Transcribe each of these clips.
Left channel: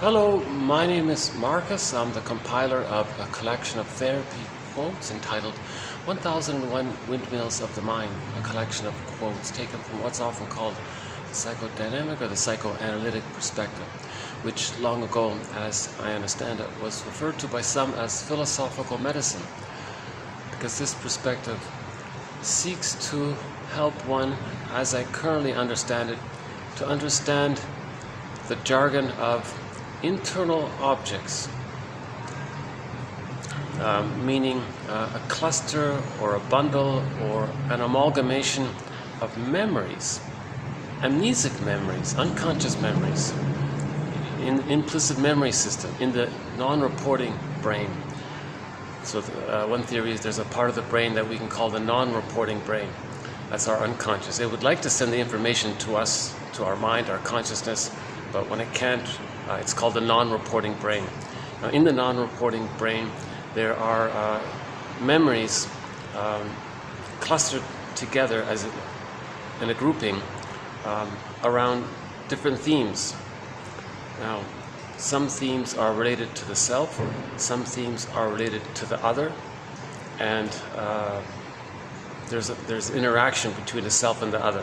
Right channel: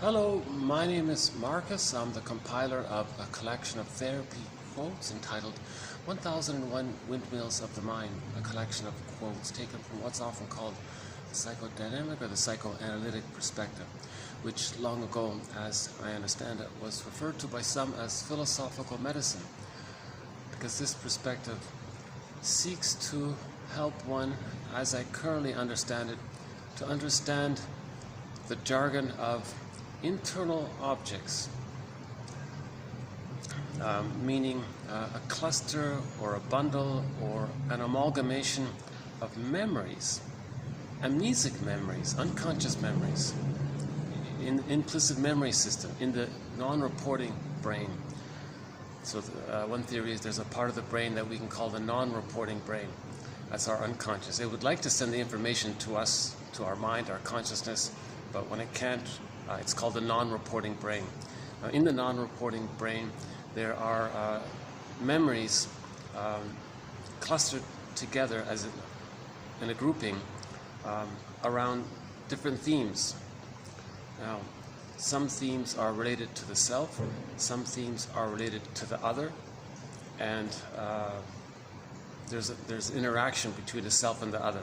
Hello, my name is Marcus. I'm the compiler of a collection of therapy quotes entitled 1001 Windmills of the Mind, a collection of quotes taken from what's often called the psychodynamic or the psychoanalytic perspective, which long ago, as I understand it, was referred to by some as philosophical medicine, because this perspective seeks to help one, as I currently understand it, to understand the jargon of internal objects, meaning a cluster or a bundle or an amalgamation of memories, amnesic memories, unconscious memories, in implicit memory system, in the non-reporting brain. So one theory is there's a part of the brain that we can call the non-reporting brain. That's our unconscious. It would like to send the information to us, to our mind, our consciousness, but when it can't, it's called the non-reporting brain. Now, in the non-reporting brain, there are memories clustered together in a grouping around different themes. Now, some themes are related to the self, some themes are related to the other, and there's interaction between the self and the other.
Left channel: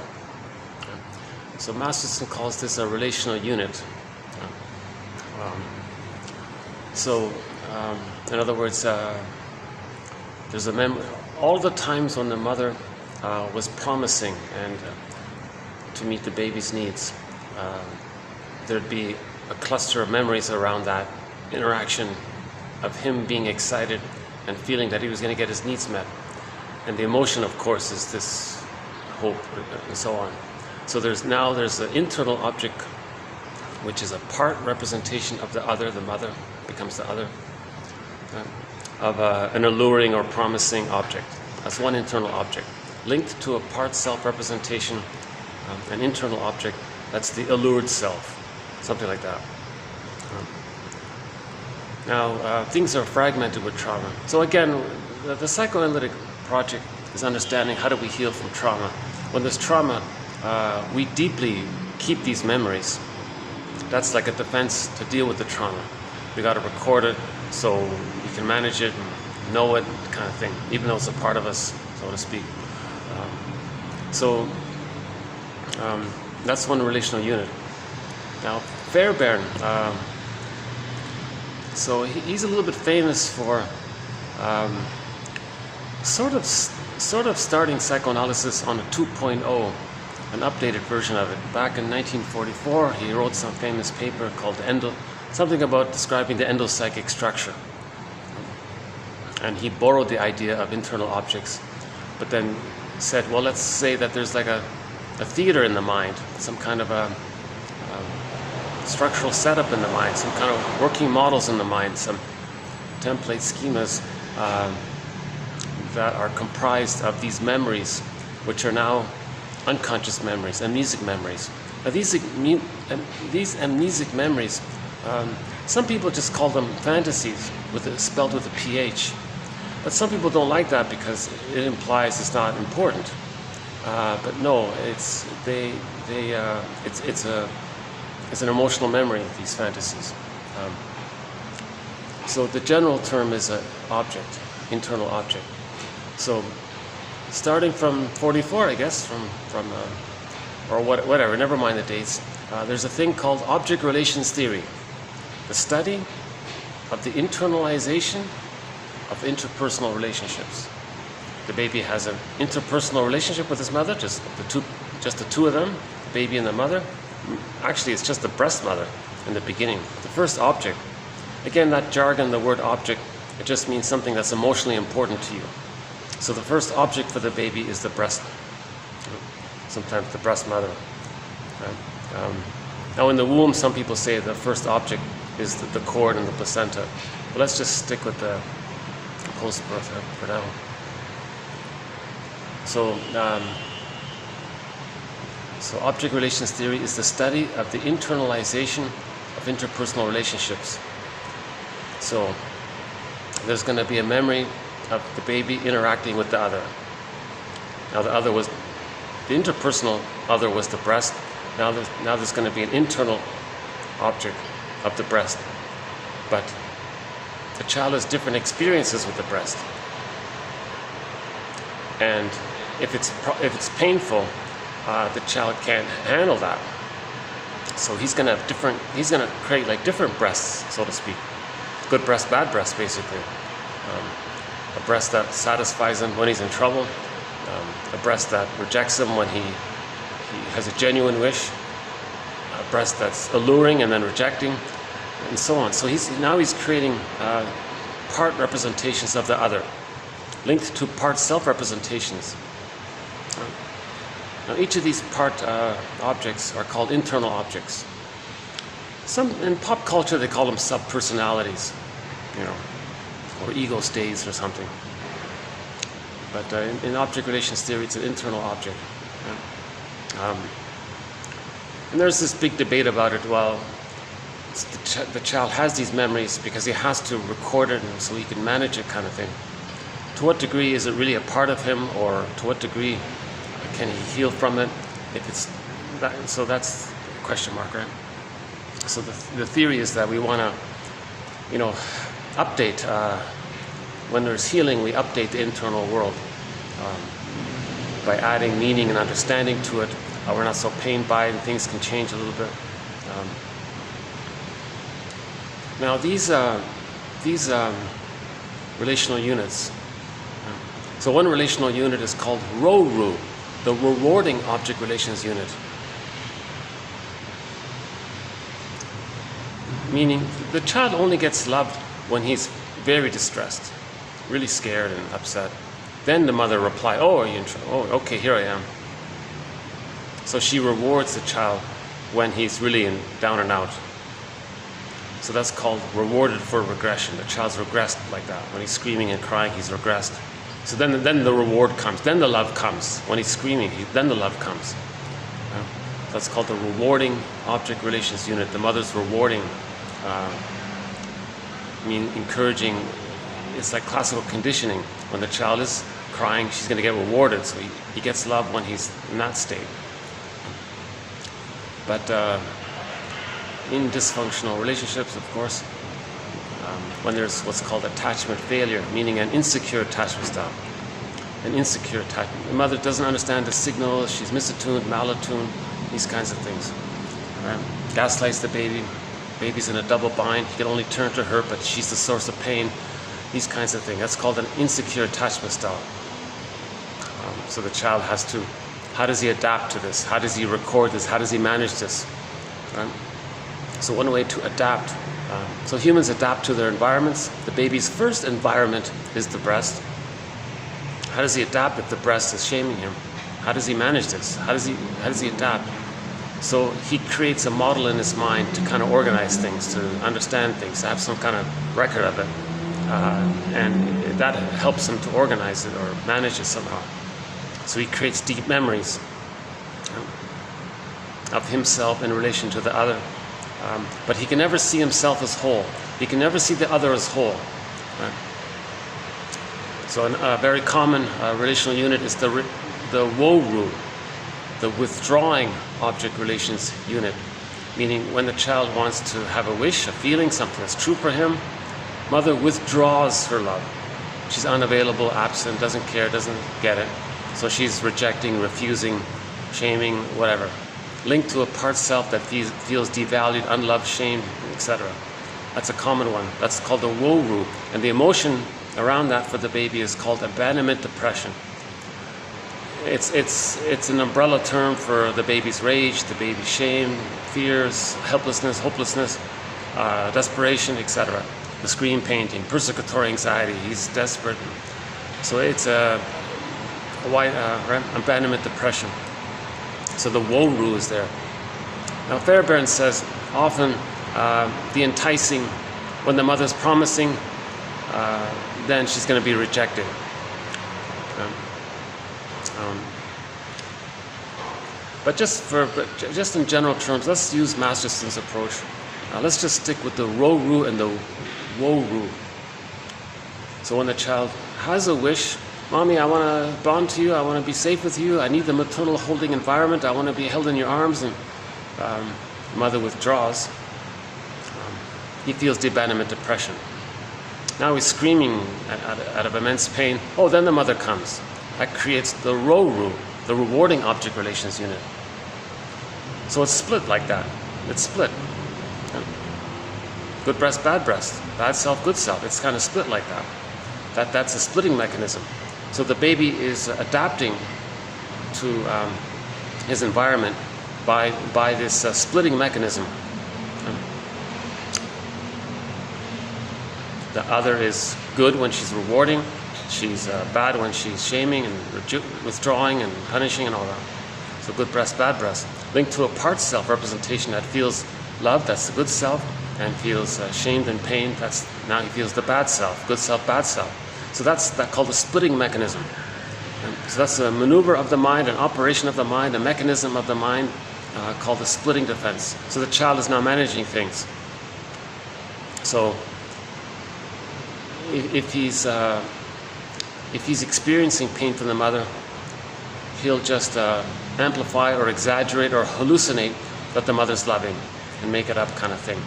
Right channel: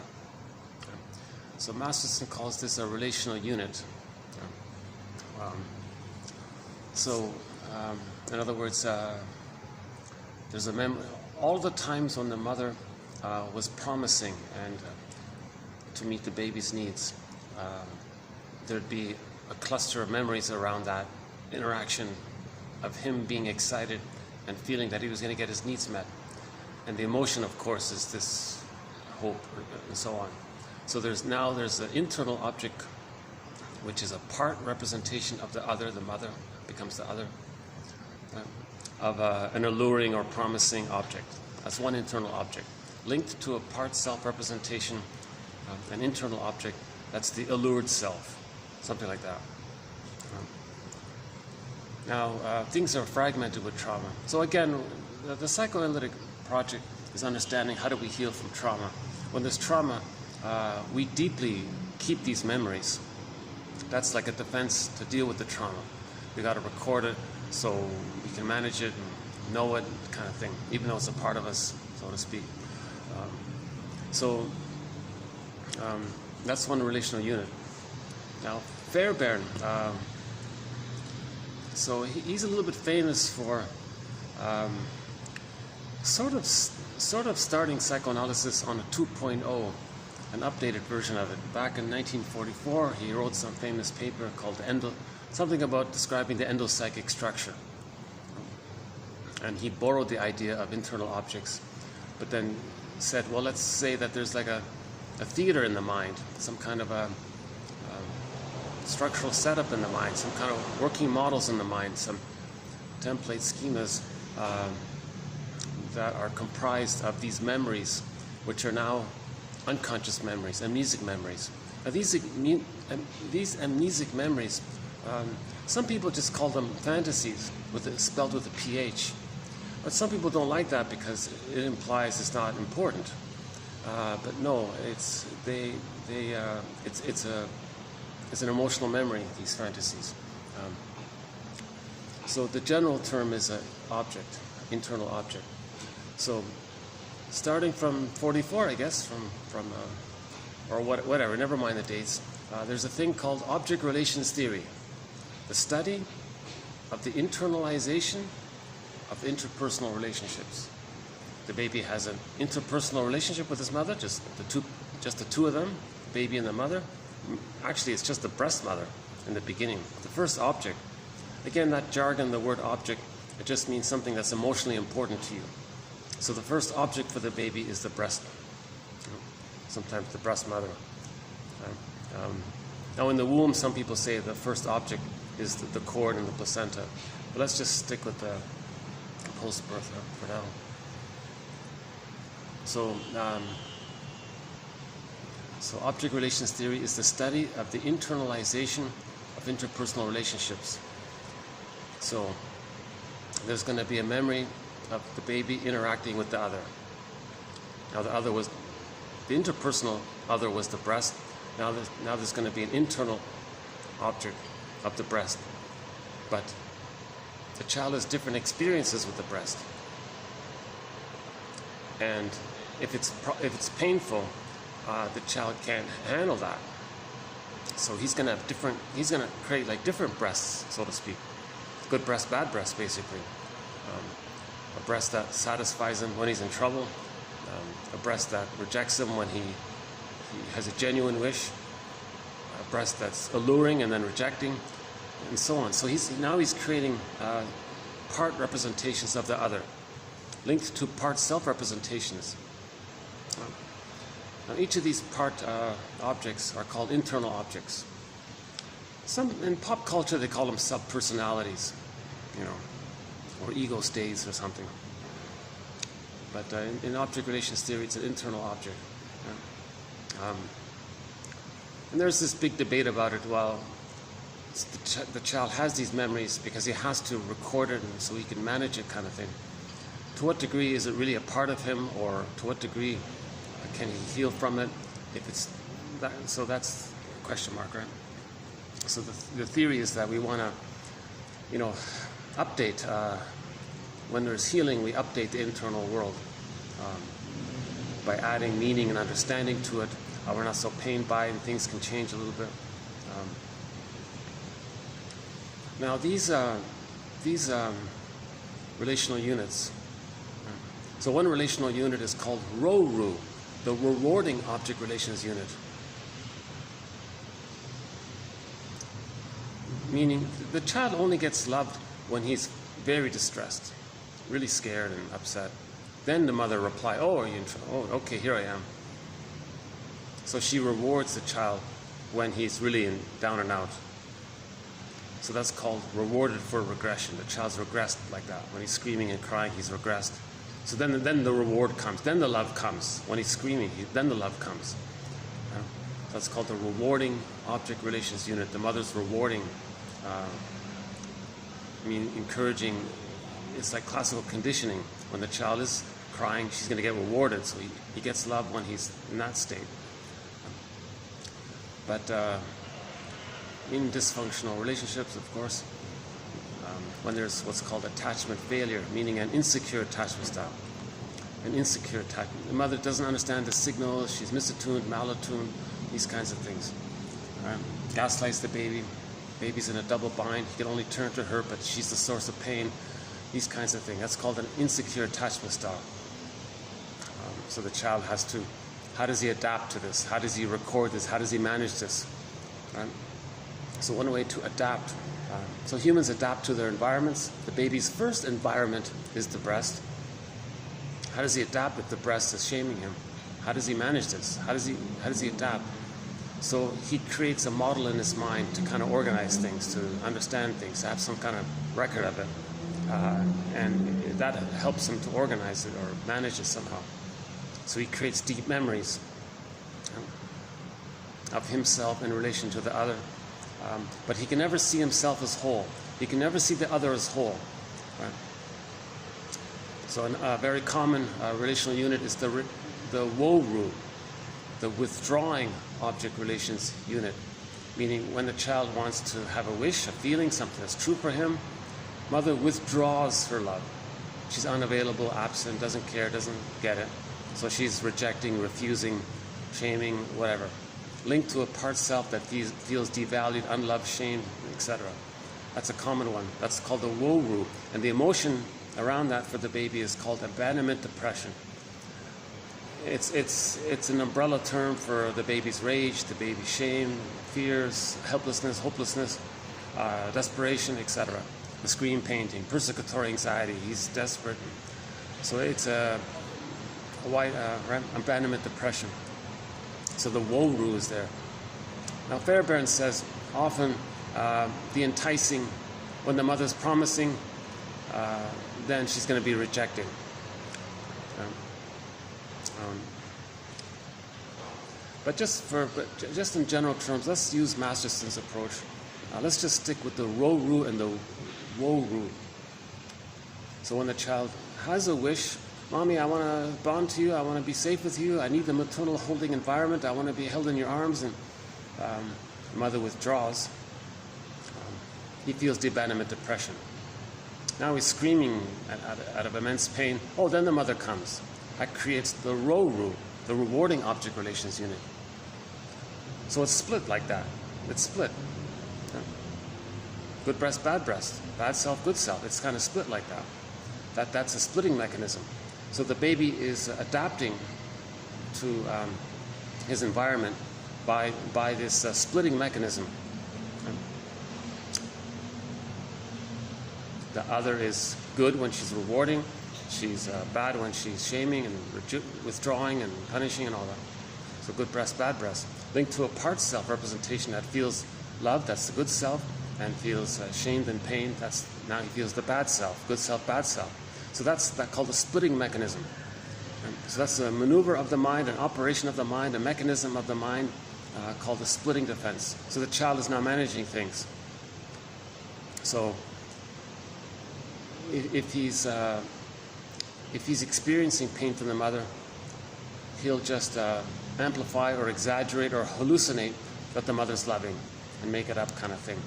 So Masterson calls this a relational unit. In other words, there's a memory. All the times when the mother was promising and to meet the baby's needs, there'd be a cluster of memories around that interaction of him being excited and feeling that he was going to get his needs met. And the emotion, of course, is this hope and so on. So there's an internal object, which is a part representation of the other. The mother becomes the other, of an alluring or promising object. That's one internal object. Linked to a part self-representation, an internal object, that's the allured self, something like that. Now, things are fragmented with trauma. So again, the psychoanalytic project is understanding how do we heal from trauma. When there's trauma, we deeply keep these memories. That's like a defense to deal with the trauma. We got to record it so we can manage it, and know it, kind of thing, even though it's a part of us, so to speak. That's one relational unit. Now, Fairbairn, so he's a little bit famous for sort of starting psychoanalysis on a 2.0. An updated version of it. Back in 1944, he wrote some famous paper called something about describing the endopsychic structure. And he borrowed the idea of internal objects, but then said, well, let's say that there's like a theater in the mind, some kind of a structural setup in the mind, some kind of working models in the mind, some template schemas that are comprised of these memories, which are now unconscious memories, amnesic memories. Now these amnesic memories, some people just call them fantasies, spelled with a PH. But some people don't like that because it implies it's not important. But no, it's an emotional memory, these fantasies. So the general term is an object, internal object. So starting from 44, I guess, or whatever, never mind the dates, there's a thing called object relations theory, the study of the internalization of interpersonal relationships. The baby has an interpersonal relationship with his mother, just the two of them, the baby and the mother. Actually, it's just the breast mother in the beginning. The first object, again, that jargon, the word object, it just means something that's emotionally important to you. So the first object for the baby is the breast, sometimes the breast mother. Now in the womb, some people say the first object is the cord and the placenta. But let's just stick with the post-birth for now. So object relations theory is the study of the internalization of interpersonal relationships. So there's going to be a memory of the baby interacting with the other. Now the interpersonal other was the breast. Now there's going to be an internal object of the breast. But the child has different experiences with the breast. And if it's painful, the child can't handle that. So he's gonna create like different breasts, so to speak. Good breast, bad breast, basically. A breast that satisfies him when he's in trouble, a breast that rejects him when he has a genuine wish, a breast that's alluring and then rejecting, and so on. So he's creating part representations of the other, linked to part self-representations. Now each of these part objects are called internal objects. In pop culture they call them sub-personalities, or ego states or something. But in object relations theory, it's an internal object. And there's this big debate about it. Well, the child has these memories because he has to record it so he can manage it, kind of thing. To what degree is it really a part of him, or to what degree can he heal from it? If it's that, so that's a question mark, right? So the theory is that we want to, update. When there's healing, we update the internal world by adding meaning and understanding to it. We're not so pained by it, and things can change a little bit. Now these relational units. So one relational unit is called RORU, the rewarding object relations unit. Meaning the child only gets loved when he's very distressed, really scared and upset. Then the mother replies, "Oh, are you in trouble? Oh, okay, here I am." So she rewards the child when he's really down and out. So that's called rewarded for regression. The child's regressed like that. When he's screaming and crying, he's regressed. So then the reward comes. Then the love comes. When he's screaming, then the love comes. That's called the rewarding object relations unit. The mother's rewarding, encouraging. It's like classical conditioning. When the child is crying, she's going to get rewarded. So he gets love when he's in that state. But in dysfunctional relationships, of course, when there's what's called attachment failure, meaning an insecure attachment style. An insecure attachment. The mother doesn't understand the signal, she's misattuned, malattuned, these kinds of things. Right? Gaslights the baby, baby's in a double bind, he can only turn to her, but she's the source of pain, these kinds of things. That's called an insecure attachment style. So the child has to, how does he adapt to this? How does he record this? How does he manage this? Right? So one way to adapt, so humans adapt to their environments. The baby's first environment is the breast. How does he adapt if the breast is shaming him? How does he manage this? How does he adapt? So he creates a model in his mind to kind of organize things, to understand things, to have some kind of record of it. And that helps him to organize it or manage it somehow. So he creates deep memories of himself in relation to the other. But he can never see himself as whole. He can never see the other as whole. Right? So a very common relational unit is the WORU, the withdrawing object relations unit. Meaning when the child wants to have a wish, a feeling, something that's true for him, mother withdraws her love. She's unavailable, absent, doesn't care, doesn't get it. So she's rejecting, refusing, shaming, whatever. Linked to a part self that feels devalued, unloved, shamed, etc. That's a common one. That's called the WORU. And the emotion around that for the baby is called abandonment depression. It's an umbrella term for the baby's rage, the baby's shame, fears, helplessness, hopelessness, desperation, etc. The screen painting, persecutory anxiety, he's desperate. So it's a wide abandonment depression. So the WORU is there. Now Fairbairn says often the enticing, when the mother's promising, then she's going to be rejected. But just in general terms, let's use Masterson's approach. Let's just stick with the RORU and the WORU. So when the child has a wish, Mommy, I want to bond to you, I want to be safe with you, I need the maternal holding environment, I want to be held in your arms, and mother withdraws. he feels the abandonment depression. Now he's screaming out of immense pain. Oh, then the mother comes. That creates the RORU, the rewarding object relations unit. So it's split like that. It's split. Good breast, bad self, good self. It's kind of split like that. That's a splitting mechanism. So the baby is adapting to his environment by this splitting mechanism. The other is good when she's rewarding. She's bad when she's shaming and withdrawing and punishing and all that. So good breast, bad breast. Linked to a part self representation that feels love, that's the good self, and feels shamed and pain, now he feels the bad self, good self, bad self. So that's called the splitting mechanism. And so that's a maneuver of the mind, an operation of the mind, a mechanism of the mind called the splitting defense. So the child is now managing things. So if he's experiencing pain from the mother, he'll just amplify or exaggerate or hallucinate that the mother's loving and make it up kind of thing.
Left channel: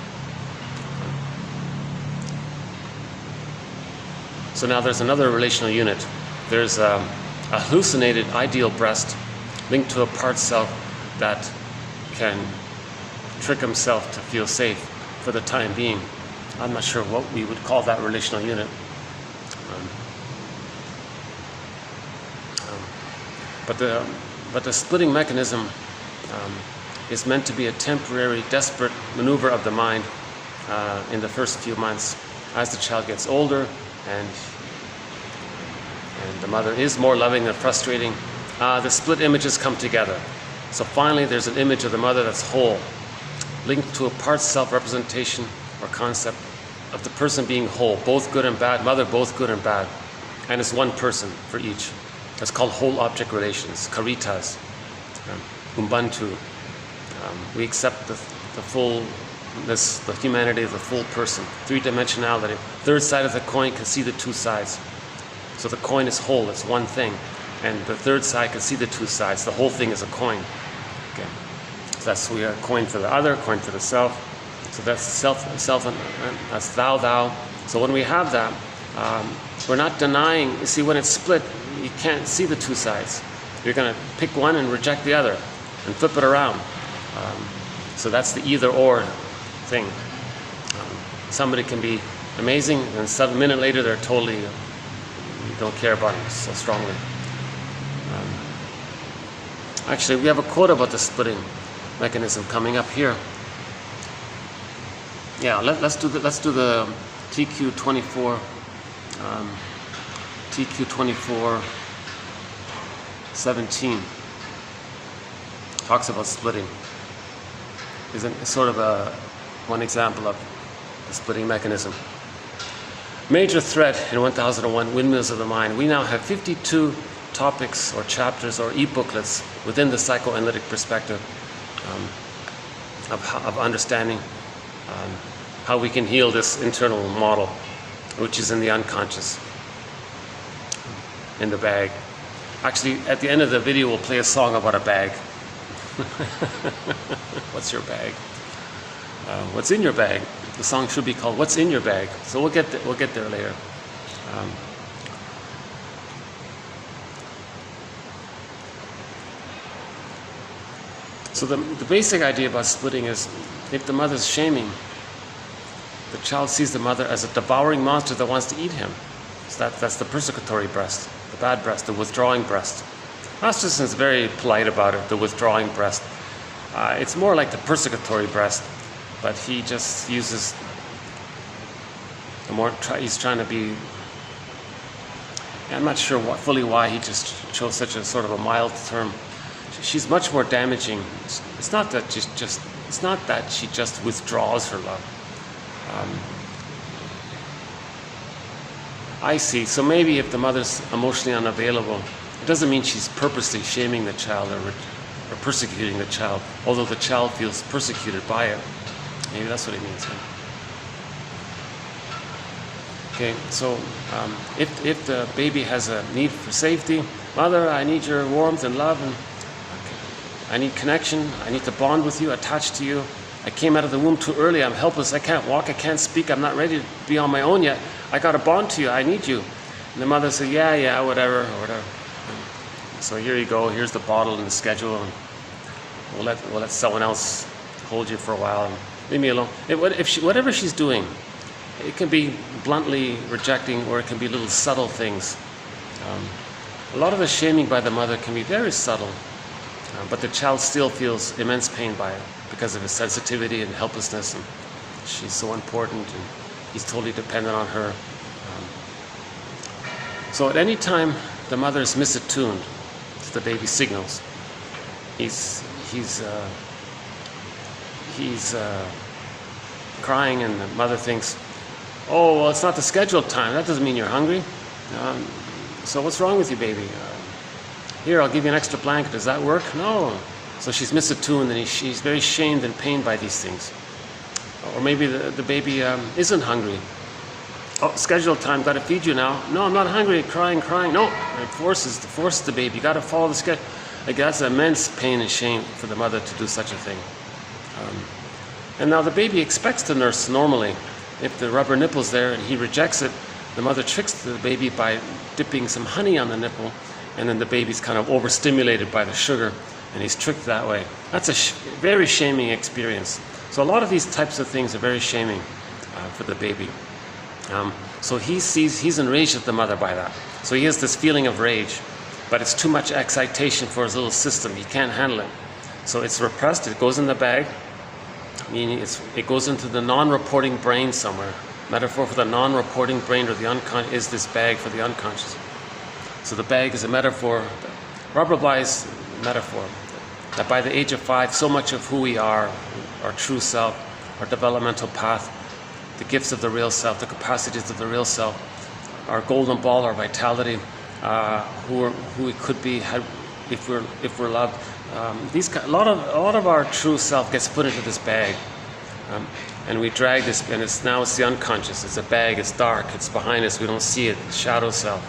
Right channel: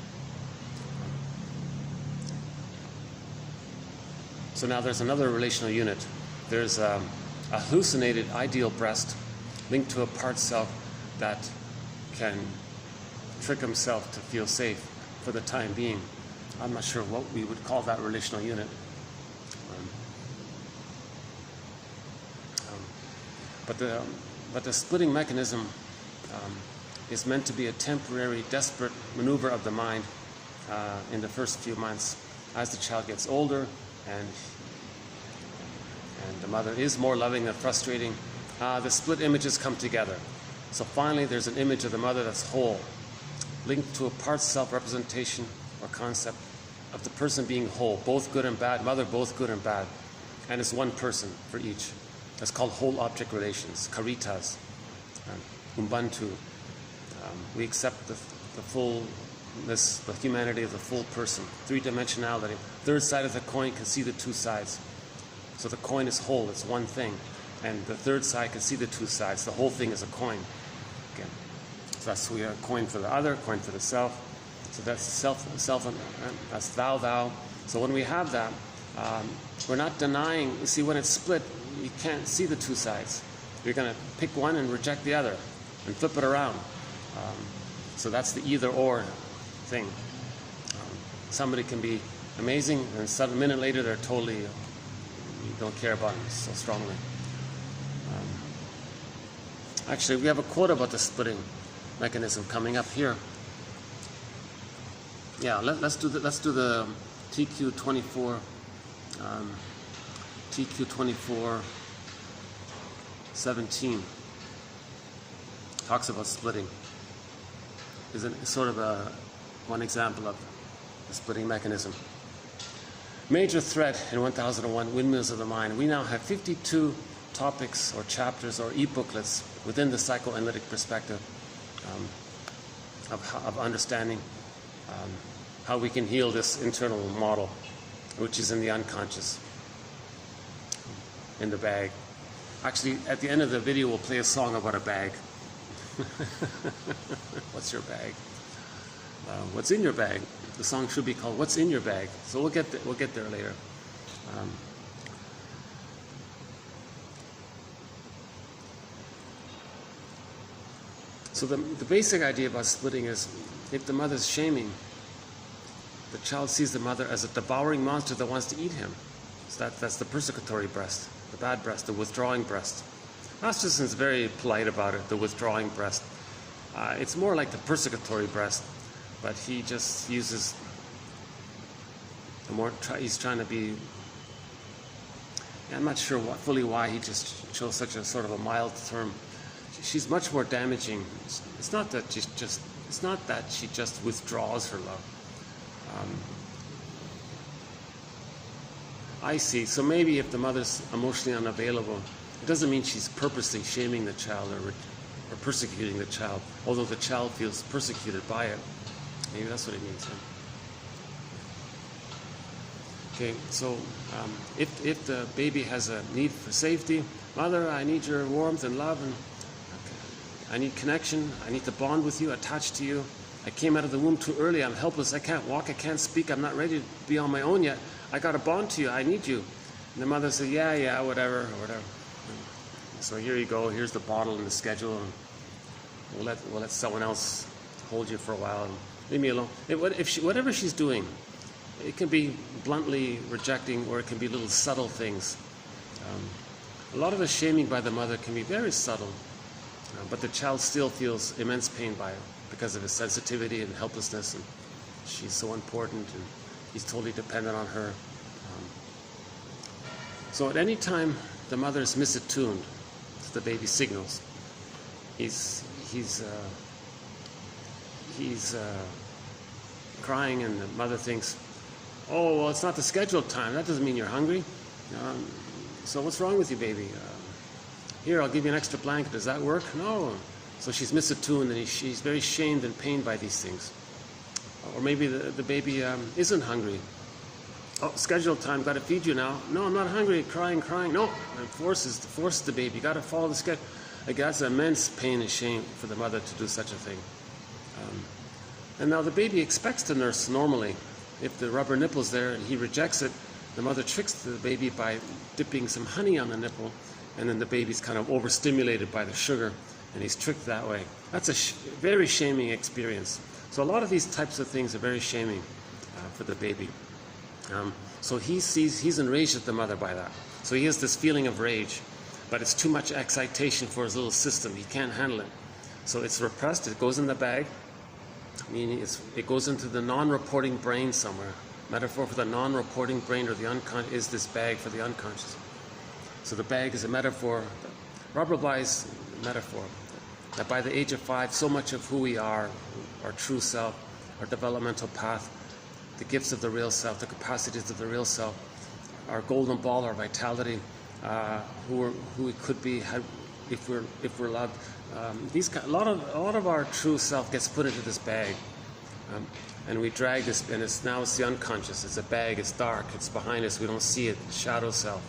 So now there's another relational unit. There's a hallucinated ideal breast linked to a part self that can trick himself to feel safe for the time being. I'm not sure what we would call that relational unit. But the splitting mechanism is meant to be a temporary, desperate maneuver of the mind in the first few months. As the child gets older and the mother is more loving than frustrating, the split images come together. So finally there's an image of the mother that's whole, linked to a part self representation or concept of the person being whole, both good and bad, mother both good and bad, and it's one person for each. It's called whole object relations, caritas, Ubuntu. We accept the fullness, the humanity of the full person, three-dimensionality. Third side of the coin can see the two sides. So the coin is whole, it's one thing, and the third side can see the two sides. The whole thing is a coin. Okay. So that's we are a coin for the other, coin for the self. So that's self, and that's thou. So when we have that, we're not denying. You see, when it's split, you can't see the two sides. You're going to pick one and reject the other and flip it around. So that's the either or thing. Somebody can be amazing, and 7 minutes later they're totally, you don't care about them so strongly. Actually, we have a quote about the splitting mechanism coming up here. Yeah, let's do the TQ24. TQ24:17 talks about splitting. Is sort of one example of the splitting mechanism. Major threat in 1001 Windmills of the Mind. We now have 52 topics or chapters or e-booklets within the psychoanalytic perspective of understanding how we can heal this internal model, which is in the unconscious, in the bag. Actually, at the end of the video, we'll play a song about a bag. What's your bag? What's in your bag? The song should be called "What's in Your Bag." So we'll get there later. So the basic idea about splitting is, if the mother's shaming, the child sees the mother as a devouring monster that wants to eat him. So that's the persecutory breast, the bad breast, the withdrawing breast. Masterson is very polite about it, the withdrawing breast. It's more like the persecutory breast, but he just uses he's trying to be, I'm not sure fully why he just chose such a sort of a mild term. She's much more damaging. It's not that she just withdraws her love. I see. So maybe if the mother's emotionally unavailable, it doesn't mean she's purposely shaming the child or persecuting the child, although the child feels persecuted by it. Maybe that's what it means. Okay, so if the baby has a need for safety, mother, I need your warmth and love, and I need connection, I need to bond with you, attach to you, I came out of the womb too early. I'm helpless. I can't walk. I can't speak. I'm not ready to be on my own yet. I got to bond to you. I need you. And the mother said, yeah, whatever. So here you go. Here's the bottle and the schedule. And we'll let someone else hold you for a while. And leave me alone. Whatever she's doing, it can be bluntly rejecting, or it can be little subtle things. A lot of the shaming by the mother can be very subtle, but the child still feels immense pain by it because of his sensitivity and helplessness, and she's so important, and he's totally dependent on her. So at any time the mother is misattuned to the baby's signals, he's crying, and the mother thinks, oh, well, it's not the scheduled time. That doesn't mean you're hungry. So what's wrong with you, baby? Here, I'll give you an extra blanket. Does that work? No. So she's misattuned, and she's very shamed and pained by these things. Or maybe the baby isn't hungry. Oh, scheduled time, got to feed you now. No, I'm not hungry. Crying. No, it forces the baby. You got to follow the schedule. Like, that's immense pain and shame for the mother to do such a thing. And now the baby expects to nurse normally. If the rubber nipple's there and he rejects it, the mother tricks the baby by dipping some honey on the nipple, and then the baby's kind of overstimulated by the sugar, and he's tricked that way. That's a very shaming experience. So a lot of these types of things are very shaming for the baby. So he's enraged at the mother by that. So he has this feeling of rage, but it's too much excitation for his little system. He can't handle it. So it's repressed. It goes in the bag. Meaning it goes into the non-reporting brain somewhere. Metaphor for the non-reporting brain, or the unconscious, is this bag for the unconscious. So the bag is a metaphor, Robert Bly's metaphor, that by the age of 5, so much of who we are, our true self, our developmental path, the gifts of the real self, the capacities of the real self, our golden ball, our vitality, who we could be if we're loved. A lot of our true self gets put into this bag, and we drag this, and it's the unconscious. It's a bag. It's dark. It's behind us. We don't see it. Shadow self.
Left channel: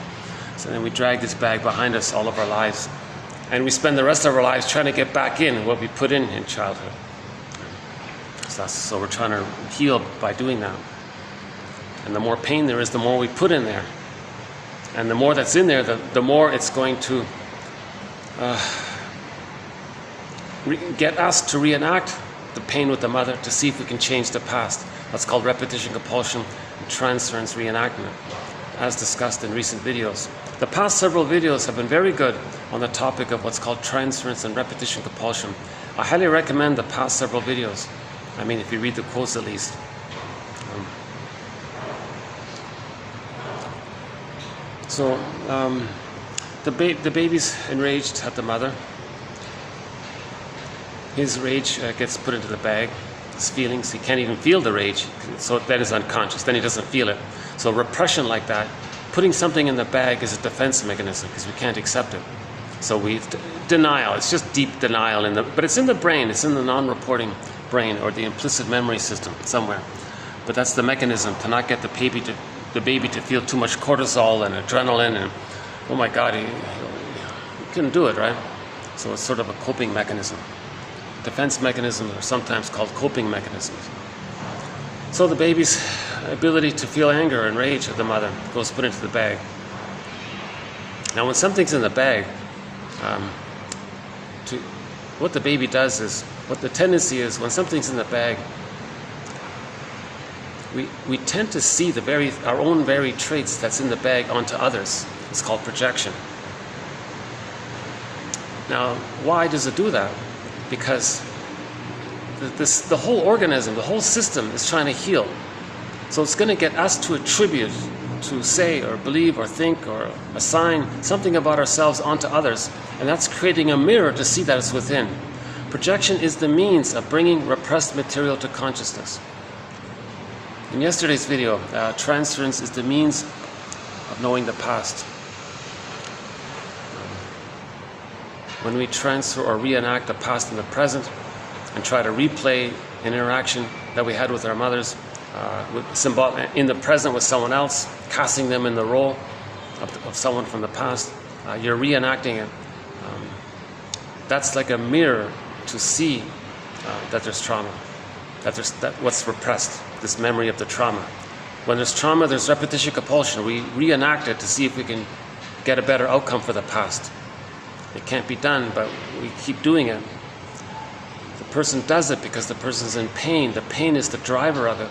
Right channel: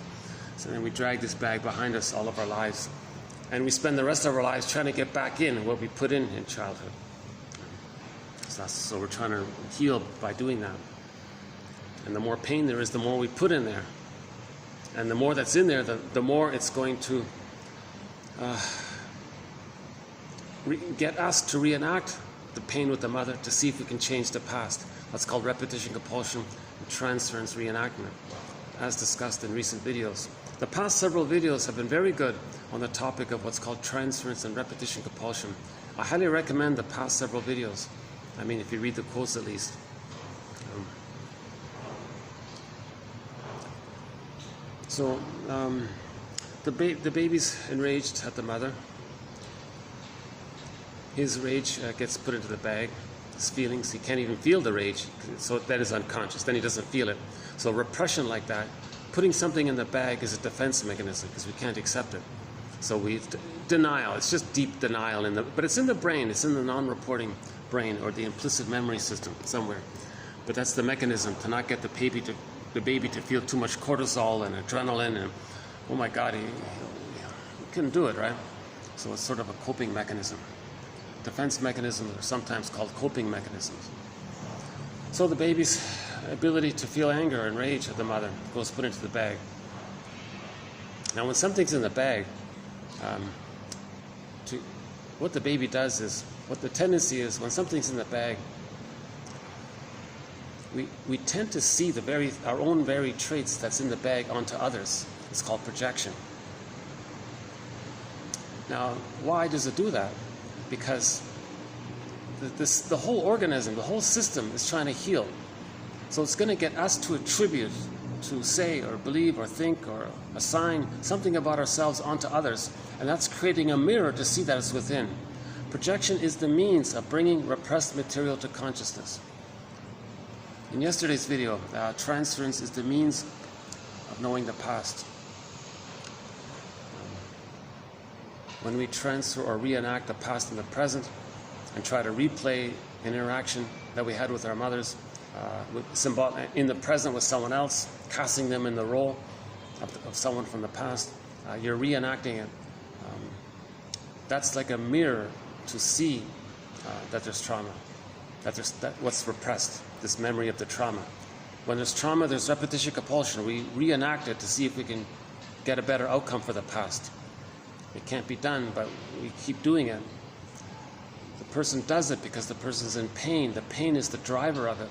So then we drag this bag behind us all of our lives, and we spend the rest of our lives trying to get back in what we put in childhood. So we're trying to heal by doing that. And the more pain there is, the more we put in there, and the more that's in there, the more it's going to get us to reenact the pain with the mother, to see if we can change the past. That's called repetition, compulsion, and transference reenactment, as discussed in recent videos. The past several videos have been very good on the topic of what's called transference and repetition compulsion. I highly recommend the past several videos. I mean, if you read the quotes at least. The baby's enraged at the mother. His rage gets put into the bag. His feelings, he can't even feel the rage, so then it's unconscious, then he doesn't feel it. So repression like that, putting something in the bag, is a defense mechanism because we can't accept it. So denial, it's just deep denial, but it's in the brain, it's in the non-reporting brain, or the implicit memory system somewhere. But that's the mechanism, to not get the baby to feel too much cortisol and adrenaline, and oh my God, he couldn't do it, right? So it's sort of a coping mechanism. Defense mechanisms are sometimes called coping mechanisms. So the baby's ability to feel anger and rage at the mother goes put into the bag. Now when something's in the bag, what the baby does is, what the tendency is, when something's in the bag, we tend to see our own very traits that's in the bag onto others. It's called projection. Now, why does it do that? Because the whole organism, the whole system is trying to heal. So it's going to get us to attribute, to say or believe or think or assign something about ourselves onto others, and that's creating a mirror to see that it's within. Projection is the means of bringing repressed material to consciousness. In yesterday's video, transference is the means of knowing the past. When we transfer or reenact the past in the present and try to replay an interaction that we had with our mothers, in the present with someone else, casting them in the role of someone from the past, you're reenacting it. That's like a mirror to see that there's trauma. that what's repressed, this memory of the trauma. When there's trauma, there's repetition compulsion. We reenact it to see if we can get a better outcome for the past. It can't be done, but we keep doing it. The person does it because the person's in pain. The pain is the driver of it.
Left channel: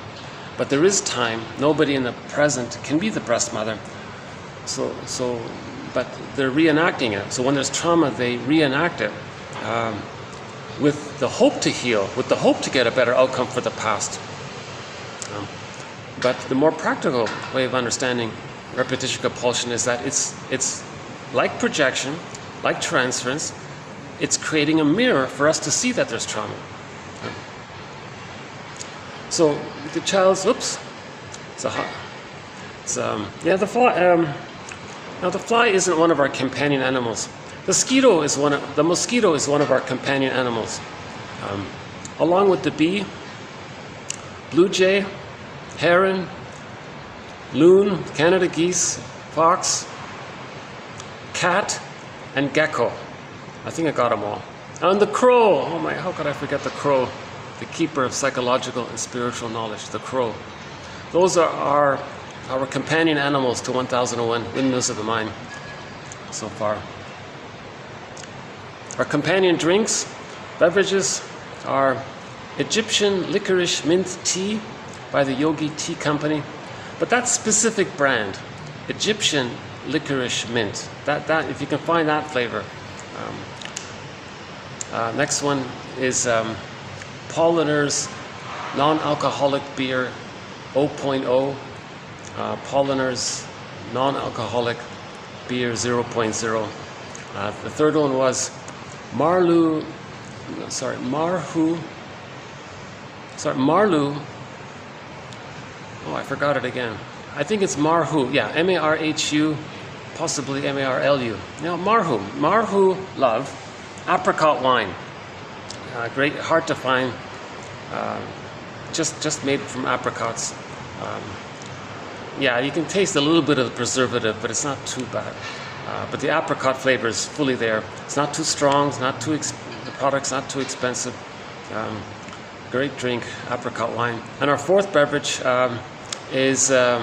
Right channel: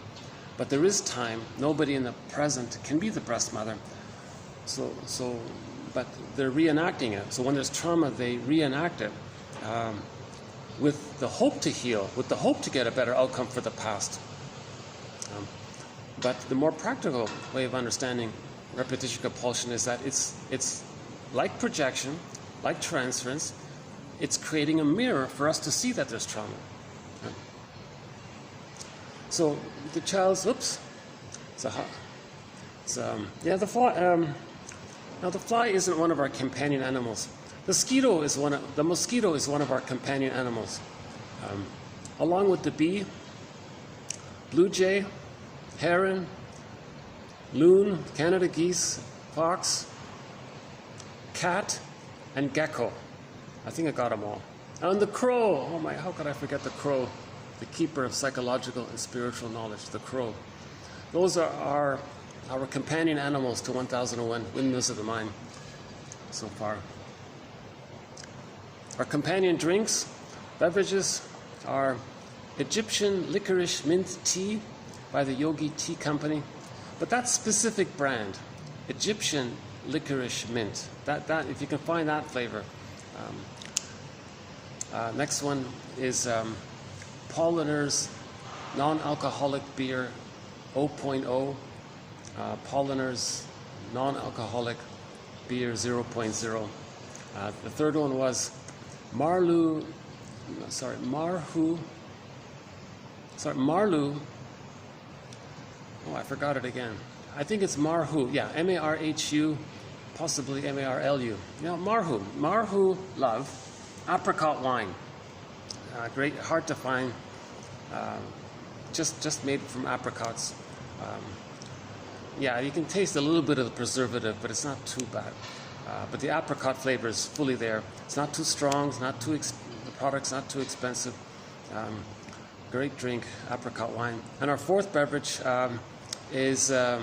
But there is time. Nobody in the present can be the breast mother. But they're reenacting it. So when there's trauma, they reenact it with the hope to heal, with the hope to get a better outcome for the past. But the more practical way of understanding repetition compulsion is that it's like projection, like transference. It's creating a mirror for us to see that there's trauma. So the child's, the fly. Now the fly isn't one of our companion animals. The mosquito is one of our companion animals, along with the bee, blue jay, heron, loon, Canada geese, fox, cat, and gecko. I think I got them all. And the crow. Oh my! How could I forget the crow? The keeper of psychological and spiritual knowledge. The crow. Those are our companion animals to 1001 Windmills of the Mind so far. Our companion drinks, beverages are Egyptian licorice mint tea by the Yogi Tea Company, but that specific brand, Egyptian licorice mint, that if you can find that flavor. Next one is Polliner's non-alcoholic beer 0.0. Polliner's non-alcoholic beer 0.0. The third one was Marlu. Oh, I forgot it again. I think it's Marhu. Yeah, M-A-R-H-U, possibly M-A-R-L-U. Marhu Love, apricot wine. Great, hard to find. Just made from apricots. Yeah, you can taste a little bit of the preservative, but it's not too bad. But the apricot flavor is fully there. It's not too strong. It's not too. The product's not too expensive. Great drink, apricot wine. And our fourth beverage is a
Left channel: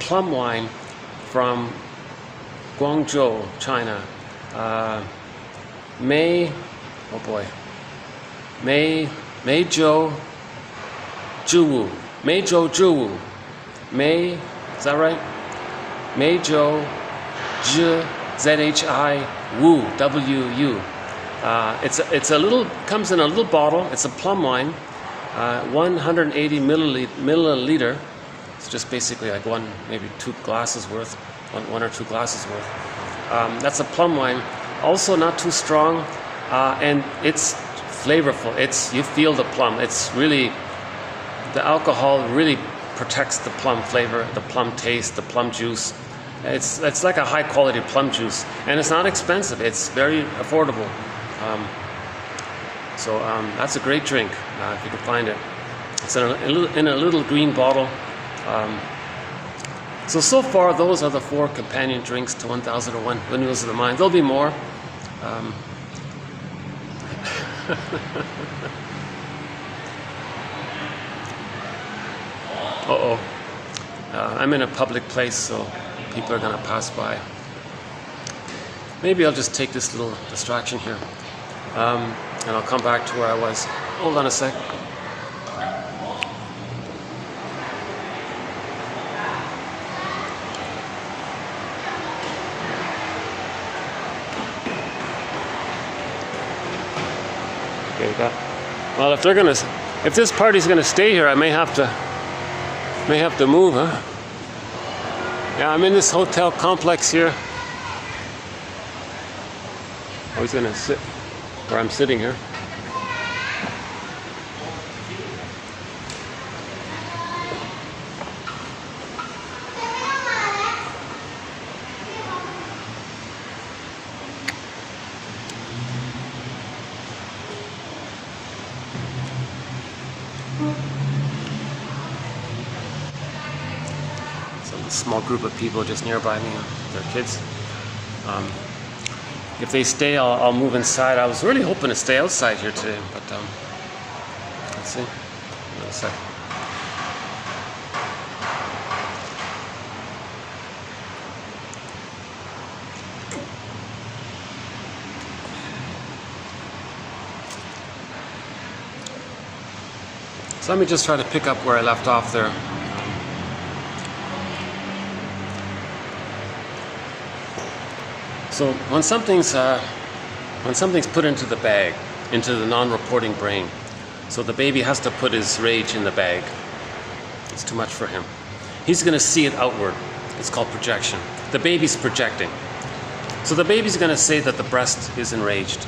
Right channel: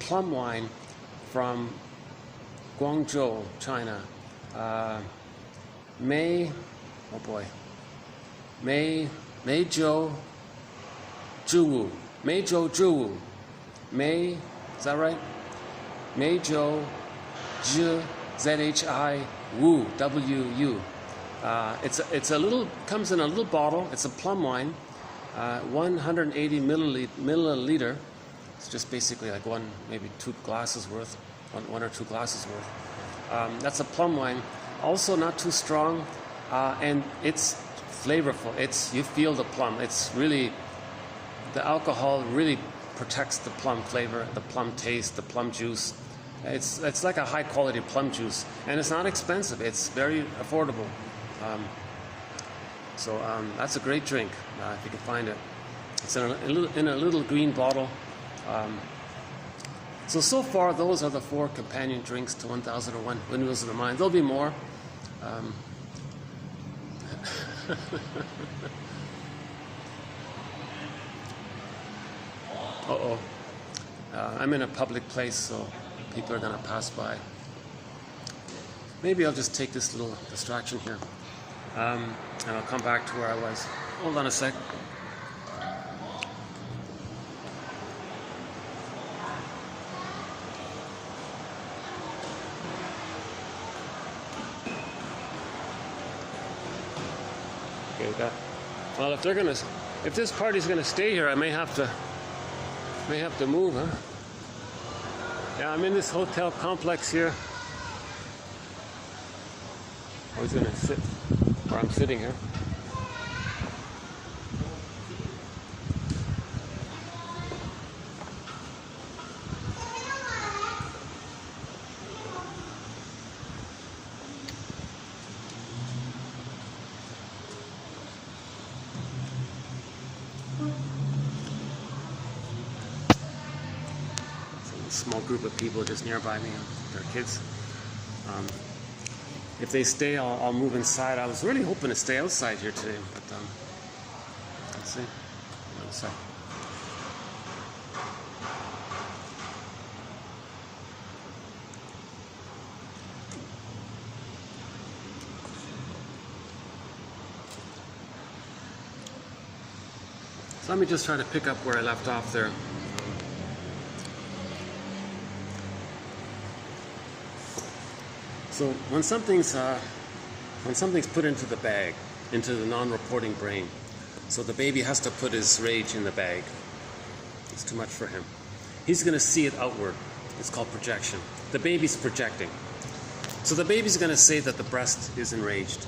plum wine from Guangzhou, China. Meizhou Zhiwu. Is that right? Meizhou Z-H-I Wu, W-U. It's a little, comes in a little bottle. It's a plum wine, 180 milliliter. It's just basically like maybe 2 glasses worth, one or 2 glasses worth. That's a plum wine. Also not too strong, and it's flavorful. You feel the plum. It's really, the alcohol really protects the plum flavor, the plum taste, the plum juice. It's like a high quality plum juice, and it's not expensive. It's very affordable. That's a great drink if you can find it. It's in a little green bottle. So far, those are the 4 companion drinks to 1001 Windmills of the Mind. There'll be more. I'm in a public place, so people are going to pass by. Maybe I'll just take this little distraction here, and I'll come back to where I was. Hold on a sec. Okay, well, if this party's gonna stay here, I may have to move, huh? Yeah, I'm in this hotel complex here. Oh, he's gonna sit where I'm sitting here. Small group of people just nearby me, their kids. If they stay, I'll move inside. I was really hoping to stay outside here today, but let's see. a sec. So let me just try to pick up where I left off there. So when something's put into the bag, into the non-reporting brain, so the baby has to put his rage in the bag. It's too much for him. He's going to see it outward. It's called projection. The baby's projecting. So the baby's going to say that the breast is enraged.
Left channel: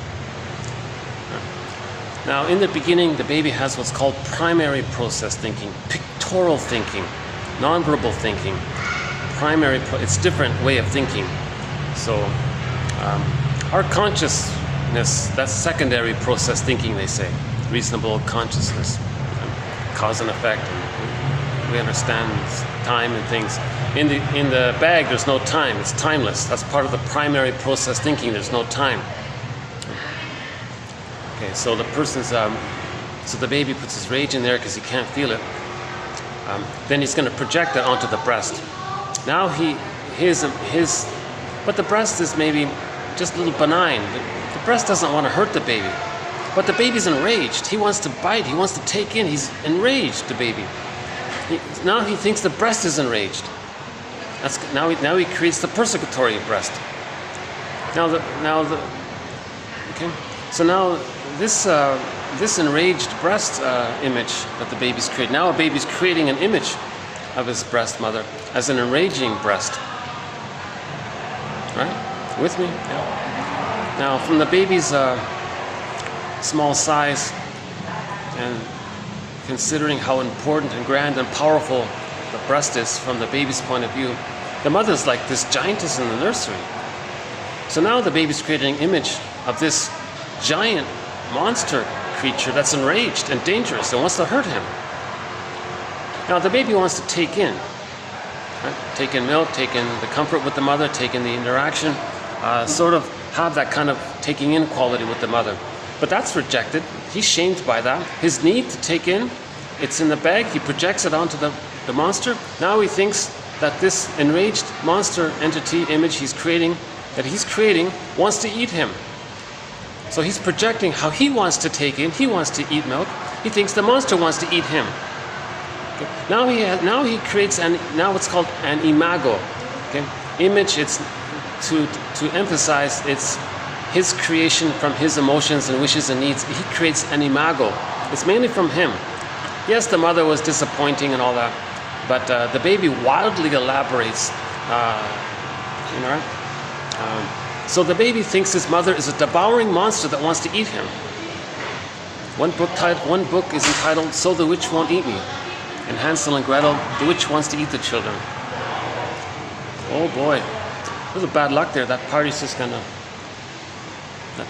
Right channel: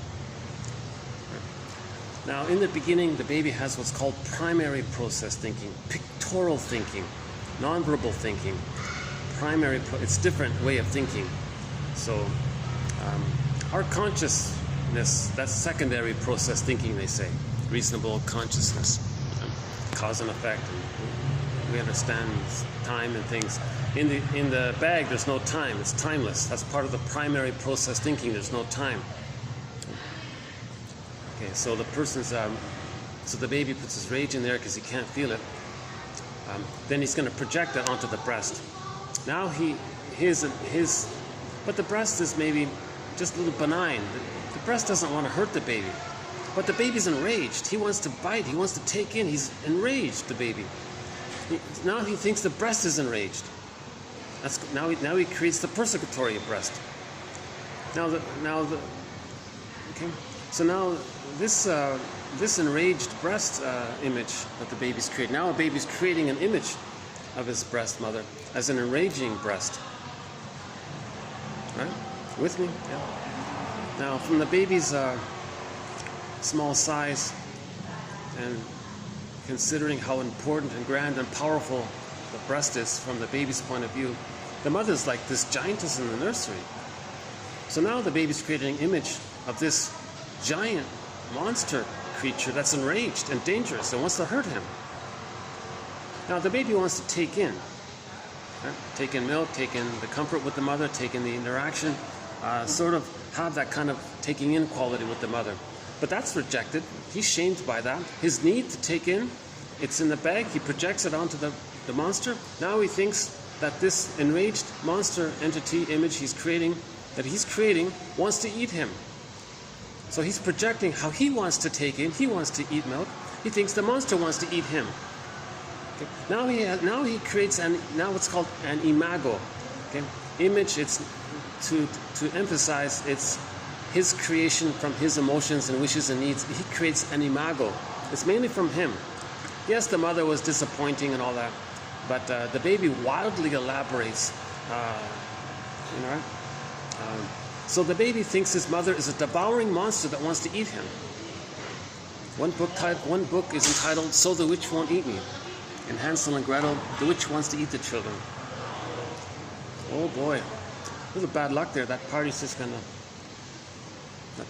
Now, in the beginning, the baby has what's called primary process thinking, pictorial thinking, nonverbal thinking. It's a different way of thinking. So, our consciousness, that's secondary process thinking, they say. Reasonable consciousness, cause and effect. We understand time and things. In the bag, there's no time. It's timeless. That's part of the primary process thinking. There's no time. Okay, so the person's, so the baby puts his rage in there because he can't feel it. Then he's going to project it onto the breast. Now but the breast is maybe just a little benign. The breast doesn't want to hurt the baby. But the baby's enraged. He wants to bite. He wants to take in. He's enraged, the baby. Now he thinks the breast is enraged. Now he creates the persecutory breast. Okay. So now this enraged breast image that the baby's creating. Now a baby's creating an image of his breast mother as an enraging breast. Right? With me? Yeah. Now from the baby's small size and considering how important and grand and powerful the breast is from the baby's point of view, the mother's like this giantess in the nursery. So now the baby's creating an image of this giant monster creature that's enraged and dangerous and wants to hurt him. Now the baby wants to take in, right? Take in milk, take in the comfort with the mother, take in the interaction, sort of have that kind of taking in quality with the mother. But that's rejected. He's shamed by that. His need to take in, it's in the bag, he projects it onto the monster. Now he thinks that this enraged monster entity image he's creating, wants to eat him. So he's projecting how he wants to take in, he wants to eat milk. He thinks the monster wants to eat him. Okay. Now he creates now what's called an imago. Okay. Image, it's to emphasize it's his creation from his emotions and wishes and needs. He creates an imago. It's mainly from him. Yes, the mother was disappointing and all that, but the baby wildly elaborates. So the baby thinks his mother is a devouring monster that wants to eat him. One book is entitled "So the Witch Won't Eat Me," and Hansel and Gretel, the witch wants to eat the children. Oh boy, there's a bad luck there. That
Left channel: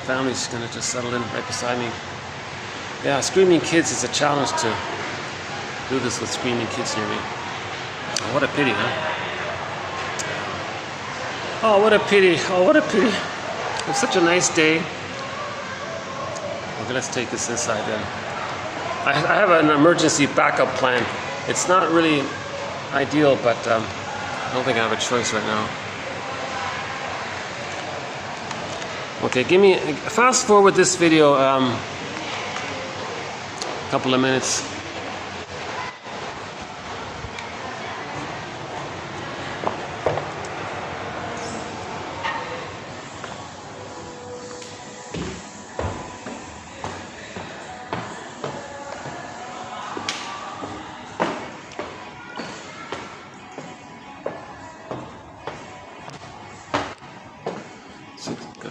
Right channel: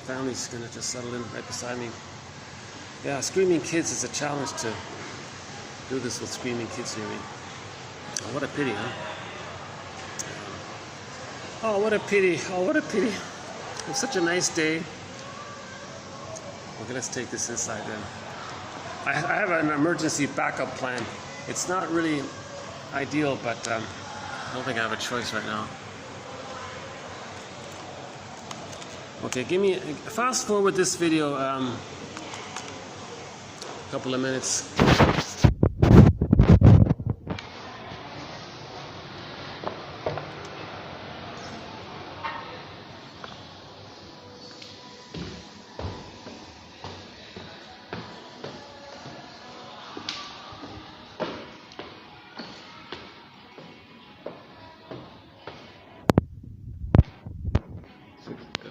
family's gonna just settle in right beside me. Yeah, screaming kids is a challenge to do this with screaming kids near me. Oh, what a pity, huh? Oh, what a pity. Oh, what a pity. It's such a nice day. Okay, let's take this inside then. I have an emergency backup plan. It's not really ideal, but I don't think I have a choice right now. Okay, fast forward this video a couple of minutes.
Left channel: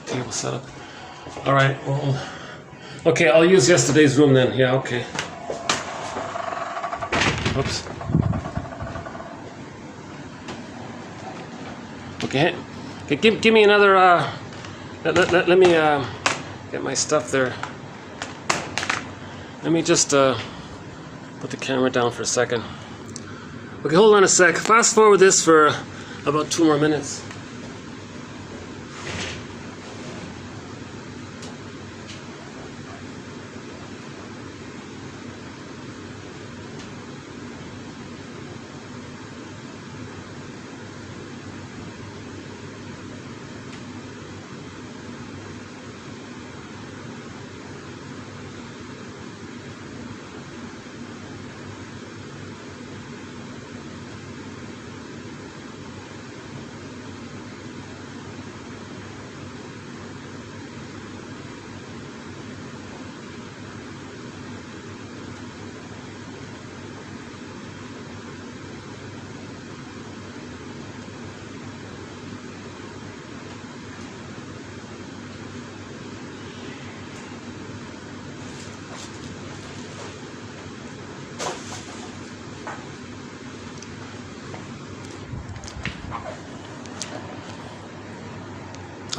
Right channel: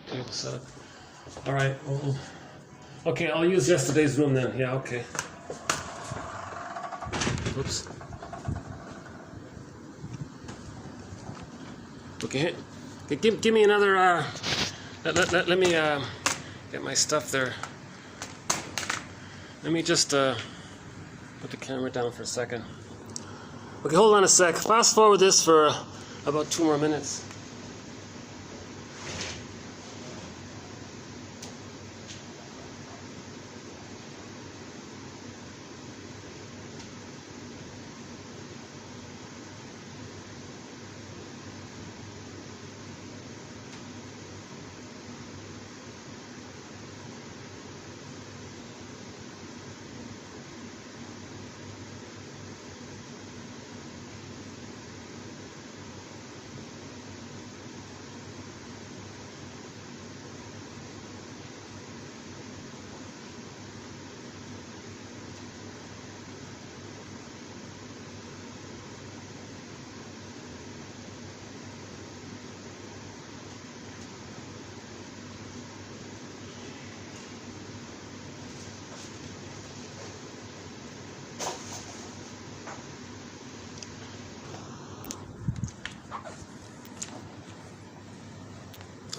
Table set up. All right. Well, okay, I'll use yesterday's room then. Yeah. Okay. Oops. Okay. Give me another. Let me get my stuff there. Let me just put the camera down for a second. Okay, hold on a sec. Fast forward this for about 2 more minutes.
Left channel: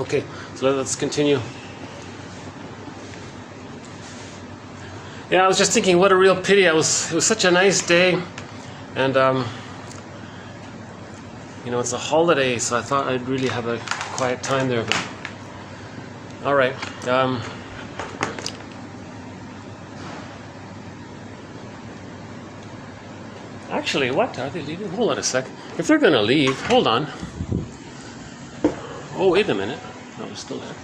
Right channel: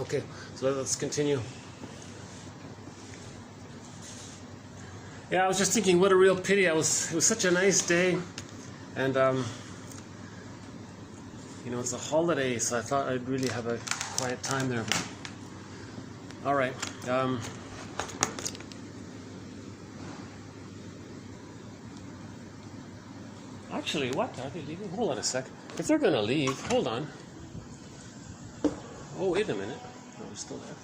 Okay, so let's continue. Yeah, I was just thinking, what a real pity. It was such a nice day, and you know, it's a holiday, so I thought I'd really have a quiet time there. But all right. Actually, what are they leaving? Hold on a sec. If they're gonna leave, hold on. Oh, wait a minute. No, they're still there.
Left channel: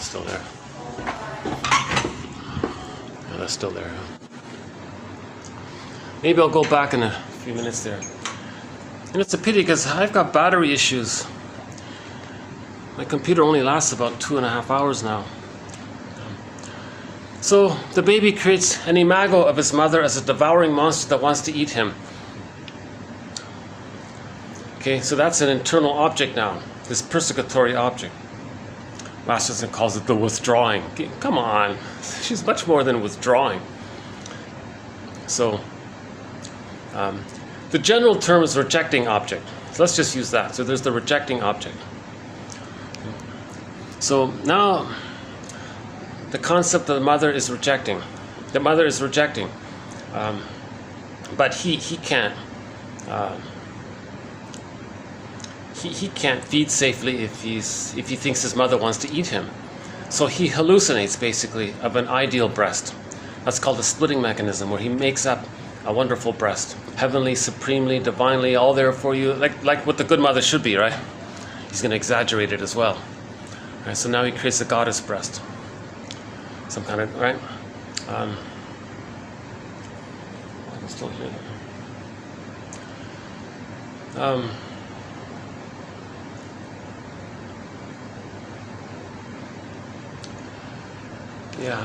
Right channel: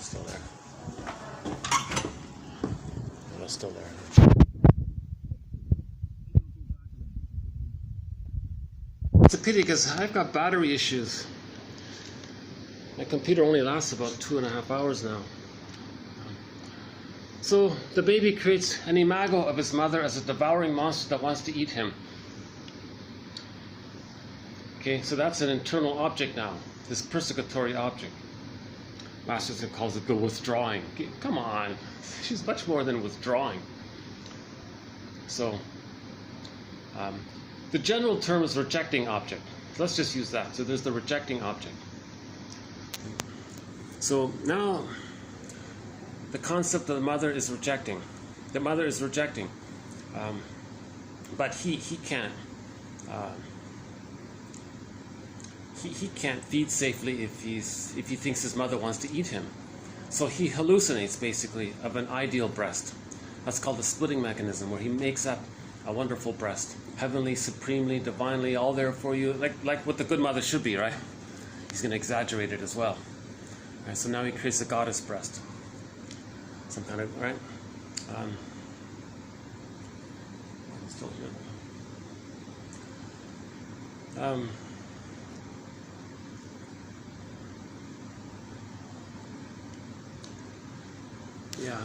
Still there. No, that's still there. Maybe I'll go back in a few minutes there. And it's a pity because I've got battery issues. My computer only lasts about 2.5 hours now. So the baby creates an imago of his mother as a devouring monster that wants to eat him. Okay, so that's an internal object now, this persecutory object. Masterson calls it the withdrawing. Okay, come on, she's much more than withdrawing. So the general term is rejecting object. So let's just use that. So there's the rejecting object. So now the concept of the mother is rejecting. The mother is rejecting, but he can't. He can't feed safely if he thinks his mother wants to eat him. So he hallucinates basically of an ideal breast. That's called the splitting mechanism, where he makes up a wonderful breast, heavenly, supremely, divinely, all there for you, like what the good mother should be, right? He's going to exaggerate it as well. All right, so now he creates a goddess breast. Some kind of, right? I'm still here. Yeah,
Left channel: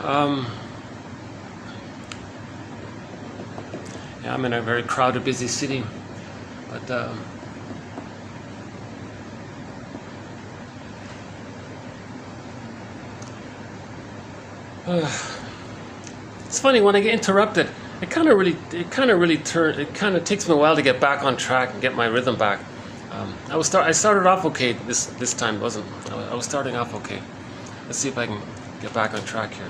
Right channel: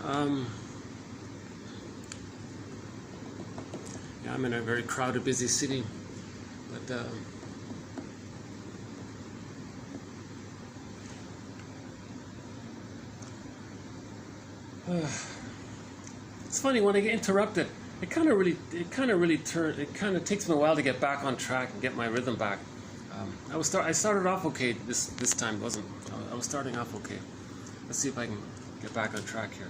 I'm in a very crowded, busy city, but it's funny when I get interrupted. It kind of takes me a while to get back on track and get my rhythm back. I started off okay this time, wasn't I? I was starting off okay. Let's see if I can get back on track here.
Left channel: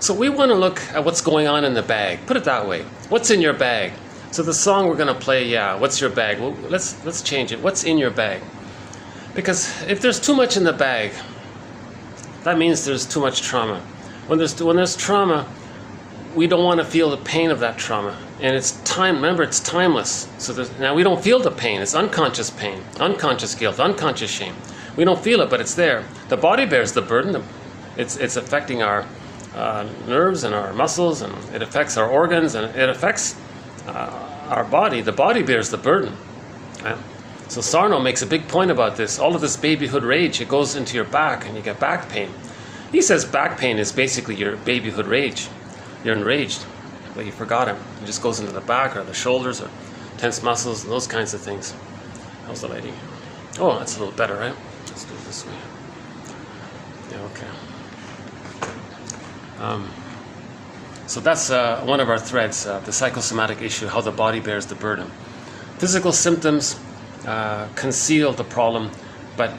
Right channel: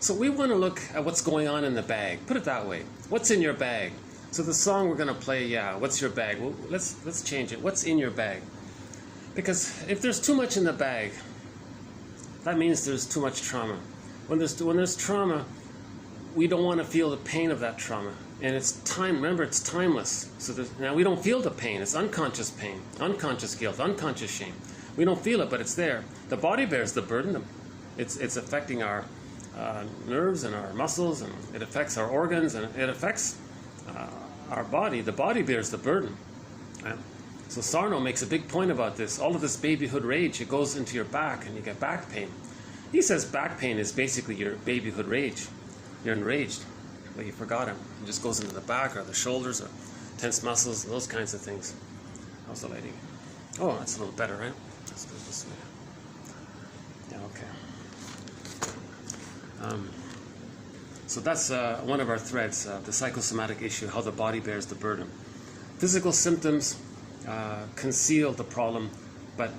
So we want to look at what's going on in the bag. Put it that way. What's in your bag? So the song we're going to play, yeah, what's your bag? Well, let's change it. What's in your bag? Because if there's too much in the bag, that means there's too much trauma. When there's trauma, we don't want to feel the pain of that trauma. And it's time. Remember, it's timeless. So now we don't feel the pain. It's unconscious pain, unconscious guilt, unconscious shame. We don't feel it, but it's there. The body bears the burden. It's affecting our nerves and our muscles, and it affects our organs, and it affects our body. The body bears the burden. Right? So Sarno makes a big point about this. All of this babyhood rage, it goes into your back, and you get back pain. He says back pain is basically your babyhood rage. You're enraged, but you forgot it. It just goes into the back or the shoulders or tense muscles and those kinds of things. How's the lighting? Oh, that's a little better, right? Let's do it this way. Yeah, okay. So that's one of our threads, the psychosomatic issue, how the body bears the burden. Physical symptoms conceal the problem, but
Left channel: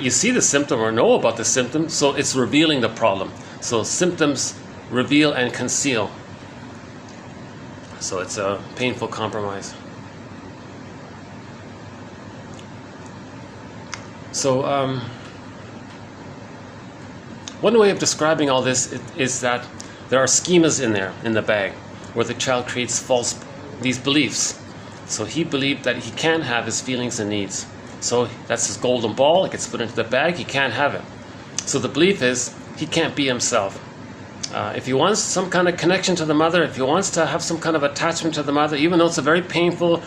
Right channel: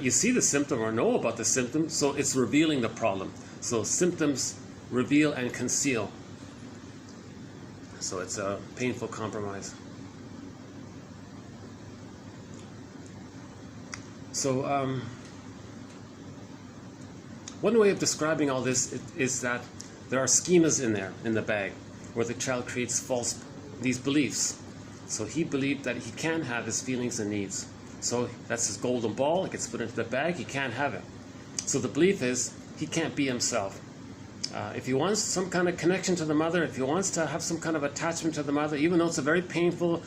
you see the symptom or know about the symptom, so it's revealing the problem. So symptoms reveal and conceal. So it's a painful compromise. So one way of describing all this is that there are schemas in there, in the bag, where the child creates these beliefs. So he believed that he can't have his feelings and needs. So that's his golden ball, it gets put into the bag, he can't have it. So the belief is he can't be himself. If he wants some kind of connection to the mother, if he wants to have some kind of attachment to the mother, even though it's a very painful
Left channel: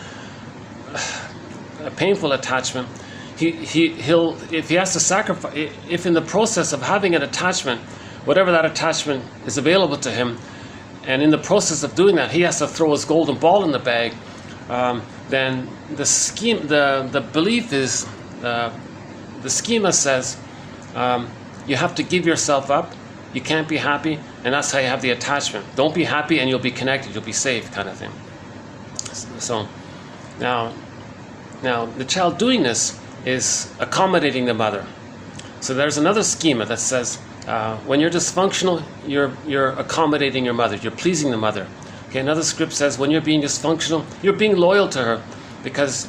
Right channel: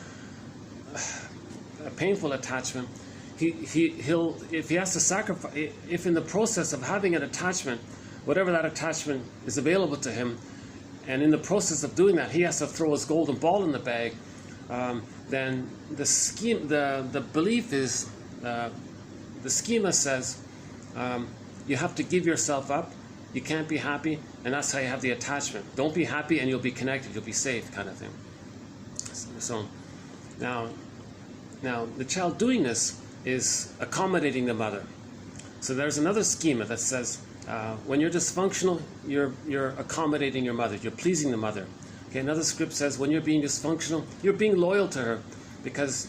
attachment, he'll if he has to sacrifice, if in the process of having an attachment, whatever that attachment is available to him, and in the process of doing that he has to throw his golden ball in the bag, then the belief is, the schema says, you have to give yourself up, you can't be happy, and that's how you have the attachment. Don't be happy and you'll be connected, you'll be safe, kind of thing. So now the child doing this is accommodating the mother. So there's another schema that says when you're dysfunctional, you're accommodating your mother, you're pleasing the mother. Okay, another script says when you're being dysfunctional, you're being loyal to her, because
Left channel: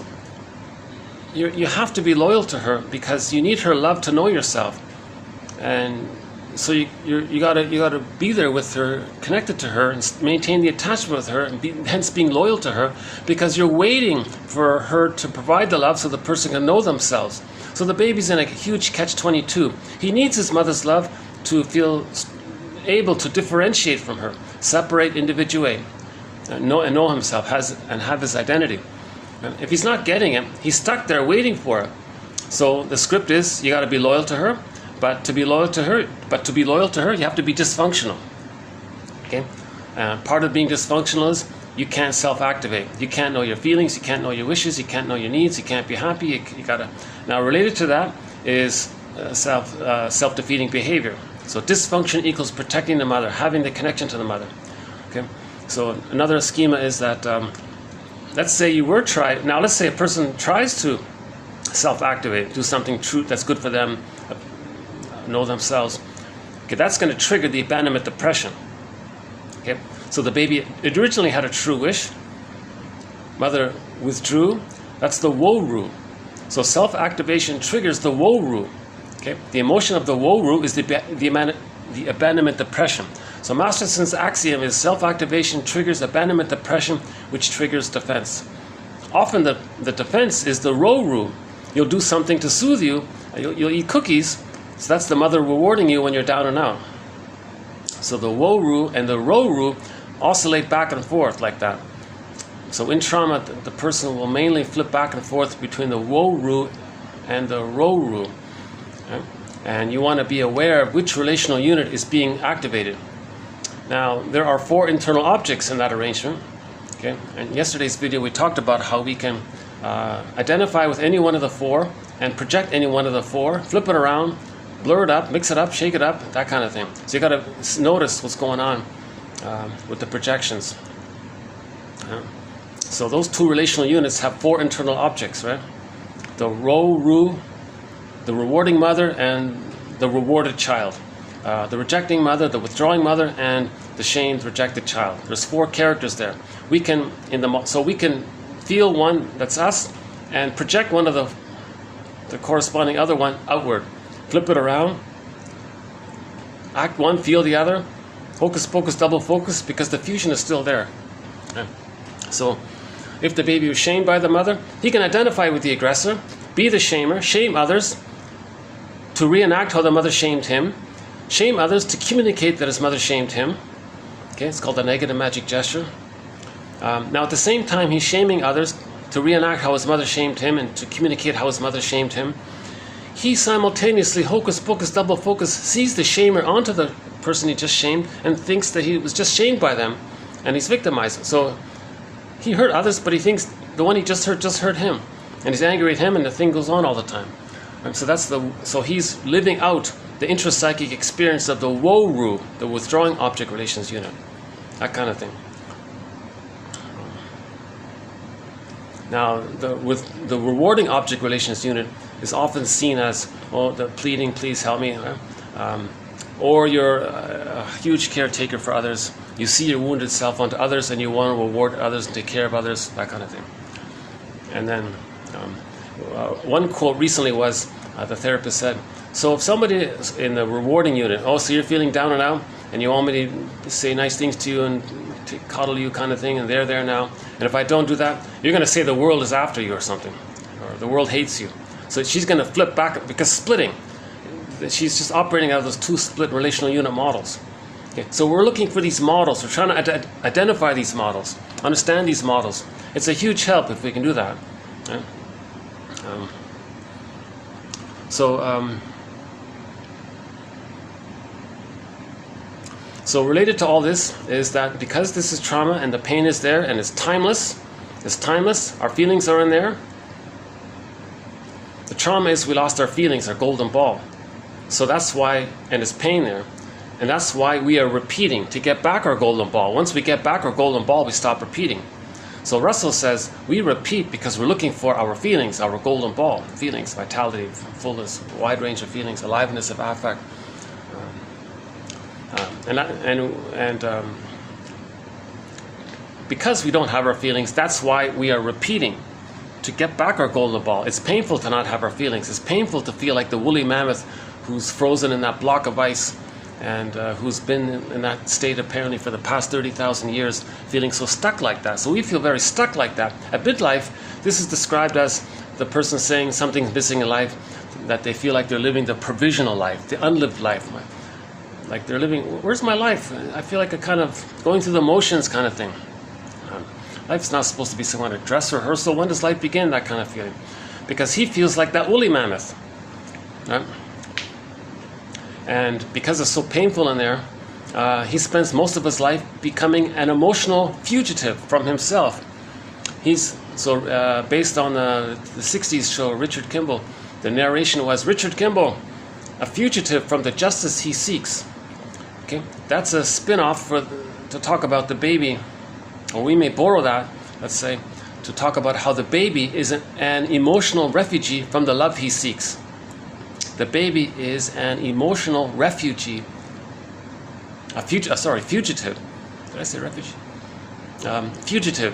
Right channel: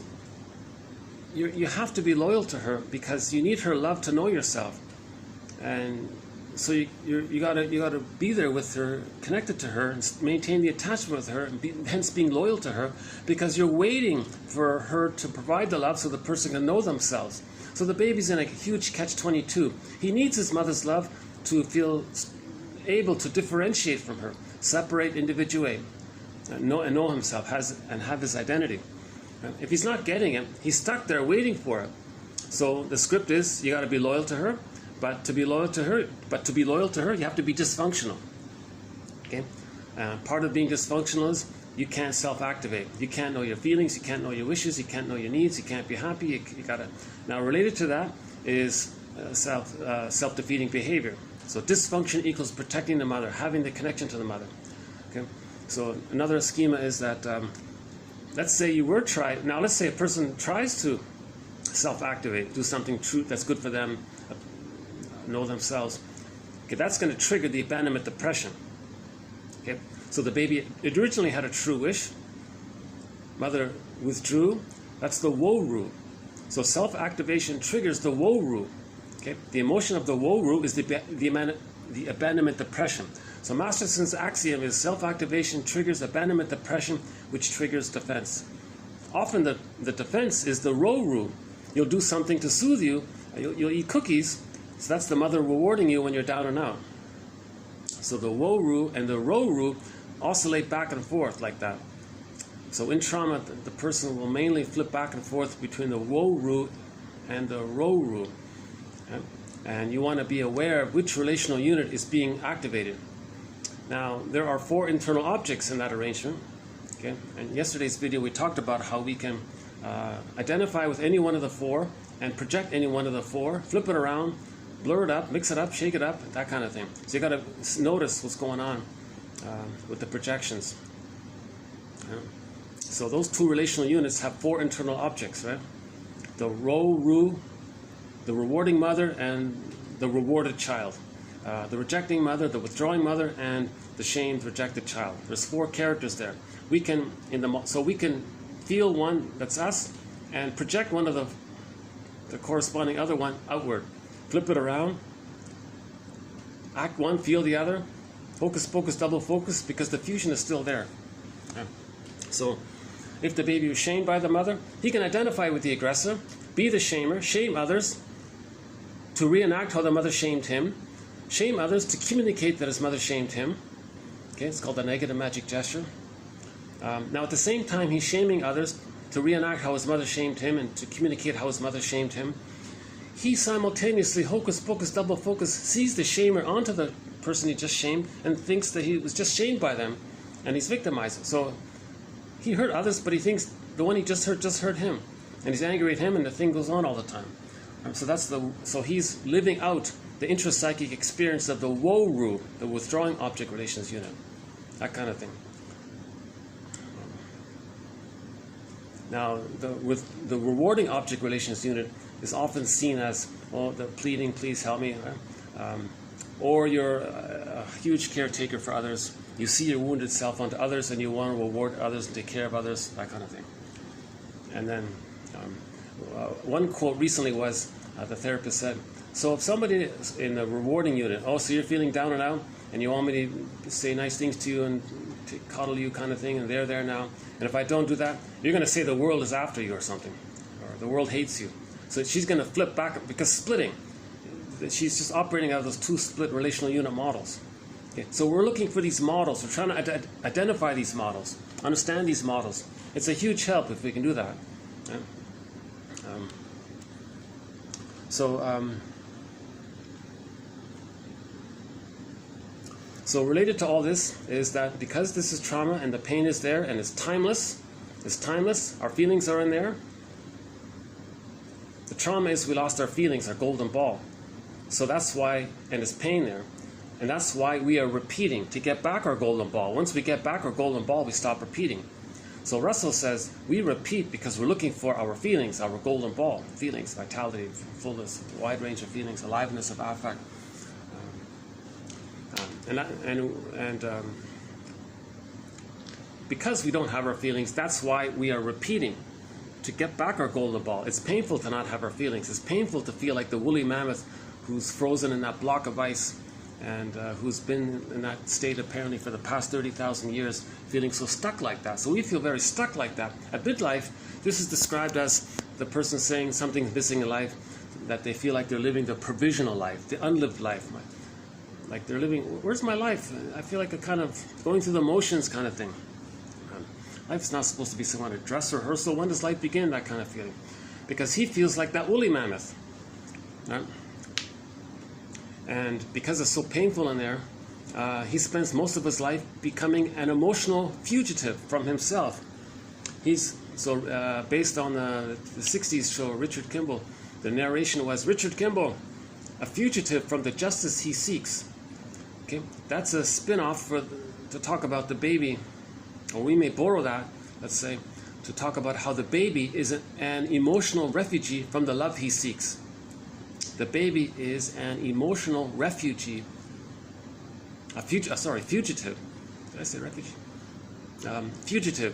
you have to be loyal to her because you need her love to know yourself. And so you gotta be there with her, connected to her, and maintain the attachment with her, and hence being loyal to her, because you're waiting for her to provide the love so the person can know themselves. So the baby's in a huge catch-22. He needs his mother's love to feel able to differentiate from her, separate, individuate, and know himself, and have his identity. If he's not getting it, he's stuck there waiting for it. So the script is you got to be loyal to her, but to be loyal to her, you have to be dysfunctional. Okay, part of being dysfunctional is you can't self-activate. You can't know your feelings. You can't know your wishes. You can't know your needs. You can't be happy. You gotta. Now, related to that is self-defeating behavior. So dysfunction equals protecting the mother, having the connection to the mother. Okay, so another schema is that. Let's say let's say a person tries to self-activate, do something true that's good for them, know themselves. Okay, that's going to trigger the abandonment depression. Okay, so the baby originally had a true wish, mother withdrew, that's the woe-roo. So self-activation triggers the woe-roo. Okay, the emotion of the woe-roo is the abandonment depression. So Masterson's axiom is self-activation triggers abandonment depression, which triggers defense. Often the defense is the row-roo. You'll do something to soothe you. You'll eat cookies. So that's the mother rewarding you when you're down and out. So the woe-roo and the row-roo oscillate back and forth like that. So in trauma, the person will mainly flip back and forth between the woe-roo and the row-roo. Okay? And you want to be aware of which relational unit is being activated. Now, there are 4 internal objects in that arrangement. Okay? In yesterday's video, we talked about how we can identify with any one of the 4 and project any one of the 4, flip it around, blur it up, mix it up, shake it up, that kind of thing. So you got to notice what's going on with the projections. So those 2 relational units have 4 internal objects, right? The row-roo, the rewarding mother, and the rewarded child. The rejecting mother, the withdrawing mother, and the shamed, rejected child. There's 4 characters there. We can feel one that's us and project one of the corresponding other one outward. Flip it around. Act one, feel the other. Hocus pocus, double focus, because the fusion is still there. Okay. So if the baby was shamed by the mother, he can identify with the aggressor, be the shamer, shame others to reenact how the mother shamed him, shame others to communicate that his mother shamed him. Okay, it's called the negative magic gesture. Now at the same time he's shaming others to reenact how his mother shamed him and to communicate how his mother shamed him. He simultaneously, hocus pocus, double focus, sees the shamer onto the person he just shamed and thinks that he was just shamed by them and he's victimized. So he hurt others, but he thinks the one he just hurt him. And he's angry at him and the thing goes on all the time. And so he's living out the intrapsychic experience of the woe-roo, the withdrawing object relations unit. That kind of thing. Now, with the rewarding object relations unit is often seen as, oh, the pleading, please help me. Or you're a huge caretaker for others. You see your wounded self onto others and you want to reward others and take care of others, that kind of thing. And then one quote recently was, the therapist said, so if somebody is in the rewarding unit, oh, so you're feeling down and out and you want me to say nice things to you and to coddle you kind of thing, and they're there now, and if I don't do that, you're going to say the world is after you or something, or the world hates you. So she's going to flip back, because splitting, she's just operating out of those 2 split relational unit models. Okay, so we're looking for these models. We're trying to identify these models, understand these models. It's a huge help if we can do that. Right? So related to all this is that because this is trauma and the pain is there and it's timeless, our feelings are in there. The trauma is we lost our feelings, our golden ball. So that's why, and it's pain there. And that's why we are repeating, to get back our golden ball. Once we get back our golden ball, we stop repeating. So Russell says, we repeat because we're looking for our feelings, our golden ball, feelings, vitality, fullness, wide range of feelings, aliveness of affect. Because we don't have our feelings, that's why we are repeating to get back our golden ball. It's painful to not have our feelings. It's painful to feel like the woolly mammoth who's frozen in that block of ice and who's been in that state apparently for the past 30,000 years, feeling so stuck like that. So we feel very stuck like that. At midlife, this is described as the person saying something's missing in life, that they feel like they're living the provisional life, the unlived life. Like they're living, where's my life? I feel like a kind of going through the motions kind of thing. Life's not supposed to be some kind of dress rehearsal. When does life begin? That kind of feeling. Because he feels like that woolly mammoth. Right? And because it's so painful in there, he spends most of his life becoming an emotional fugitive from himself. He's based on the 60s show, Richard Kimball. The narration was, Richard Kimball, a fugitive from the justice he seeks. Okay, that's a spin-off to talk about the baby, or we may borrow that, let's say, to talk about how the baby is an emotional refugee from the love he seeks. The baby is an emotional refugee, fugitive. Did I say refugee? Fugitive.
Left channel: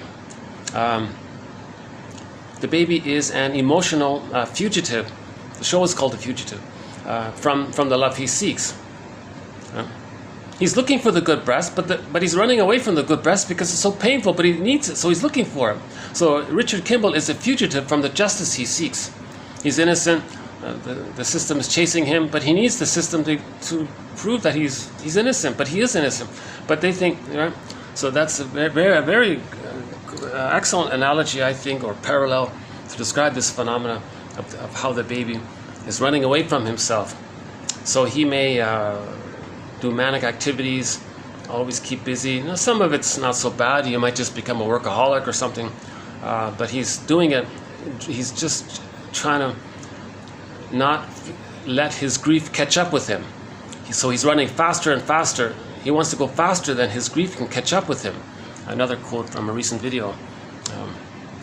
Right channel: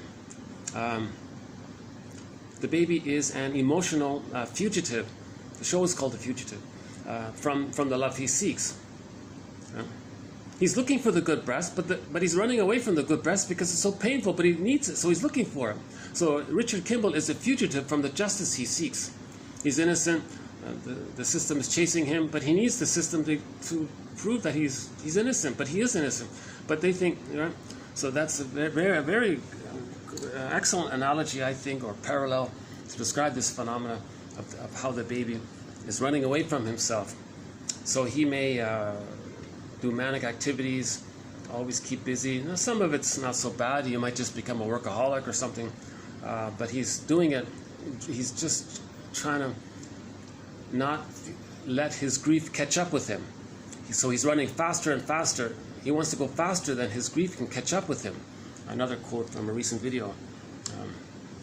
The baby is an emotional fugitive. The show is called The Fugitive. From the love he seeks. He's looking for the good breast, but he's running away from the good breast because it's so painful, but he needs it, so he's looking for it. So Richard Kimball is a fugitive from the justice he seeks. He's innocent. The system is chasing him, but he needs the system to prove that he's innocent, but he is innocent. But they think, right? So that's a very excellent analogy, I think, or parallel to describe this phenomena of how the baby is running away from himself. So he may do manic activities, always keep busy. You know, some of it's not so bad. You might just become a workaholic or something. But he's doing it. He's just trying to not let his grief catch up with him. So he's running faster and faster. He wants to go faster than his grief can catch up with him. Another quote from a recent video.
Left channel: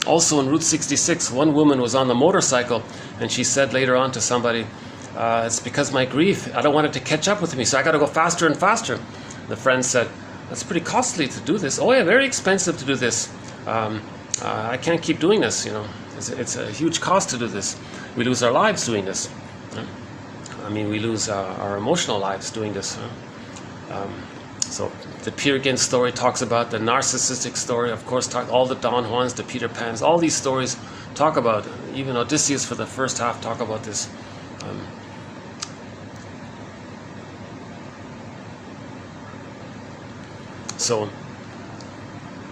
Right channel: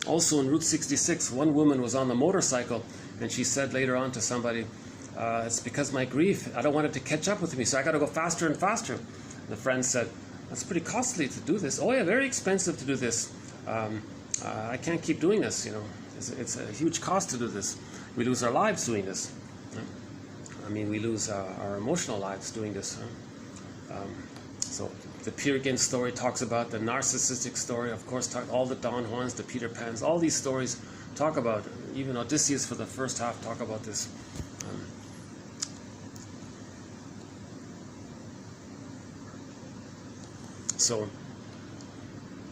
Also in Route 66, one woman was on the motorcycle and she said later on to somebody, it's because my grief, I don't want it to catch up with me, so I got to go faster and faster. The friend said, that's pretty costly to do this. Oh yeah, very expensive to do this. I can't keep doing this, you know. It's a huge cost to do this. We lose our lives doing this. I mean, we lose our emotional lives doing this. So the Peer Gynt story talks about the narcissistic story, of course, all the Don Juans, the Peter Pans, all these stories talk about, even Odysseus for the first half talk about this. So,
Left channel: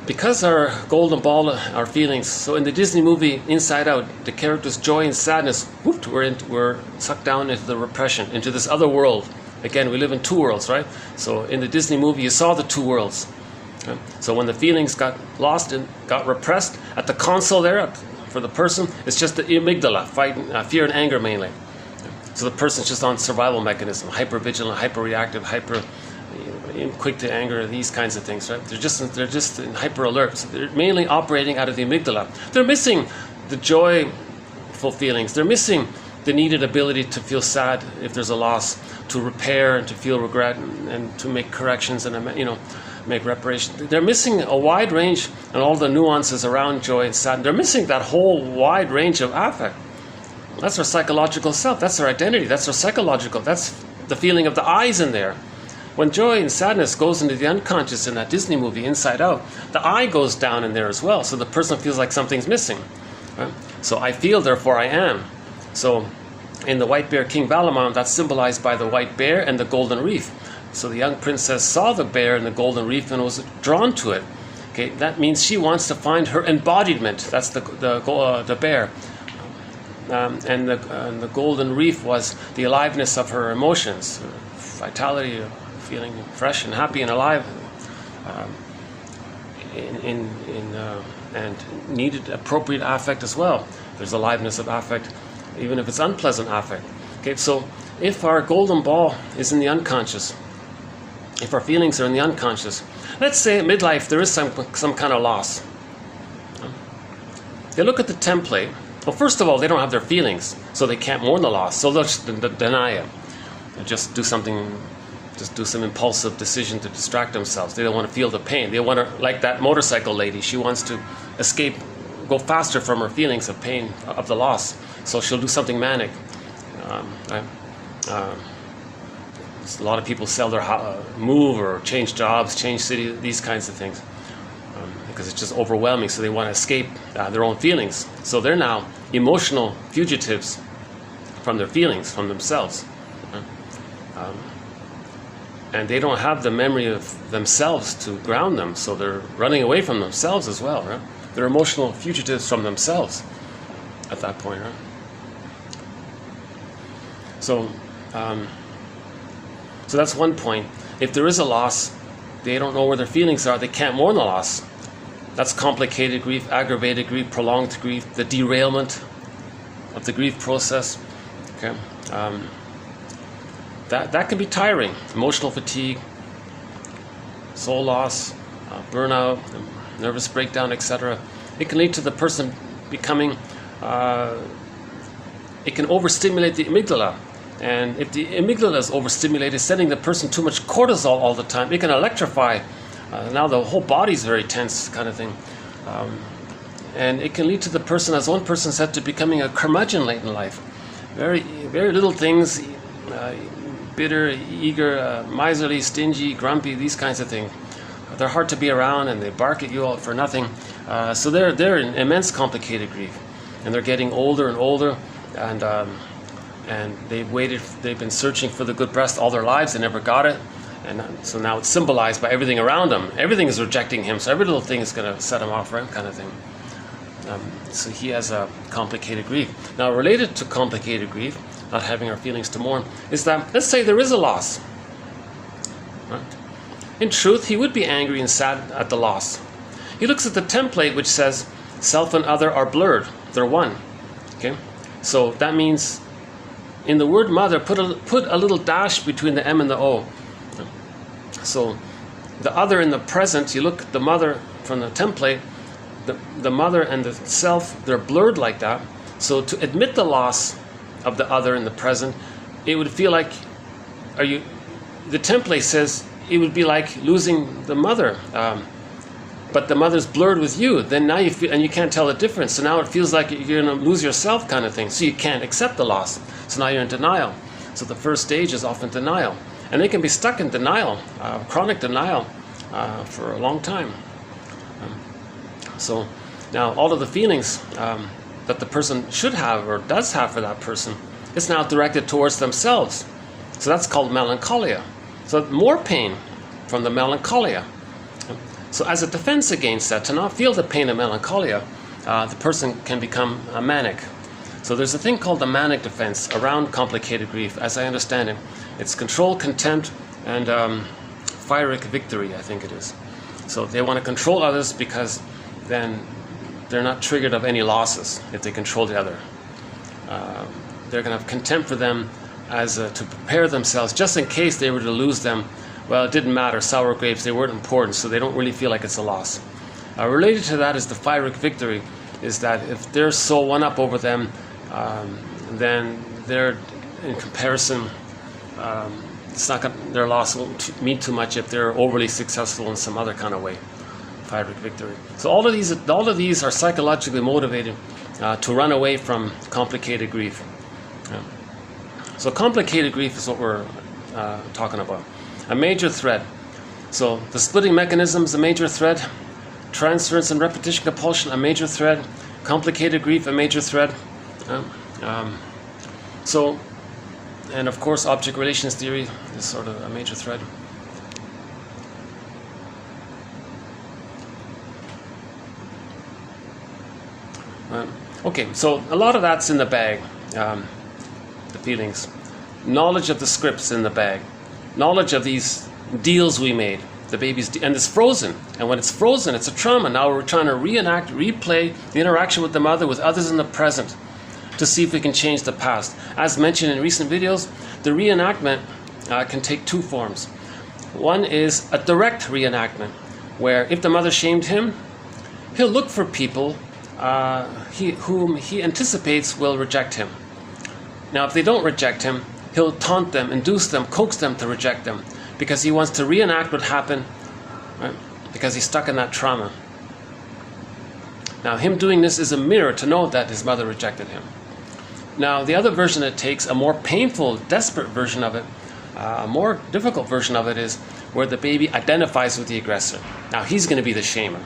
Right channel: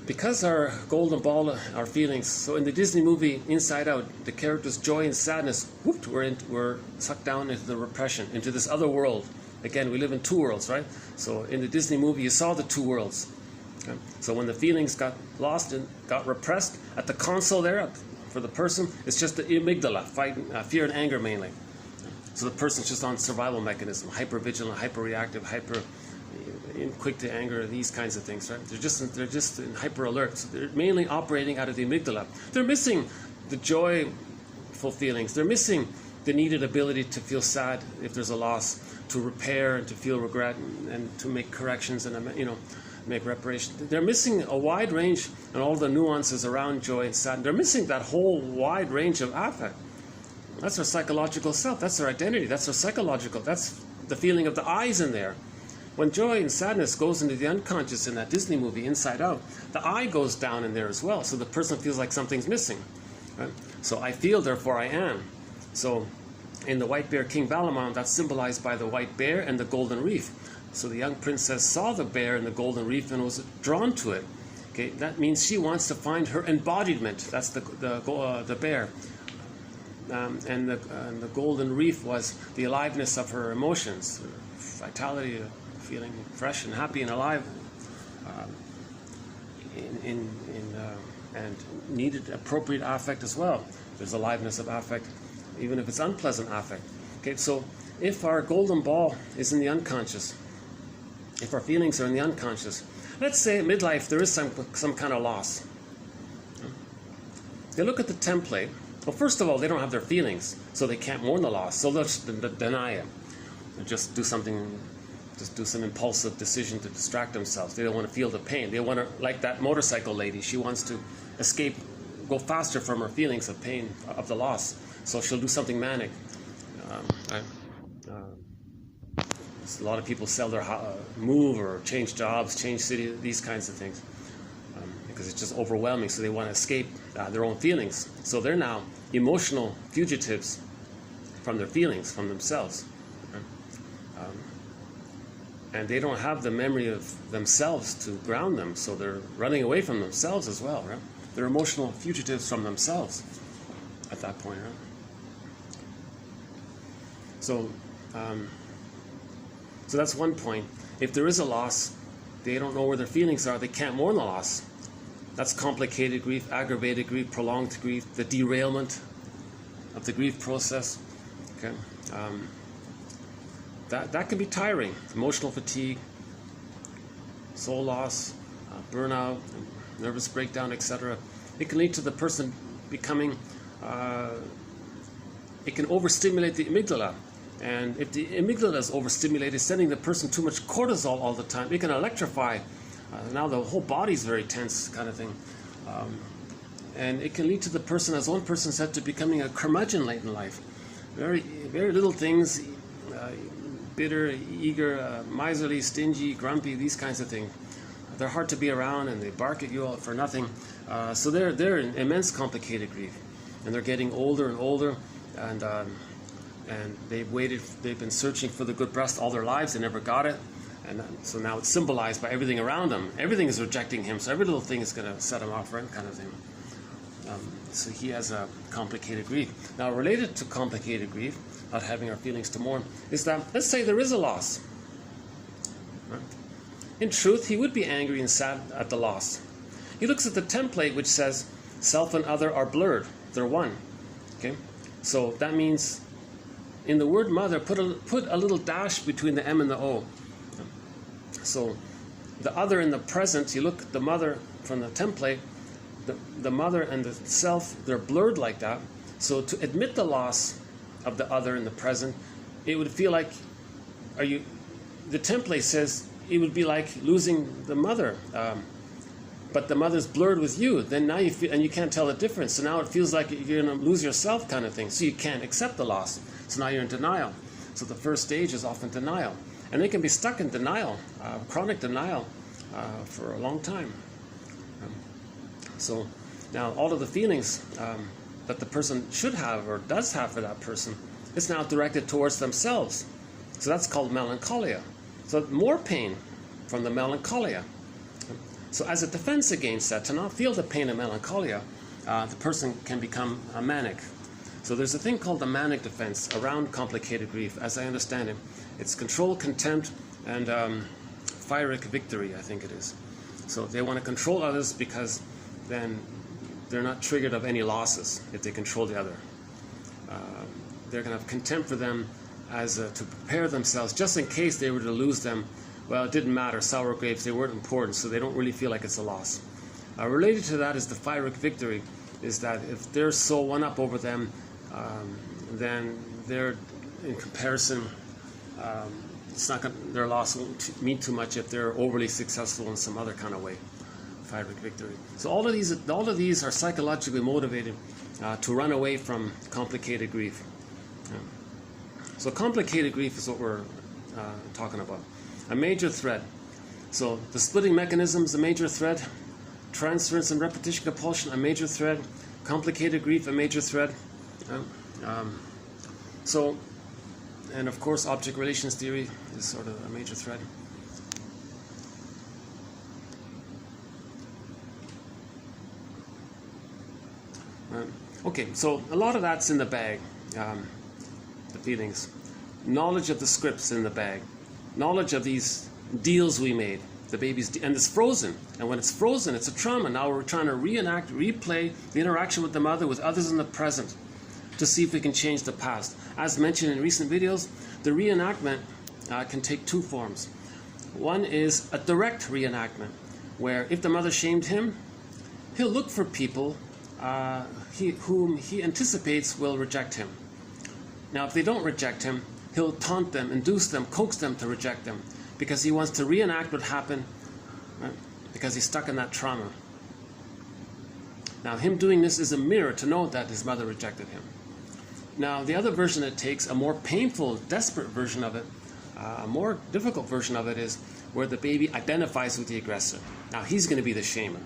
because our golden ball, our feelings, so in the Disney movie Inside Out, the characters' joy and sadness, whooped, we're sucked down into the repression, into this other world. Again, we live in two worlds, right? So in the Disney movie, you saw the two worlds. Right? So when the feelings got lost and got repressed, at the console there, for the person, it's just the amygdala, fighting fear and anger mainly. So the person's just on survival mechanism, hyper-vigilant, hyper-reactive, quick to anger, these kinds of things, right? They're just in hyper alert. So they're mainly operating out of the amygdala. They're missing the joyful feelings. They're missing the needed ability to feel sad if there's a loss, to repair and to feel regret and to make corrections and, you know, make reparation. They're missing a wide range and all the nuances around joy and sadness. They're missing that whole wide range of affect. That's our psychological self. That's our identity. That's our psychological. That's the feeling of the I's in there. When joy and sadness goes into the unconscious in that Disney movie, Inside Out, the I goes down in there as well. So the person feels like something's missing. Right? So I feel, therefore I am. So in the White Bear King Valamon, that's symbolized by the white bear and the golden reef. So the young princess saw the bear and the golden reef and was drawn to it. Okay, that means she wants to find her embodiment. That's the bear. And the golden reef was the aliveness of her emotions, vitality, feeling fresh and happy and alive, and needed appropriate affect as well. There's aliveness of affect, even if it's unpleasant affect. Okay, so if our golden ball is in the unconscious, if our feelings are in the unconscious. Let's say at midlife there is some kind of loss. They look at the template. Well, first of all, they don't have their feelings, so they can't mourn the loss, so they'll just deny it. They'll just do something, just do some impulsive decision to distract themselves. They don't want to feel the pain. They want to, like that motorcycle lady, she wants to escape, go faster from her feelings of pain, of the loss. So she'll do something manic. A lot of people sell their move or change jobs, change city, these kinds of things, because it's just overwhelming. So they want to escape their own feelings. So they're now emotional fugitives from their feelings, from themselves. And they don't have the memory of themselves to ground them, so they're running away from themselves as well, right? They're emotional fugitives from themselves at that point, right? So, so that's one point. If there is a loss, they don't know where their feelings are. They can't mourn the loss. That's complicated grief, aggravated grief, prolonged grief, the derailment of the grief process. Okay, that can be tiring. Emotional fatigue, soul loss, burnout, nervous breakdown, etc. It can lead to the person becoming. It can overstimulate the amygdala. And if the amygdala is overstimulated, sending the person too much cortisol all the time, it can electrify. Now the whole body is very tense, kind of thing. And it can lead to the person, as one person said, to becoming a curmudgeon late in life. Very, very little things, bitter, eager, miserly, stingy, grumpy, these kinds of things. They're hard to be around, and they bark at you all for nothing. So they're in immense complicated grief. And they're getting older and older, and they've been searching for the good breast all their lives and never got it. And so now it's symbolized by everything around him. Everything is rejecting him, so every little thing is going to set him off, right, kind of thing. So he has a complicated grief. Now, related to complicated grief, not having our feelings to mourn, is that, let's say there is a loss. Right? In truth, he would be angry and sad at the loss. He looks at the template which says, self and other are blurred. They're one. Okay? So that means in the word mother, put a little dash between the M and the O. So the other in the present, you look at the mother from the template, the mother and the self, they're blurred like that. So to admit the loss of the other in the present, it would feel like, the template says it would be like losing the mother. But the mother's blurred with you, then now you feel, and you can't tell the difference. So now it feels like you're going to lose yourself, kind of thing. So you can't accept the loss. So now you're in denial. So the first stage is often denial. And they can be stuck in denial, chronic denial, for a long time. So now all of the feelings that the person should have or does have for that person is now directed towards themselves. So that's called melancholia. So more pain from the melancholia. So as a defense against that, to not feel the pain of melancholia, the person can become manic. So there's a thing called the manic defense around complicated grief, as I understand it. It's control, contempt, and pyrrhic victory, I think it is. So they want to control others because then they're not triggered of any losses if they control the other. They're going to have contempt for them as to prepare themselves, just in case they were to lose them. Well, it didn't matter, sour grapes, they weren't important, so they don't really feel like it's a loss. Related to that is the pyrrhic victory, is that if they're so one-up over them, then they're, in comparison, it's not their loss won't mean too much if they're overly successful in some other kind of way. Pyrrhic victory. So all of these are psychologically motivated to run away from complicated grief. So complicated grief is what we're talking about. A major thread. So the splitting mechanism is a major thread. Transference and repetition compulsion, a major thread. Complicated grief, a major thread. So, and of course, object relations theory is sort of a major thread. Okay, so a lot of that's in the bag, the feelings. Knowledge of the scripts in the bag. Knowledge of these deals we made, the baby's and it's frozen. And when it's frozen, it's a trauma. Now we're trying to replay the interaction with the mother with others in the present to see if we can change the past. As mentioned in recent videos, the reenactment can take two forms. One is a direct reenactment, where if the mother shamed him, he'll look for people whom he anticipates will reject him. Now, if they don't reject him, he'll taunt them, induce them, coax them to reject them, because he wants to reenact what happened, right? Because he's stuck in that trauma. Now, him doing this is a mirror to know that his mother rejected him. Now, the other version it takes, a more painful, desperate version of it, a more difficult version of it, is where the baby identifies with the aggressor. Now, he's going to be the shamer.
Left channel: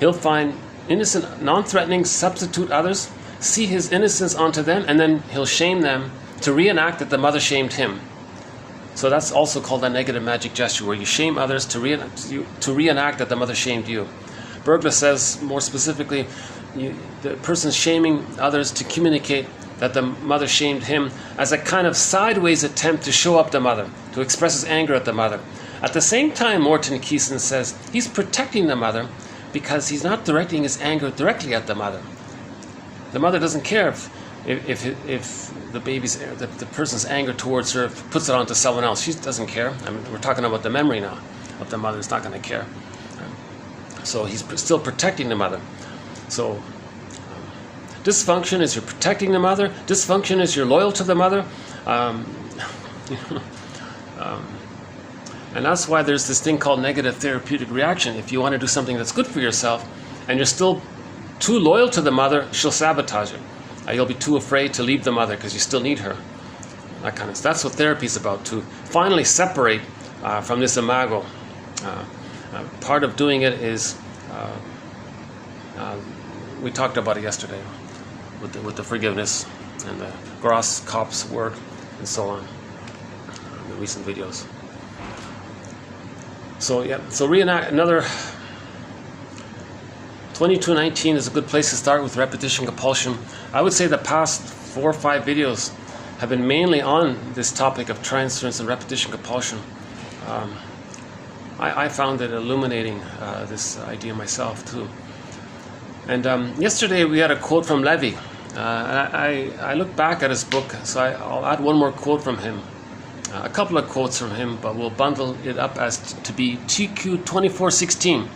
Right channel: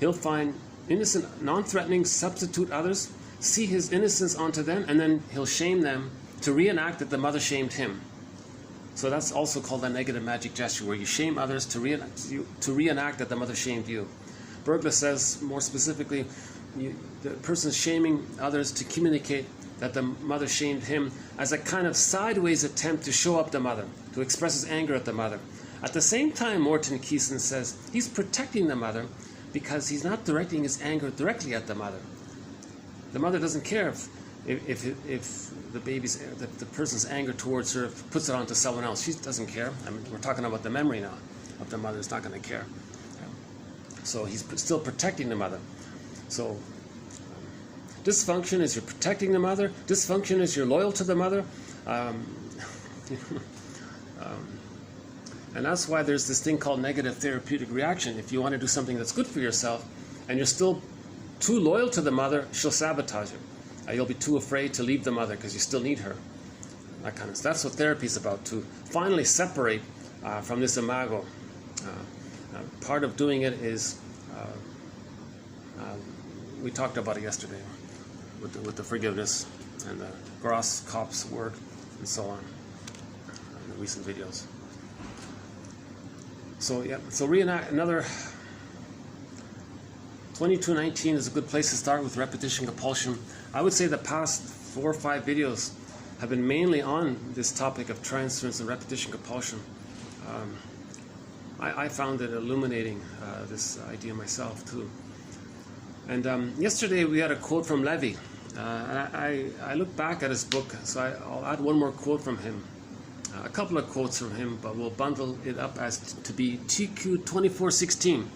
He'll find innocent, non-threatening substitute others, see his innocence onto them, and then he'll shame them to reenact that the mother shamed him. So that's also called a negative magic gesture, where you shame others to reenact that the mother shamed you. Bergler says more specifically, the person's shaming others to communicate that the mother shamed him as a kind of sideways attempt to show up the mother, to express his anger at the mother. At the same time, Morton Keeson says he's protecting the mother because he's not directing his anger directly at the mother. The mother doesn't care if the person's anger towards her puts it onto someone else. She doesn't care. I mean, we're talking about the memory now of the mother. It's not going to care. So he's still protecting the mother. So dysfunction is you're protecting the mother. Dysfunction is you're loyal to the mother. And that's why there's this thing called negative therapeutic reaction. If you want to do something that's good for yourself and you're still too loyal to the mother, she'll sabotage it. You'll be too afraid to leave the mother because you still need her. That kind of stuff. That's what therapy is about, to finally separate from this imago. Part of doing it is, we talked about it yesterday with the forgiveness and the Gross Kopp's work and so on in the recent videos. So yeah, so reenact another. 2219 is a good place to start with repetition compulsion. I would say the past 4 or 5 videos have been mainly on this topic of transference and repetition compulsion. I found it illuminating, this idea myself too. And yesterday we had a quote from Levy. I looked back at his book, so I'll add one more quote from him. A couple of quotes from him, but we'll bundle it up as to be TQ 2416.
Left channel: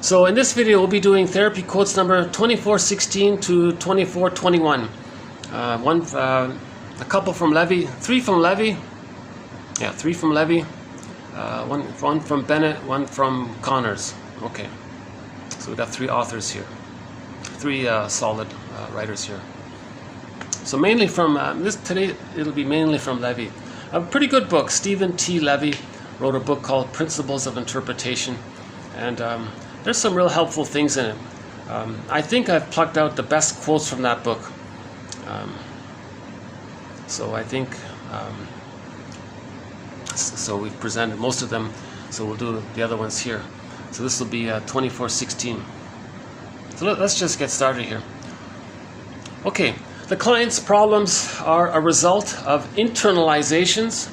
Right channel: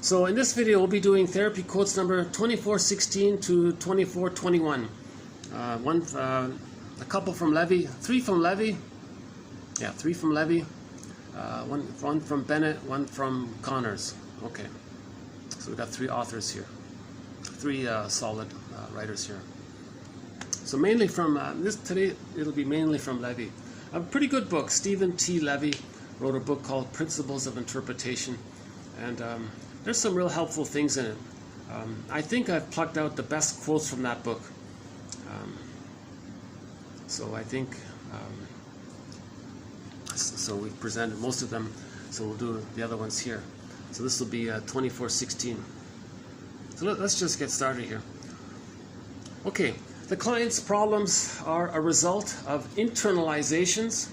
So in this video, we'll be doing therapy quotes number 2416 to 2421. A couple from Levy, 3 from Levy. Yeah, 3 from Levy. One from Bennett, 1 from Connors. Okay, so we've got 3 authors here, 3 solid writers here. So mainly from today, it'll be mainly from Levy. A pretty good book. Stephen T. Levy wrote a book called Principles of Interpretation, and there's some real helpful things in it. I think I've plucked out the best quotes from that book. So I think, so we've presented most of them, so we'll do the other ones here. So this will be 2416. So let's just get started here. Okay, the client's problems are a result of internalizations,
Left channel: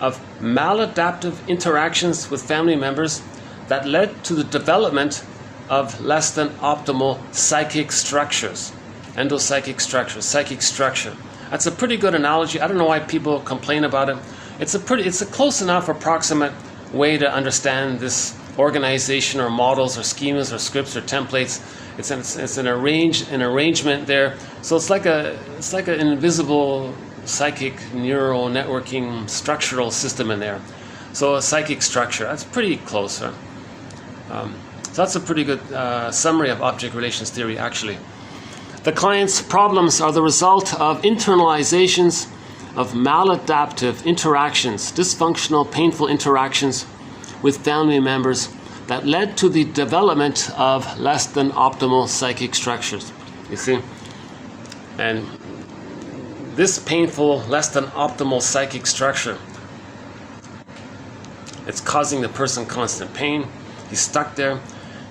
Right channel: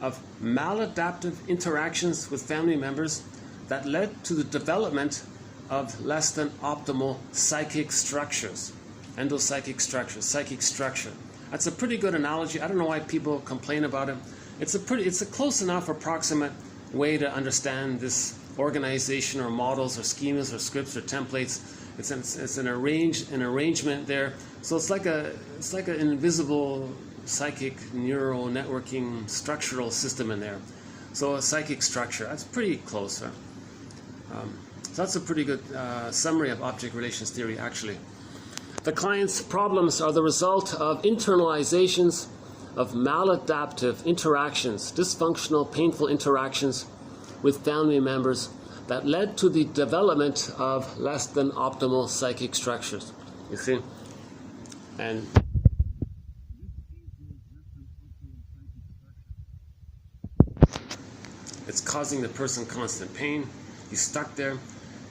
of maladaptive interactions with family members that led to the development of less than optimal psychic structures. Endopsychic structure, psychic structure. That's a pretty good analogy. I don't know why people complain about it. It's a close enough approximate way to understand this organization or models or schemas or scripts or templates. It's an arrangement there. So it's like an invisible psychic neural networking structural system in there. So a psychic structure, that's pretty close. Huh? So that's a pretty good summary of object relations theory, actually. The client's problems are the result of internalizations of maladaptive interactions, dysfunctional, painful interactions with family members that led to the development of less than optimal psychic structures. You see? And this painful, less than optimal psychic structure, it's causing the person constant pain. He's stuck there.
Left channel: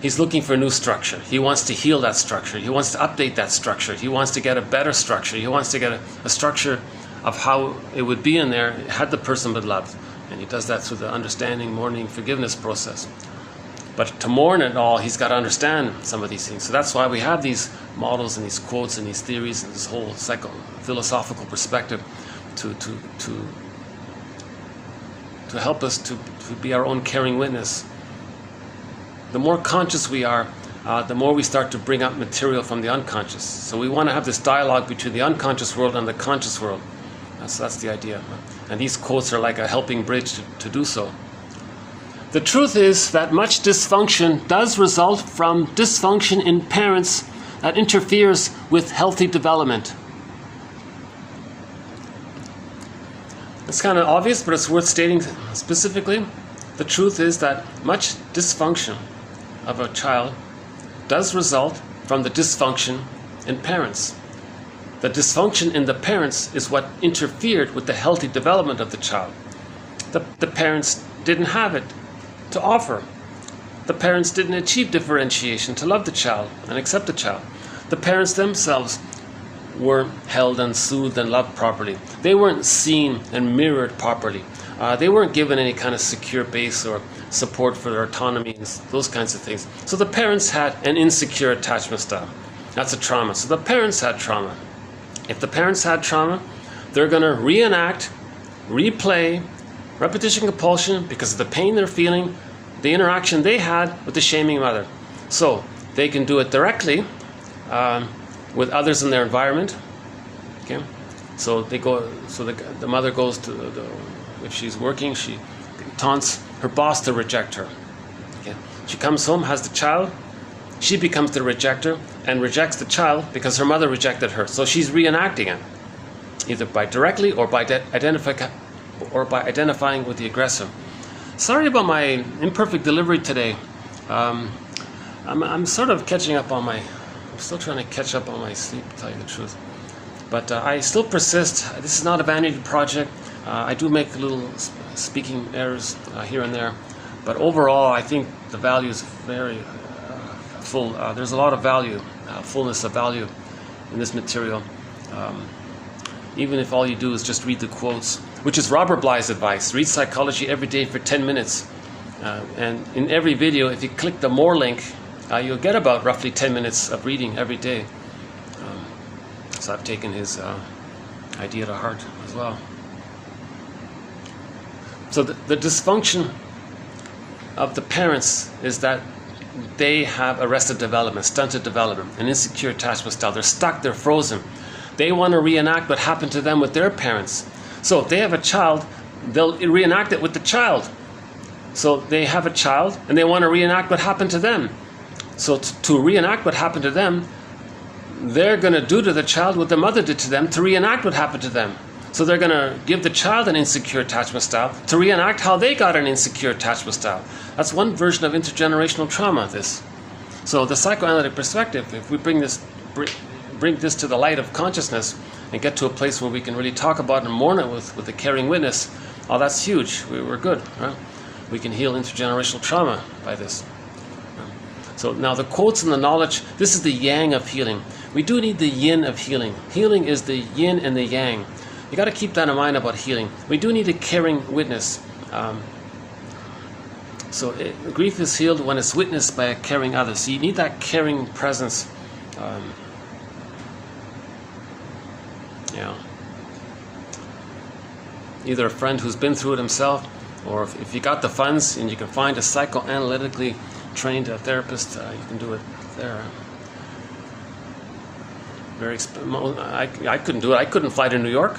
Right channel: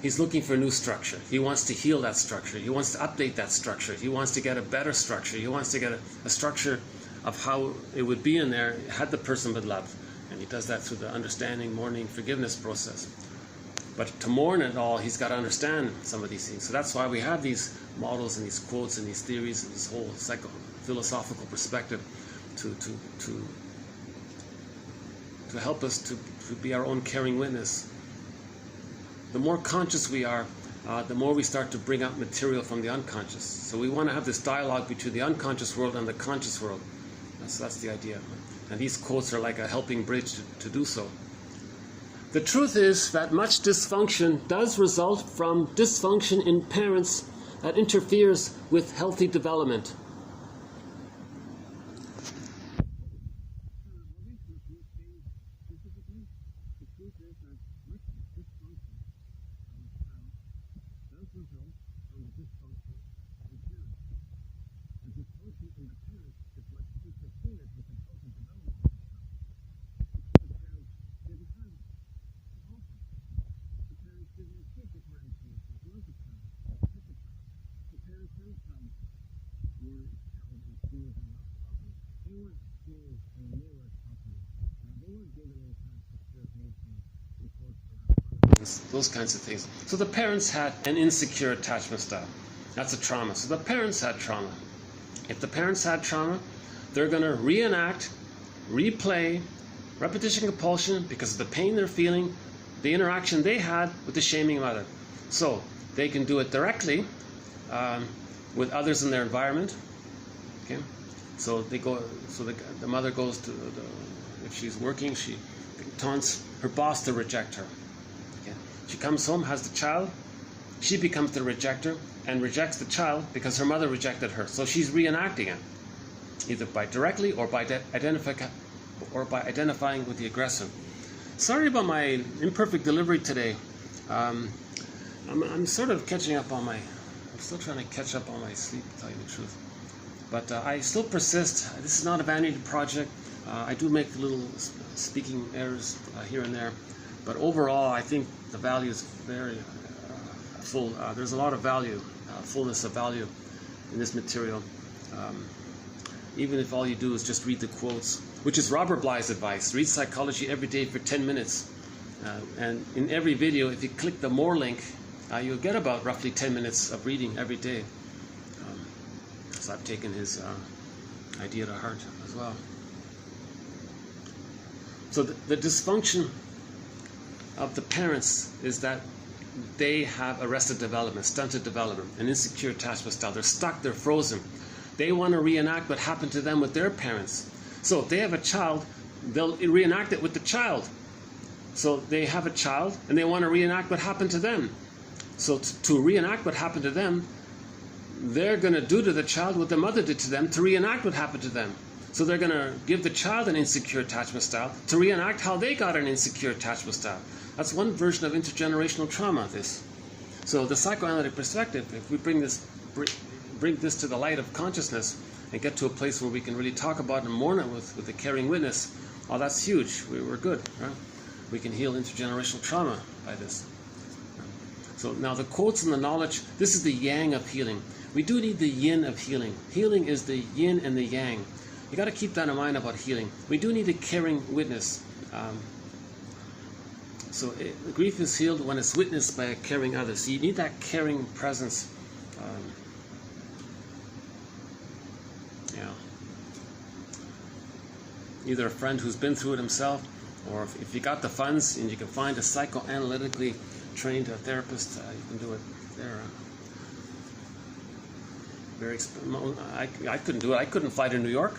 He's looking for a new structure. He wants to heal that structure. He wants to update that structure. He wants to get a better structure. He wants to get a structure of how it would be in there had the person been loved. And he does that through the understanding, mourning, forgiveness process. But to mourn it all, he's got to understand some of these things. So that's why we have these models and these quotes and these theories and this whole philosophical perspective to to help us to be our own caring witness. The more conscious we are, the more we start to bring up material from the unconscious. So we want to have this dialogue between the unconscious world and the conscious world. That's the idea. And these quotes are like a helping bridge to do so. The truth is that much dysfunction does result from dysfunction in parents that interferes with healthy development. It's kind of obvious, but it's worth stating specifically. The truth is that much dysfunction of a child does result from the dysfunction in parents. The dysfunction in the parents is what interfered with the healthy development of the child. The parents didn't have it to offer. The parents didn't achieve differentiation to love the child and accept the child. The parents themselves weren't held and soothed and loved properly. They weren't seen and mirrored properly. They weren't given any kind of secure base or support for their autonomy and those kinds of things. So the parents had an insecure attachment style. That's a trauma. So the parents had trauma. If the parents had trauma, they're going to reenact, replay, repetition compulsion because of the pain they're feeling, the interaction they had with the shaming mother. So they can do it directly with others in their environment. Okay, so they go. So the mother goes to if she's working, she taunts her boss to reject her. Okay, she comes home, has the child. She becomes the rejecter and rejects the child because her mother rejected her. So she's reenacting it, either by directly or by identifying with the aggressor. Sorry about my imperfect delivery today. I'm sort of catching up on my. I'm still trying to catch up on my sleep, to tell you the truth. But I still persist. This is not a vanity project. I do make little speaking errors here and there, but overall, I think the value is very full. There's a lot of value, fullness of value in this material. Even if all you do is just read the quotes, which is Robert Bly's advice. Read psychology every day for 10 minutes. And in every video, if you click the more link, you'll get about roughly 10 minutes of reading every day. So I've taken his idea to heart as well. So the dysfunction of the parents is that they have arrested development, stunted development, an insecure attachment style. They're stuck, they're frozen. They want to reenact what happened to them with their parents. So if they have a child, they'll reenact it with the child. So they have a child and they want to reenact what happened to them. So to reenact what happened to them, they're going to do to the child what the mother did to them to reenact what happened to them. So they're going to give the child an insecure attachment style to reenact how they got an insecure attachment style. That's one version of intergenerational trauma, this. So the psychoanalytic perspective, if we bring this to the light of consciousness and get to a place where we can really talk about it and mourn it with a caring witness, oh, that's huge. We're good. Right? We can heal intergenerational trauma by this. So now the quotes and the knowledge, this is the yang of healing. We do need the yin of healing. Healing is the yin and the yang. You got to keep that in mind about healing. We do need a caring witness. Grief is healed when it's witnessed by a caring other. So you need that caring presence. Either a friend who's been through it himself, or if you got the funds and you can find a psychoanalytically trained therapist, you can do it there. I couldn't do it. I couldn't fly to New York.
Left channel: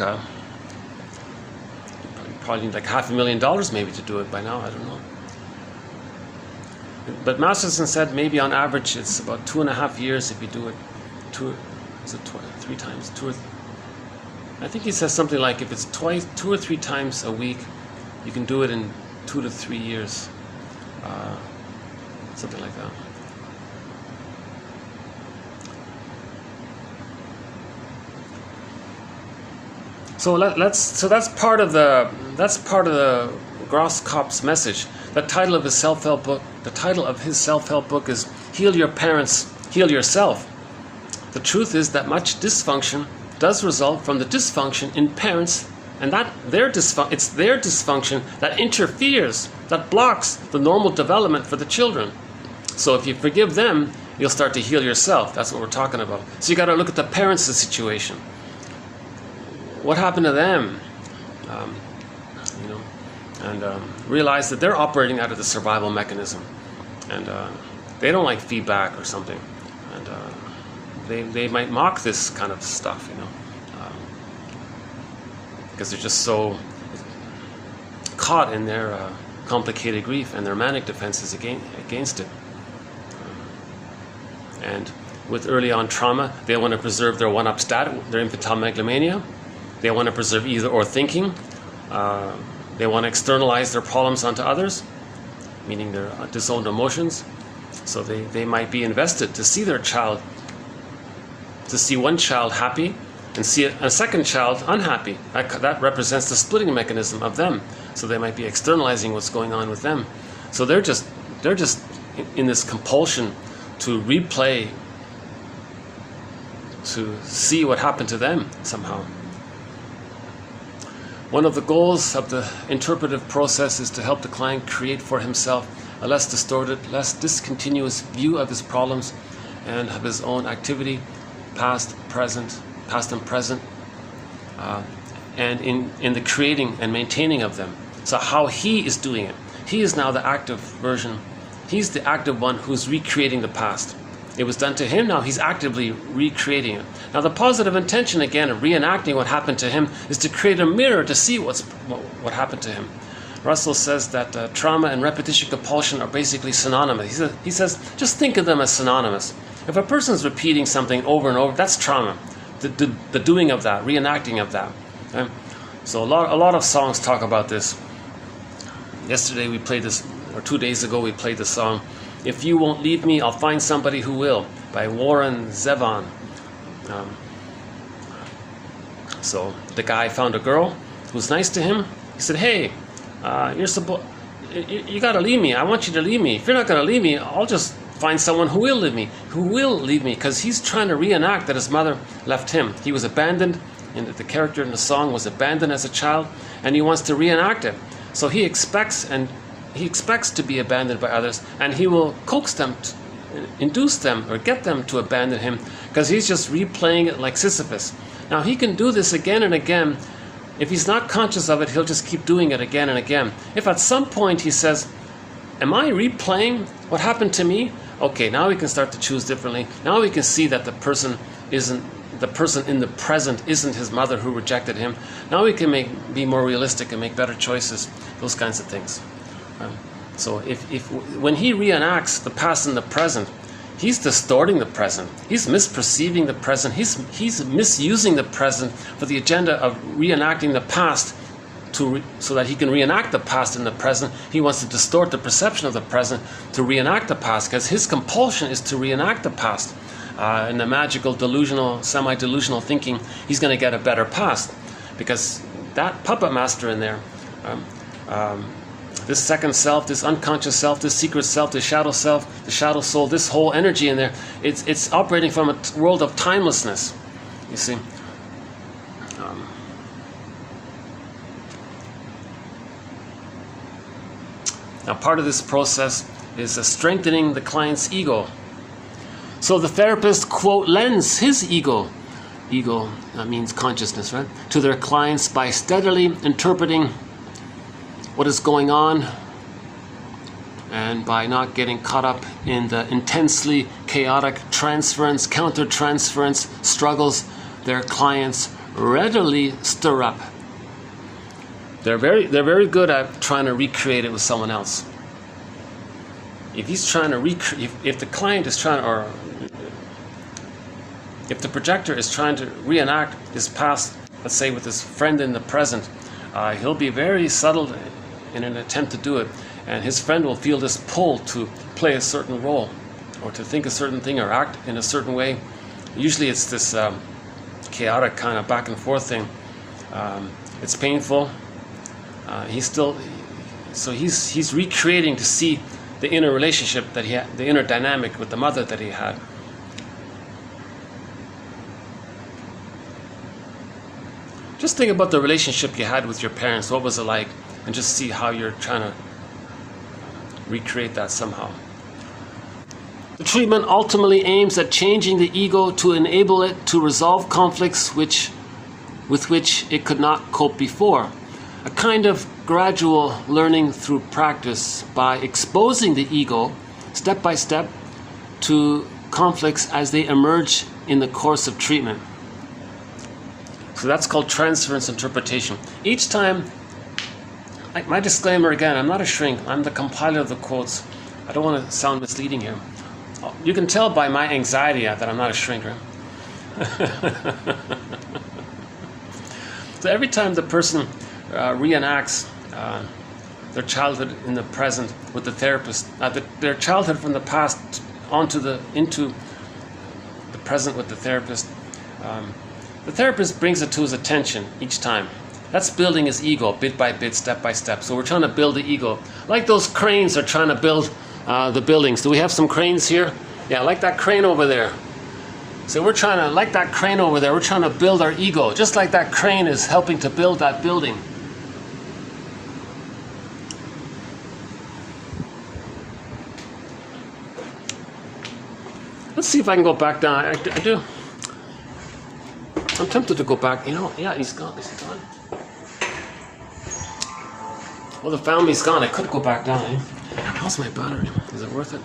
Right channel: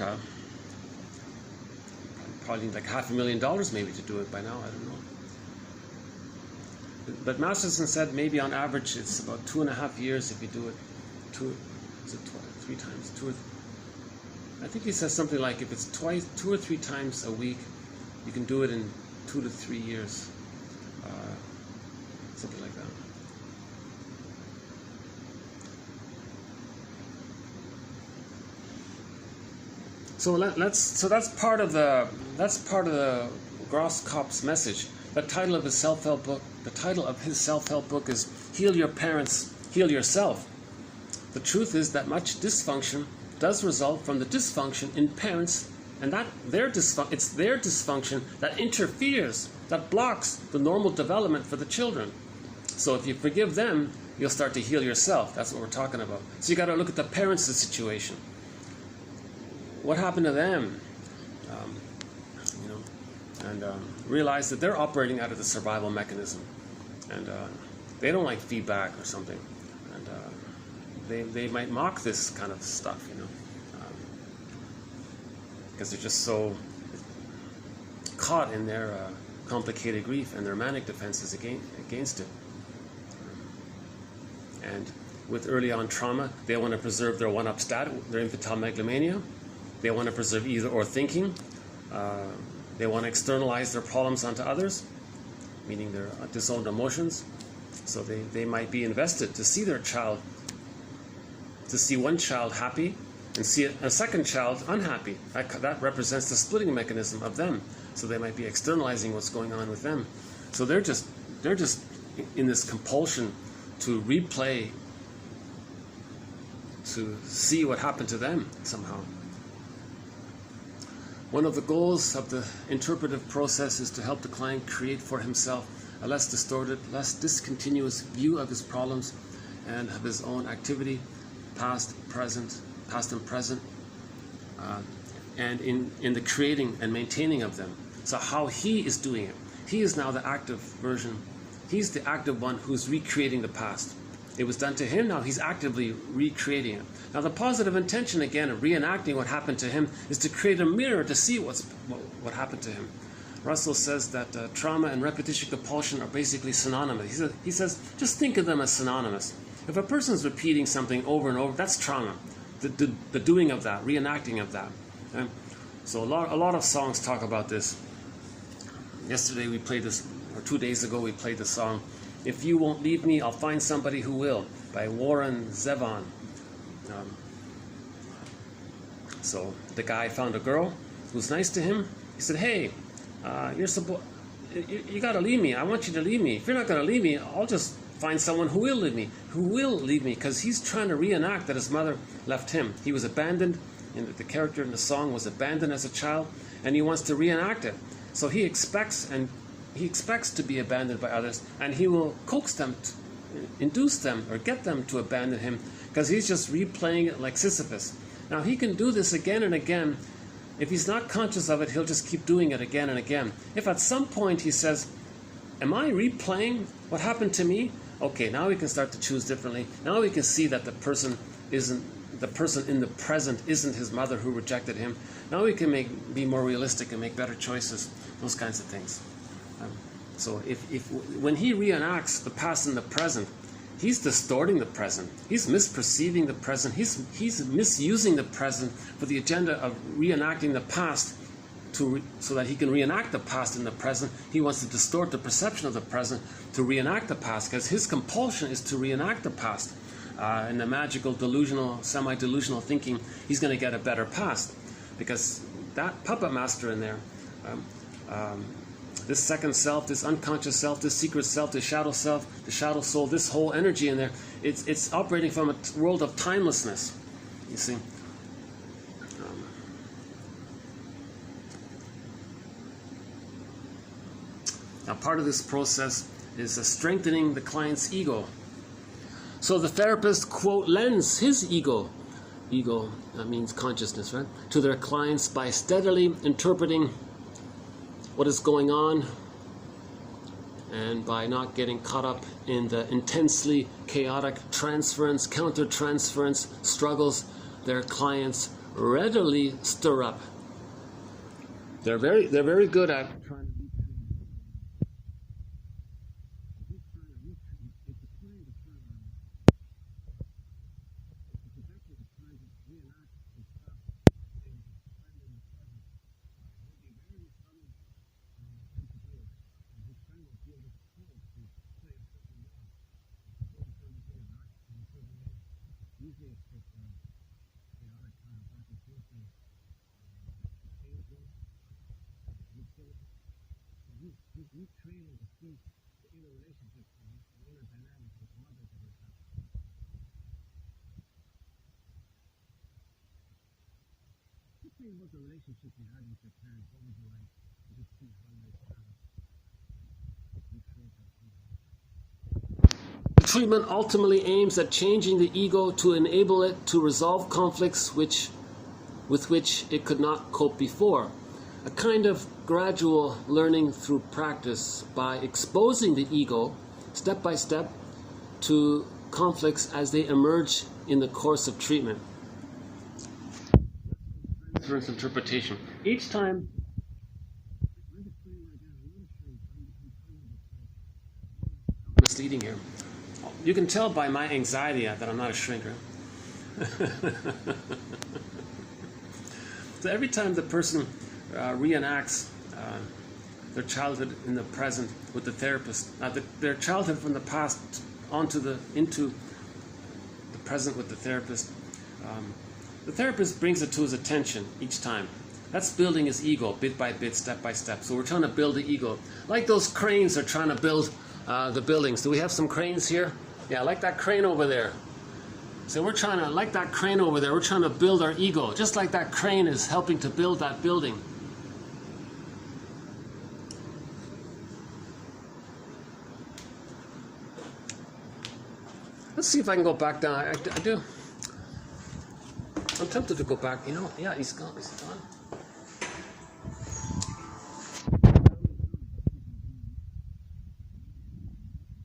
Probably need like $500,000 maybe to do it by now. I don't know. But Masterson said maybe on average it's about 2.5 years if you do it 3 times. I think he says something like if it's 2 or 3 times a week, you can do it in 2 to 3 years. Something like that. So that's part of the Grosskopf's message. The title of his self-help book is "Heal Your Parents, Heal Yourself." The truth is that much dysfunction does result from the dysfunction in parents, and that it's their dysfunction that interferes, that blocks the normal development for the children. So if you forgive them, you'll start to heal yourself. That's what we're talking about. So you got to look at the parents' situation. What happened to them? and realize that they're operating out of the survival mechanism, and they don't like feedback or something, and they might mock this kind of stuff, you know, because they're just so caught in their complicated grief and their manic defenses against it. And with early on trauma, they want to preserve their one-up status, their infantile megalomania. They want to preserve either-or thinking. They want to externalize their problems onto others, meaning their disowned emotions. So they might be invested to see their child, to see one child happy and see a second child unhappy. That represents the splitting mechanism of them. So they might be externalizing what's going on with them. So they're just in this compulsion to replay, to see what happened to them somehow. One of the goals of the interpretive process is to help the client create for himself a less distorted, less discontinuous view of his problems and of his own activity, past and present, and in the creating and maintaining of them. So how he is doing it. He is now the active version. He's the active one who's recreating the past. It was done to him, now he's actively recreating it. Now the positive intention, again, of reenacting what happened to him is to create a mirror to see what happened to him. Russell says that trauma and repetition compulsion are basically synonymous. He says, just think of them as synonymous. If a person's repeating something over and over, that's trauma. The doing of that, reenacting of that. Okay? So a lot of songs talk about this. Yesterday we played this, or 2 days ago we played the song, "If You Won't Leave Me, I'll Find Somebody Who Will," by Warren Zevon. So the guy found a girl who was nice to him. He said, "Hey, you gotta leave me. I want you to leave me. If you're not gonna leave me, I'll just find someone who will leave me, because he's trying to reenact that his mother left him. He was abandoned, and the character in the song was abandoned as a child, and he wants to reenact it. So he expects to be abandoned by others, and he will coax them, induce them, or get them to abandon him, because he's just replaying it like Sisyphus. Now he can do this again and again. If he's not conscious of it, he'll just keep doing it again and again. If at some point he says, am I replaying what happened to me? Okay, now we can start to choose differently. Now we can see that the person in the present isn't his mother who rejected him. Now we can be more realistic and make better choices, those kinds of things. So when he reenacts the past and the present, he's distorting the present. He's misperceiving the present. He's misusing the present for the agenda of reenacting the past so that he can reenact the past in the present. He wants to distort the perception of the present to reenact the past, because his compulsion is to reenact the past. In the magical, delusional, semi-delusional thinking, he's going to get a better past, because that puppet master in there, this second self, this unconscious self, this secret self, this shadow self, the shadow soul, this whole energy in there, it's operating from a world of timelessness, you see. Now part of this process is strengthening the client's ego. So the therapist, quote, lends his ego means consciousness, right, to their clients by steadily interpreting what is going on, and by not getting caught up in the intensely chaotic transference-countertransference struggles their clients readily stir up. They're very good at trying to recreate it with someone else. If he's trying to if the client is trying, or if the projector is trying to reenact his past, let's say with his friend in the present, he'll be very subtle in an attempt to do it, and his friend will feel this pull to play a certain role, or to think a certain thing, or act in a certain way. Usually it's this chaotic kind of back and forth thing. It's painful. He's recreating to see the inner relationship that he had, the inner dynamic with the mother that he had. Just think about the relationship you had with your parents. What was it like? And just see how you're trying to recreate that somehow. The treatment ultimately aims at changing the ego to enable it to resolve conflicts with which it could not cope before. a kind of gradual learning through practice by exposing the ego step by step to conflicts as they emerge in the course of treatment. So that's called transference interpretation. Each time, like my disclaimer again, I'm not a shrink, I'm the compiler of the quotes. I don't want to sound misleading here. You can tell by my anxiety that I'm not a shrinker. So every time the person reenacts their childhood in the present with the therapist, their childhood from the past into the present with the therapist brings it to his attention each time. That's building his ego bit by bit, step by step. So we're trying to build the ego. Like those cranes are trying to build the buildings. Do we have some cranes here? Yeah, like that crane over there. So we're trying to, like that crane over there, we're trying to build our ego, just like that crane is helping to build that building. Let's see if I can go back down. I do. I'm tempted to go back. You know, yeah, he's gone. Is he gone? Well, the family's gone. I could go back down. Eh? How's my battery? Is it worth it?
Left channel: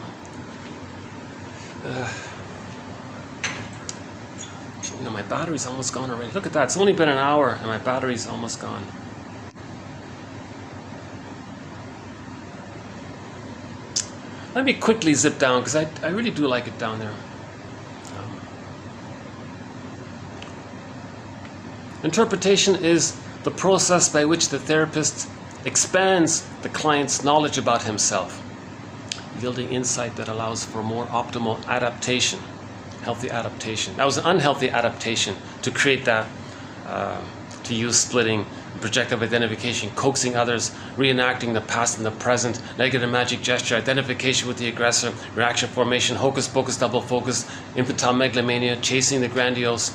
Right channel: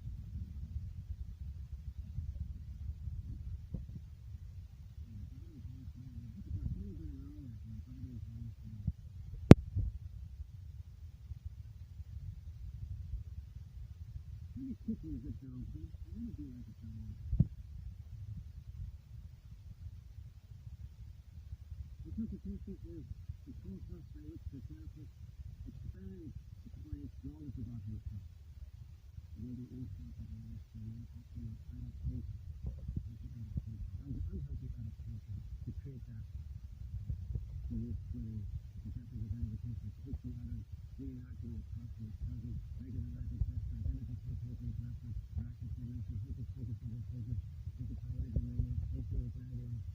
You know, my battery's almost gone already. Look at that. It's only been an hour and my battery's almost gone. Let me quickly zip down because I really do like it down there. Interpretation is the process by which the therapist expands the client's knowledge about himself, yielding insight that allows for more optimal adaptation, healthy adaptation. That was an unhealthy adaptation to create that, to use splitting, projective identification, coaxing others, reenacting the past and the present, negative magic gesture, identification with the aggressor, reaction formation, hocus pocus, double focus, infantile megalomania, chasing the grandiose,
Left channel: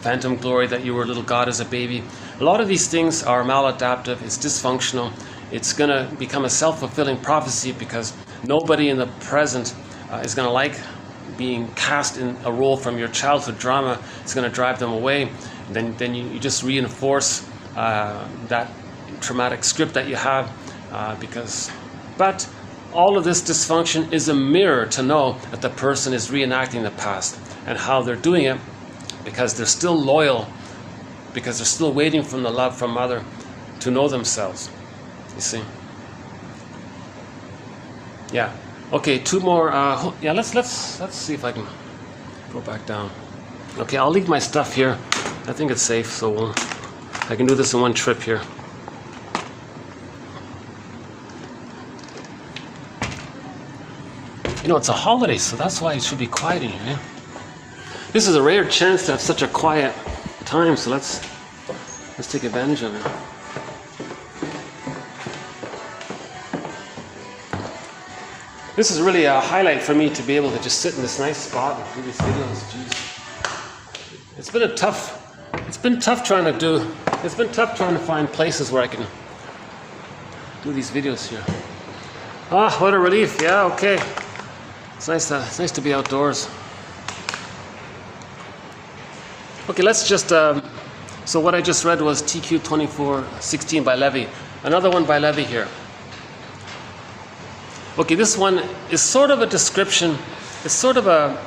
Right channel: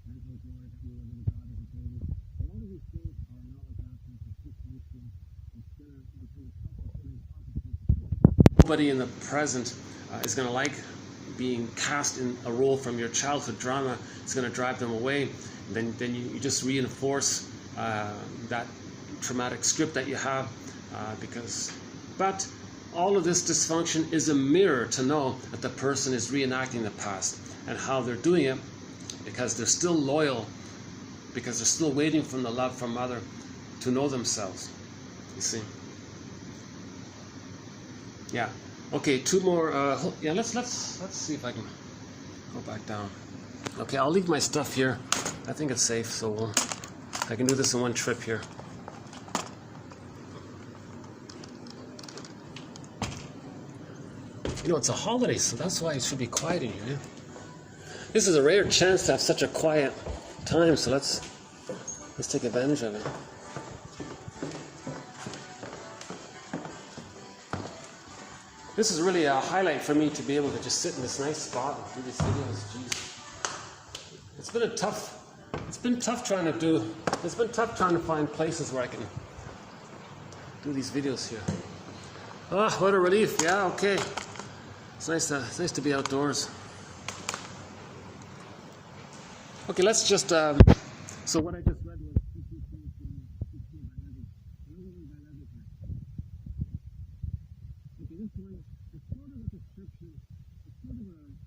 phantom glory that you were a little god as a baby. A lot of these things are maladaptive, it's dysfunctional, it's going to become a self-fulfilling prophecy because nobody in the present is going to like being cast in a role from your childhood drama. It's going to drive them away. Then you just reinforce that traumatic script that you have but all of this dysfunction is a mirror to know that the person is reenacting the past and how they're doing it because they're still loyal, because they're still waiting for the love from mother to know themselves. You see? Yeah. Okay, two more. Yeah, let's see if I can go back down. Okay, I'll leave my stuff here. I think it's safe, so I can do this in one trip here. You know, it's a holiday, so that's why it should be quiet in here. Yeah? This is a rare chance to have such a quiet time, so let's take advantage of it. This is really a highlight for me to be able to just sit in this nice spot and do these videos. Jeez. It's been tough trying to find places where I can do these videos here. Ah, what a relief. Yeah, okay. It's nice to be outdoors. Okay, let's just, so what I just read was TQ 2416 by Levy. Another one by Levy here. Okay, this one is sort of a description. It's sort of a,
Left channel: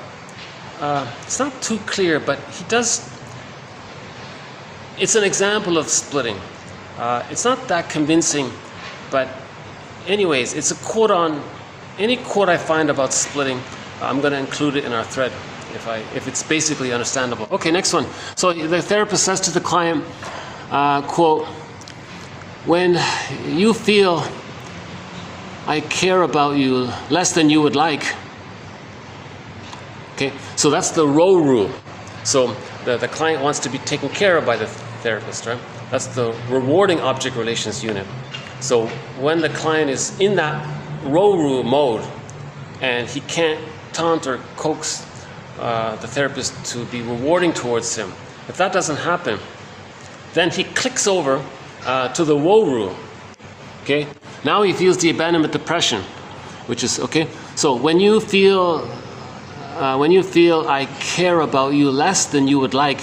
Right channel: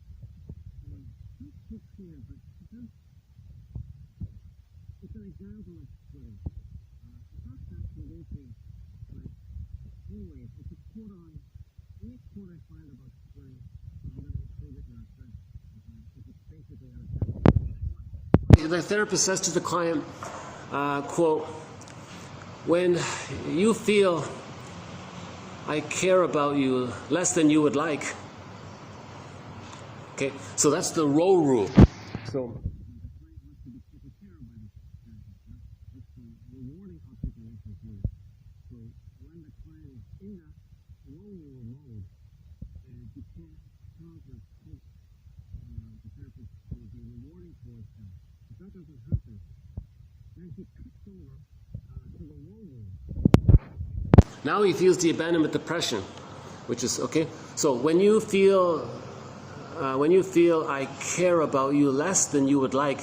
it's not too clear, but it's an example of splitting. It's not that convincing, but anyways, it's a quote on, any quote I find about splitting, I'm going to include it in our thread if it's basically understandable. Okay, next one. So the therapist says to the client, quote, "When you feel I care about you less than you would like." Okay, so that's the row rule. So the client wants to be taken care of by the therapist, right? That's the rewarding object relations unit. So when the client is in that row rule mode and he can't taunt or coax the therapist to be rewarding towards him, if that doesn't happen, then he clicks over to the woe rule. Okay, now he feels the abandonment depression, which is okay. So when you feel I care about you less than you would like,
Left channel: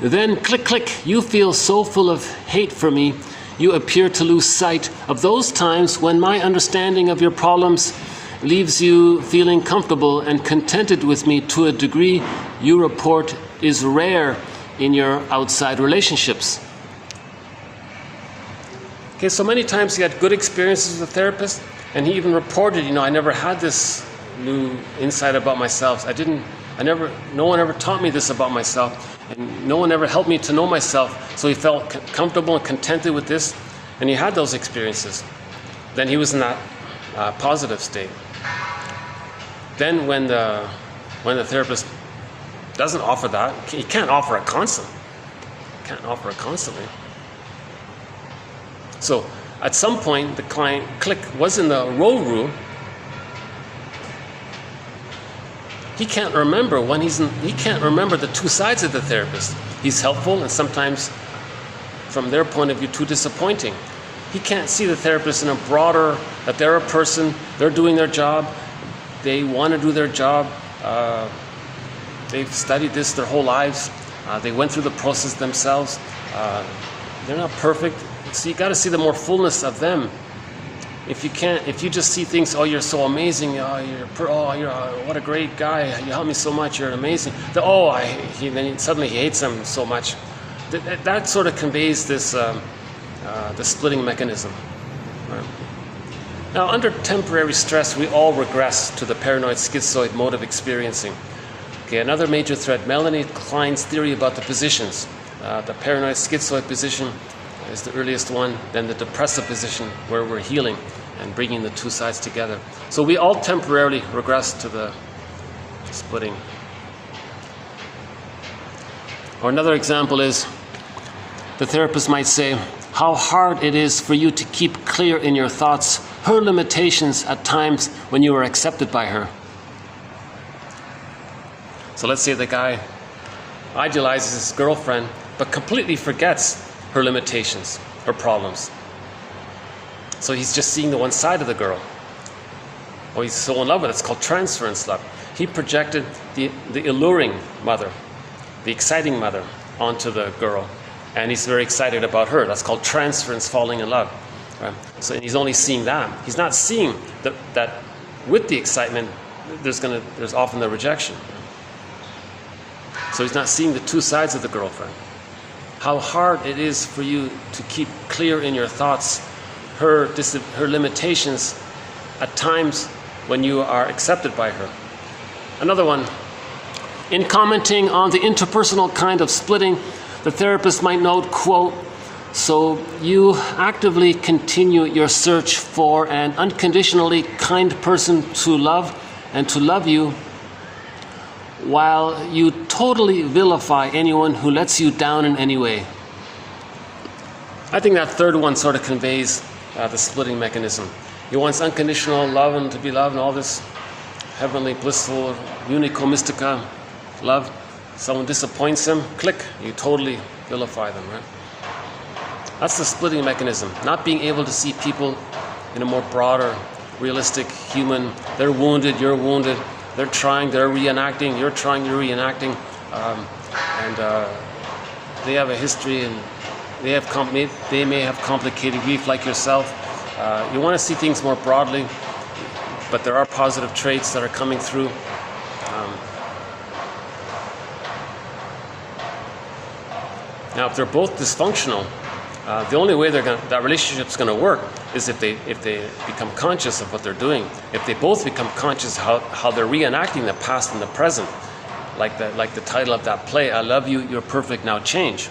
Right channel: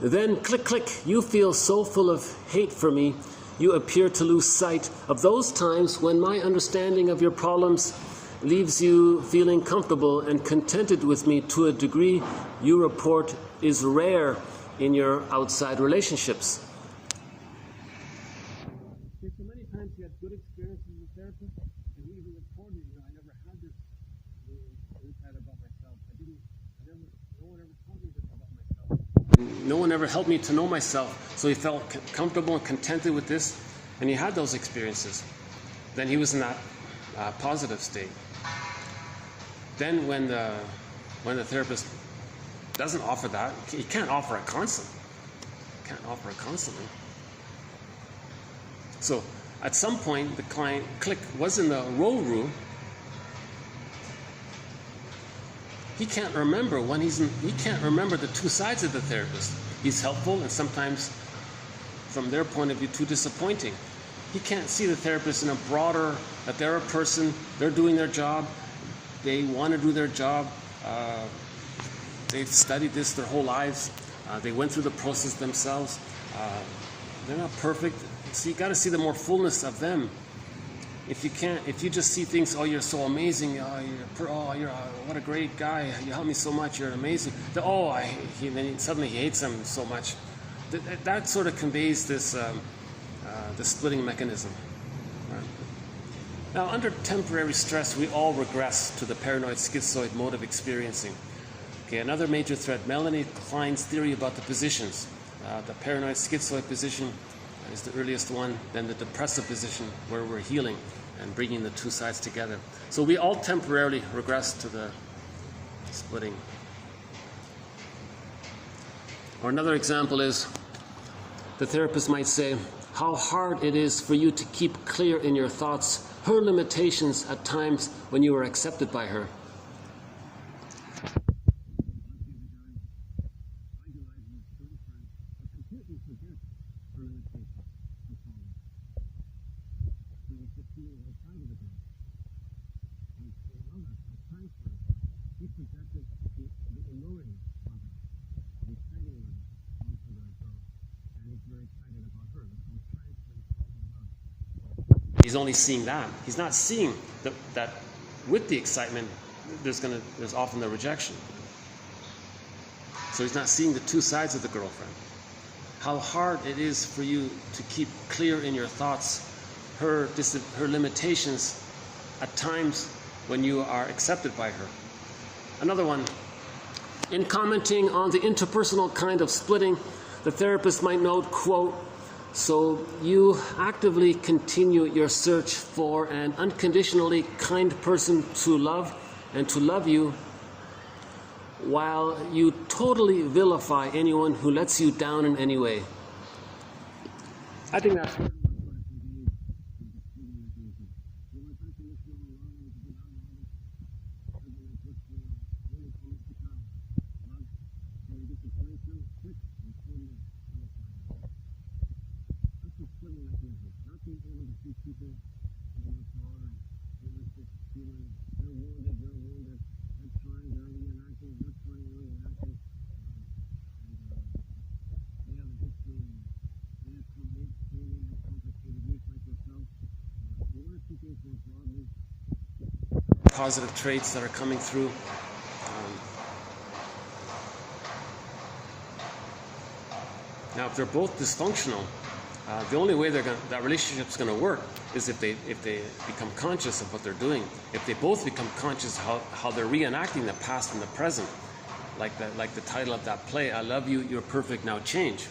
then click, you feel so full of hate for me, you appear to lose sight of those times when my understanding of your problems leaves you feeling comfortable and contented with me to a degree you report is rare in your outside relationships. Okay, so many times he had good experiences with a therapist, and he even reported, I never had this new insight about myself. No one ever taught me this about myself, and no one ever helped me to know myself. So he felt comfortable and contented with this, and he had those experiences. Then he was in that positive state. Then when the therapist doesn't offer that, he can't offer it constantly. So at some point, the client was in the role. He can't remember he can't remember the two sides of the therapist. He's helpful, and sometimes, from their point of view, too disappointing. He can't see the therapist in a broader, that they're a person, they're doing their job, they want to do their job, they've studied this their whole lives, they went through the process themselves, they're not perfect. So you got to see the more fullness of them. If you just see things, you're so amazing, you're what a great guy, you helped me so much, you're amazing. Then suddenly he hates them so much. That sort of conveys this the splitting mechanism. Right? Now, under temporary stress, we all regress to the paranoid schizoid mode of experiencing. Okay, another major thread, Melanie Klein's theory about the positions. The paranoid schizoid position is the earliest one, then the depressive position where we're healing and bringing the two sides together. So we all temporarily regress to the splitting. Or another example is, the therapist might say, how hard it is for you to keep clear in your thoughts her limitations at times when you are accepted by her. So let's say the guy idealizes his girlfriend but completely forgets her limitations, her problems. So he's just seeing the one side of the girl. Or he's so in love with it, it's called transference love. He projected the alluring mother, the exciting mother, onto the girl. And he's very excited about her. That's called transference, falling in love. Right? So he's only seeing that. He's not seeing that with the excitement, there's often the rejection. So he's not seeing the two sides of the girlfriend. How hard it is for you to keep clear in your thoughts her limitations at times when you are accepted by her. Another one, in commenting on the interpersonal kind of splitting, the therapist might note, quote, so you actively continue your search for an unconditionally kind person to love and to love you, while you totally vilify anyone who lets you down in any way. I think that third one sort of conveys the splitting mechanism. He wants unconditional love and to be loved and all this heavenly, blissful, unico mystica love. Someone disappoints him, click, you totally vilify them, right? That's the splitting mechanism. Not being able to see people in a more broader, realistic, human, they're wounded, you're wounded, they're trying, they're reenacting, you're trying, you're reenacting, and they have a history, and they may have complicated grief like yourself. You want to see things more broadly, but there are positive traits that are coming through. Now, if they're both dysfunctional, the only way that relationship's going to work is if they become conscious of what they're doing. If they both become conscious how they're reenacting the past and the present, like the title of that play, I love you, you're perfect, now change.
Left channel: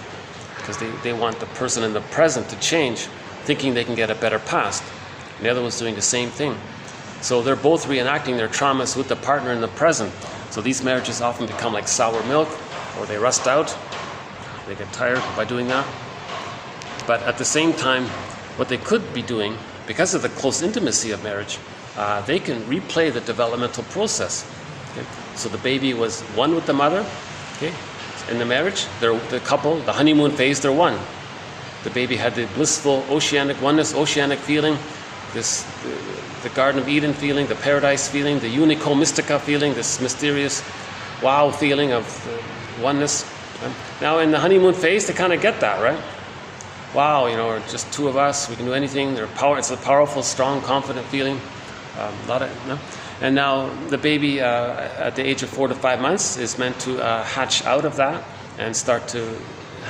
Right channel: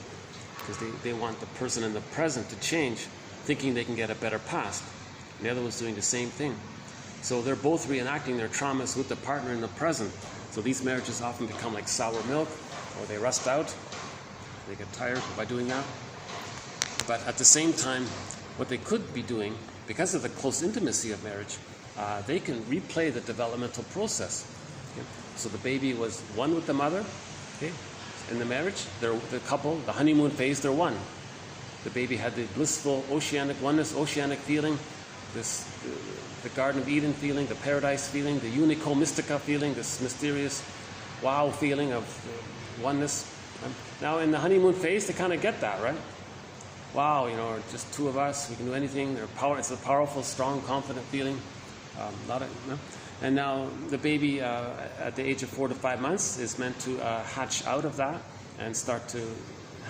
Because they want the person in the present to change, thinking they can get a better past. And the other one's doing the same thing. So they're both reenacting their traumas with the partner in the present. So these marriages often become like sour milk, or they rust out. They get tired by doing that. But at the same time, what they could be doing, because of the close intimacy of marriage, they can replay the developmental process. Okay? So the baby was one with the mother. Okay? In the marriage, the couple, the honeymoon phase, they're one. The baby had the blissful oceanic oneness, oceanic feeling, the Garden of Eden feeling, the paradise feeling, the unico mystica feeling, this mysterious wow feeling of oneness. Now in the honeymoon phase, they kind of get that, right? wow, you know, we're just two of us, we can do anything. It's a powerful, strong, confident feeling. And now the baby at the age of 4 to 5 months is meant to hatch out of that and start to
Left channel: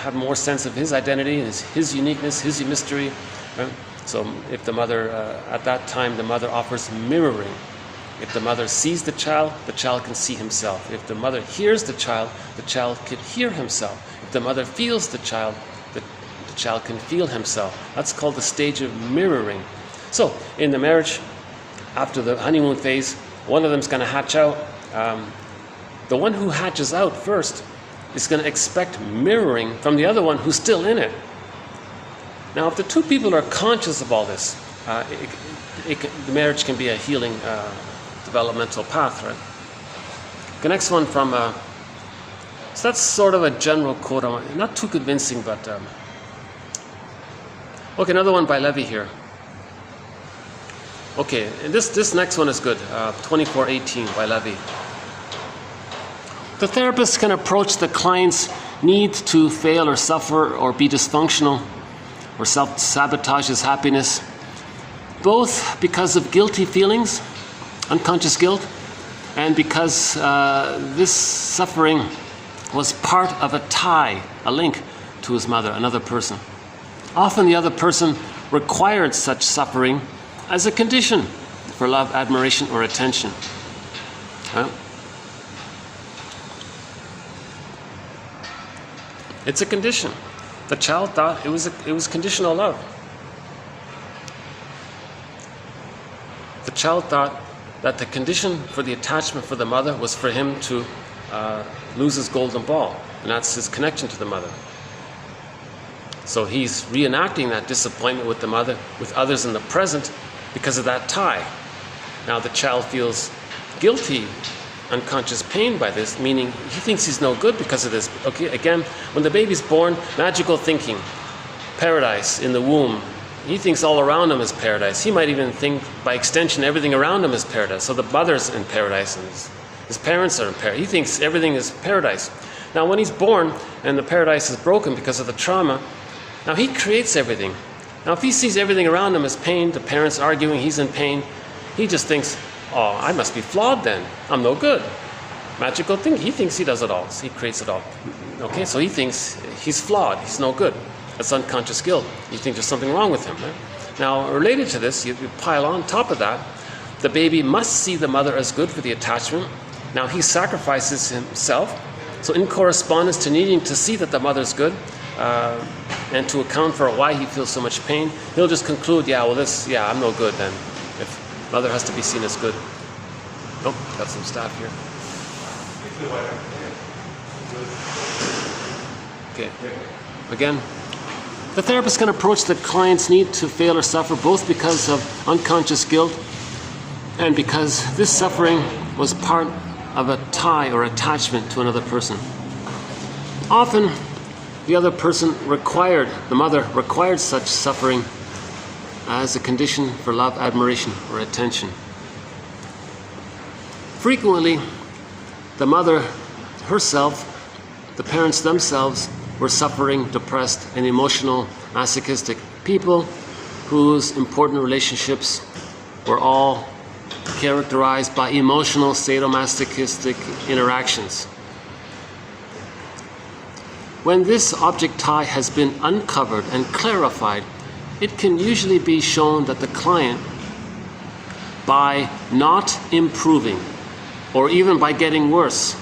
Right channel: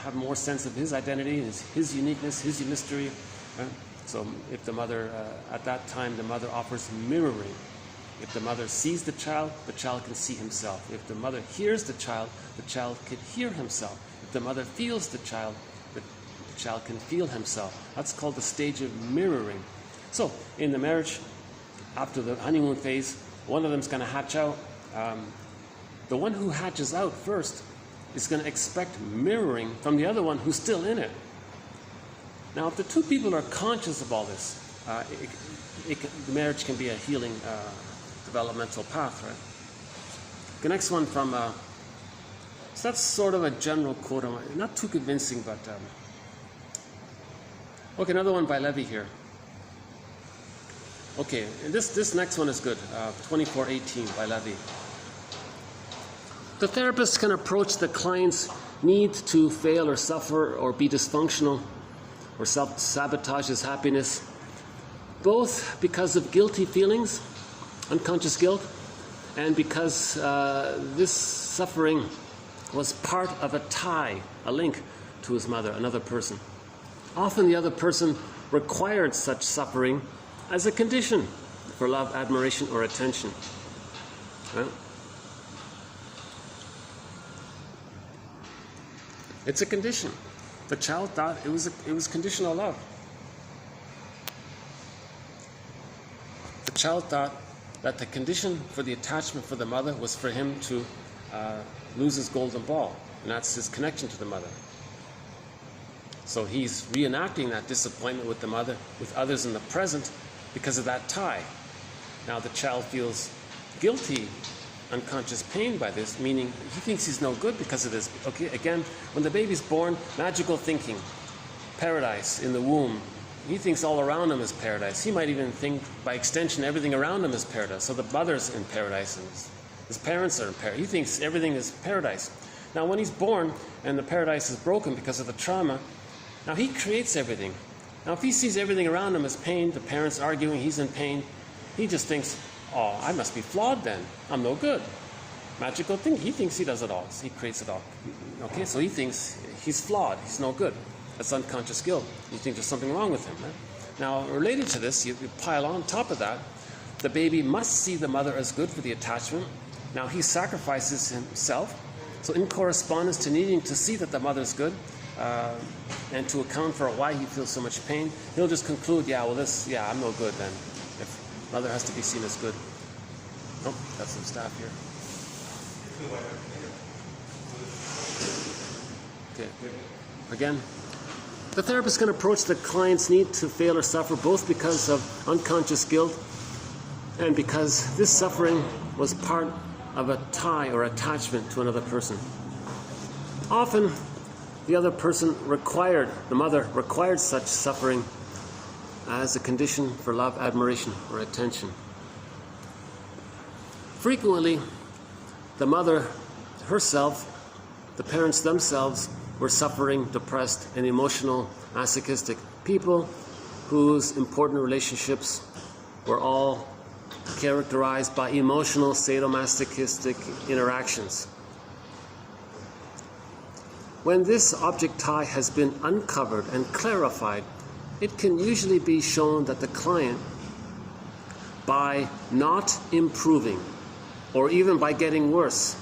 have more sense of his identity, his uniqueness, his mystery. Right? So if the mother, at that time, the mother offers mirroring. If the mother sees the child can see himself. If the mother hears the child can hear himself. If the mother feels the child can feel himself. That's called the stage of mirroring. So in the marriage, after the honeymoon phase, one of them is going to hatch out. The one who hatches out first is going to expect mirroring from the other one who's still in it. Now, if the two people are conscious of all this, the marriage can be a healing developmental path, right? The next one from, so that's sort of a general quote, not too convincing, but, okay, another one by Levy here. Okay, and this next one is good, 2418 by Levy. The therapist can approach the client's need to fail or suffer or be dysfunctional or self-sabotage his happiness, both because of guilty feelings, unconscious guilt, and because this suffering was part of a tie, a link to his mother, another person. Often the other person required such suffering as a condition for love, admiration, or attention. Right? It's a condition. The child thought it was conditional love. The child thought that the condition for the attachment for the mother was for him to lose his golden ball, and that's his connection to the mother. So he's reenacting that disappointment with the mother, with others in the present, because of that tie. Now the child feels guilty, unconscious pain by this, meaning he thinks he's no good because of this. Okay, again, when the baby's born, magical thinking, paradise in the womb. He thinks all around him is paradise. He might even think, by extension, everything around him is paradise. So the mother's in paradise and his parents are in paradise. He thinks everything is paradise. Now when he's born and the paradise is broken because of the trauma, now he creates everything. Now if he sees everything around him as pain, the parents arguing, he's in pain, he just thinks, oh, I must be flawed then. I'm no good. Magical thing. He thinks he does it all. So he creates it all. Okay, so he thinks he's flawed. He's no good. That's unconscious guilt. You think there's something wrong with him, right? Now, related to this, you pile on top of that, the baby must see the mother as good for the attachment. Now, he sacrifices himself. So in correspondence to needing to see that the mother's good, and to account for why he feels so much pain, he'll just conclude, I'm no good then. If mother has to be seen as good. Oh, got some staff here. Okay. Again, the therapist can approach the client's need to fail or suffer both because of unconscious guilt and because this suffering was part of a tie or attachment to another person. Often, the other person the mother required such suffering as a condition for love, admiration, or attention. Frequently, the mother herself, the parents themselves, were suffering, depressed, and emotional, masochistic people whose important relationships were all characterized by emotional, sadomasochistic interactions. When this object tie has been uncovered and clarified, it can usually be shown that the client, by not improving, or even by getting worse,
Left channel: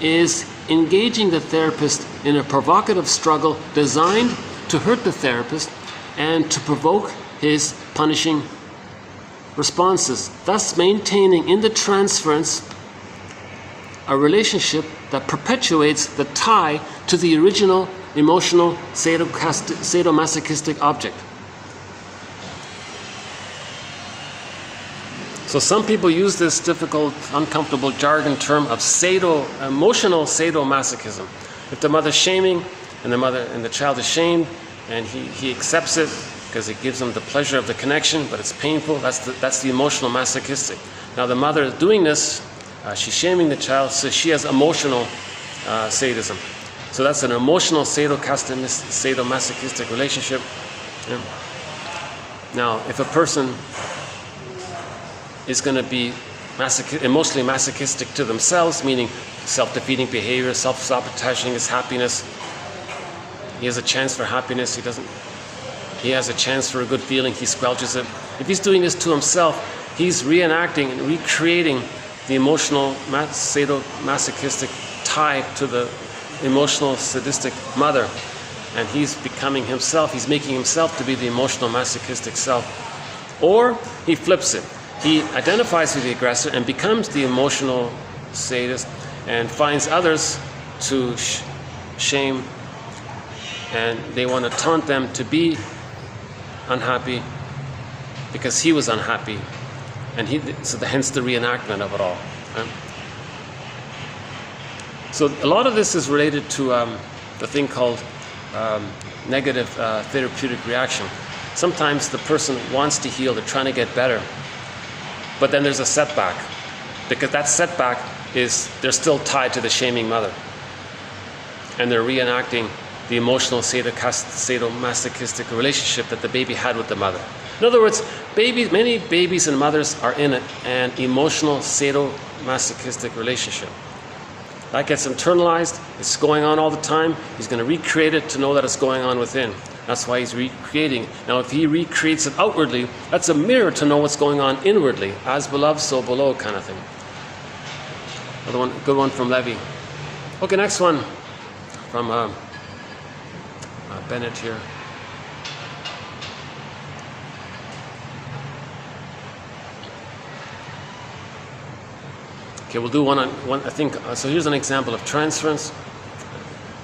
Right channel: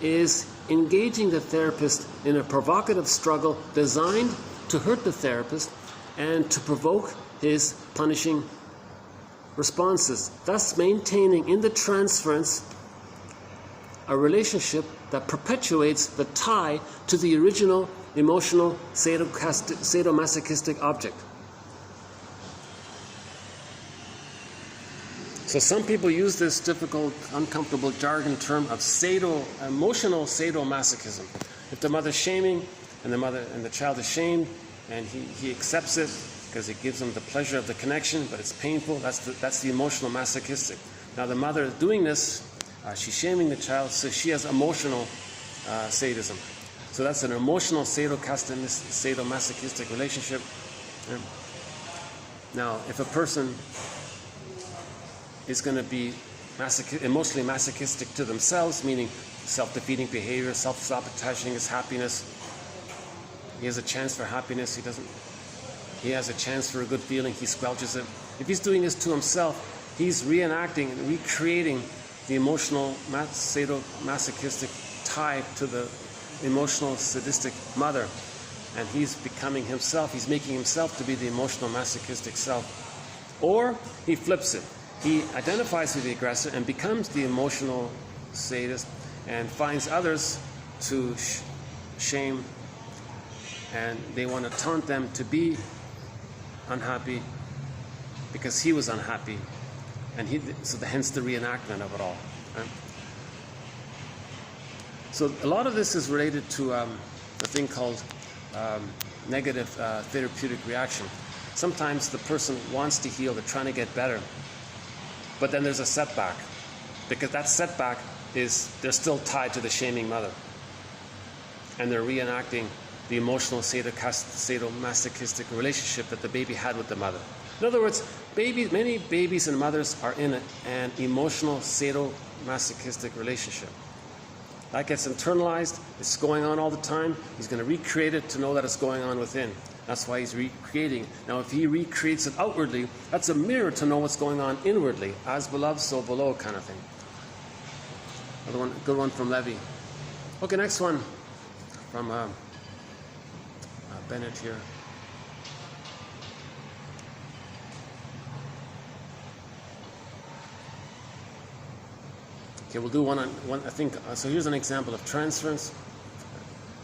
is engaging the therapist in a provocative struggle designed to hurt the therapist and to provoke his punishing responses, thus maintaining in the transference a relationship that perpetuates the tie to the original emotional sadomasochistic object. So some people use this difficult, uncomfortable jargon term of emotional sadomasochism. If the mother's shaming and the child is shamed and he accepts it because it gives him the pleasure of the connection, but it's painful, that's the emotional masochistic. Now the mother is doing this, she's shaming the child, so she has emotional sadism. So that's an emotional sadomasochistic relationship. Yeah. Now, if a person is going to be emotionally masochistic to themselves, meaning self-defeating behavior, self-sabotaging his happiness, he has a chance for happiness, he has a chance for a good feeling, he squelches it. If he's doing this to himself, he's reenacting and recreating the emotional sadomasochistic tie to the emotional sadistic mother, and he's becoming himself, he's making himself to be the emotional masochistic self. Or he flips it. He identifies with the aggressor and becomes the emotional sadist and finds others to shame, and they want to taunt them to be unhappy because he was unhappy, and hence the reenactment of it all. Right? So a lot of this is related to the thing called negative therapeutic reaction. Sometimes the person wants to heal, they're trying to get better, but then there's a setback, because that setback is they're still tied to the shaming mother, and they're reenacting the emotional sadomasochistic relationship that the baby had with the mother. In other words, many babies and mothers are in an emotional sadomasochistic relationship. That gets internalized, it's going on all the time, he's going to recreate it to know that it's going on within. That's why he's recreating. Now if he recreates it outwardly, that's a mirror to know what's going on inwardly. As beloved, so below kind of thing. Another one, good one from Levy. Okay, next one from Bennett here. Okay, we'll do one, I think, so here's an example of transference.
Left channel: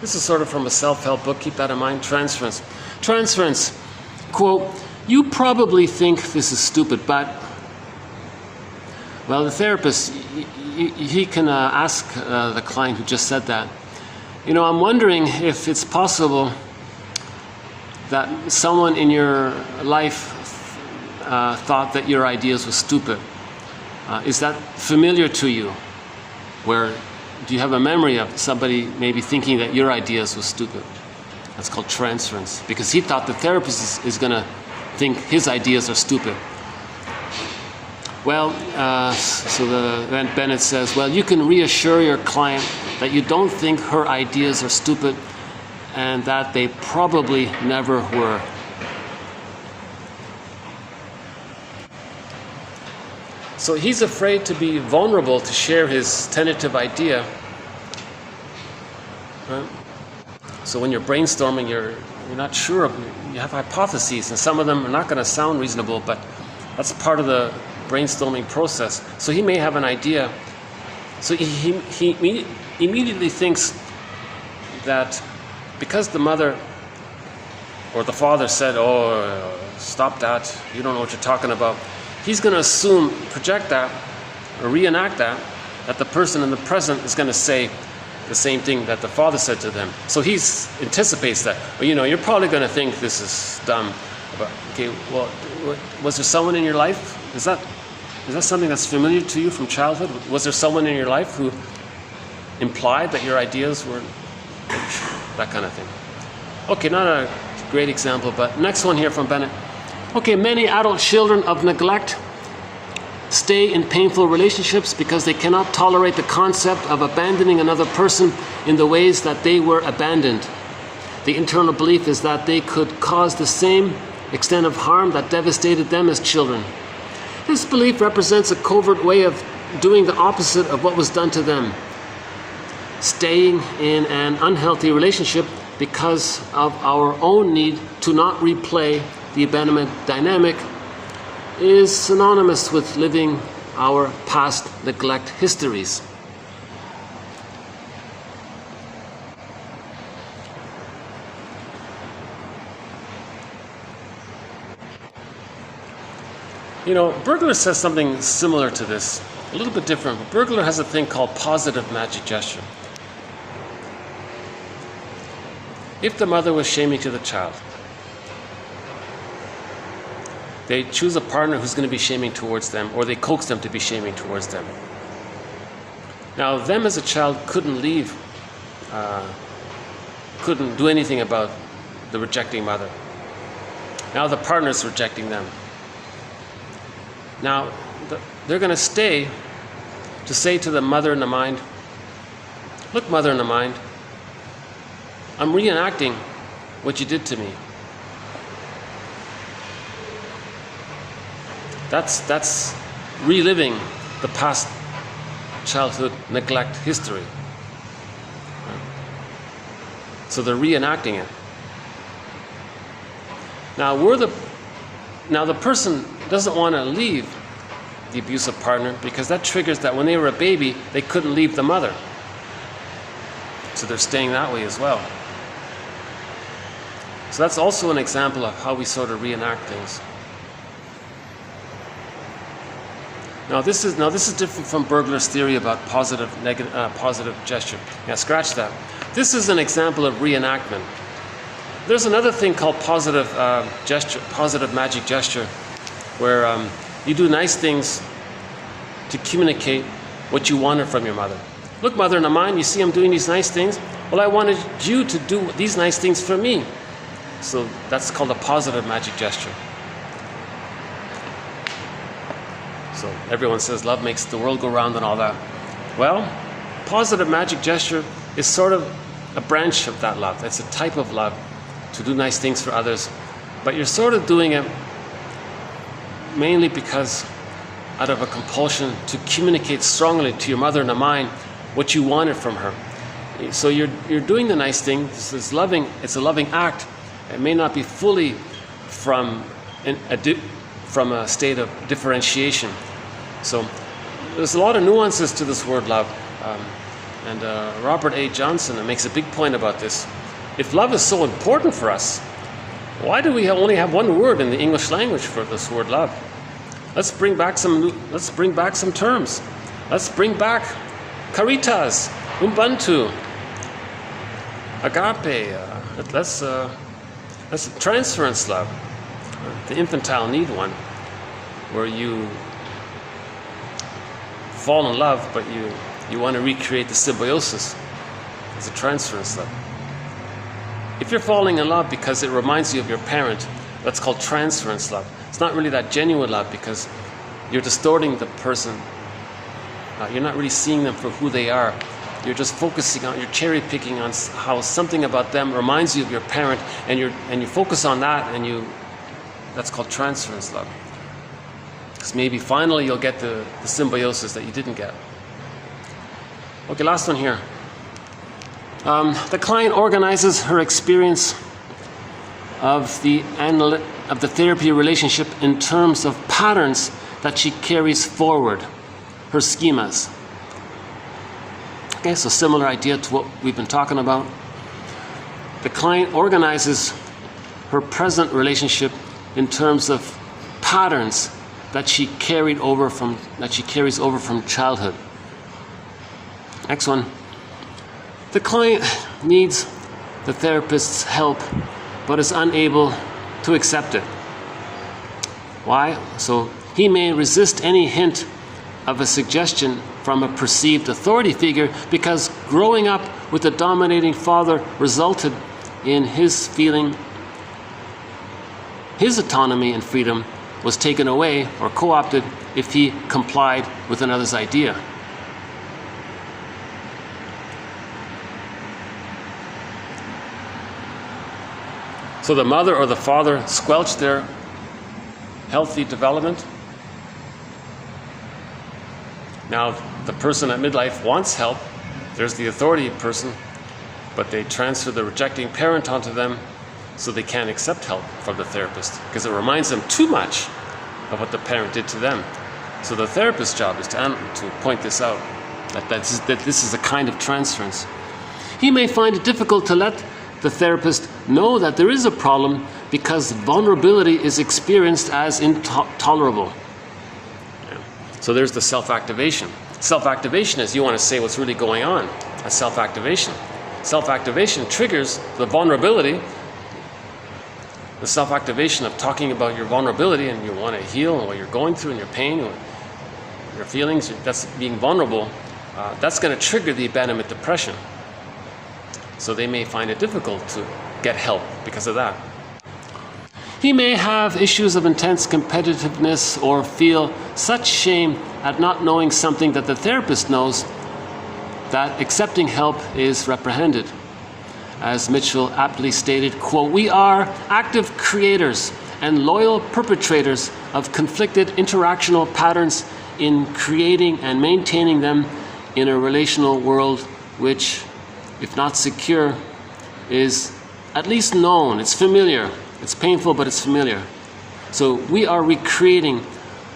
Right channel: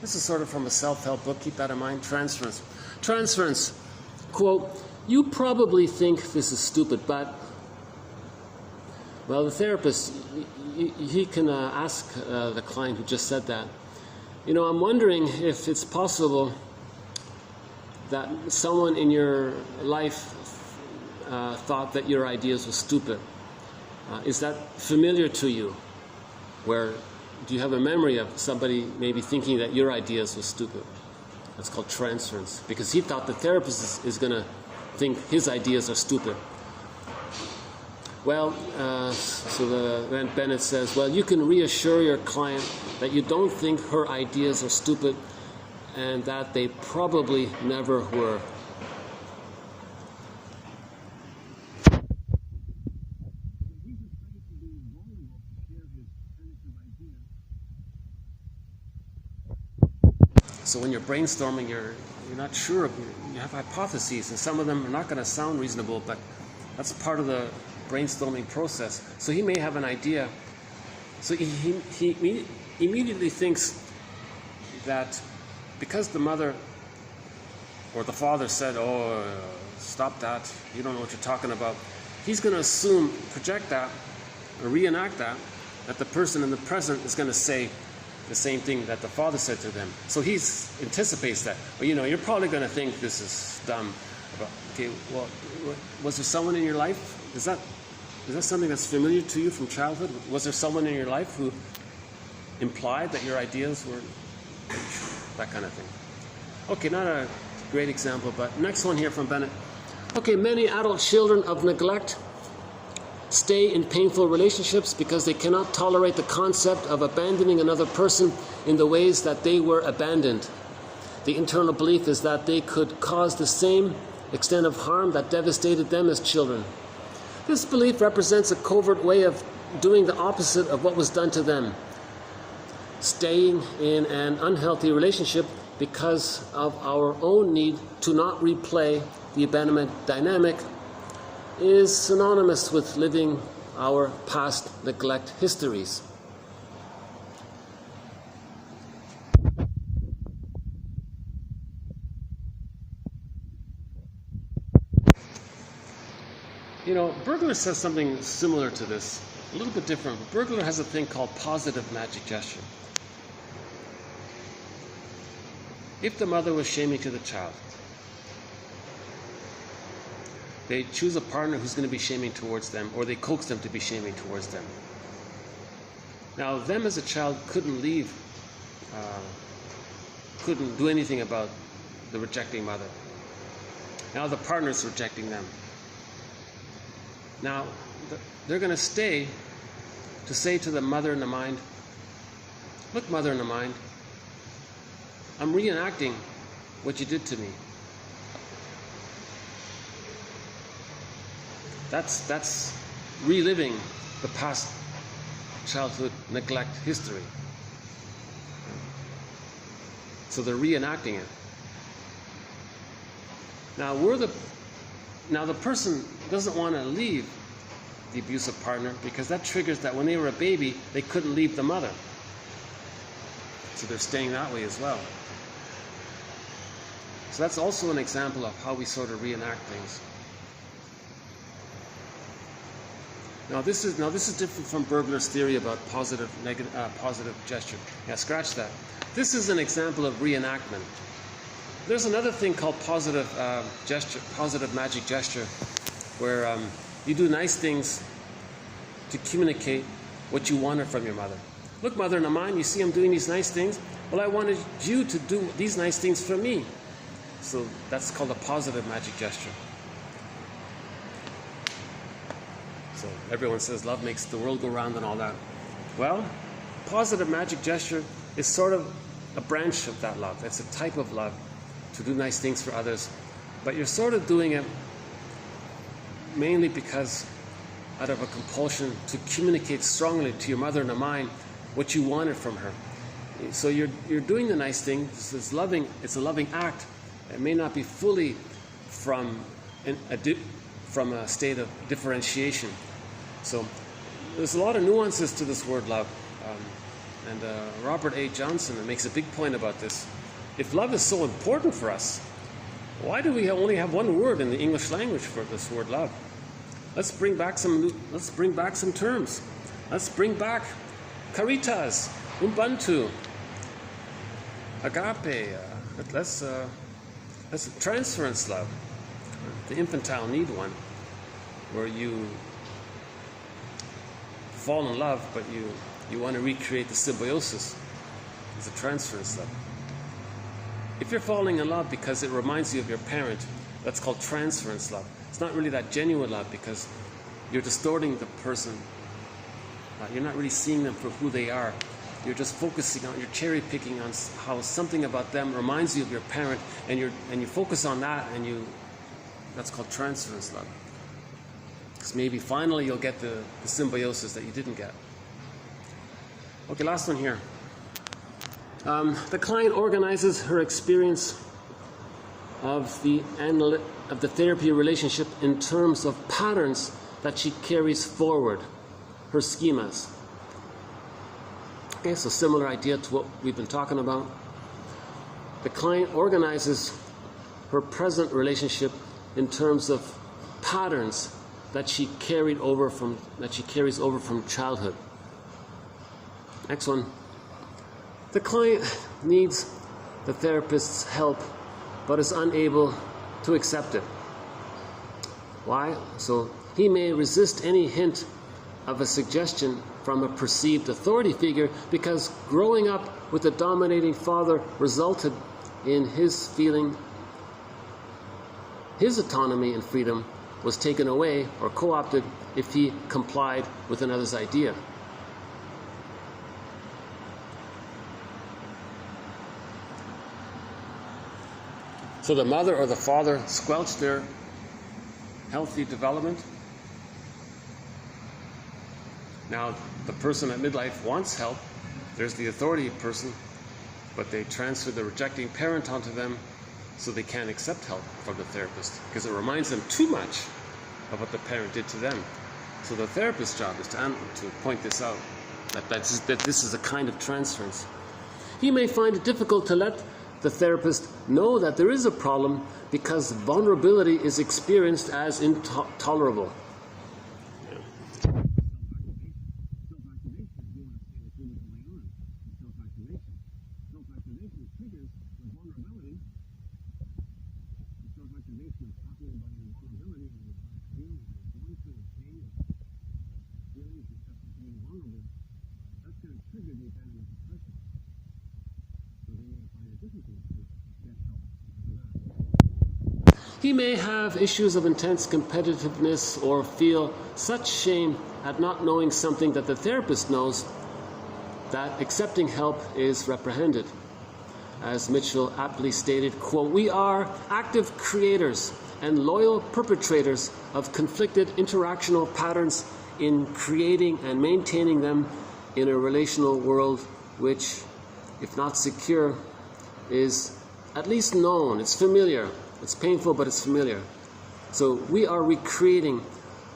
This is sort of from a self-help book, keep that in mind, transference. Transference, quote, "You probably think this is stupid, but," well, the therapist, he can ask the client who just said that, "I'm wondering if it's possible that someone in your life thought that your ideas were stupid. Is that familiar to you? Do you have a memory of somebody maybe thinking that your ideas were stupid?" That's called transference, because he thought the therapist is going to think his ideas are stupid. Well, then Bennett says, well, you can reassure your client that you don't think her ideas are stupid and that they probably never were. So he's afraid to be vulnerable to share his tentative idea. Right? So when you're brainstorming, you're not sure, you have hypotheses, and some of them are not going to sound reasonable, but that's part of the brainstorming process. So he may have an idea. So he immediately thinks that because the mother or the father said, "Oh, stop that, you don't know what you're talking about," he's going to assume, project that, or reenact that the person in the present is going to say the same thing that the father said to them. So he anticipates that. Well, you're probably going to think this is dumb. But, okay, well, was there someone in your life? Is that something that's familiar to you from childhood? Was there someone in your life who implied that your ideas were that kind of thing? Okay, not a great example, but next one here from Bennett. Okay, many adult children of neglect stay in painful relationships because they cannot tolerate the concept of abandoning another person in the ways that they were abandoned. The internal belief is that they could cause the same extent of harm that devastated them as children. This belief represents a covert way of doing the opposite of what was done to them. Staying in an unhealthy relationship because of our own need to not replay the abandonment dynamic is synonymous with living our past neglect histories. Bergler says something similar to this, a little bit different. Bergler has a thing called positive magic gesture. If the mother was shaming to the child, they choose a partner who's going to be shaming towards them, or they coax them to be shaming towards them. Now, them as a child couldn't leave couldn't do anything about the rejecting mother. Now the partner's rejecting them. Now they're going to stay to say to the mother in the mind, look, mother in the mind, I'm reenacting what you did to me. That's reliving the past childhood neglect history. So they're reenacting it. Now the person doesn't want to leave the abusive partner because that triggers that when they were a baby, they couldn't leave the mother. So they're staying that way as well. So that's also an example of how we sort of reenact things. Now this is different from Bergler's theory about positive gesture. Yeah, scratch that. This is an example of reenactment. There's another thing called positive gesture, positive magic gesture, where you do nice things to communicate what you wanted from your mother. Look, mother in the mind, you see I'm doing these nice things. Well, I wanted you to do these nice things for me. So that's called a positive magic gesture. So everyone says love makes the world go round and all that. Well, positive magic gesture is sort of a branch of that love. It's a type of love to do nice things for others. But you're sort of doing it mainly because out of a compulsion to communicate strongly to your mother in the mind what you wanted from her. So you're doing the nice thing. It's loving. It's a loving act. It may not be fully from a state of differentiation. So there's a lot of nuances to this word love. And Robert A. Johnson makes a big point about this. If love is so important for us, why do we only have one word in the English language for this word love? Let's bring back some terms. Let's bring back caritas, ubuntu, agape. That's transference love, the infantile need one, where you fall in love, but you want to recreate the symbiosis. It's a transference love. If you're falling in love because it reminds you of your parent, that's called transference love. It's not really that genuine love because you're distorting the person. You're not really seeing them for who they are. You're just focusing on, you're cherry picking on how something about them reminds you of your parent, and you focus on that, and that's called transference love. Because maybe finally you'll get the symbiosis that you didn't get. Okay, last one here. The client organizes her experience of the therapy relationship in terms of patterns that she carries forward, her schemas. Okay, so similar idea to what we've been talking about. The client organizes her present relationship in terms of patterns that she carries over from childhood. Next one. The client needs the therapist's help, but is unable to accept it. Why? So he may resist any hint of a suggestion from a perceived authority figure because growing up with a dominating father resulted in his feeling his autonomy and freedom was taken away or co-opted if he complied with another's idea. So the mother or the father squelched their healthy development. Now the person at midlife wants help. There's the authority person, but they transfer the rejecting parent onto them so they can't accept help from the therapist because it reminds them too much of what the parent did to them. So the therapist's job is to point this out, that this is a kind of transference. He may find it difficult to let the therapist know that there is a problem because vulnerability is experienced as intolerable. So there's the self-activation. Self-activation is you want to say what's really going on. That's self-activation. Self-activation triggers the vulnerability, the self-activation of talking about your vulnerability and you want to heal and what you're going through and your pain, your feelings, that's being vulnerable. That's going to trigger the abandonment depression. So they may find it difficult to get help because of that. He may have issues of intense competitiveness or feel such shame at not knowing something that the therapist knows that accepting help is reprehended. As Mitchell aptly stated, quote, "We are active creators and loyal perpetrators of conflicted interactional patterns in creating and maintaining them in a relational world which, if not secure, is at least known. It's familiar. It's painful, but it's familiar." So we are recreating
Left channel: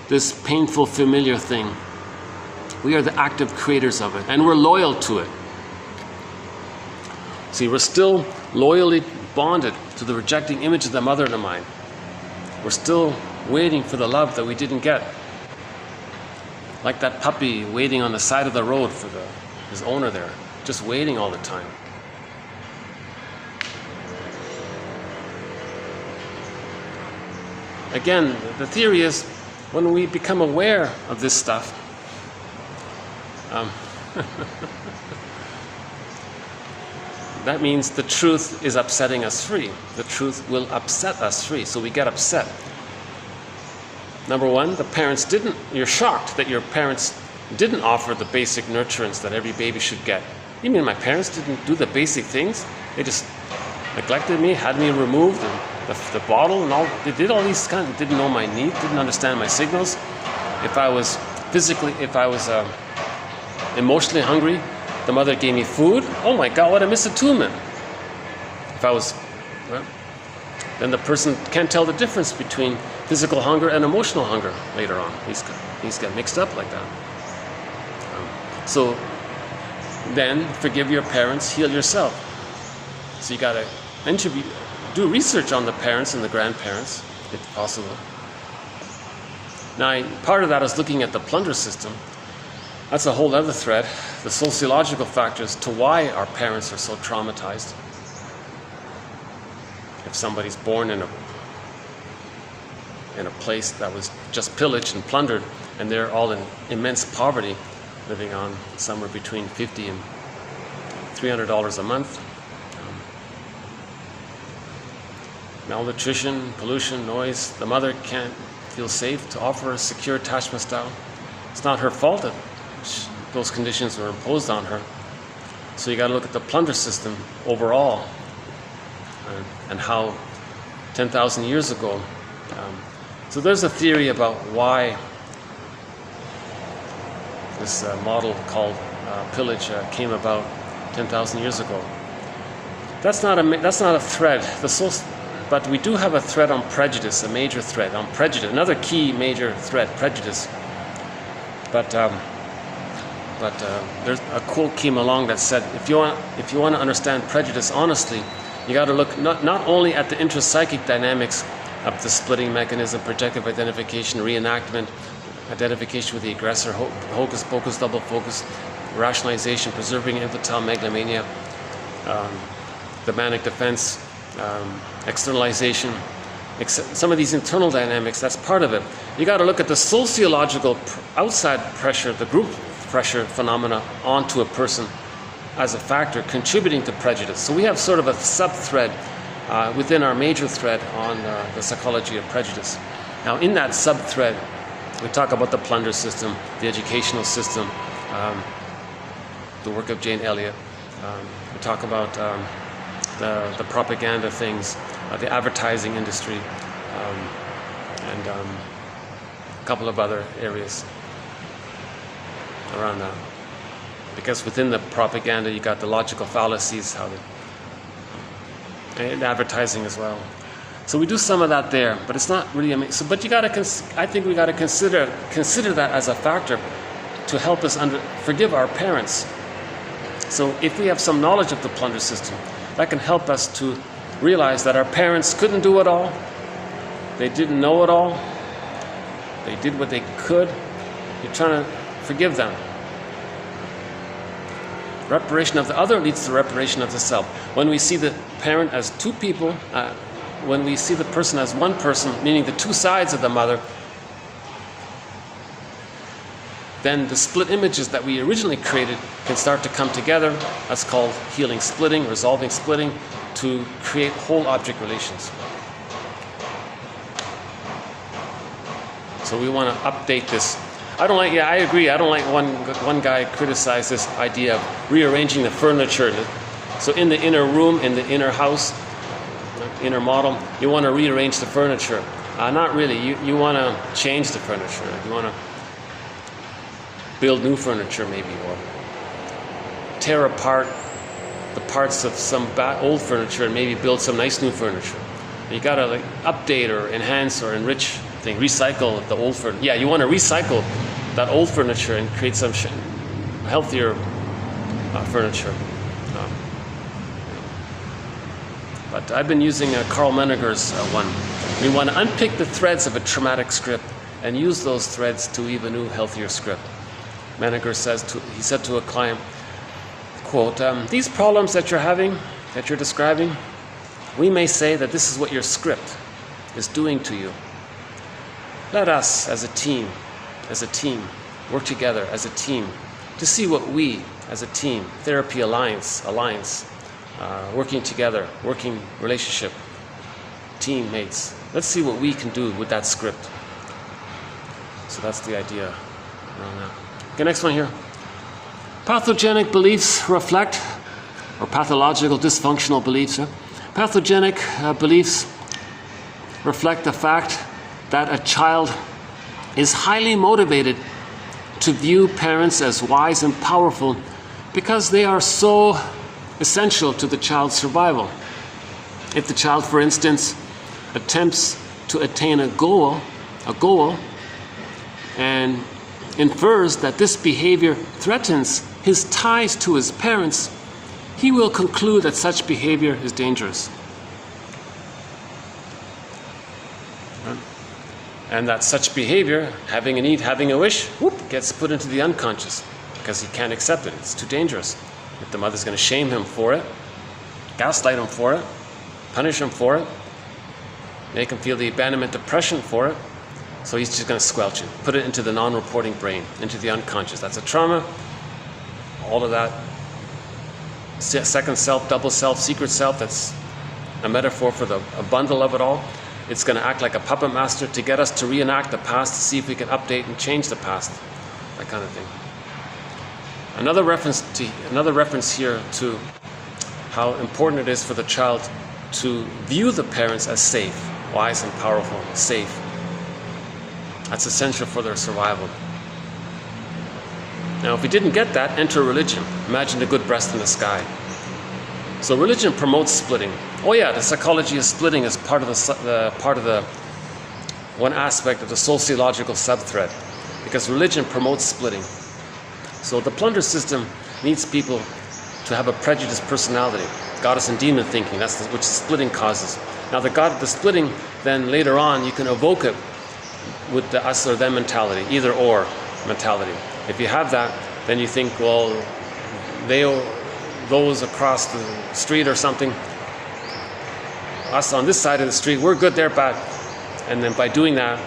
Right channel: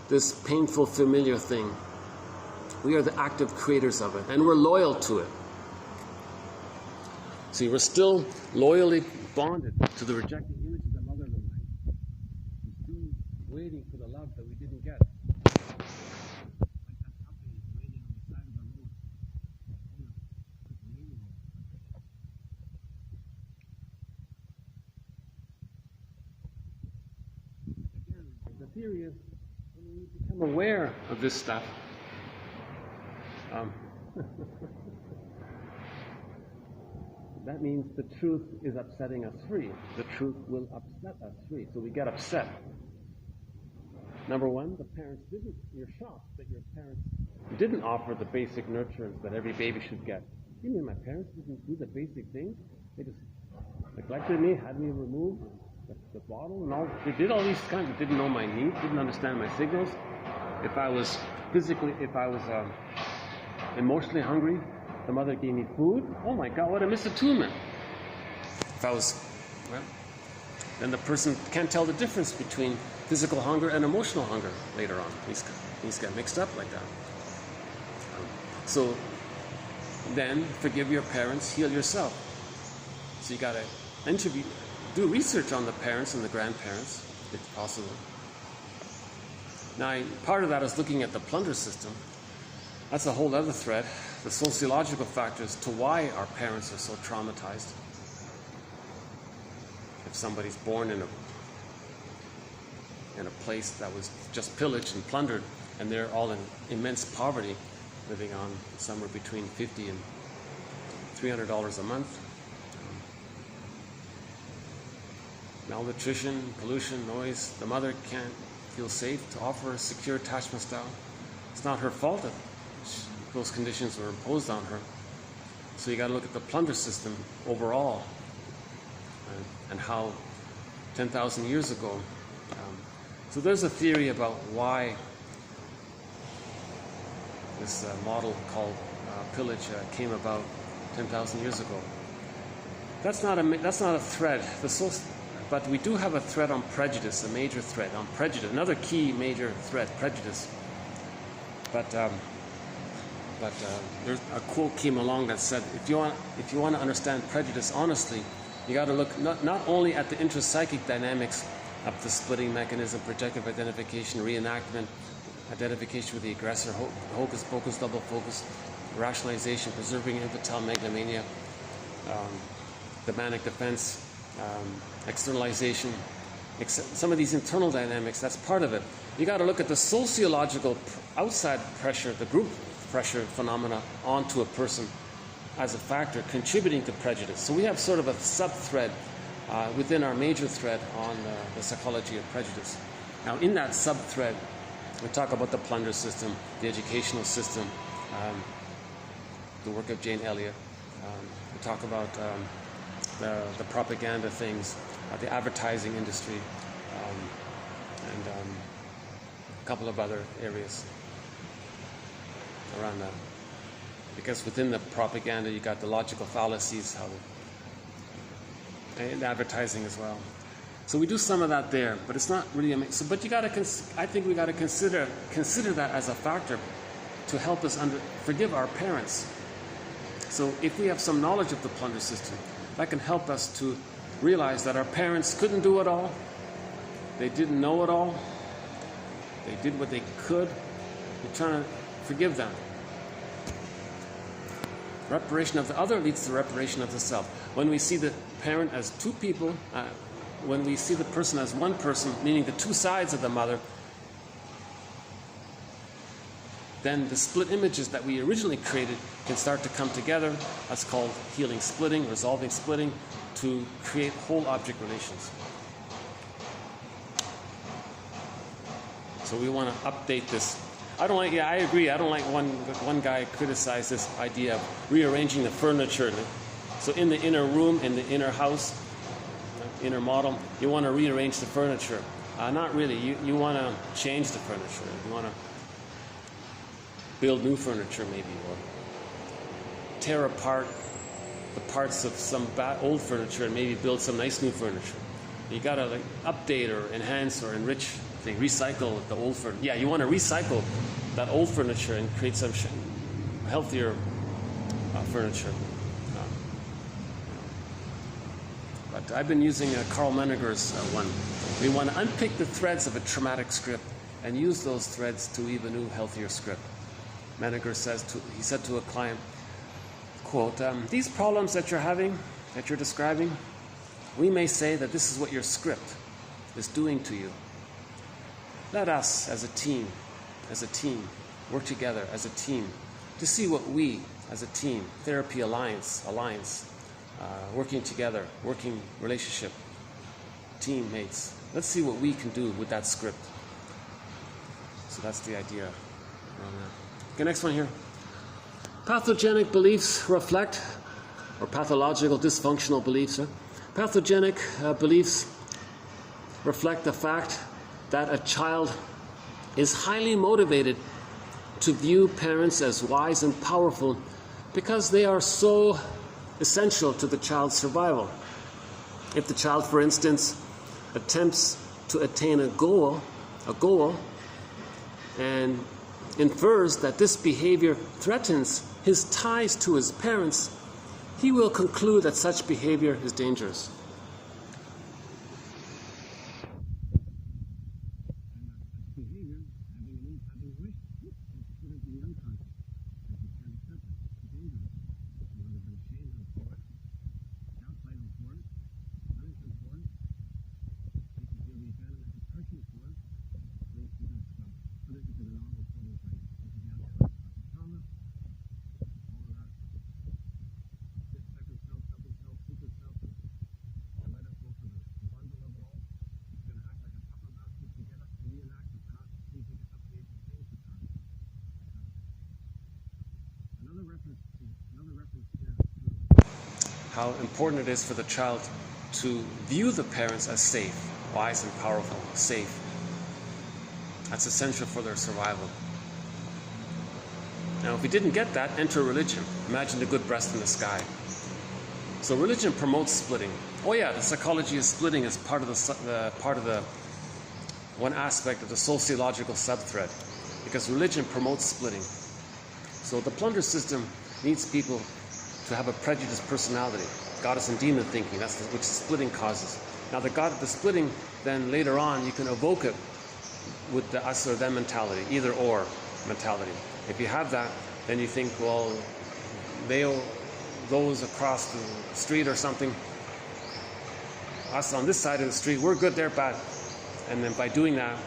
this painful, familiar thing. We are the active creators of it, and we're loyal to it. See, we're still loyally bonded to the rejecting image of the mother in the mind. We're still waiting for the love that we didn't get. Like that puppy waiting on the side of the road for his owner there, just waiting all the time. Again, the theory is when we become aware of this stuff, that means the truth is upsetting us free. The truth will upset us free, so we get upset. Number one, the parents didn't, you're shocked that your parents didn't offer the basic nurturance that every baby should get. You mean my parents didn't do the basic things? They just neglected me, had me removed, and the bottle and all, they did all these kind of, didn't know my need, didn't understand my signals. If I was emotionally hungry, the mother gave me food. Oh my God, what a misattunement. If I was, well, then the person can't tell the difference between physical hunger and emotional hunger later on. These get mixed up like that. So then forgive your parents, heal yourself. So you got to do research on the parents and the grandparents, if possible. Now, part of that is looking at the plunder system. That's a whole other thread, the sociological factors to why our parents are so traumatized. If somebody's born in a place that was just pillaged and plundered, and they're all in immense poverty, living on somewhere between $50 and $300 a month. Malnutrition, pollution, noise. The mother can't feel safe to offer a secure attachment style. It's not her fault that those conditions were imposed on her. So you got to look at the plunder system overall, and how 10,000 years ago. So there's a theory about why this model called pillage came about 10,000 years ago. That's not a thread. But we do have a thread on prejudice, a major thread on prejudice. Another key major thread, prejudice. But there's a quote came along that said, if you want to understand prejudice honestly, you got to look not only at the intrapsychic dynamics of the splitting mechanism, projective identification, reenactment, identification with the aggressor, hocus pocus, double focus, rationalization, preserving infantile megalomania, the manic defense, externalization, some of these internal dynamics, that's part of it. You got to look at the sociological outside pressure, the group pressure phenomena onto a person as a factor contributing to prejudice. So we have sort of a sub-thread within our major thread on the psychology of prejudice. Now in that sub-thread, we talk about the plunder system, the educational system, the work of Jane Elliott. We talk about the propaganda things, the advertising industry, and a couple of other areas around that. Because within the propaganda, you got the logical fallacies, and advertising as well. So we do some of that there, but it's not really amazing. So, but you got to, I think we got to consider that as a factor to help us forgive our parents. So if we have some knowledge of the plunder system, that can help us to realize that our parents couldn't do it all. They didn't know it all. They did what they could. You're trying to forgive them. Reparation of the other leads to reparation of the self. When we see the parent as two people, when we see the person as one person, meaning the two sides of the mother, then the split images that we originally created can start to come together. That's called healing splitting, resolving splitting, to create whole object relations. So we want to update this. I agree. I don't like one guy criticized this idea of rearranging the furniture. So in the inner room, in the inner house, inner model, you want to rearrange the furniture. Not really. You want to change the furniture. You want to build new furniture maybe, or tear apart the parts of some old furniture and maybe build some nice new furniture. You got to update or enhance or enrich things, recycle the old furniture. Yeah, you want to recycle that old furniture and create some healthier furniture. But I've been using Carl Menninger's one. We want to unpick the threads of a traumatic script and use those threads to weave a new, healthier script. Menninger says, he said to a client, quote, "These problems that you're having, that you're describing, we may say that this is what your script is doing to you. Let us, as a team, work together as a team to see what we, as a team, therapy alliance, working together, working relationship, teammates. Let's see what we can do with that script." So that's the idea around that. Okay, next one here. Pathogenic beliefs reflect, or pathological dysfunctional beliefs. Pathogenic beliefs reflect the fact that a child is highly motivated to view parents as wise and powerful because they are so essential to the child's survival. If the child, for instance, attempts to attain a goal, and infers that this behavior threatens his ties to his parents, he will conclude that such behavior is dangerous. And that such behavior, having a need, having a wish, gets put into the unconscious because he can't accept it. It's too dangerous. If the mother's going to shame him for it, gaslight him for it, punish him for it, make him feel the abandonment depression for it, so he's just going to squelch it, put it into the non-reporting brain, into the unconscious. That's a trauma. All of that second self, double self, secret self, that's a metaphor for a bundle of it all. It's going to act like a puppet master to get us to reenact the past, to see if we can update and change the past, that kind of thing. Another reference here to how important it is for the child to view the parents as safe, wise and powerful, safe. That's essential for their survival. Now, if we didn't get that, enter religion. Imagine the good breast in the sky. So religion promotes splitting. Oh yeah, the psychology of splitting is part of the one aspect of the sociological subthread, because religion promotes splitting. So the plunder system needs people to have a prejudiced personality, goddess and demon thinking. That's which splitting causes. Now the splitting, then later on you can evoke it with the us or them mentality, either or mentality. If you have that, then you think, well, those across the street or something, us on this side of the street, we're good, they're bad. And then by doing that,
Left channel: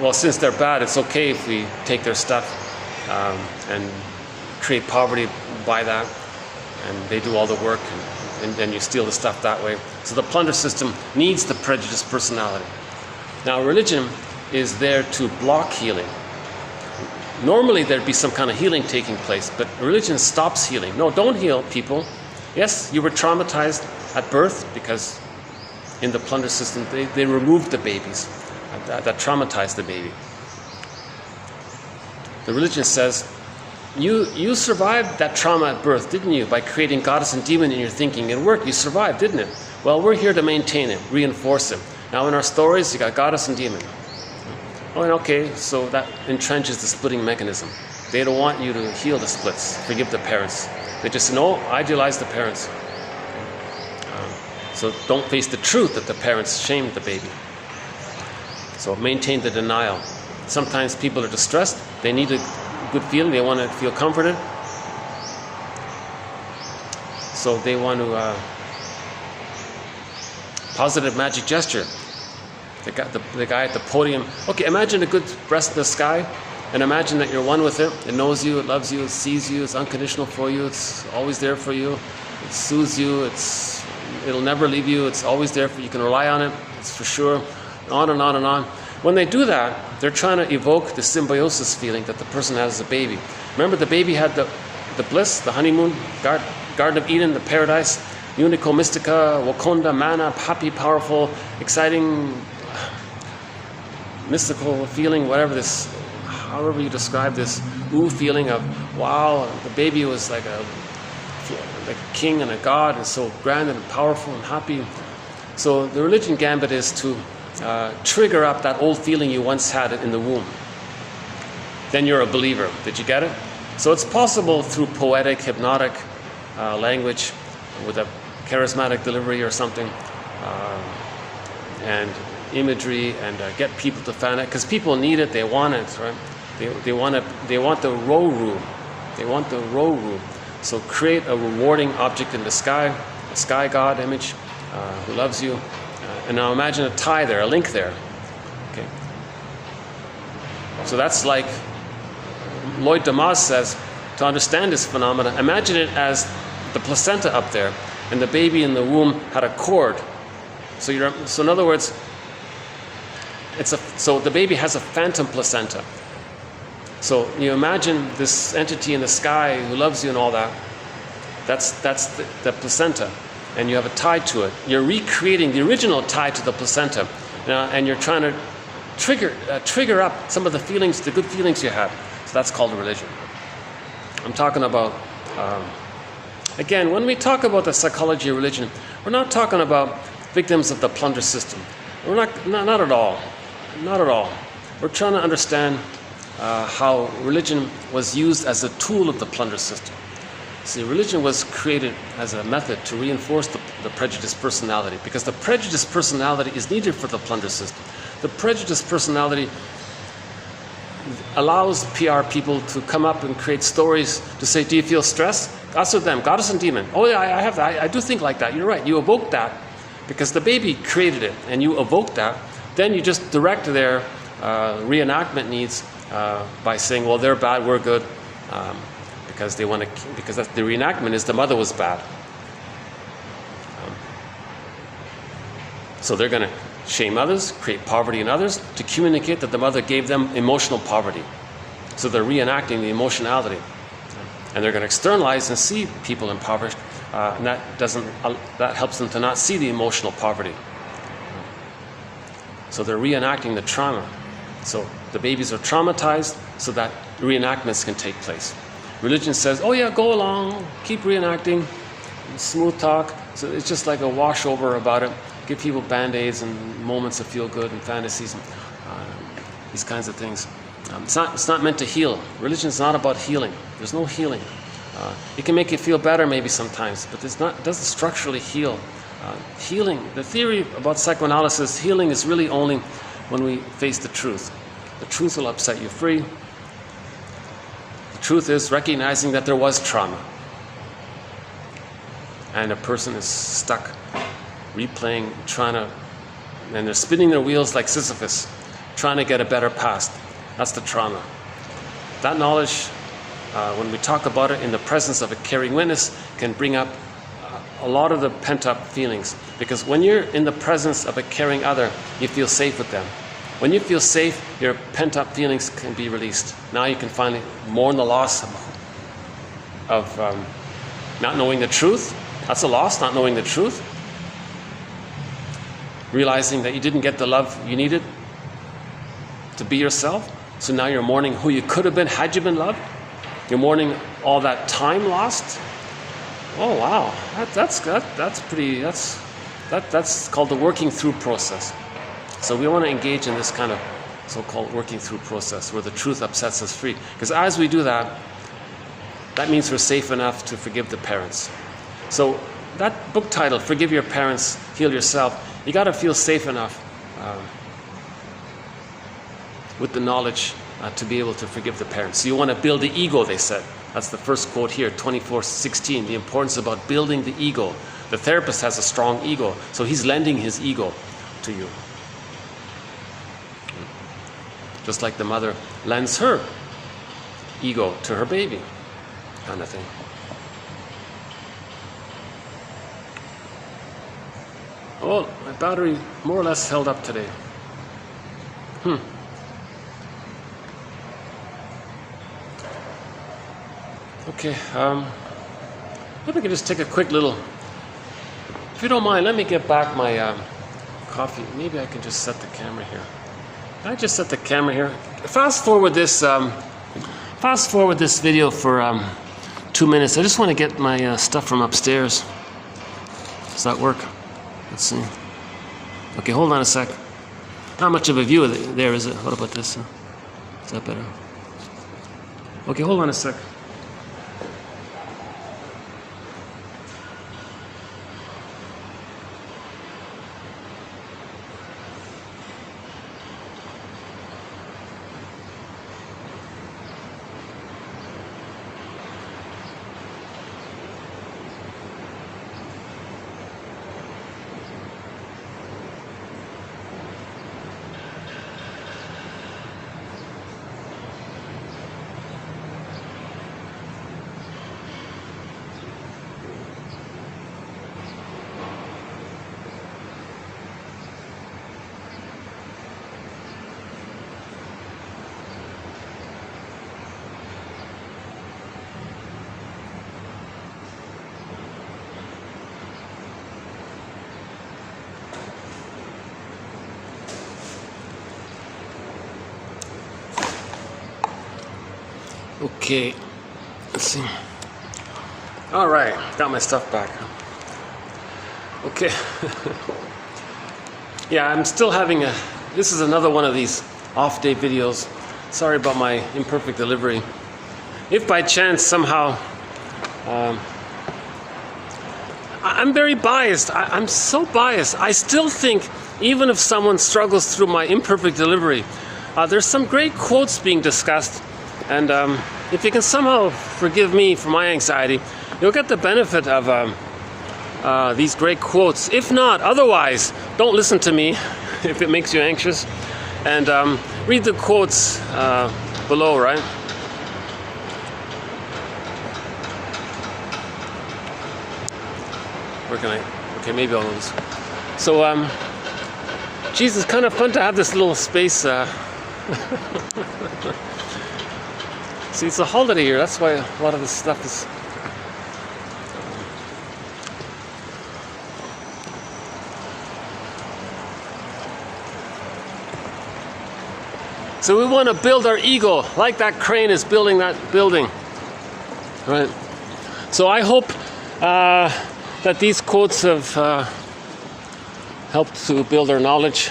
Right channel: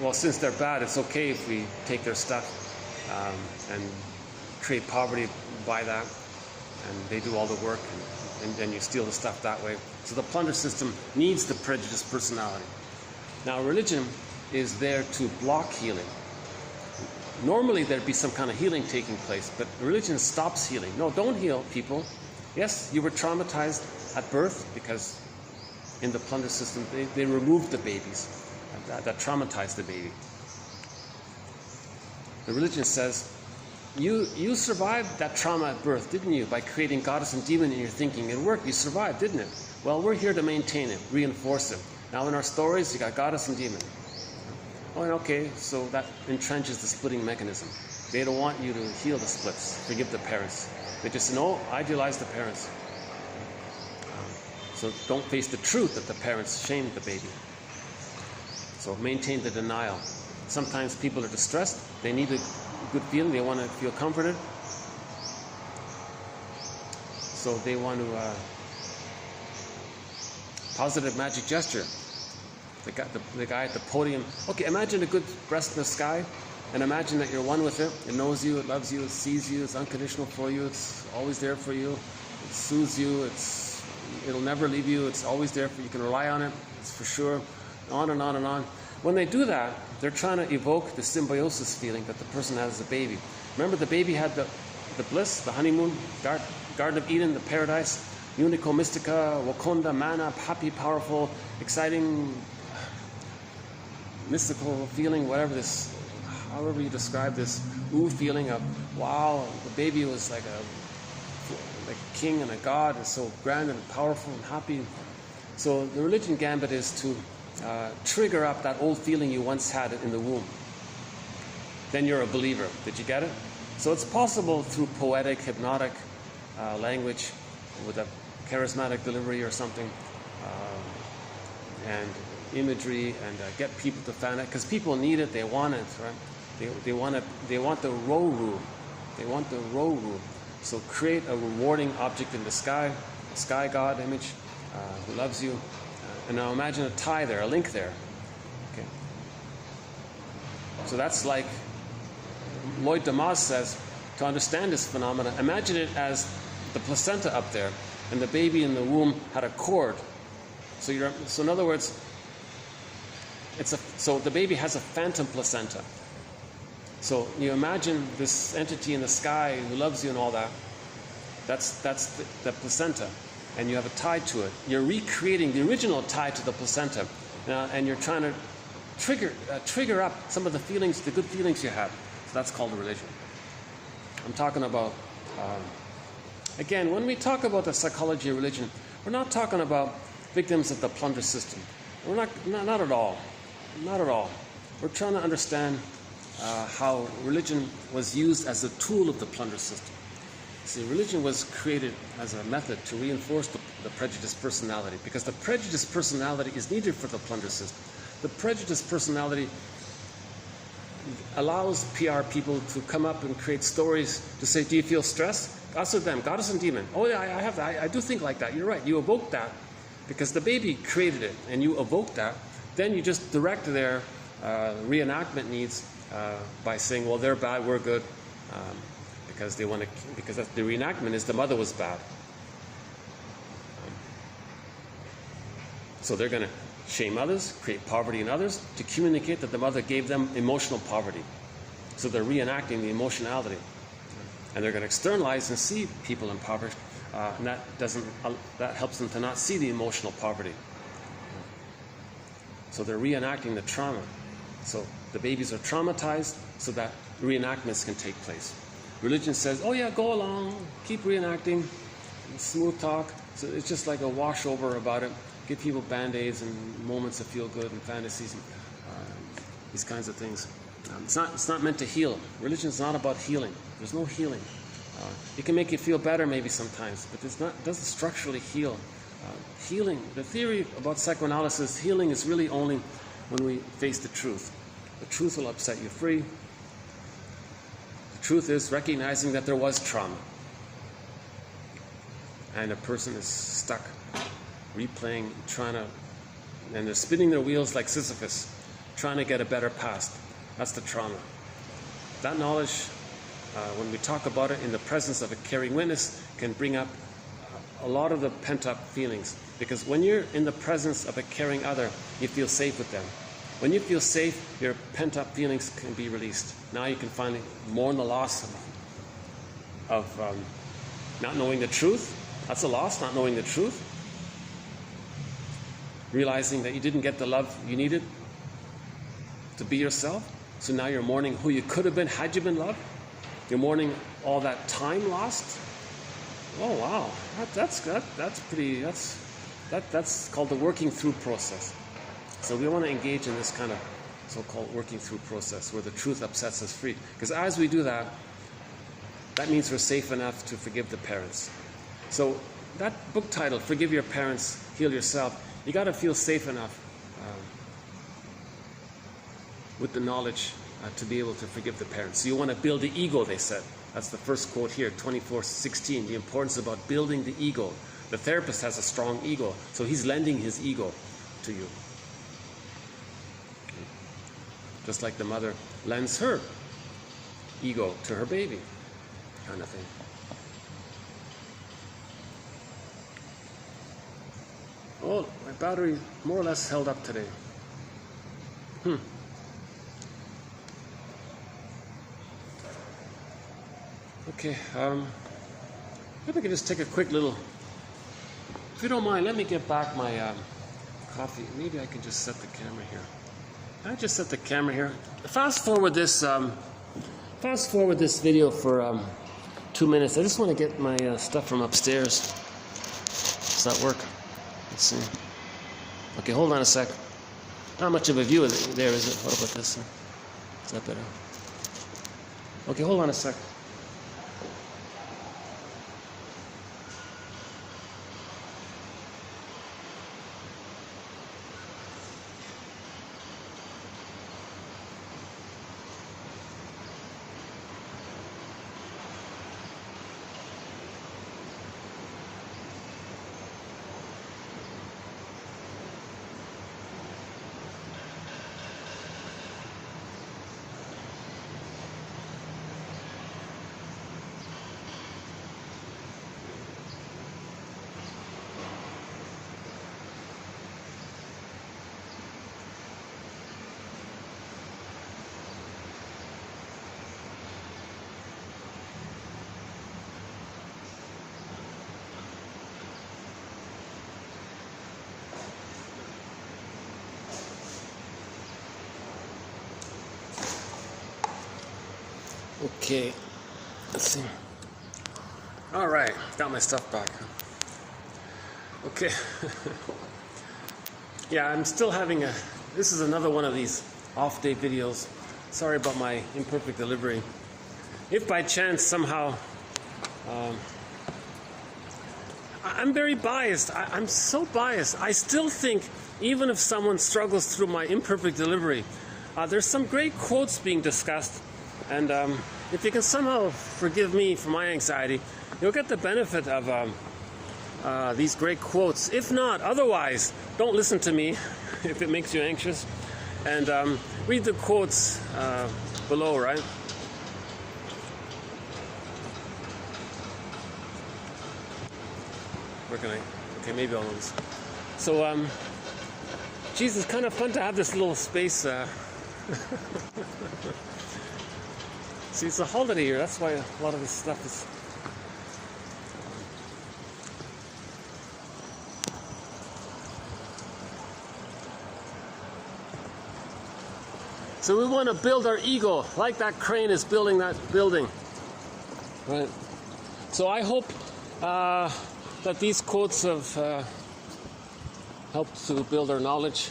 well, since they're bad, it's okay if we take their stuff and create poverty by that, and they do all the work, and then you steal the stuff that way. So the plunder system needs the prejudiced personality. Now religion is there to block healing. Normally there'd be some kind of healing taking place, but religion stops healing. No, don't heal people. Yes, you were traumatized at birth because in the plunder system they removed the babies that traumatized the baby. The religion says, you survived that trauma at birth, didn't you? By creating goddess and demon in your thinking. It worked, you survived, didn't it? Well, we're here to maintain it, reinforce it. Now in our stories, you got goddess and demon. Oh, and okay, so that entrenches the splitting mechanism. They don't want you to heal the splits, forgive the parents. They just say, no, idealize the parents. So don't face the truth that the parents shamed the baby. So maintain the denial. Sometimes people are distressed, they need a good feeling, they want to feel comforted. So they want to positive magic gesture. The guy at the podium. Okay, imagine a good breast in the sky, and imagine that you're one with it. It knows you, it loves you, it sees you, it's unconditional for you, it's always there for you, it soothes you, it'll never leave you, it's always there for you, you can rely on it, it's for sure, on and on and on. When they do that, they're trying to evoke the symbiosis feeling that the person has as a baby. Remember, the baby had the bliss, the honeymoon, Garden of Eden, the paradise, Unico Mystica, Wakonda, Mana, happy, powerful, exciting, mystical feeling, whatever this, however you describe this ooh feeling of, wow, the baby was like a king and a god, and so grand and powerful and happy. So the religion gambit is to trigger up that old feeling you once had in the womb. Then you're a believer. Did you get it? So it's possible through poetic, hypnotic language with a charismatic delivery or something, and imagery, and get people to fan it, because people need it, they want it, right? They want the row room. They want the row room. So create a rewarding object in the sky, a sky god image who loves you. And now imagine a tie there, a link there. Okay. So that's like Lloyd Demas says, to understand this phenomena, imagine it as the placenta up there, and the baby in the womb had a cord. So in other words, so the baby has a phantom placenta. So you imagine this entity in the sky who loves you and all that. That's the placenta, and you have a tie to it. You're recreating the original tie to the placenta, and you're trying to trigger up some of the feelings, the good feelings you had. So that's called a religion. I'm talking about, again, when we talk about the psychology of religion, we're not talking about victims of the plunder system. We're not at all. Not at all. We're trying to understand how religion was used as a tool of the plunder system. See, religion was created as a method to reinforce the prejudiced personality, because the prejudiced personality is needed for the plunder system. The prejudiced personality allows PR people to come up and create stories to say, do you feel stress? Us or them, goddess and demon. Oh yeah, I have that. I do think like that. You're right. You evoke that because the baby created it, and you evoke that. Then you just direct their reenactment needs by saying, well, they're bad, we're good, because the reenactment is the mother was bad. So they're going to shame others, create poverty in others, to communicate that the mother gave them emotional poverty. So they're reenacting the emotionality. And they're going to externalize and see people impoverished, and that helps them to not see the emotional poverty. So they're reenacting the trauma. So the babies are traumatized so that reenactments can take place. Religion says, oh yeah, go along, keep reenacting, smooth talk. So it's just like a washover about it. Give people band-aids and moments of feel-good and fantasies and these kinds of things. It's not meant to heal. Religion is not about healing. There's no healing. It can make you feel better maybe sometimes, but it doesn't structurally heal. Healing, the theory about psychoanalysis, healing is really only when we face the truth. The truth will upset you free. The truth is recognizing that there was trauma. And a person is stuck, replaying, and they're spinning their wheels like Sisyphus, trying to get a better past. That's the trauma. That knowledge, when we talk about it in the presence of a caring witness, can bring up a lot of the pent-up feelings. Because when you're in the presence of a caring other, you feel safe with them. When you feel safe, your pent-up feelings can be released. Now you can finally mourn the loss of not knowing the truth. That's a loss, not knowing the truth. Realizing that you didn't get the love you needed to be yourself. So now you're mourning who you could have been had you been loved. You're mourning all that time lost. Oh wow, that's called the working through process. So we want to engage in this kind of so-called working through process where the truth upsets us free. Because as we do that, that means we're safe enough to forgive the parents. So that book title, Forgive Your Parents, Heal Yourself, you got to feel safe enough with the knowledge to be able to forgive the parents. So you want to build the ego, they said. That's the first quote here, 24:16, the importance about building the ego. The therapist has a strong ego, so he's lending his ego to you. Just like the mother lends her ego to her baby, kind of thing. Oh, my battery more or less held up today. Okay, maybe I can just take a quick little, if you don't mind, let me get back my coffee. Maybe I can just set the camera here. Can I just set the camera here? Fast forward this video for 2 minutes. I just want to get my stuff from upstairs. Does that work? Let's see. Okay, hold on a sec. Not much of a view there, is it? What about this? Is that better? Okay, hold on a sec. Okay, let's see. All right, got my stuff back. Okay. Yeah, I'm still having this is another one of these off-day videos. Sorry about my imperfect delivery. If by chance somehow, I'm very biased. I'm so biased. I still think even if someone struggles through my imperfect delivery, there's some great quotes being discussed. And if you can somehow forgive me for my anxiety, you'll get the benefit of these great quotes. If not, otherwise, don't listen to me if it makes you anxious. And read the quotes below, right? Where can I? Okay, maybe I'll lose. So, geez, it's kind of fun to have this little space. See, it's a holiday here. That's why a lot of this stuff is. So we want to build our ego like that crane is building that building. Right? So I hope that these quotes have helped to build our knowledge.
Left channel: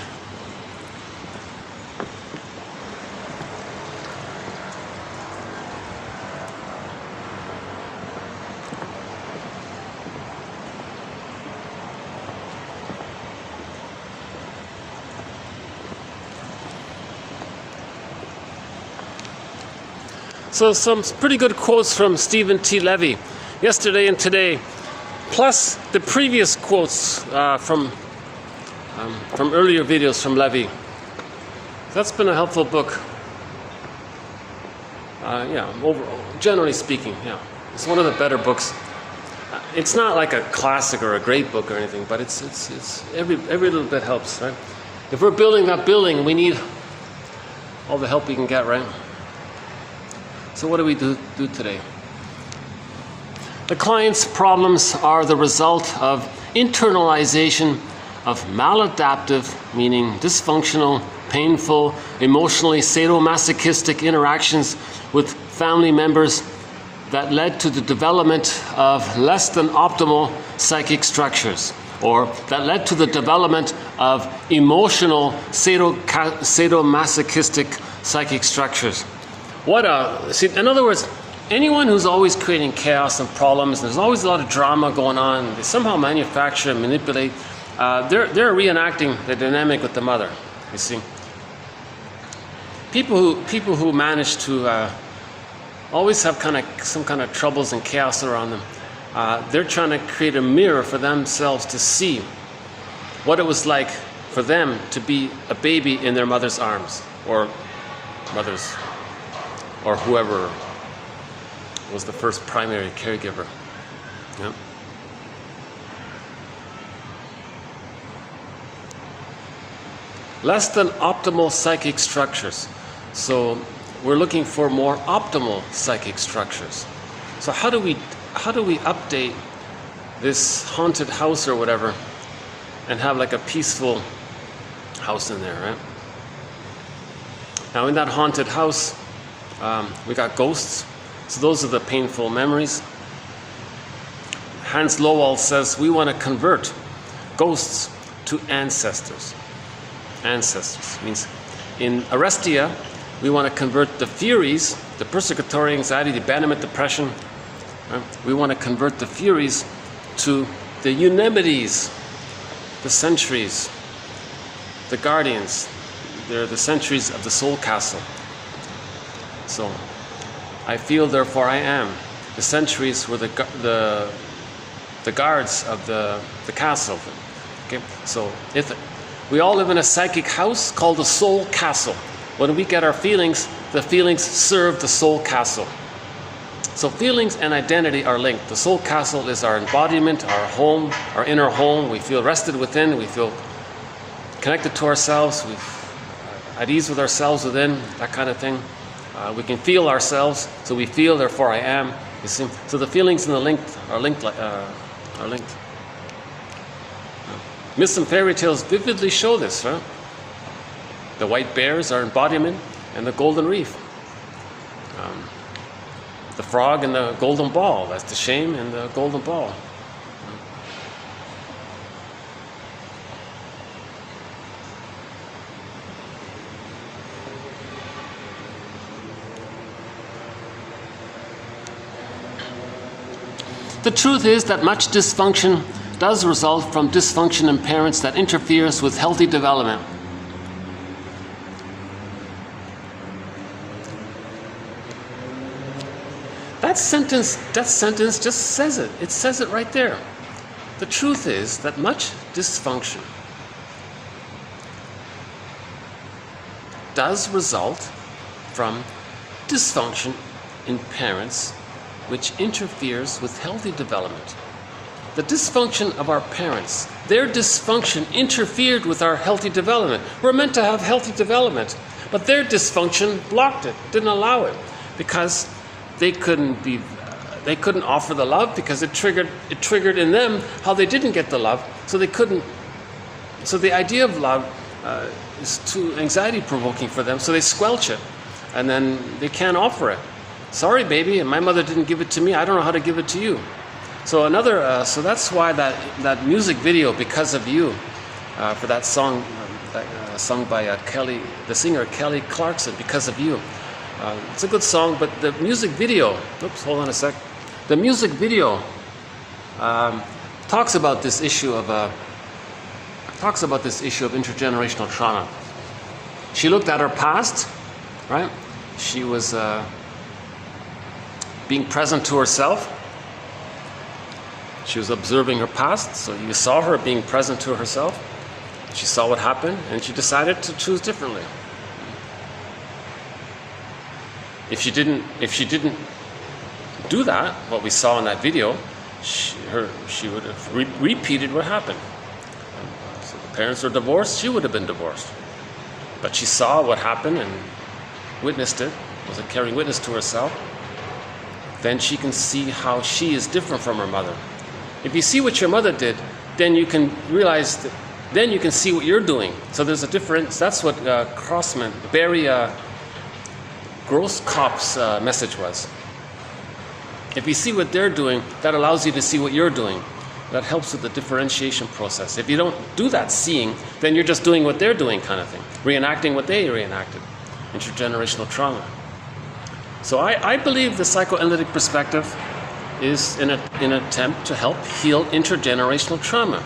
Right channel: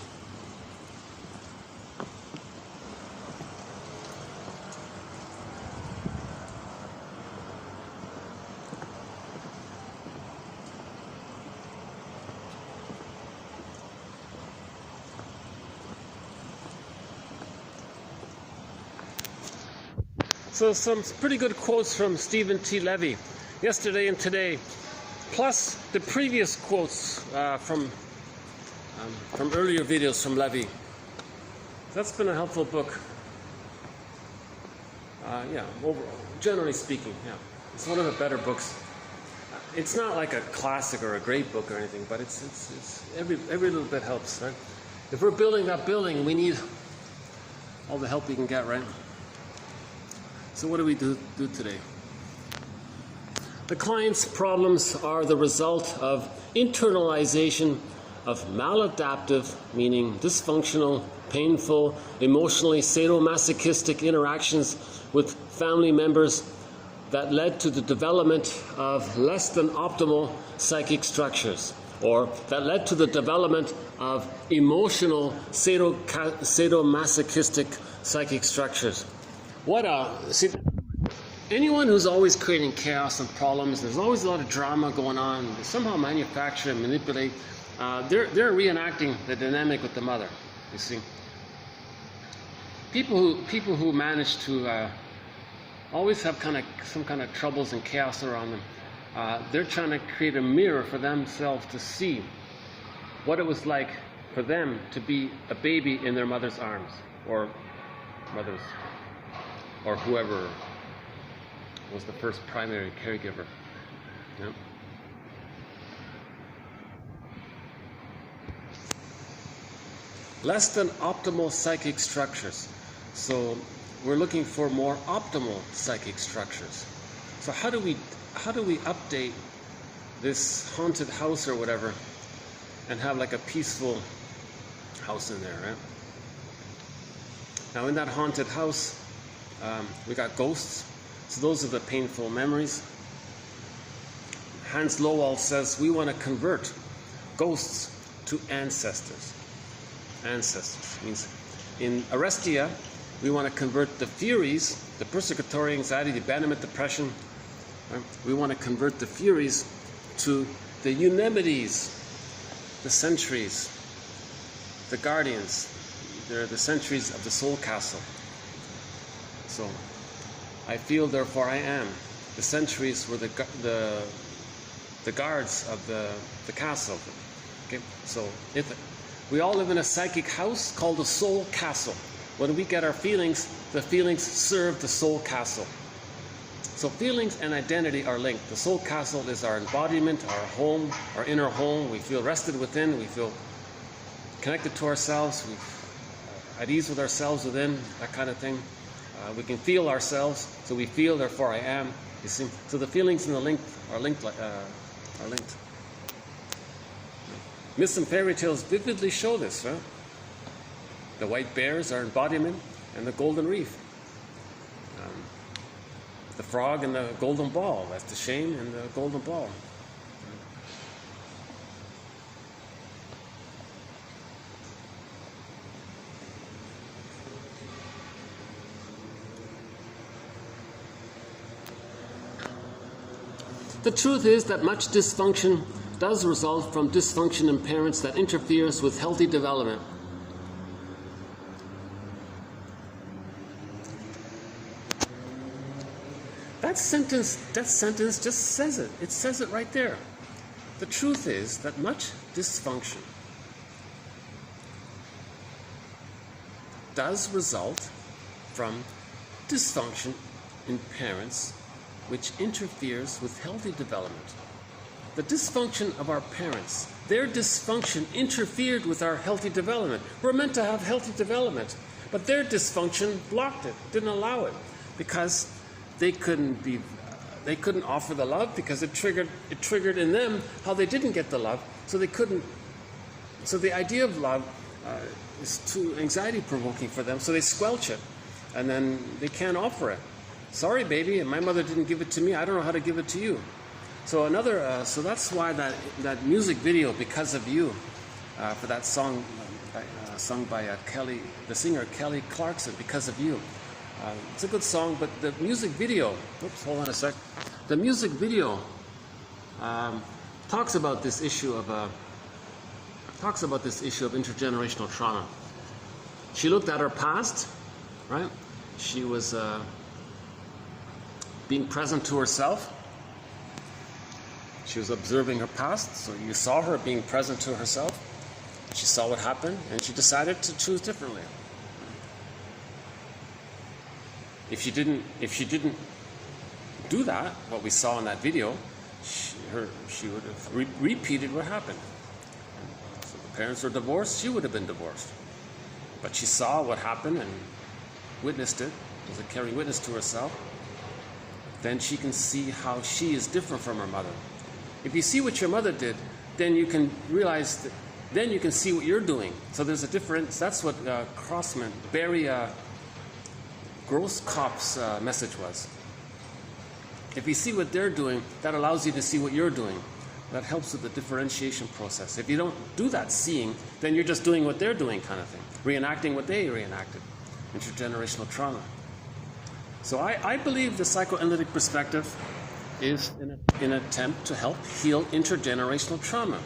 So some pretty good quotes from Stephen T. Levy yesterday and today, plus the previous quotes from earlier videos from Levy. That's been a helpful book. Yeah, overall, generally speaking, yeah, it's one of the better books. It's not like a classic or a great book or anything, but it's every little bit helps, right? If we're building that building, we need all the help we can get, right? So what do we do today? The client's problems are the result of internalization of maladaptive, meaning dysfunctional, painful, emotionally sadomasochistic interactions with family members that led to the development of less than optimal psychic structures, or that led to the development of emotional sadomasochistic psychic structures. See, in other words, anyone who's always creating chaos and problems, there's always a lot of drama going on, they somehow manufacture and manipulate, they're reenacting the dynamic with the mother, you see. People who manage to always have some kind of troubles and chaos around them, they're trying to create a mirror for themselves to see what it was like for them to be a baby in their mother's arms, or mother's, or whoever was the first primary caregiver. Yeah. Less than optimal psychic structures. So we're looking for more optimal psychic structures. So how do we update this haunted house or whatever and have like a peaceful house in there, right? Now in that haunted house, we got ghosts. So those are the painful memories. Hans Lowell says we want to convert ghosts to ancestors. Ancestors means in Arestia, we want to convert the Furies, the persecutory anxiety, the abandonment, depression. Right? We want to convert the Furies to the Eunemides, the Sentries, the Guardians. They're the sentries of the soul castle. So, I feel, therefore I am. The sentries were the guards of the castle. Okay, so if we all live in a psychic house called the soul castle. When we get our feelings, the feelings serve the soul castle. So feelings and identity are linked. The soul castle is our embodiment, our home, our inner home. We feel rested within. We feel connected to ourselves. We're at ease with ourselves within, that kind of thing. We can feel ourselves, so we feel, therefore I am. You see? So the feelings and the link are linked. Myths and fairy tales vividly show this, right? The white bears are embodiment, and the golden reef. The frog and the golden ball, that's the shame and the golden ball. The truth is that much dysfunction does result from dysfunction in parents that interferes with healthy development. That sentence just says it. It says it right there. The truth is that much dysfunction does result from dysfunction in parents which interferes with healthy development. The dysfunction of our parents, their dysfunction interfered with our healthy development. We're meant to have healthy development, but their dysfunction blocked it, didn't allow it, because they couldn't offer the love because it triggered in them how they didn't get the love, so they couldn't. So the idea of love is too anxiety provoking for them, so they squelch it, and then they can't offer it. Sorry, baby, my mother didn't give it to me. I don't know how to give it to you. So so that's why that music video, Because of You, for that song, sung by Kelly, the singer Kelly Clarkson, Because of You. It's a good song, but the music video, oops, hold on a sec. The music video talks about this issue of intergenerational trauma. She looked at her past, right? She was being present to herself. She was observing her past, so you saw her being present to herself. She saw what happened, and she decided to choose differently. If she didn't do that, what we saw in that video, she would have repeated what happened. So the parents were divorced, she would have been divorced. But she saw what happened and witnessed it, was a caring witness to herself. Then she can see how she is different from her mother. If you see what your mother did, then you can realize that, then you can see what you're doing. So there's a difference. That's what Barry Grosskopf's message was. If you see what they're doing, that allows you to see what you're doing. That helps with the differentiation process. If you don't do that seeing, then you're just doing what they're doing, kind of thing. Reenacting what they reenacted. Intergenerational trauma. So I believe the psychoanalytic perspective is an attempt to help heal intergenerational trauma.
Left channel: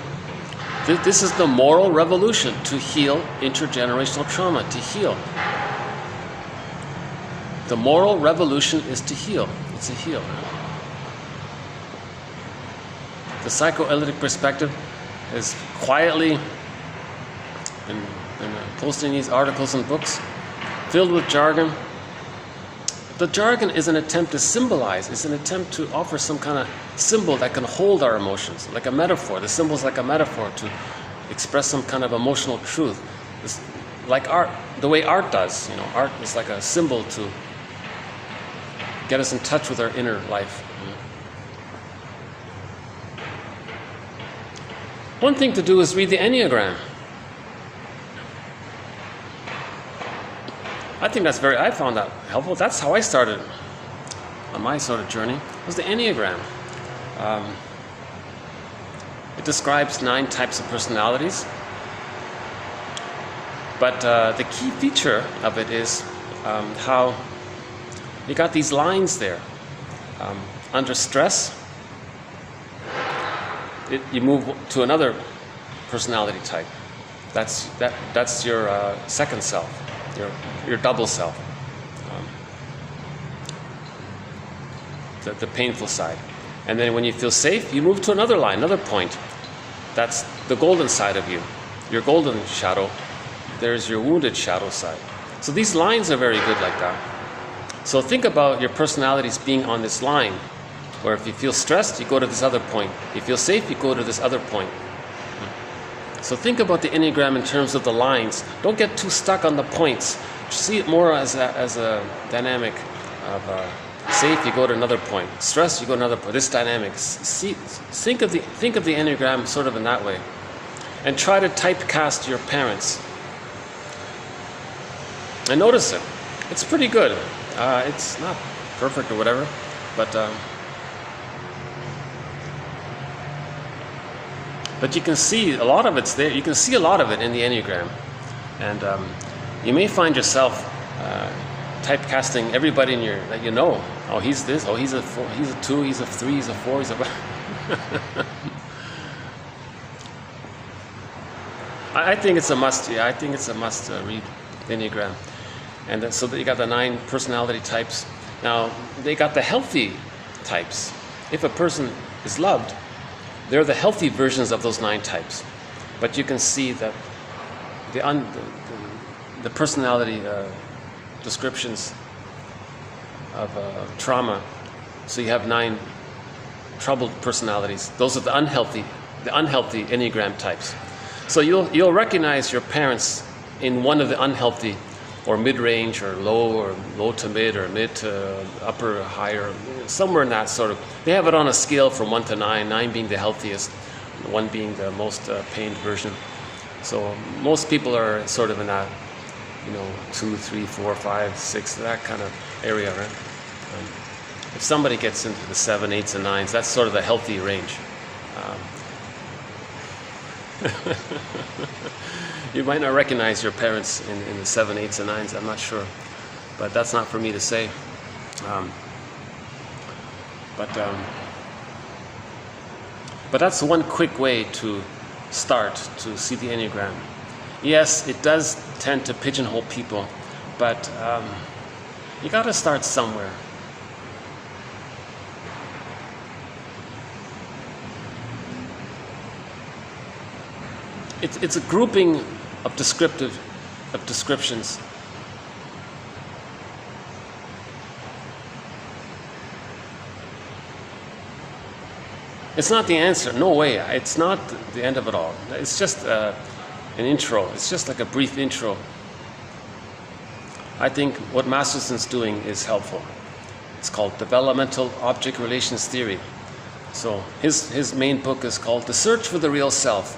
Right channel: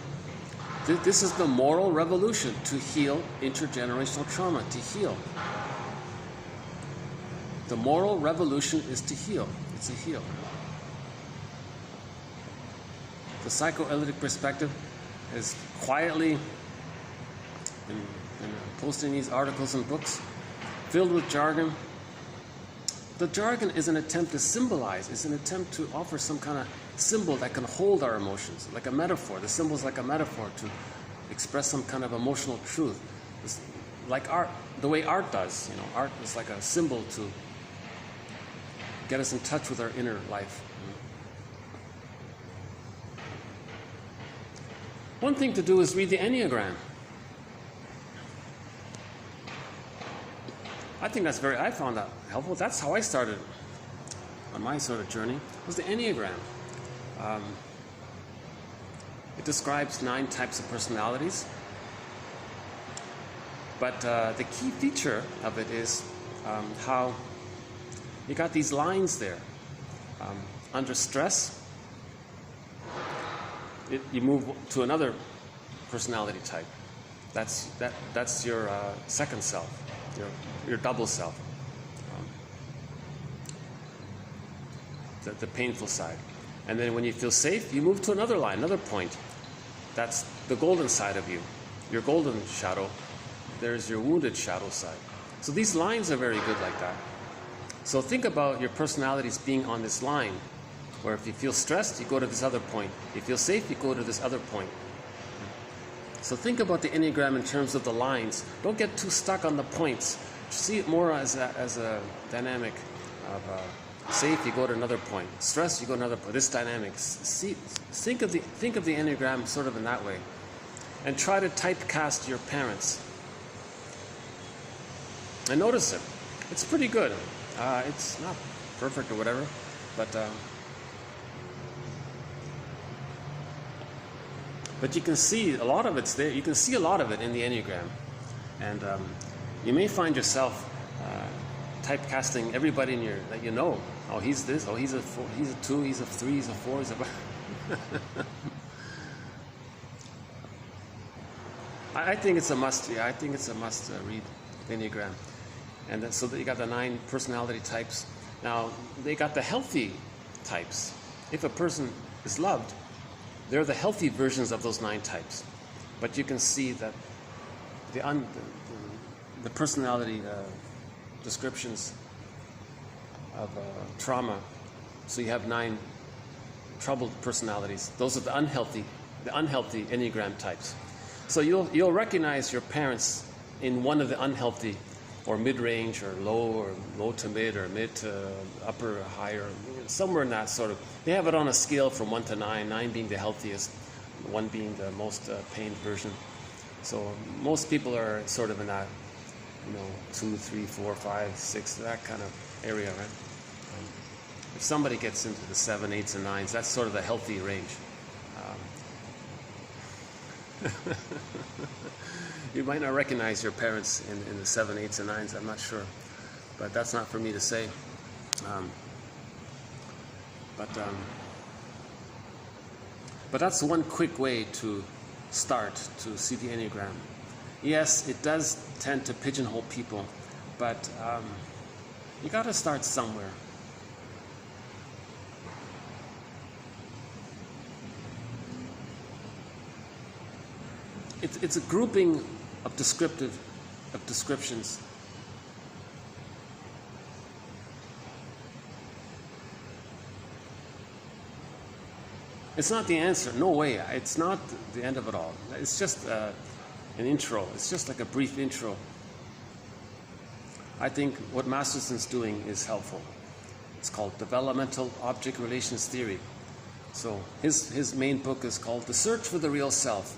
This is the moral revolution, to heal intergenerational trauma, to heal. The moral revolution is to heal. It's a heal. The psychoanalytic perspective is quietly posting these articles and books, filled with jargon, the jargon is an attempt to symbolize, it's an attempt to offer some kind of symbol that can hold our emotions, like a metaphor. The symbol is like a metaphor to express some kind of emotional truth. It's like art, the way art does. You know, art is like a symbol to get us in touch with our inner life. One thing to do is read the Enneagram. I found that helpful. That's how I started on my sort of journey, was the Enneagram. It describes 9 types of personalities. But the key feature of it is how you got these lines there. Under stress, you move to another personality type. That's your second self, your double self, the painful side. And then when you feel safe, you move to another line, another point. That's the golden side of you, your golden shadow. There's your wounded shadow side. So these lines are very good like that. So think about your personalities being on this line, where if you feel stressed, you go to this other point. If you feel safe, you go to this other point. So think about the Enneagram in terms of the lines. Don't get too stuck on the points. See it more as a dynamic of safe, you go to another point. Stress, you go to another point. This dynamic. Think of the Enneagram sort of in that way. And try to typecast your parents. And notice it. It's pretty good. It's not perfect or whatever, but you can see a lot of it's there. You can see a lot of it in the Enneagram. And you may find yourself typecasting everybody that you know. Oh, he's this. Oh, he's a 4. He's a 2. He's a 3. He's a 4. He's a. I think it's a must. Yeah, I think it's a must read the Enneagram. And then, so you got the 9 personality types. Now they got the healthy types. If a person is loved, they're the healthy versions of those 9 types. But you can see that the personality descriptions of trauma. So you have 9 troubled personalities. Those are the unhealthy Enneagram types. So you'll recognize your parents in one of the unhealthy, or mid-range, or low to mid, or mid to upper, higher, somewhere in that sort of. They have it on a scale from 1 to 9, 9 being the healthiest, 1 being the most pained version. So most people are sort of in that, 2, 3, 4, 5, 6, that kind of area, right? If somebody gets into the 7, 8s, and 9s, that's sort of the healthy range. You might not recognize your parents in the 7, 8s, and 9s, I'm not sure. But that's not for me to say. But that's one quick way to start to see the Enneagram. Yes, it does tend to pigeonhole people, but you got to start somewhere. It's a grouping of descriptions. It's not the answer. No way. It's not the end of it all. It's just an intro. It's just like a brief intro. I think what Masterson's doing is helpful. It's called Developmental Object Relations Theory. So his main book is called The Search for the Real Self.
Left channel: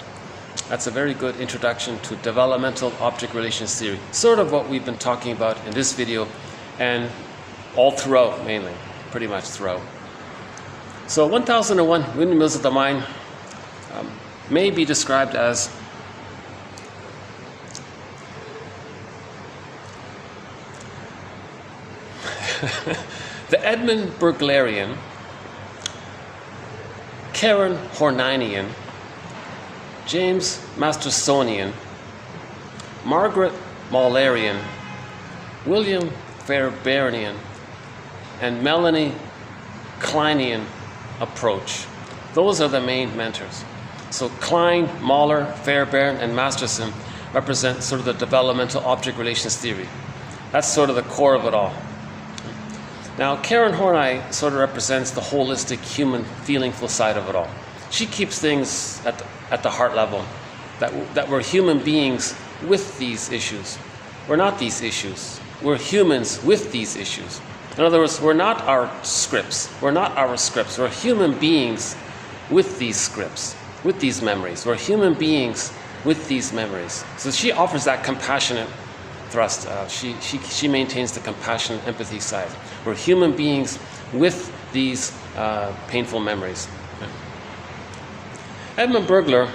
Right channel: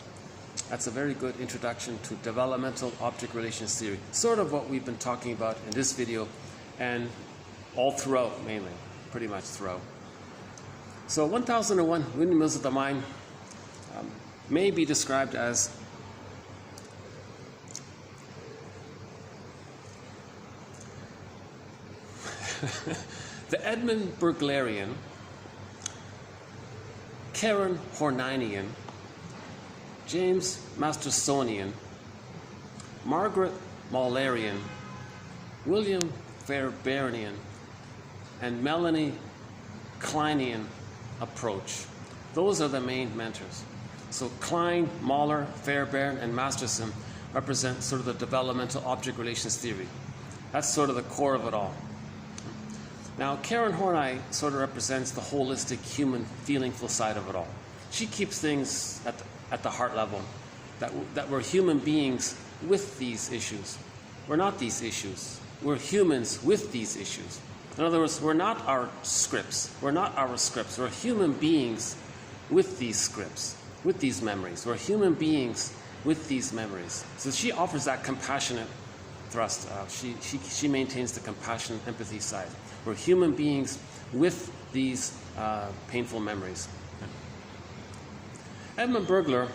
That's a very good introduction to developmental object relations theory. Sort of what we've been talking about in this video and all throughout, mainly, pretty much throughout. So 1001 Windmills of the Mind may be described as the Edmund Burglarian, Karen Hornian, James Mastersonian, Margaret Maulerian, William Fairbairnian, and Melanie Kleinian approach. Those are the main mentors. So Klein, Mahler, Fairbairn, and Masterson represent sort of the developmental object relations theory. That's sort of the core of it all. Now, Karen Horney sort of represents the holistic human feelingful side of it all. She keeps things at the heart level, that we're human beings with these issues. We're not these issues. We're humans with these issues. In other words, we're not our scripts. We're not our scripts. We're human beings with these scripts, with these memories. We're human beings with these memories. So she offers that compassionate thrust. She maintains the compassionate empathy side. We're human beings with these painful memories. Edmund Burglar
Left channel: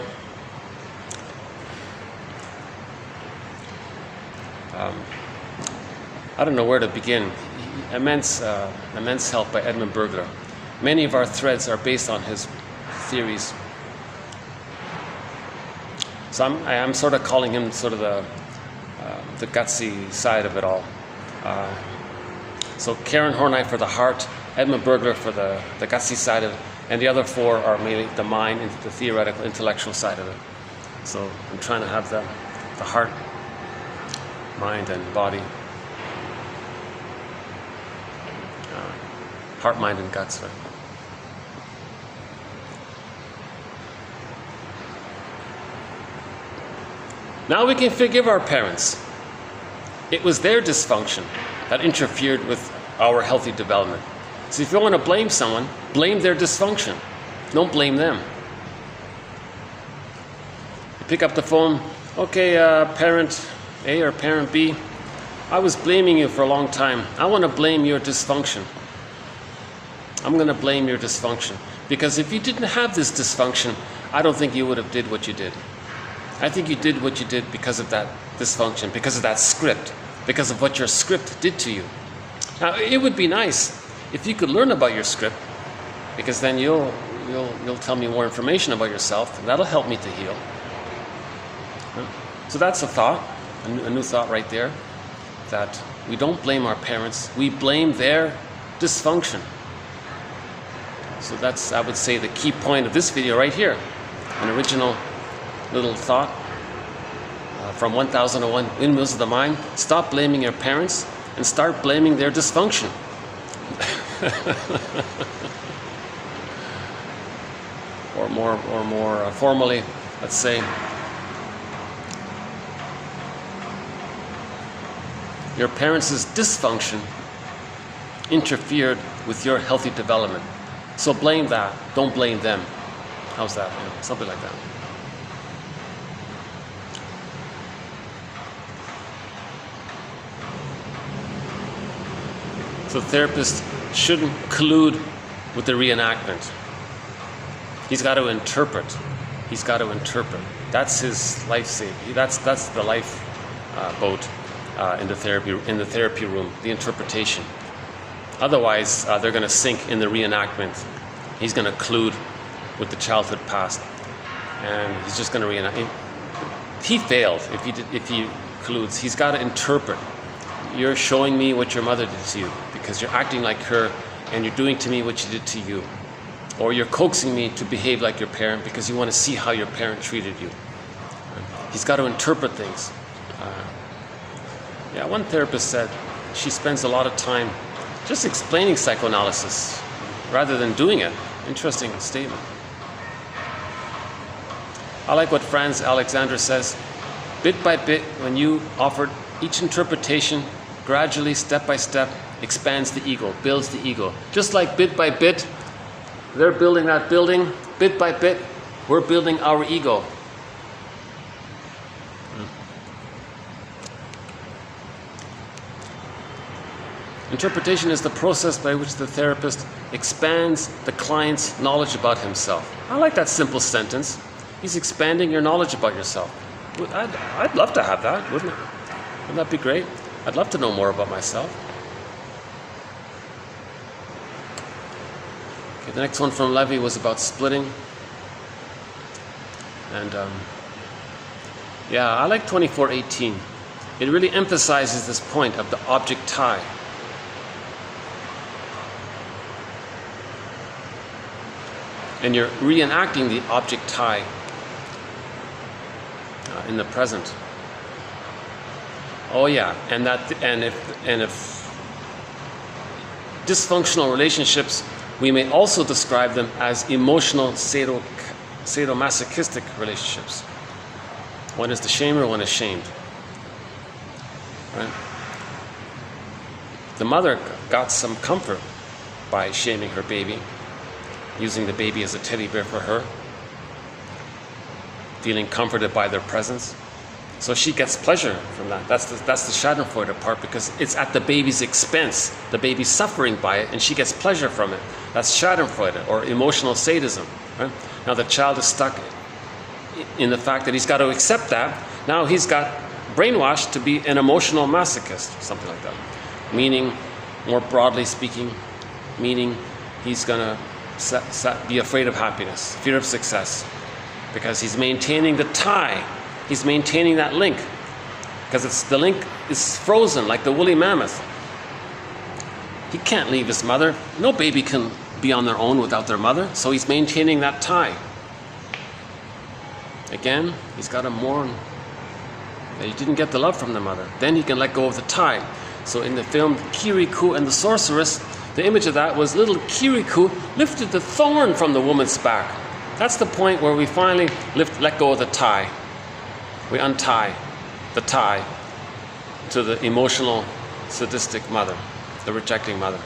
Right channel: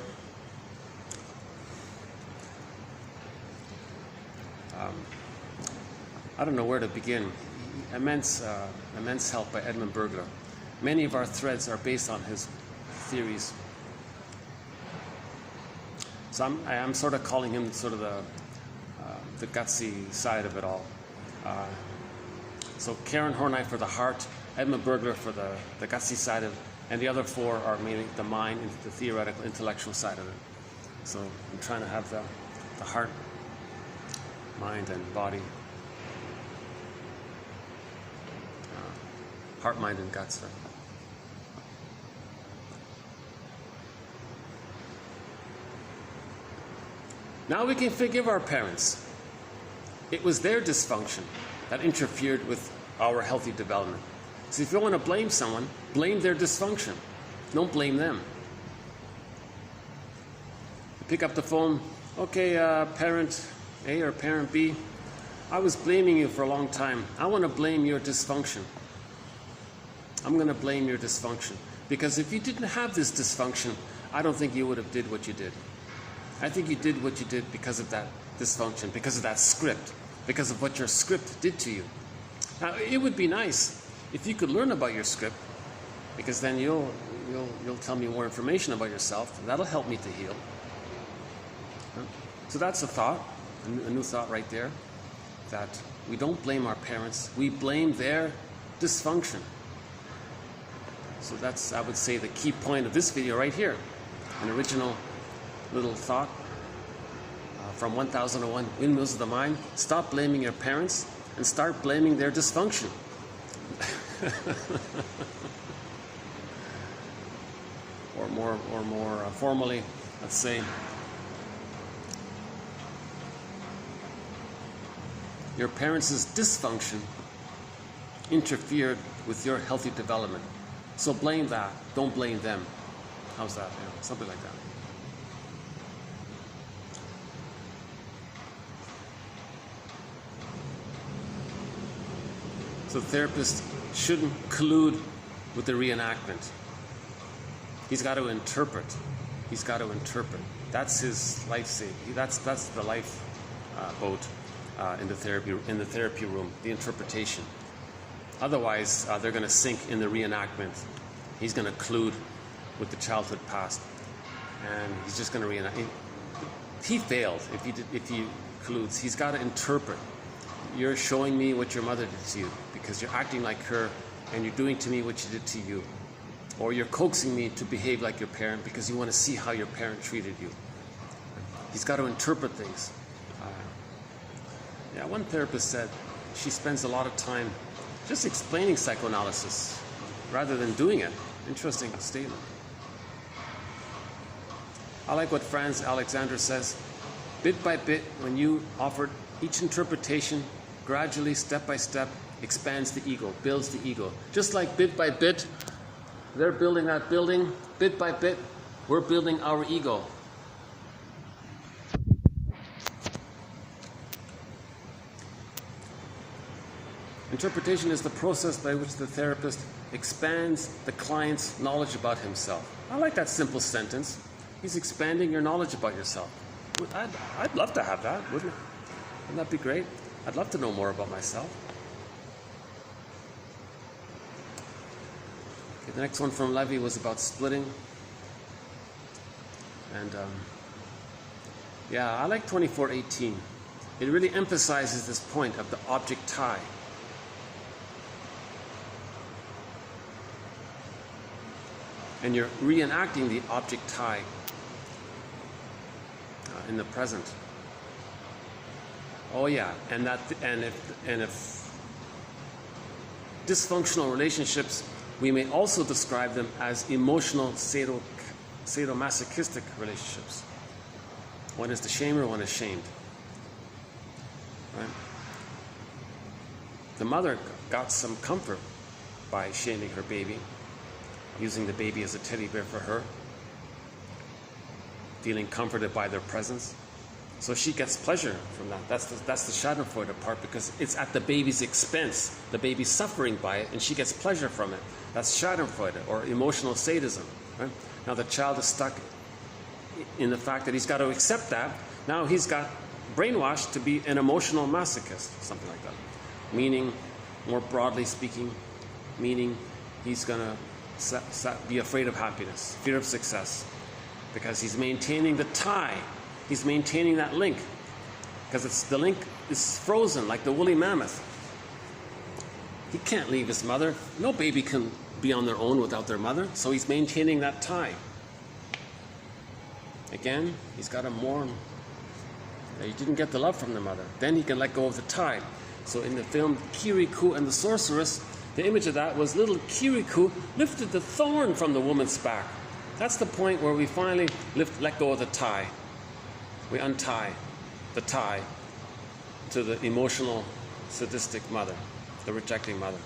I don't know where to begin. Immense help by Edmund Burglar. Many of our threads are based on his theories. So I'm sort of calling him sort of the gutsy side of it all. So Karen Horney for the heart, Edmund Burglar for the gutsy side of it, and the other four are mainly the mind and the theoretical, intellectual side of it. So I'm trying to have the heart, mind, and body. Heart, mind, and guts. Right? Now we can forgive our parents. It was their dysfunction that interfered with our healthy development. So if you want to blame someone, blame their dysfunction. Don't blame them. You pick up the phone, okay, parent A or parent B, I was blaming you for a long time. I want to blame your dysfunction. I'm going to blame your dysfunction. Because if you didn't have this dysfunction, I don't think you would have did what you did. I think you did what you did because of that dysfunction, because of that script, because of what your script did to you. Now, it would be nice if you could learn about your script, because then you'll tell me more information about yourself, and that'll help me to heal. So that's a thought, a new thought right there, that we don't blame our parents, we blame their dysfunction. So that's, I would say, the key point of this video right here. An original little thought from 1001 Windmills of the Mind. Stop blaming your parents and start blaming their dysfunction. Or more formally, let's say, your parents' dysfunction interfered with your healthy development. So blame that, don't blame them. How's that? Yeah, something like that. So the therapist shouldn't collude with the reenactment. He's got to interpret. He's got to interpret. That's his life saving. That's the life boat in the therapy room. The interpretation. Otherwise, they're going to sink in the reenactment. He's going to collude with the childhood past, and he's just going to reenact. He failed if he colludes. He's got to interpret. You're showing me what your mother did to you because you're acting like her, and you're doing to me what she did to you, or you're coaxing me to behave like your parent because you want to see how your parent treated you. He's got to interpret things. Yeah, one therapist said she spends a lot of time just explaining psychoanalysis rather than doing it. Interesting statement. I like what Franz Alexander says. Bit by bit, when you offered each interpretation, gradually, step by step, expands the ego, builds the ego. Just like bit by bit, they're building that building. Bit by bit, we're building our ego. Interpretation is the process by which the therapist expands the client's knowledge about himself. I like that simple sentence. He's expanding your knowledge about yourself. I'd love to have that, wouldn't it? Wouldn't that be great? I'd love to know more about myself. Okay, the next one from Levy was about splitting. And yeah, I like 2418. It really emphasizes this point of the object tie. And you're reenacting the object tie in the present. Oh yeah, and if dysfunctional relationships, we may also describe them as emotional sadomasochistic relationships. One is the shamer, one is shamed. Right? The mother got some comfort by shaming her baby, using the baby as a teddy bear for her, feeling comforted by their presence. So she gets pleasure from that. That's the Schadenfreude part, because it's at the baby's expense. The baby's suffering by it, and she gets pleasure from it. That's Schadenfreude, or emotional sadism. Right? Now the child is stuck in the fact that he's got to accept that. Now he's got brainwashed to be an emotional masochist, something like that. Meaning, more broadly speaking, meaning he's going to be afraid of happiness, fear of success, because he's maintaining the tie. He's maintaining that link, because the link is frozen like the woolly mammoth. He can't leave his mother. No baby can be on their own without their mother, so he's maintaining that tie. Again, he's got to mourn that he didn't get the love from the mother. Then he can let go of the tie. So in the film Kirikou and the Sorceress, the image of that was little Kirikou lifted the thorn from the woman's back. That's the point where we finally let go of the tie. We untie the tie to the emotional, sadistic mother, the rejecting mother.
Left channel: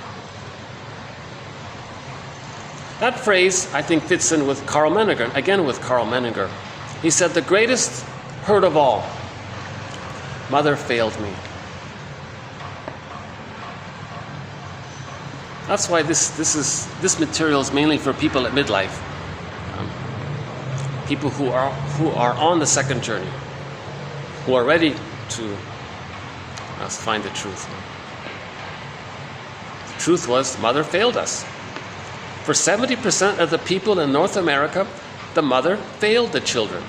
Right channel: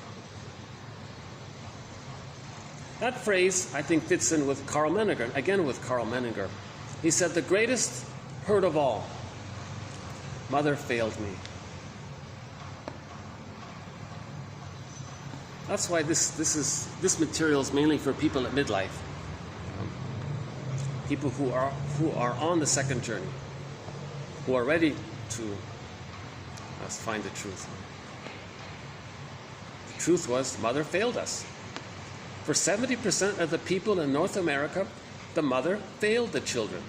That phrase, I think, fits in with Karl Menninger, again with Karl Menninger. He said, the greatest hurt of all, mother failed me. That's why this material is mainly for people at midlife, people who are on the second journey, who are ready to find the truth. The truth was, mother failed us. For 70% of the people in North America, the mother failed the children.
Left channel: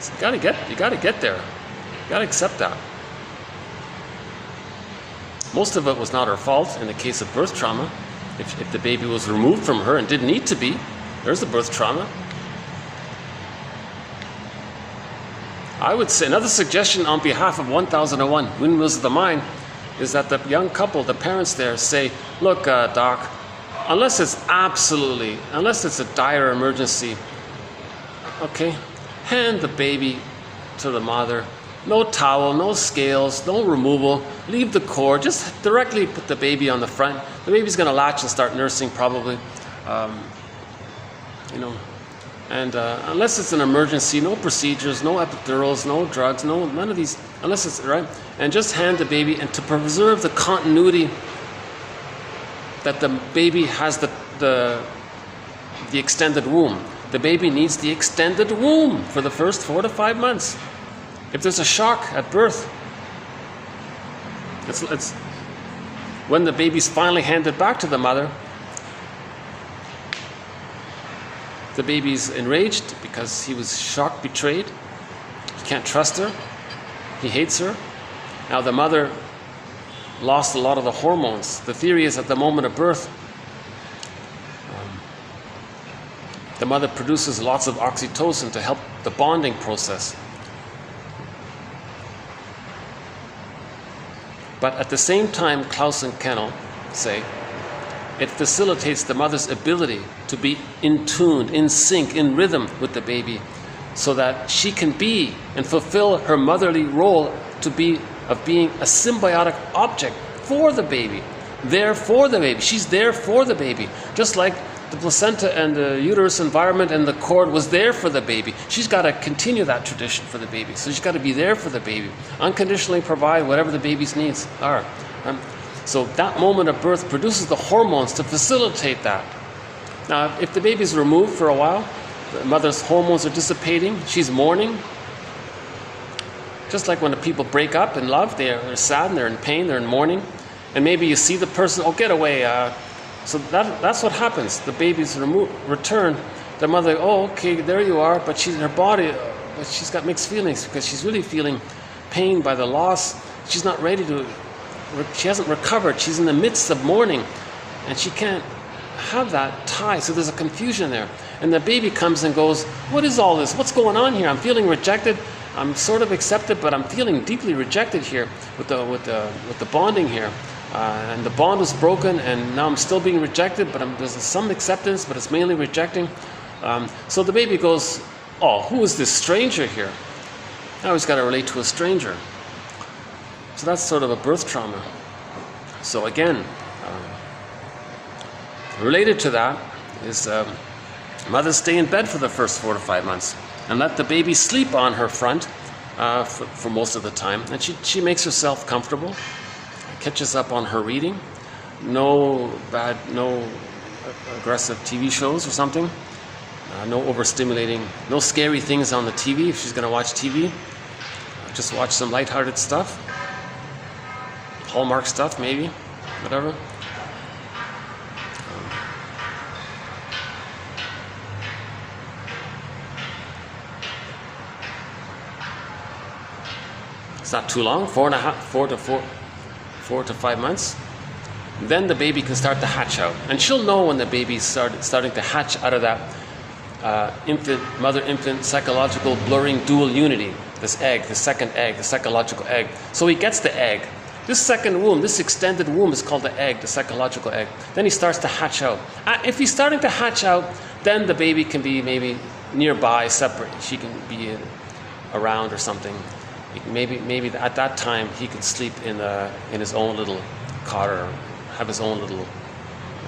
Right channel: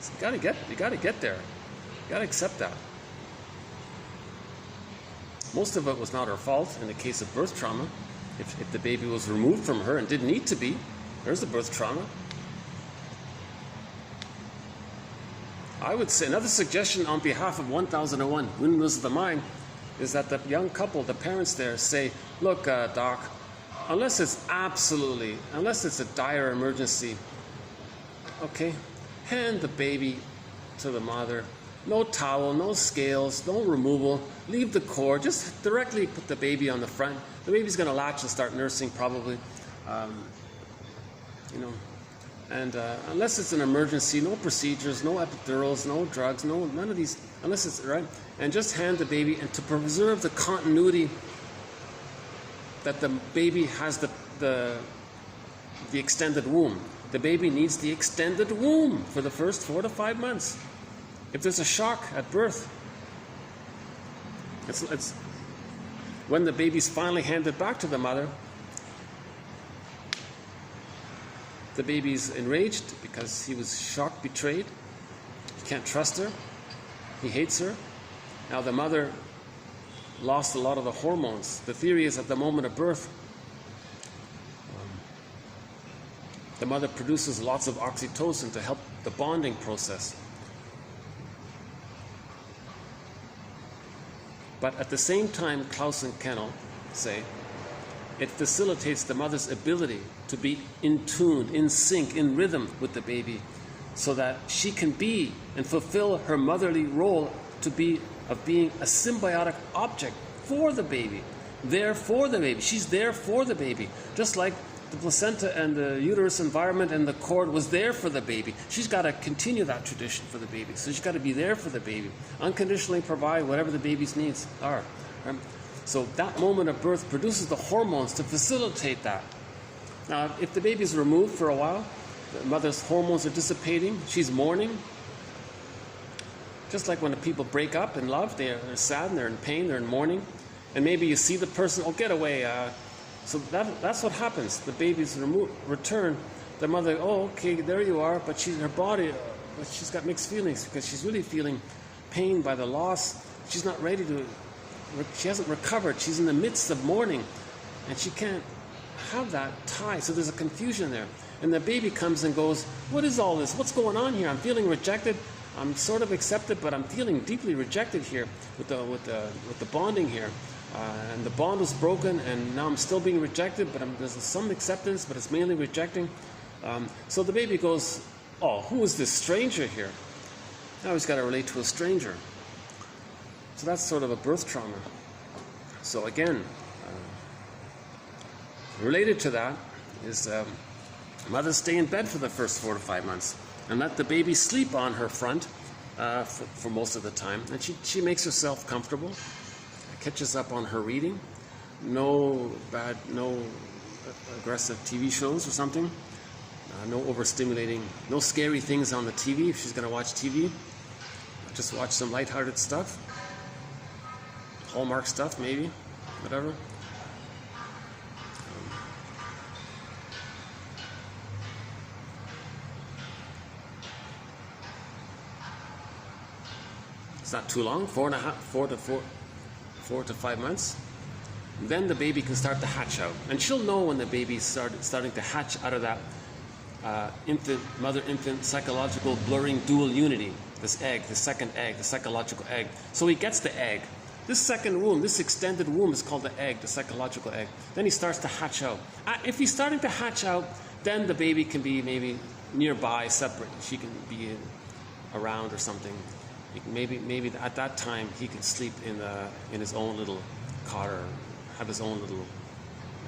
So you gotta get there. You gotta accept that. Most of it was not her fault in the case of birth trauma. If the baby was removed from her and didn't need to be, there's the birth trauma. I would say another suggestion on behalf of 1001 Windmills of the Mind is that the young couple, the parents there, say, look, doc, unless it's a dire emergency, okay, hand the baby to the mother. No towel, no scales, no removal, leave the cord, just directly put the baby on the front. The baby's gonna latch and start nursing probably, and unless it's an emergency, no procedures, no epidurals, no drugs, none of these, unless it's, right? And just hand the baby, and to preserve the continuity that the baby has the extended womb. The baby needs the extended womb for the first 4 to 5 months. If there's a shock at birth, it's when the baby's finally handed back to the mother, the baby's enraged because he was shocked, betrayed. He can't trust her. He hates her. Now the mother lost a lot of the hormones. The theory is at the moment of birth, the mother produces lots of oxytocin to help the bonding process. But at the same time, Klaus and Kennel say, it facilitates the mother's ability to be in tune, in sync, in rhythm with the baby, so that she can be and fulfill her motherly role of being a symbiotic object for the baby, there for the baby. She's there for the baby, just like the placenta and the uterus environment and the cord was there for the baby. She's got to continue that tradition for the baby. So she's got to be there for the baby, unconditionally provide whatever the baby's needs are. So that moment of birth produces the hormones to facilitate that. Now, if the baby's removed for a while, the mother's hormones are dissipating, she's mourning. Just like when the people break up in love, they're sad and they're in pain, they're in mourning. And maybe you see the person, oh, get away. So that's what happens. The baby's returned. The mother, oh, okay, there you are. But her body, she's got mixed feelings because she's really feeling pain by the loss. She's not ready to, she hasn't recovered. She's in the midst of mourning. And she can't have that tie. So there's a confusion there. And the baby comes and goes, what is all this? What's going on here? I'm feeling rejected. I'm sort of accepted, but I'm feeling deeply rejected here with the bonding here. and the bond was broken, and now I'm still being rejected, but there's some acceptance, but it's mainly rejecting. So the baby goes, oh, who is this stranger here? I always got to relate to a stranger. So that's sort of a birth trauma. So again, related to that is mothers stay in bed for the first 4 to 5 months and let the baby sleep on her front for most of the time. And she makes herself comfortable, catches up on her reading. No aggressive TV shows or something. No overstimulating, no scary things on the TV if she's going to watch TV. Just watch some lighthearted stuff. Hallmark stuff, maybe, whatever. It's not too long, 4 to 5 months. Then the baby can start to hatch out. And she'll know when the baby's starting to hatch out of that mother-infant psychological blurring dual unity. This egg, the second egg, the psychological egg. So he gets the egg. This second womb, this extended womb is called the egg, the psychological egg. Then he starts to hatch out. If he's starting to hatch out, then the baby can be maybe nearby, separate. She can be around or something. Maybe at that time he can sleep in his own little cot or have his own little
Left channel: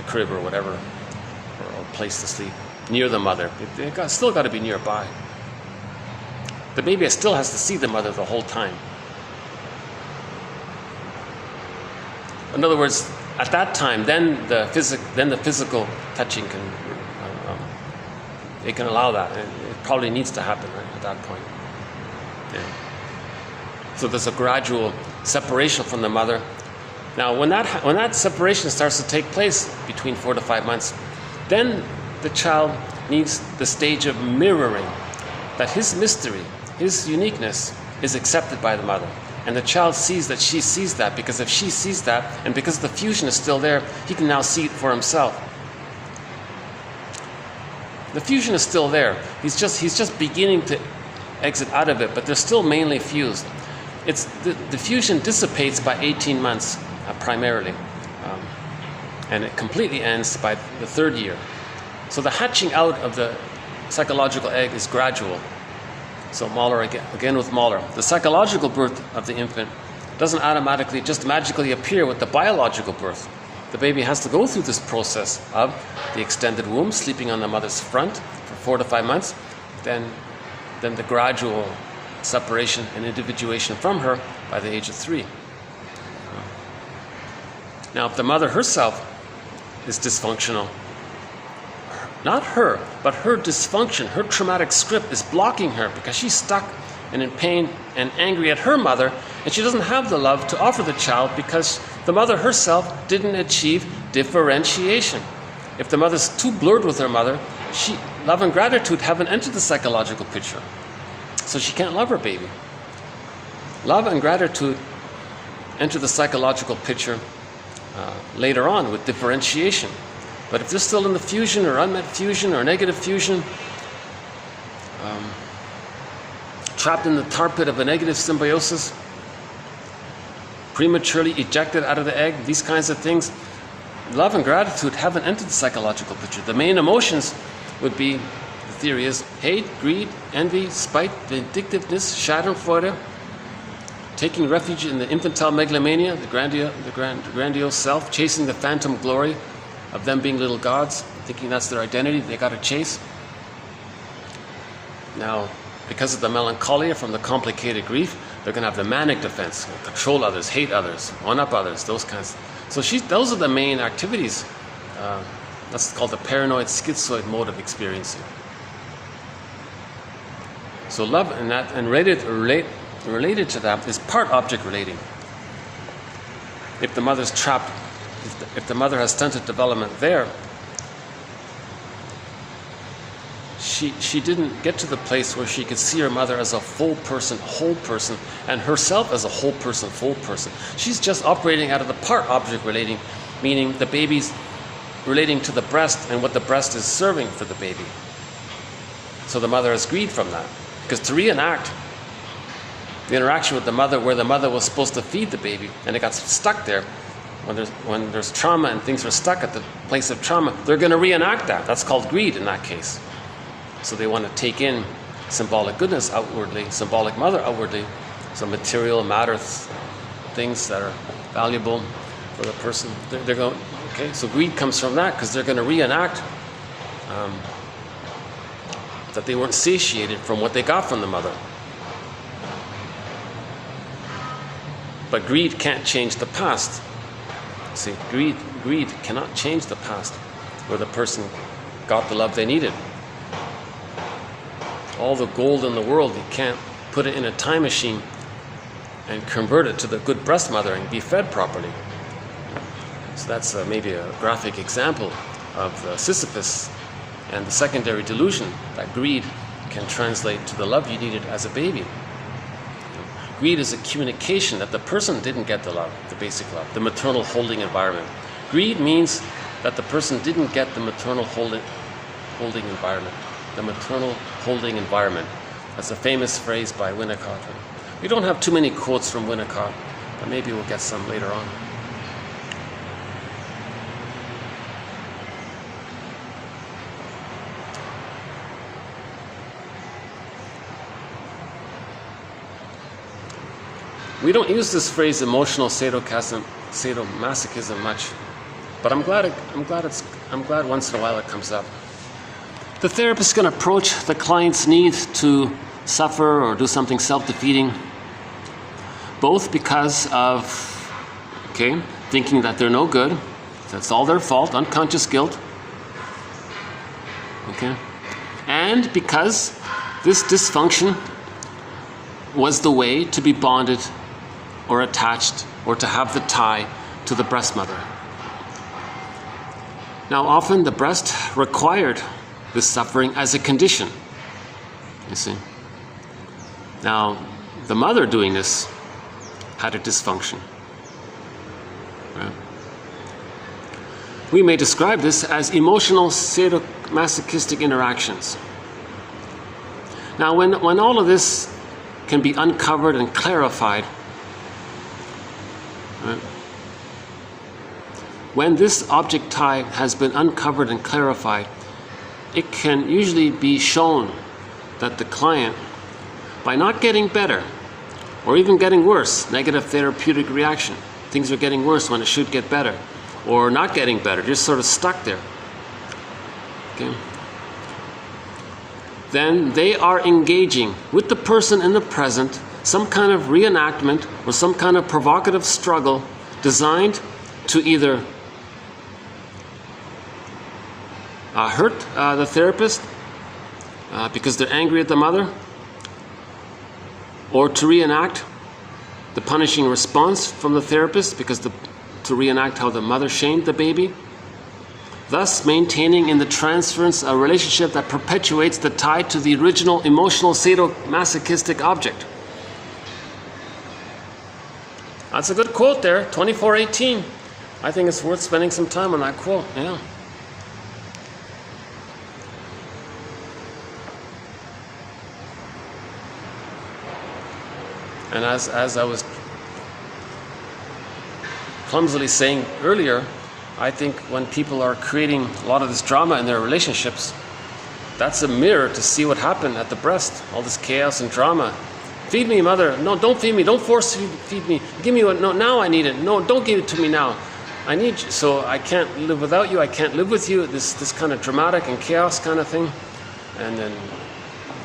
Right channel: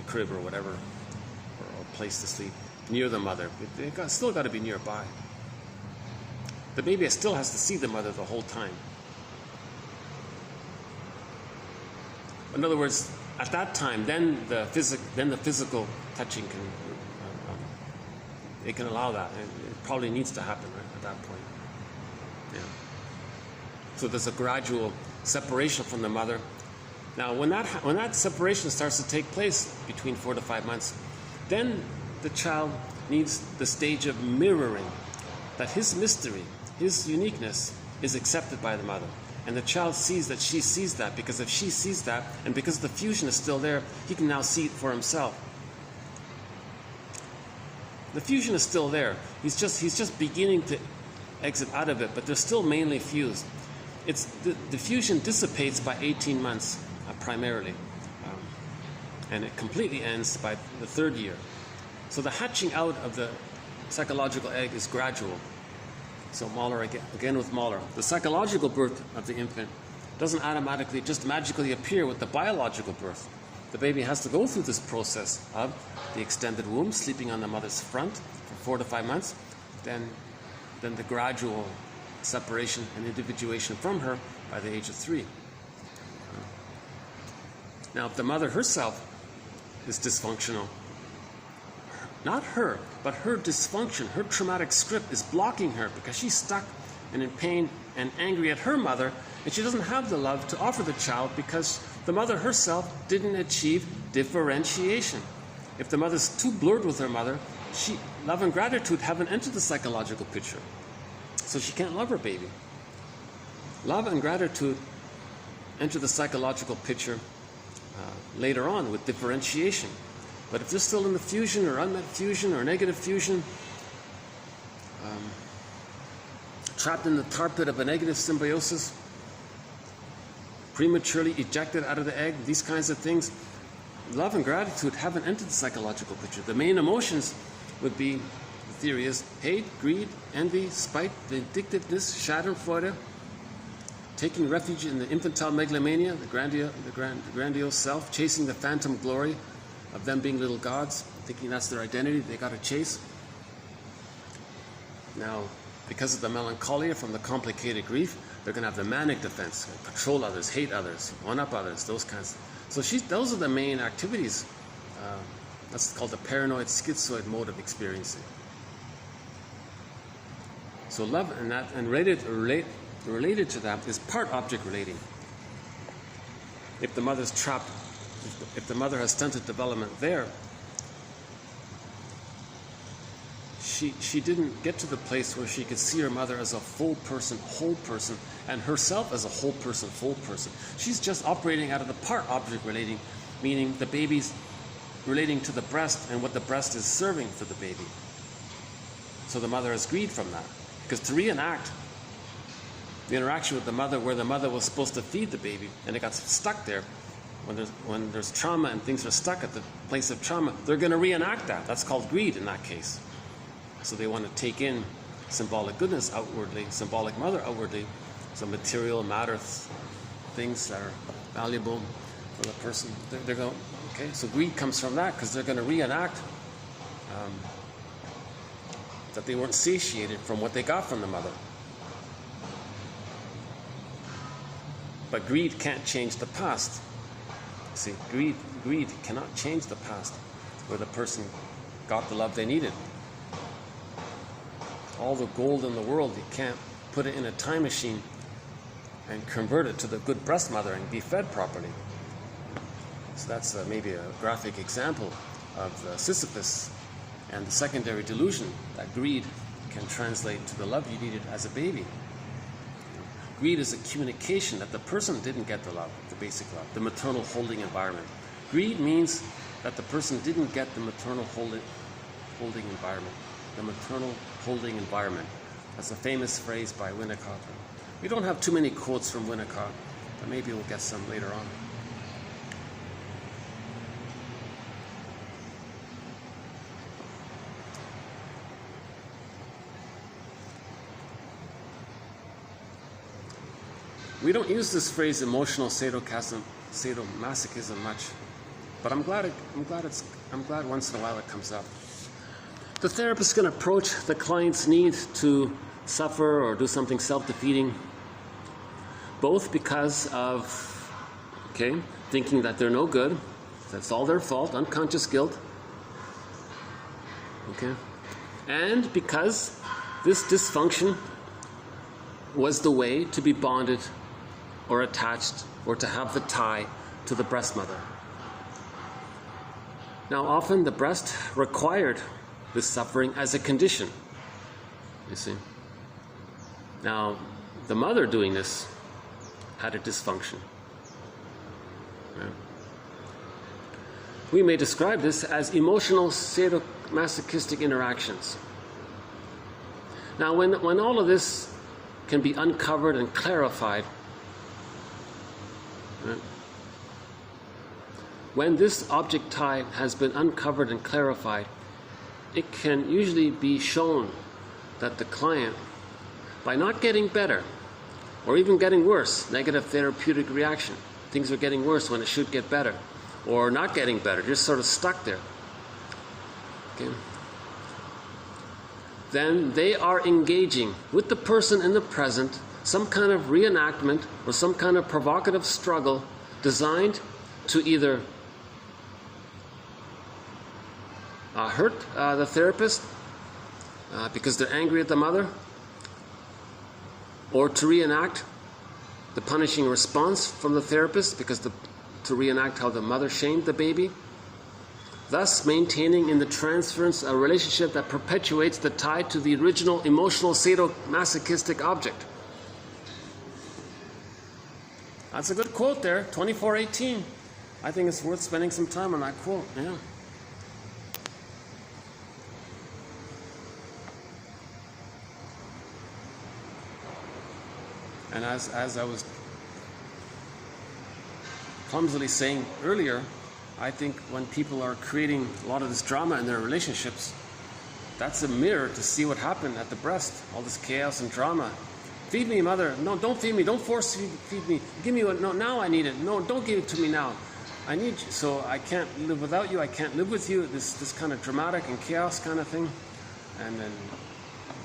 crib or whatever, or place to sleep near the mother. Still got to be nearby. The baby still has to see the mother the whole time. In other words, at that time, then the physical touching can they can allow that, and it probably needs to happen right at that point. Yeah. So there's a gradual separation from the mother. Now, when that separation starts to take place between 4 to 5 months, then the child needs the stage of mirroring, that his mystery, his uniqueness, is accepted by the mother. And the child sees that she sees that, because if she sees that, and because the fusion is still there, he can now see it for himself. The fusion is still there. He's just beginning to exit out of it, but they're still mainly fused. The fusion dissipates by 18 months, primarily. And it completely ends by the 3rd year. So the hatching out of the psychological egg is gradual. So Mahler, again with Mahler, the psychological birth of the infant doesn't automatically just magically appear with the biological birth. The baby has to go through this process of the extended womb, sleeping on the mother's front for 4 to 5 months, then the gradual separation and individuation from her by the age of 3. Now, if the mother herself is dysfunctional, not her, but her dysfunction, her traumatic script is blocking her because she's stuck and in pain and angry at her mother, and she doesn't have the love to offer the child because the mother herself didn't achieve differentiation. If the mother's too blurred with her mother, love and gratitude haven't entered the psychological picture, so she can't love her baby. Love and gratitude enter the psychological picture later on with differentiation. But if they're still in the fusion or unmet fusion or negative fusion, trapped in the tar pit of a negative symbiosis, prematurely ejected out of the egg, these kinds of things, love and gratitude haven't entered the psychological picture. The main emotions would be, the theory is, hate, greed, envy, spite, vindictiveness, schadenfreude, taking refuge in the infantile megalomania, the grandiose self, chasing the phantom glory of them being little gods, thinking that's their identity they got to chase. Now, because of the melancholia from the complicated grief, they're going to have the manic defense, control others, hate others, one-up others, those kinds. So those are the main activities. That's called the paranoid schizoid mode of experiencing. So love and related to that is part-object relating. If the mother's trapped, if the mother has stunted development there, she didn't get to the place where she could see her mother as a full person, whole person, and herself as a whole person, full person. She's just operating out of the part-object relating, meaning the baby's relating to the breast and what the breast is serving for the baby. So the mother has greed from that. Because to reenact the interaction with the mother where the mother was supposed to feed the baby and it got stuck there, when there's trauma and things are stuck at the place of trauma, they're going to reenact that. That's called greed in that case. So they want to take in symbolic goodness outwardly, symbolic mother outwardly, some material matter things that are valuable for the person. They're going, okay, so greed comes from that because they're going to reenact that they weren't satiated from what they got from the mother. But greed can't change the past. See, greed cannot change the past where the person got the love they needed. All the gold in the world, you can't put it in a time machine and convert it to the good breast mother and be fed properly. So that's maybe a graphic example of Sisyphus and the secondary delusion that greed can translate to the love you needed as a baby. Greed is a communication that the person didn't get the love, the basic love, the maternal holding environment. Greed means that the person didn't get the maternal holding environment. The maternal holding environment. That's a famous phrase by Winnicott. We don't have too many quotes from Winnicott, but maybe we'll get some later on. We don't use this phrase emotional sadomasochism much, but I'm glad once in a while it comes up. The therapist is going to approach the client's need to suffer or do something self-defeating, both because of thinking that they're no good, that's all their fault, unconscious guilt, and because this dysfunction was the way to be bonded or attached or to have the tie to the breast mother. Now, often the breast required this suffering as a condition, you see. Now, the mother doing this had a dysfunction. Right? We may describe this as emotional sadomasochistic interactions. Now, when all of this can be uncovered and clarified, right? When this object tie has been uncovered and clarified, it can usually be shown that the client, by not getting better or even getting worse, negative therapeutic reaction, things are getting worse when it should get better, or not getting better, just sort of stuck there, then they are engaging with the person in the present, some kind of reenactment or some kind of provocative struggle designed to either hurt the therapist because they're angry at the mother, or to reenact the punishing response from the therapist because to reenact how the mother shamed the baby, thus maintaining in the transference a relationship that perpetuates the tie to the original emotional sadomasochistic object. That's a good quote there, 2418. I think it's worth spending some time on that quote, yeah. And as I was clumsily saying earlier, I think when people are creating a lot of this drama in their relationships, that's a mirror to see what happened at the breast, all this chaos and drama. Feed me, mother. No, don't feed me. Don't force feed me. Give me what? No, now I need it. No, don't give it to me now. I need you. So I can't live without you. I can't live with you. This kind of dramatic and chaos kind of thing. And then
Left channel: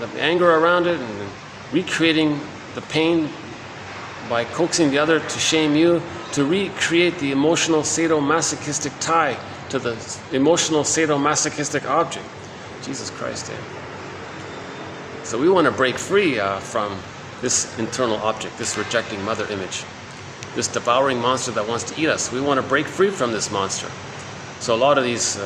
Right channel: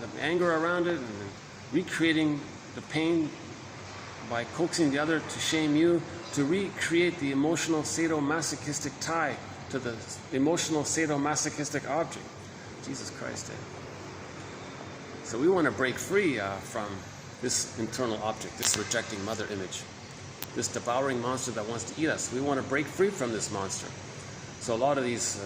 the anger around it and recreating the pain by coaxing the other to shame you, to recreate the emotional sadomasochistic tie to the emotional sadomasochistic object. Jesus Christ, So we want to break free from this internal object, this rejecting mother image, this devouring monster that wants to eat us. We want to break free from this monster. So a lot of these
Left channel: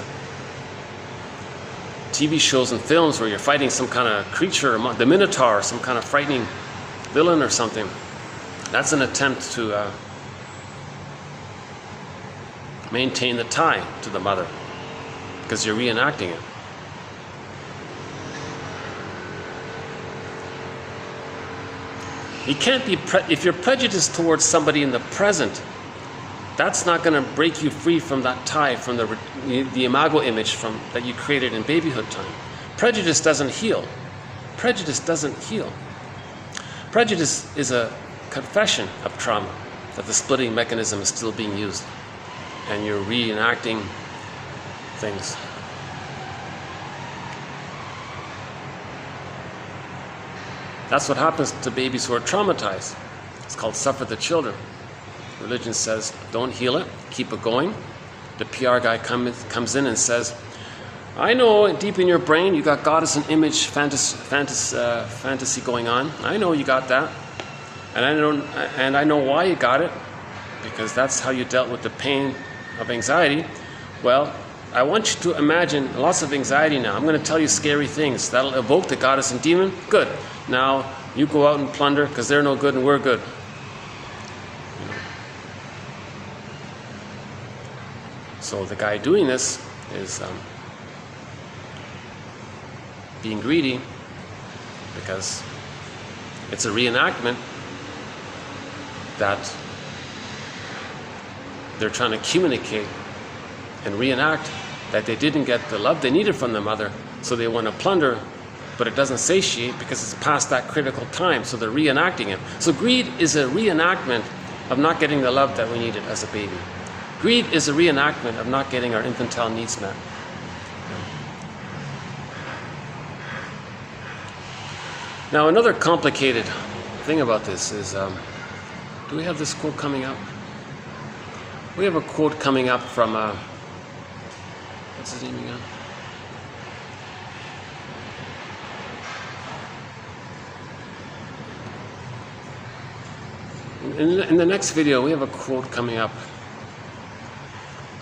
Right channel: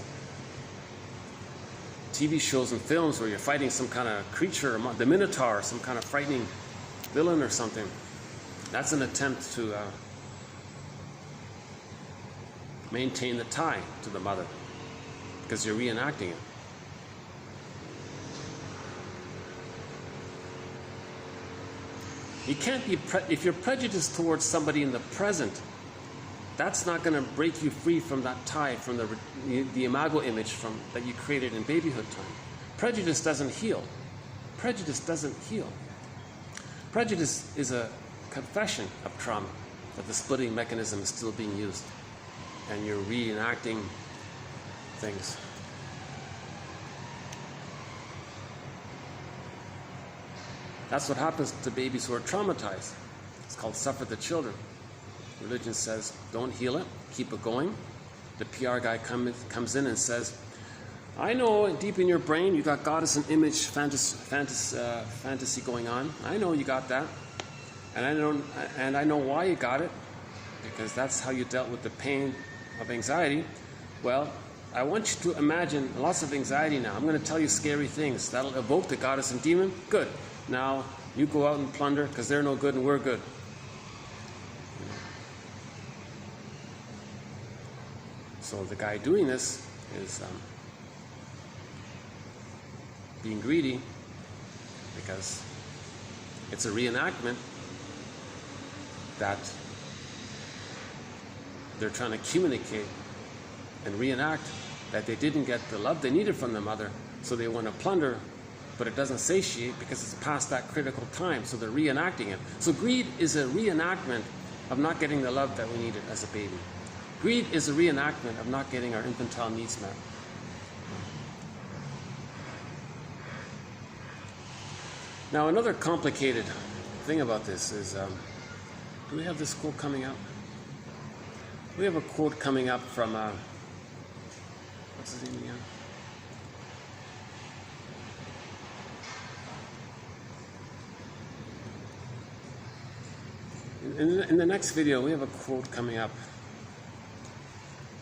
TV shows and films where you're fighting some kind of creature, the Minotaur, some kind of frightening villain or something, that's an attempt to maintain the tie to the mother because you're reenacting it. You can't be, if you're prejudiced towards somebody in the present, that's not going to break you free from that tie, from the imago image that you created in babyhood time. Prejudice doesn't heal. Prejudice doesn't heal. Prejudice is a confession of trauma, that the splitting mechanism is still being used, and you're reenacting things. That's what happens to babies who are traumatized. It's called suffer the children. Religion says, don't heal it, keep it going. The PR guy comes in and says, I know deep in your brain you got goddess and image fantasy going on. I know you got that. And I know why you got it, because that's how you dealt with the pain of anxiety. Well, I want you to imagine lots of anxiety now. I'm going to tell you scary things. That'll evoke the goddess and demon. Good. Now you go out and plunder because they're no good and we're good. So the guy doing this is being greedy because it's a reenactment that they're trying to communicate and reenact that they didn't get the love they needed from the mother, so they want to plunder, but it doesn't satiate because it's past that critical time, so they're reenacting it. So greed is a reenactment of not getting the love that we needed as a baby. Greed is a reenactment of not getting our infantile needs met. Now, another complicated thing about this is, do we have this quote coming up? We have a quote coming up from, what's his name again? In the next video, we have a quote coming up.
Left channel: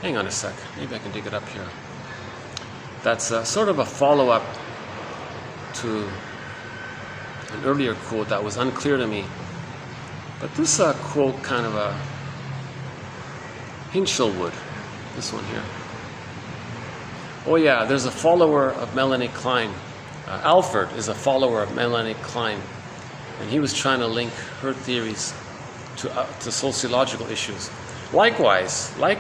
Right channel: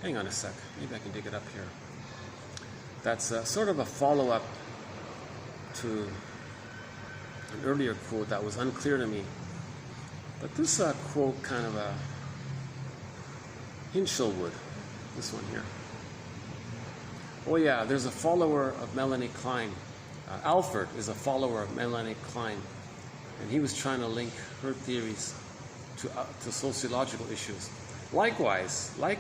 Hang on a sec, maybe I can dig it up here. That's sort of a follow-up to an earlier quote that was unclear to me. But this quote kind of Hinchelwood, this one here. Oh yeah, there's a follower of Melanie Klein. Alford is a follower of Melanie Klein, and he was trying to link her theories to sociological issues. Likewise, like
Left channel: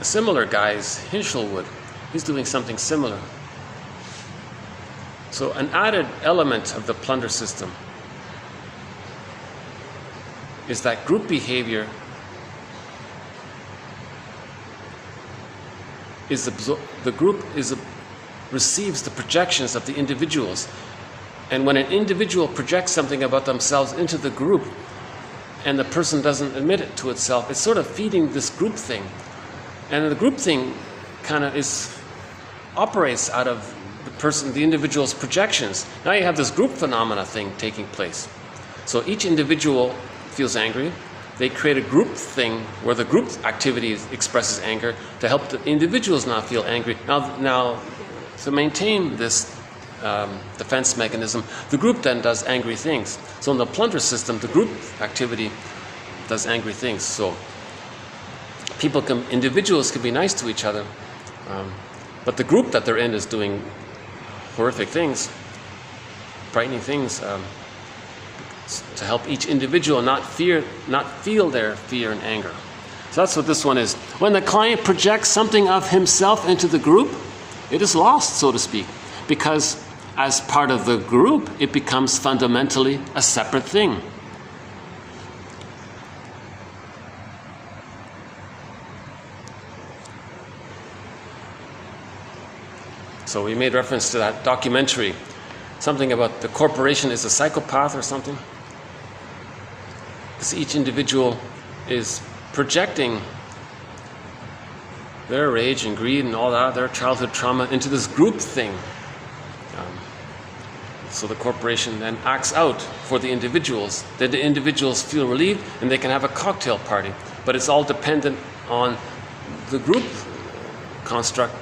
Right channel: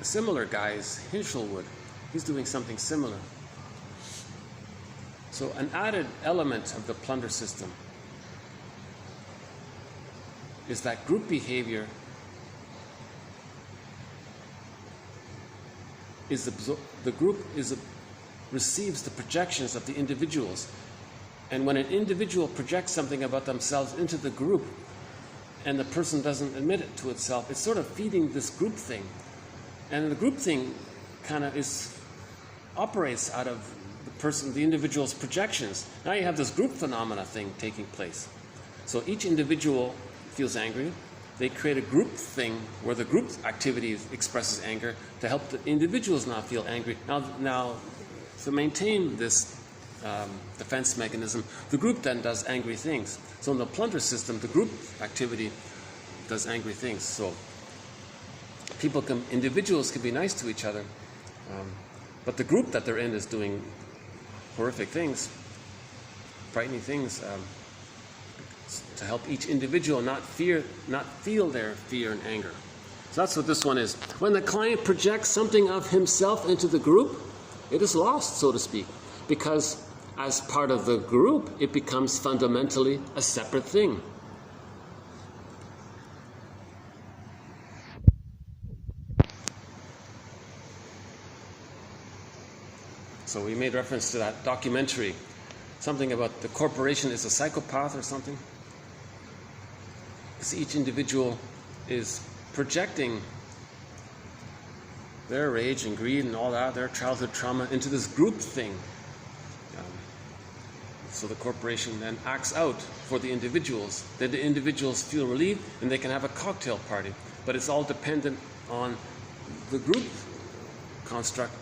a similar guy is Hinchelwood. He's doing something similar. So an added element of the plunder system is that group behavior receives the projections of the individuals. And when an individual projects something about themselves into the group and the person doesn't admit it to itself, it's sort of feeding this group thing. And the group thing kind of operates out of the individual's projections. Now you have this group phenomena thing taking place. So each individual feels angry. They create a group thing where the group activity expresses anger to help the individuals not feel angry. Now to maintain this defense mechanism, the group then does angry things. So in the plunder system, the group activity does angry things. So individuals can be nice to each other, but the group that they're in is doing horrific things, frightening things, to help each individual not feel their fear and anger. So that's what this one is. When the client projects something of himself into the group, it is lost, so to speak, because as part of the group, it becomes fundamentally a separate thing. So we made reference to that documentary, something about the corporation is a psychopath or something. Because each individual is projecting their rage and greed and all that, their childhood trauma, into this group thing. So the corporation then acts out for the individuals. Then the individuals feel relieved and they can have a cocktail party. But it's all dependent on the group construct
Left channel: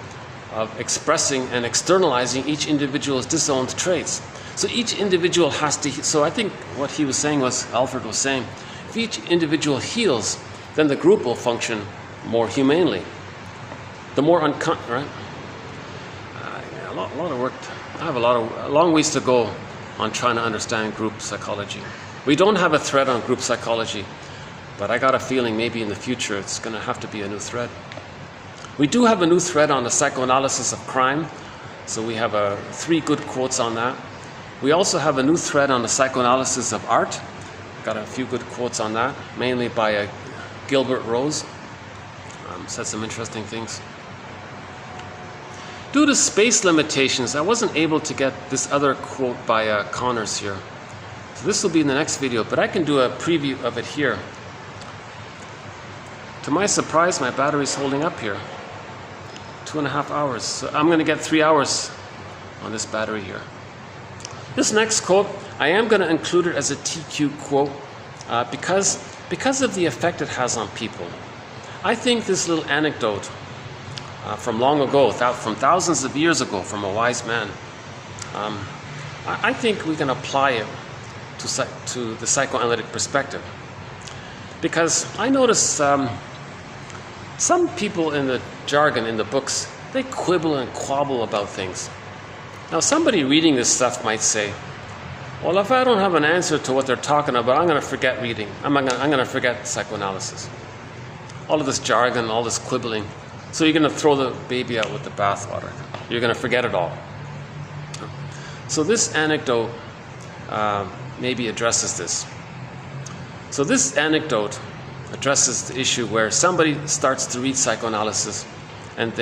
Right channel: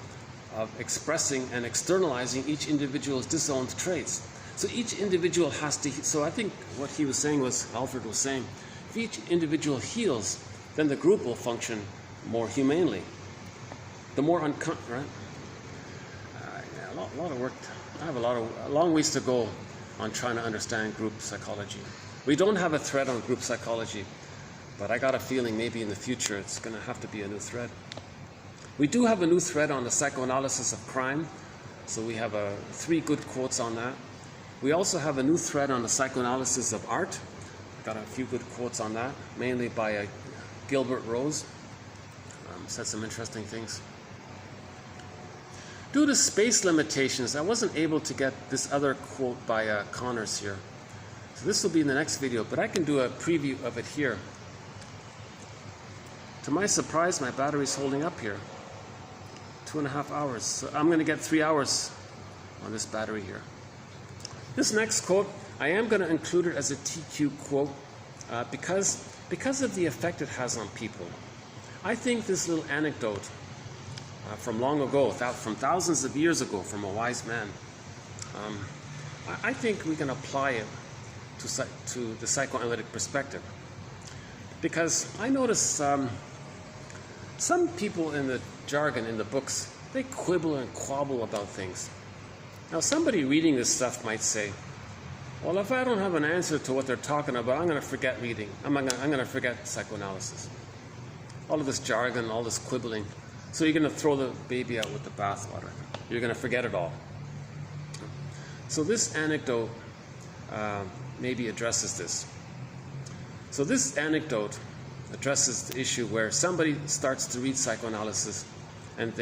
of expressing and externalizing each individual's disowned traits. So each individual has to, so I think what he was saying was, Alfred was saying, if each individual heals, then the group will function more humanely. The more right? A lot of work. I have a long ways to go on trying to understand group psychology. We don't have a thread on group psychology. but I got a feeling maybe in the future it's going to have to be a new thread. We do have a new thread on the psychoanalysis of crime, so we have 3 good quotes on that. We also have a new thread on the psychoanalysis of art. Got a few good quotes on that, mainly by Gilbert Rose. Said some interesting things. Due to space limitations, I wasn't able to get this other quote by Connors here. So this will be in the next video, but I can do a preview of it here. To my surprise, my battery's holding up here. 2.5 hours. So I'm going to get 3 hours on this battery here. This next quote, I am going to include it as a TQ quote because of the effect it has on people. I think this little anecdote from long ago, from thousands of years ago, from a wise man, I think we can apply it to the psychoanalytic perspective. Because I notice some people in the jargon, in the books, they quibble and quabble about things. Now, somebody reading this stuff might say, well, if I don't have an answer to what they're talking about, I'm going to forget reading. I'm going to forget psychoanalysis. All of this jargon, all this quibbling. So you're going to throw the baby out with the bathwater. You're going to forget it all. So this anecdote maybe addresses this. So this anecdote addresses the issue where somebody starts to read psychoanalysis and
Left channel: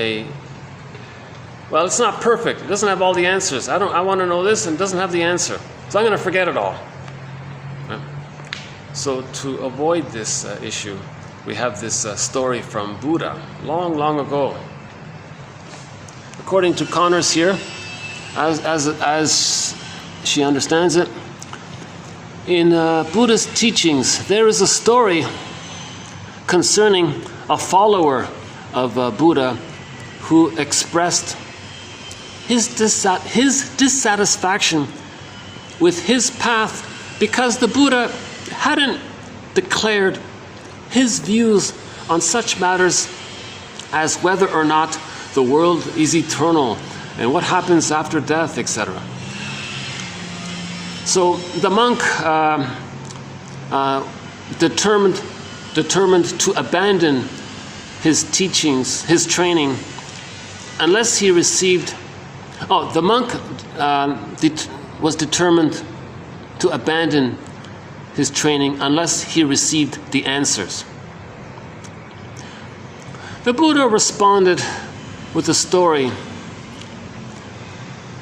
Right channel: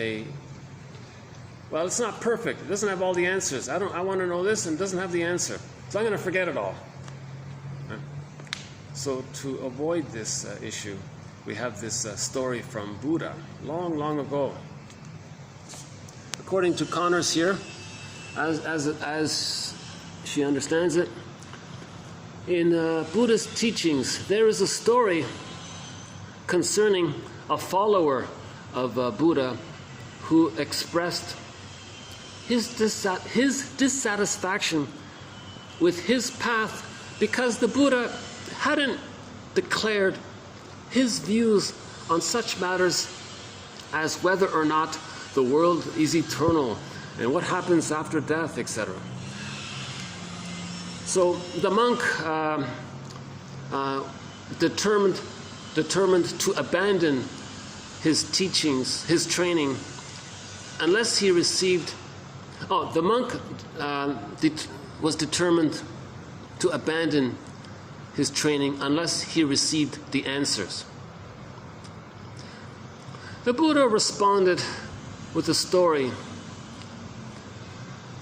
well, it's not perfect. It doesn't have all the answers. I want to know this and it doesn't have the answer. So I'm going to forget it all. So to avoid this issue, we have this story from Buddha, long, long ago. According to Connors here, as she understands it, in Buddha's teachings, there is a story concerning a follower of Buddha who expressed his dissatisfaction with his path because the Buddha hadn't declared his views on such matters as whether or not the world is eternal and what happens after death, etc. So the monk determined to abandon his teachings, his training, unless he received. The monk was determined to abandon his training unless he received the answers. The Buddha responded with a story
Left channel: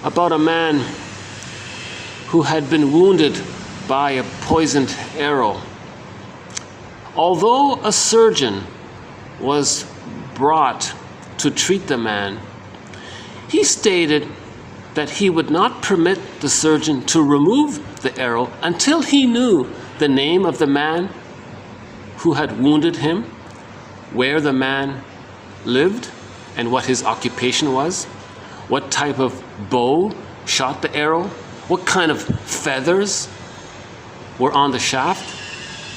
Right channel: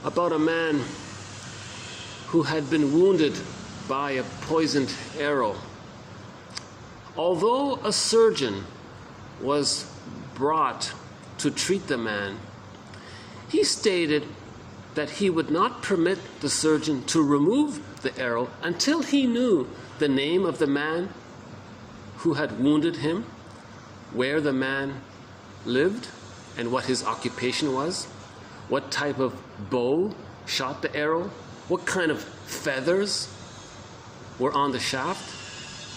about a man who had been wounded by a poisoned arrow. Although a surgeon was brought to treat the man, he stated that he would not permit the surgeon to remove the arrow until he knew the name of the man who had wounded him, where the man lived, and what his occupation was, what type of bow shot the arrow, what kind of feathers were on the shaft,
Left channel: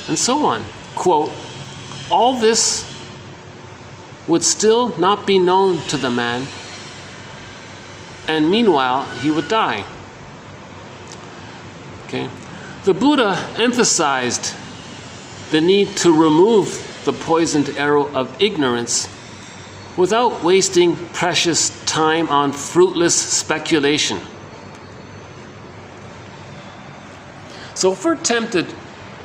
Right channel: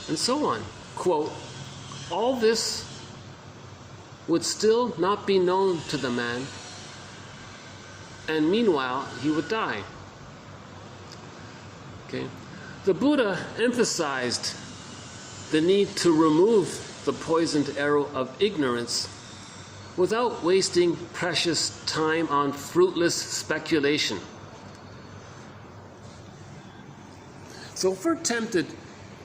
and so on. Quote, all this would still not be known to the man, and meanwhile he would die. Okay. The Buddha emphasized the need to remove the poisoned arrow of ignorance without wasting precious time on fruitless speculation. So if we're tempted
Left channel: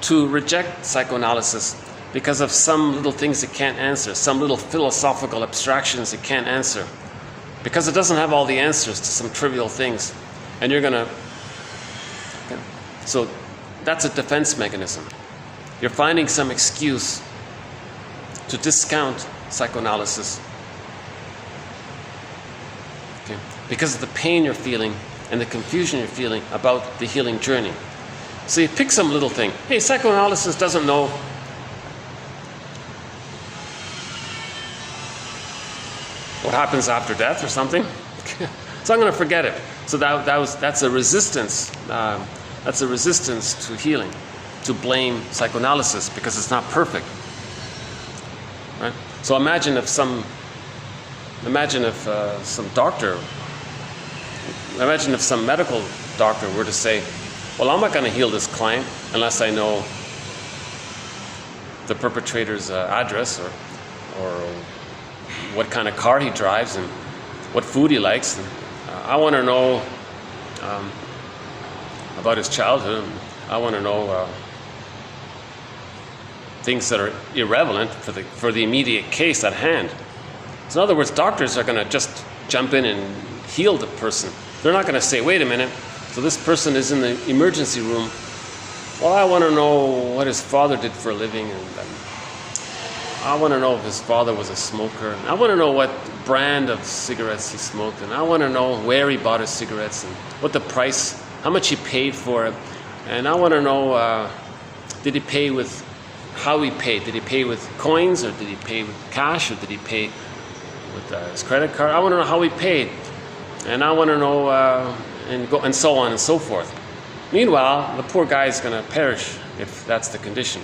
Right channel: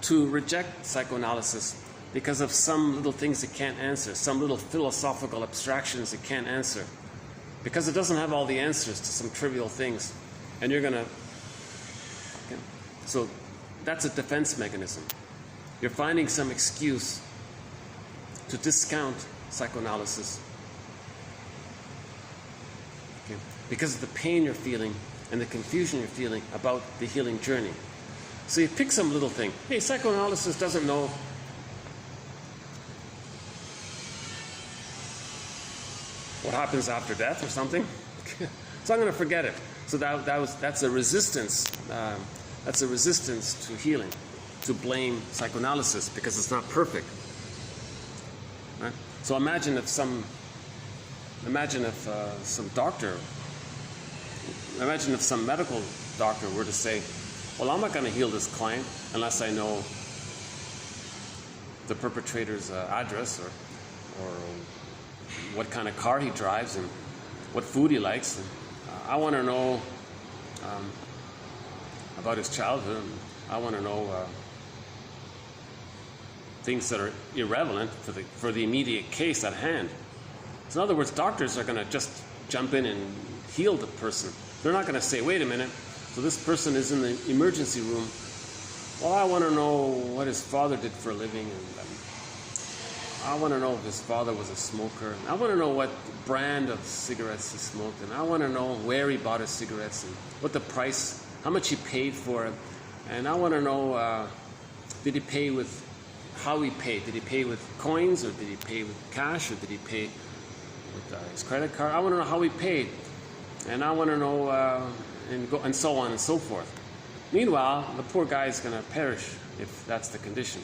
to reject psychoanalysis because of some little things it can't answer, some little philosophical abstractions it can't answer, because it doesn't have all the answers to some trivial things, and you're gonna... Okay. So that's a defense mechanism. You're finding some excuse to discount psychoanalysis, okay, because of the pain you're feeling and the confusion you're feeling about the healing journey. So you pick some little thing. Hey, psychoanalysis doesn't know what happens after death or something. So I'm going to forget it. So that's a resistance. That's a resistance to healing, to blame psychoanalysis because it's not perfect. Right? So imagine if some medical doctor were to say, well, I'm not going to heal this client unless I know the perpetrator's address or what kind of car he drives and what food he likes. And, I want to know about his childhood. I want to know things that are irrelevant for the immediate case at hand. So in other words, doctors are going to just jump in and heal the person. They're not going to say, wait a minute, so this person is in the emergency room. Well, I want to know what his father did for a living, and I want to know if his father was a smoker. I want to know what brand of cigarettes he smoked, and I want to know where he bought his cigarettes and what the price, how much he paid for it. And I want to know, did he pay with, how he paid? Did he pay with coins, or did he pay with cash, or did he pay with his credit card? I want to know how he paid, and I want to know, and so on and so forth. Meanwhile, the poor guy is going to perish if that's the condition.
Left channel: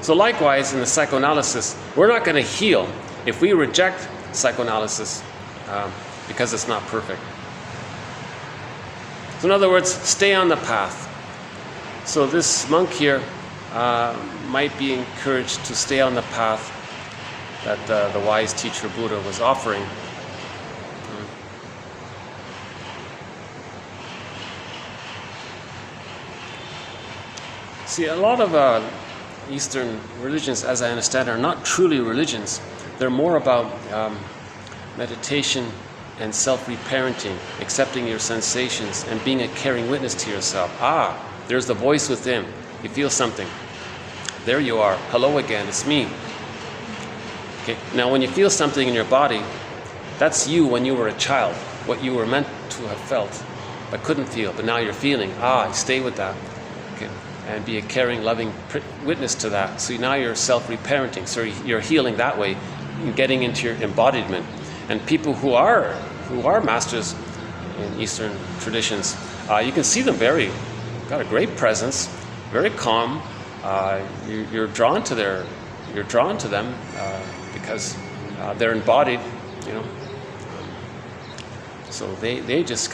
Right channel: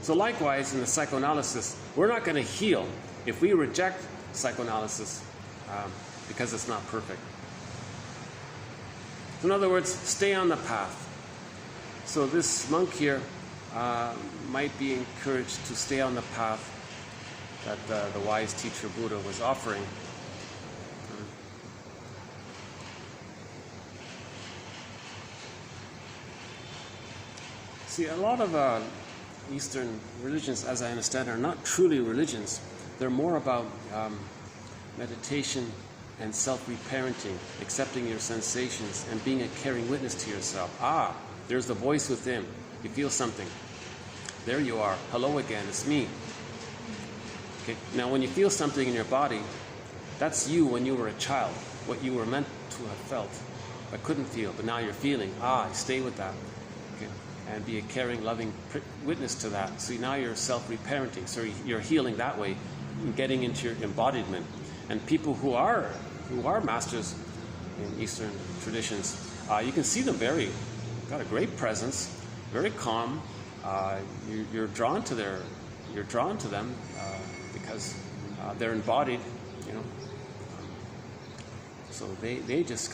So likewise, in the psychoanalysis, we're not going to heal if we reject psychoanalysis because it's not perfect. So in other words, stay on the path. So this monk here might be encouraged to stay on the path that the wise teacher Buddha was offering. See, a lot of Eastern religions, as I understand, are not truly religions. They're more about meditation and self-reparenting, accepting your sensations, and being a caring witness to yourself. Ah, there's the voice within. You feel something. There you are. Hello again, it's me. Okay. Now, when you feel something in your body, that's you when you were a child, what you were meant to have felt, but couldn't feel, but now you're feeling. Ah, stay with that. Okay. And be a caring, loving witness to that. So now you're self-reparenting. So you're healing that way, getting into your embodiment. And people who are masters in Eastern traditions, you can see them got a great presence, very calm. You're drawn to them because they're embodied, you know. So they just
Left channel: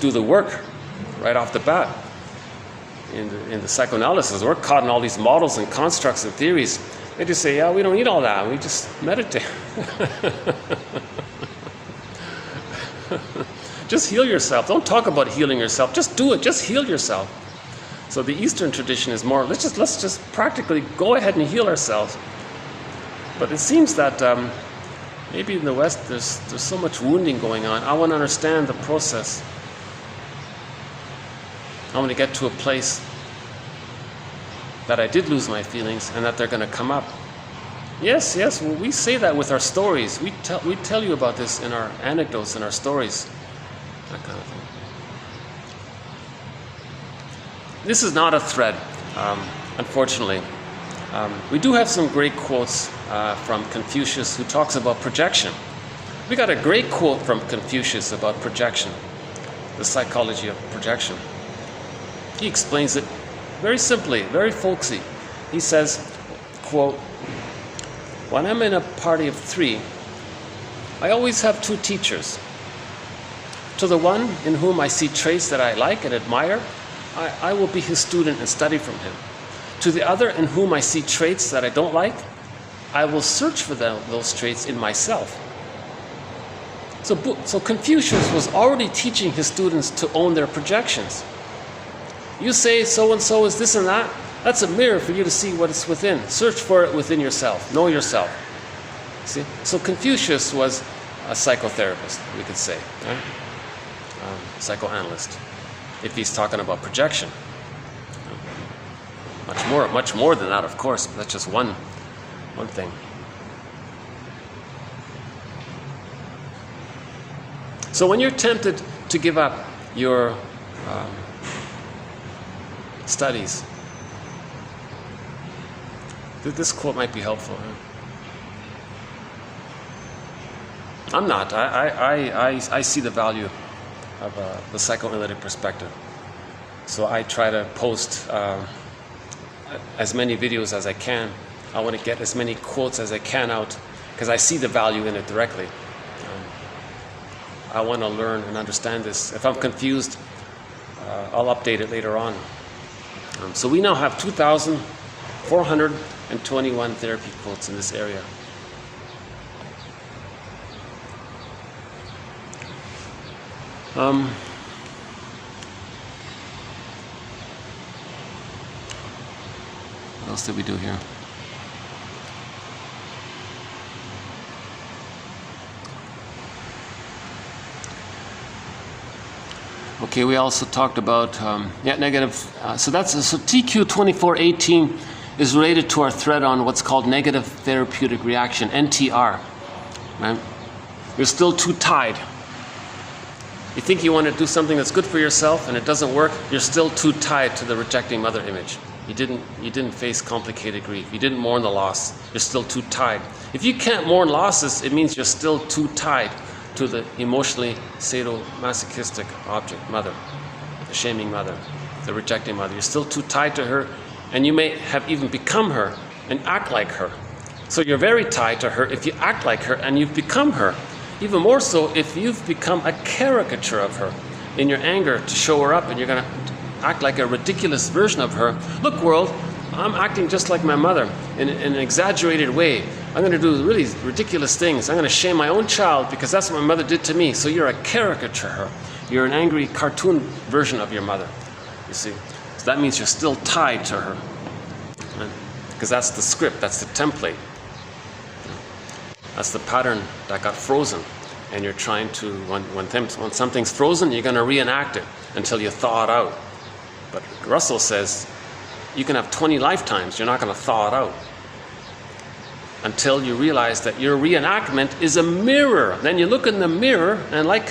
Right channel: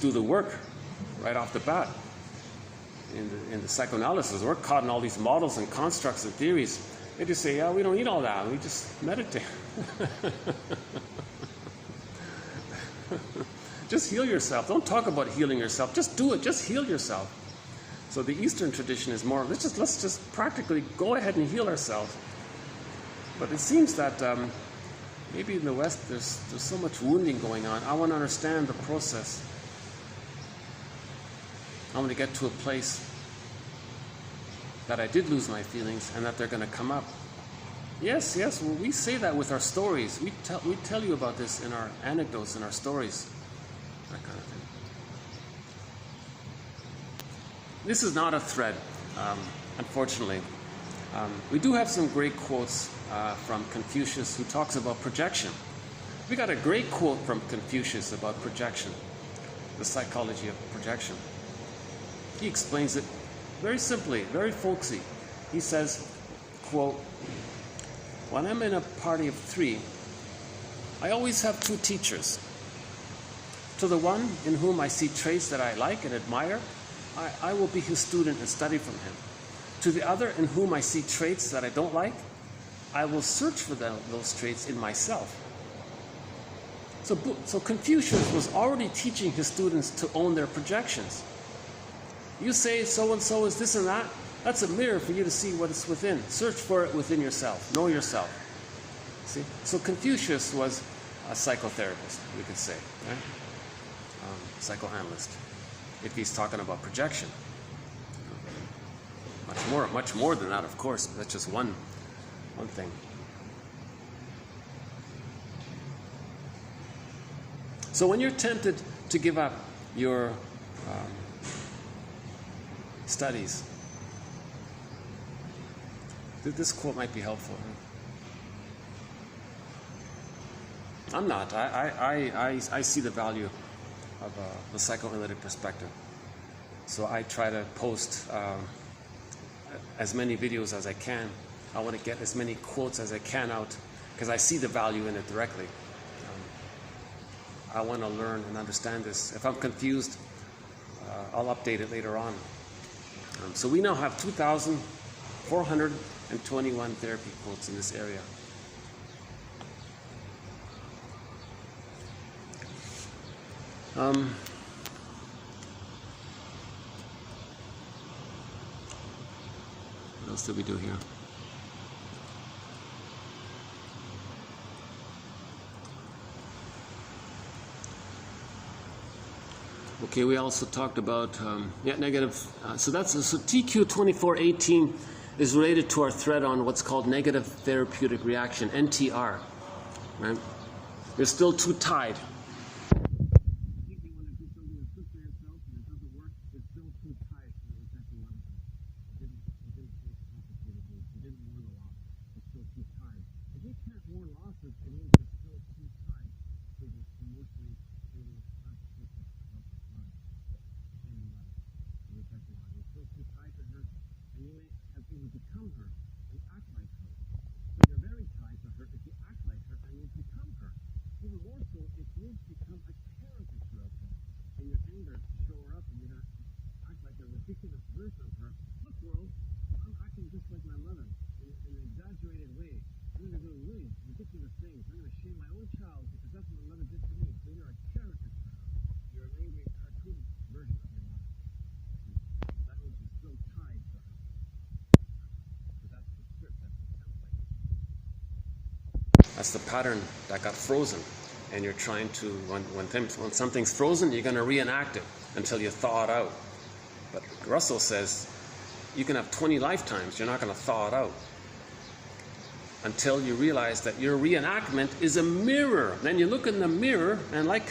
do the work right off the bat. In the psychoanalysis, we're caught in all these models and constructs and theories. They just say, yeah, we don't need all that. We just meditate. Just heal yourself. Don't talk about healing yourself. Just do it. Just heal yourself. So the Eastern tradition is more, let's just practically go ahead and heal ourselves. But it seems that maybe in the West there's so much wounding going on. I want to understand the process. I want to get to a place that I did lose my feelings and that they're going to come up. Yes, well, we say that with our stories. We tell you about this in our anecdotes and our stories. That kind of thing. This is not a thread, unfortunately. We do have some great quotes from Confucius, who talks about projection. We got a great quote from Confucius about projection, the psychology of projection. He explains it very simply, very folksy. He says, quote, "When I'm in a party of 3, I always have 2 teachers. To the one in whom I see traits that I like and admire, I will be his student and study from him. To the other in whom I see traits that I don't like, I will search for those traits in myself." So Confucius was already teaching his students to own their projections. You say so-and-so is this and that, that's a mirror for you to see what is within. Search for it within yourself. Know yourself. See? So Confucius was a psychotherapist, we could say. Right? Psychoanalyst, if he's talking about projection. Much more than that, of course, but that's just one thing. So when you're tempted to give up your studies, this quote might be helpful. I'm not. I see the value of the psychoanalytic perspective. So I try to post as many videos as I can. I want to get as many quotes as I can out because I see the value in it directly. I want to learn and understand this. If I'm confused, I'll update it later on. So we now have 2,421 therapy quotes in this area. What else did we do here? Okay, we also talked about negative. So TQ 2418 is related to our thread on what's called negative therapeutic reaction, NTR. Right? You're still too tied. You think you want to do something that's good for yourself and it doesn't work, you're still too tied to the rejecting mother image. You didn't face complicated grief. You didn't mourn the loss. You're still too tied. If you can't mourn losses, it means you're still too tied to the emotionally sadomasochistic object, mother, the shaming mother, the rejecting mother. You're still too tied to her, and you may have even become her and act like her. So you're very tied to her if you act like her and you've become her. Even more so if you've become a caricature of her in your anger to show her up, and you're going to act like a ridiculous version of her. Look, world, I'm acting just like my mother in an exaggerated way. I'm going to do really ridiculous things. I'm going to shame my own child because that's what my mother did to me. So you're a caricature of her. You're an angry cartoon version of your mother, you see. So that means you're still tied to her. Right? Because that's the script, that's the template. That's the pattern that got frozen. And you're trying to, when something's frozen, you're going to reenact it until you thaw it out. But Russell says, you can have 20 lifetimes, you're not going to thaw it out. Until you realize that your reenactment is a mirror. Then you look in the mirror, and like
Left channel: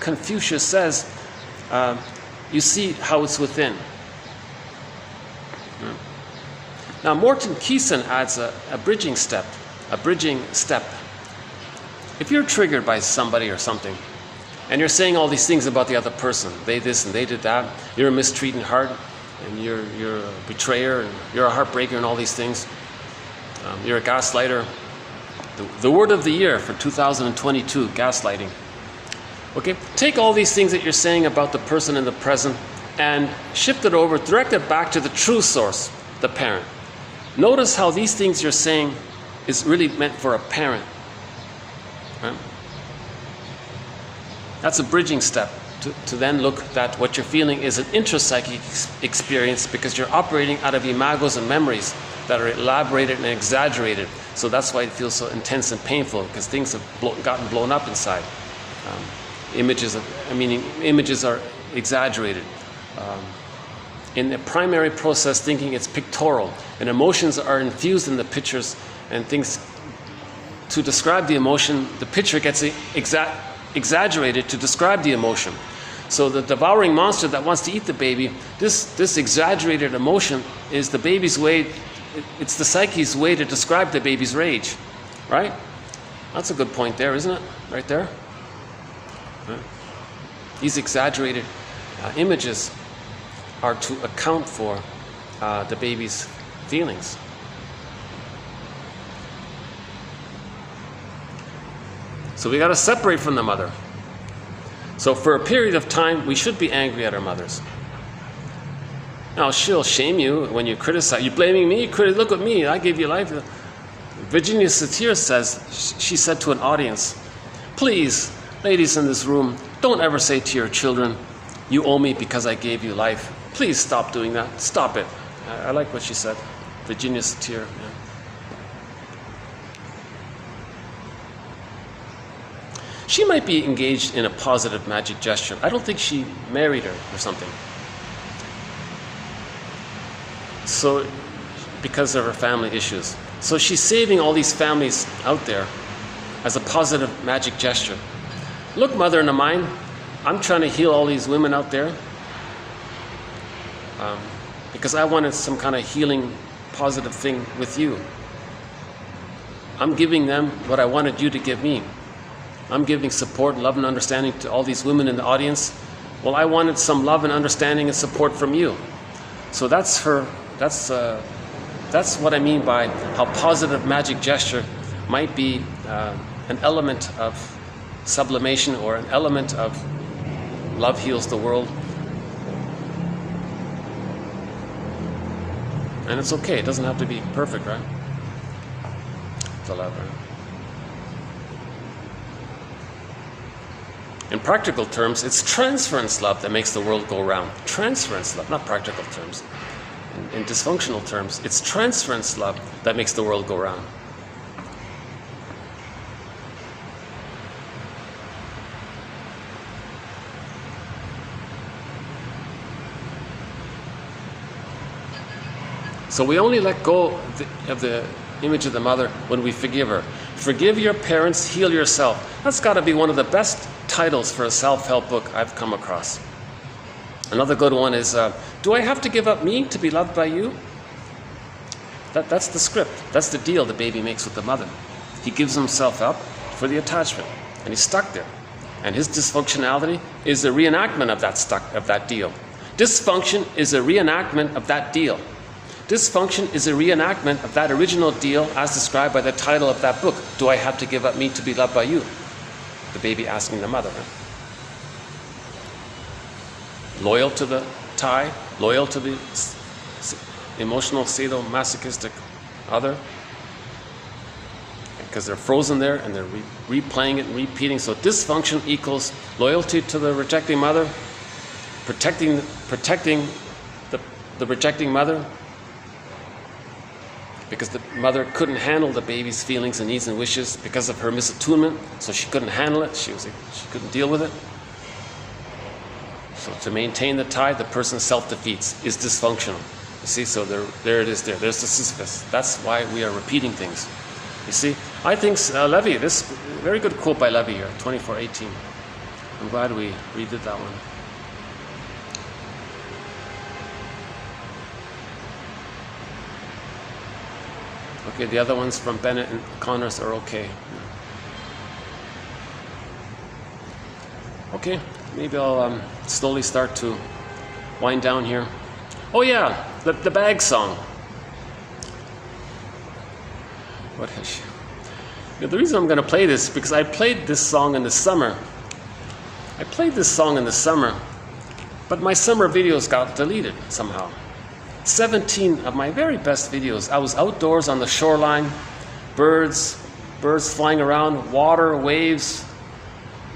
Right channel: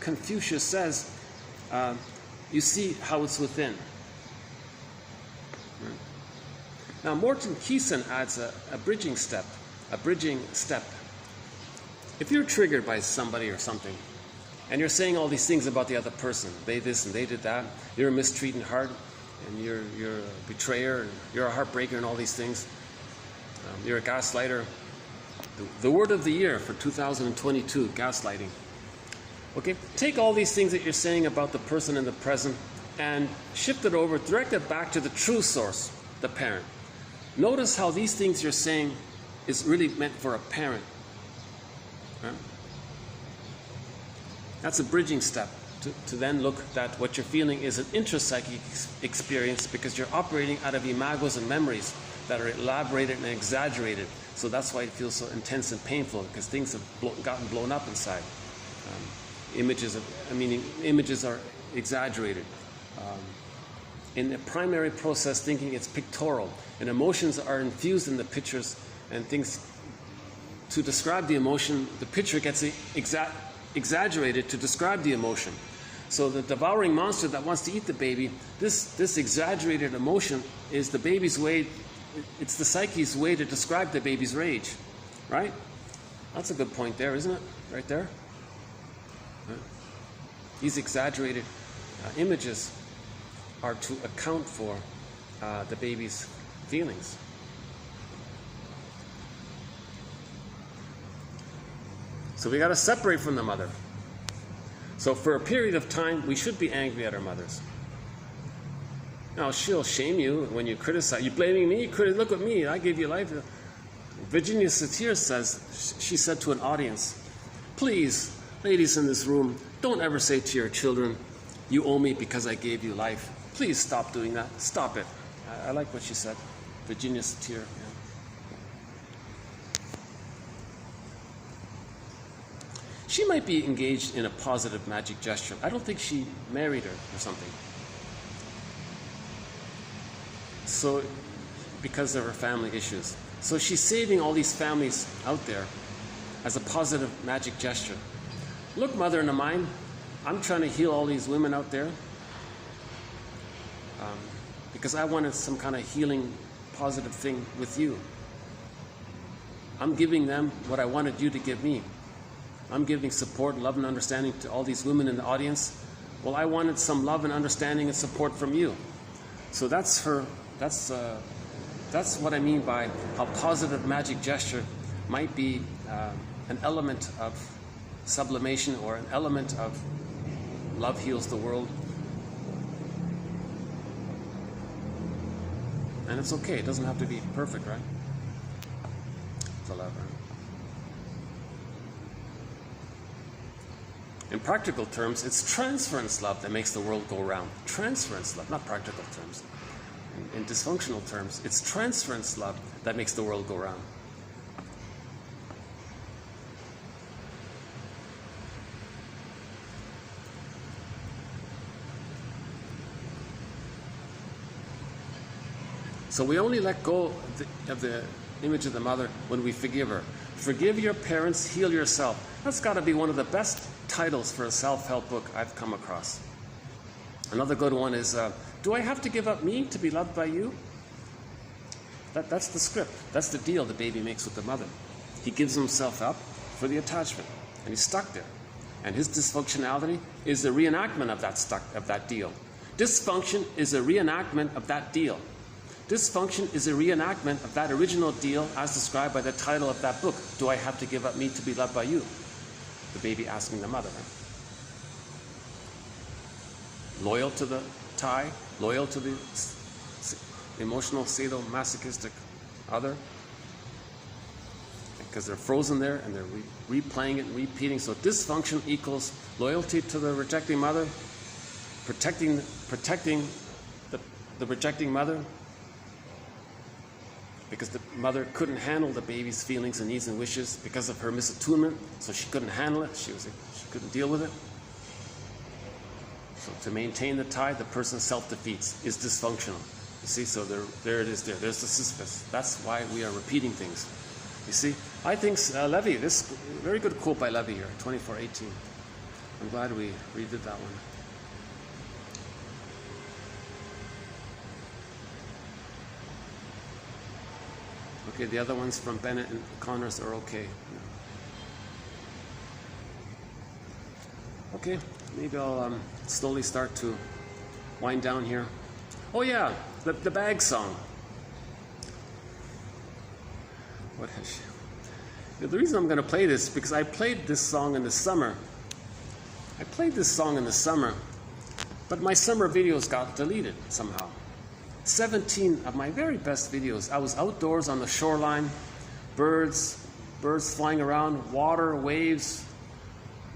Confucius says, you see how it's within. Now, Morton Keeson adds a bridging step. If you're triggered by somebody or something, and you're saying all these things about the other person, they this and they did that, you're a mistreating heart, and you're a betrayer, and you're a heartbreaker, and all these things, you're a gaslighter. The word of the year for 2022, gaslighting. Okay, take all these things that you're saying about the person in the present and shift it over, direct it back to the true source, the parent. Notice how these things you're saying is really meant for a parent. Right? That's a bridging step to then look that what you're feeling is an intrapsychic experience because you're operating out of imagos and memories that are elaborated and exaggerated. So that's why it feels so intense and painful, because things have gotten blown up inside. Images are exaggerated. In the primary process thinking, it's pictorial, and emotions are infused in the pictures, and things to describe the emotion, the picture gets exaggerated to describe the emotion. So the devouring monster that wants to eat the baby, this exaggerated emotion is the baby's way, it's the psyche's way to describe the baby's rage, right? That's a good point there, isn't it? Right there. Right? These exaggerated images are to account for the baby's feelings. So we got to separate from the mother. So for a period of time, we should be angry at our mothers. Now, she'll shame you when you criticize. You're blaming me? Look at me. I gave you life. Virginia Satir says, she said to an audience, please, ladies in this room, don't ever say to your children, you owe me because I gave you life. Please stop doing that. Stop it. I like what she said. Virginia Satir. Yeah. She might be engaged in a positive magic gesture. I don't think she married her or something. So, because of her family issues. So she's saving all these families out there as a positive magic gesture. Look, mother in the mind, I'm trying to heal all these women out there because I wanted some kind of healing, positive thing with you. I'm giving them what I wanted you to give me. I'm giving support, love, and understanding to all these women in the audience. Well, I wanted some love and understanding and support from you. So that's what I mean by how positive magic gesture might be an element of sublimation or an element of love heals the world. And it's okay. It doesn't have to be perfect, right? The love, right? In practical terms, it's transference love that makes the world go round. Transference love, not practical terms. In dysfunctional terms, it's transference love that makes the world go round. So we only let go of the image of the mother when we forgive her. Forgive your parents, heal yourself. That's got to be one of the best titles for a self-help book I've come across. Another good one is, do I have to give up me to be loved by you? That's the script. That's the deal the baby makes with the mother. He gives himself up for the attachment, and he's stuck there. And his dysfunctionality is a reenactment of that deal. Dysfunction is a reenactment of that deal. Dysfunction is a reenactment of that original deal as described by the title of that book. Do I have to give up me to be loved by you? The baby asking the mother. Right? Loyal to the tie, loyal to the emotional sadomasochistic other, because they're frozen there and they're replaying it and repeating. So dysfunction equals loyalty to the rejecting mother, protecting the rejecting mother, because the mother couldn't handle the baby's feelings and needs and wishes because of her misattunement, so she couldn't handle it, she couldn't deal with it. So to maintain the tie, the person self-defeats, is dysfunctional. You see, so there it is there. There's the Sisyphus. That's why we are repeating things. You see, I think Levy, this very good quote by Levy here, 24:18. I'm glad we redid that one. Okay, the other ones from Bennett and Connors are okay. Okay, maybe I'll slowly start to wind down here. Oh yeah, the bag song. What is she? You know, the reason I'm going to play this is because I played this song in the summer. But my summer videos got deleted somehow. 17 of my very best videos. I was outdoors on the shoreline, birds flying around, water, waves,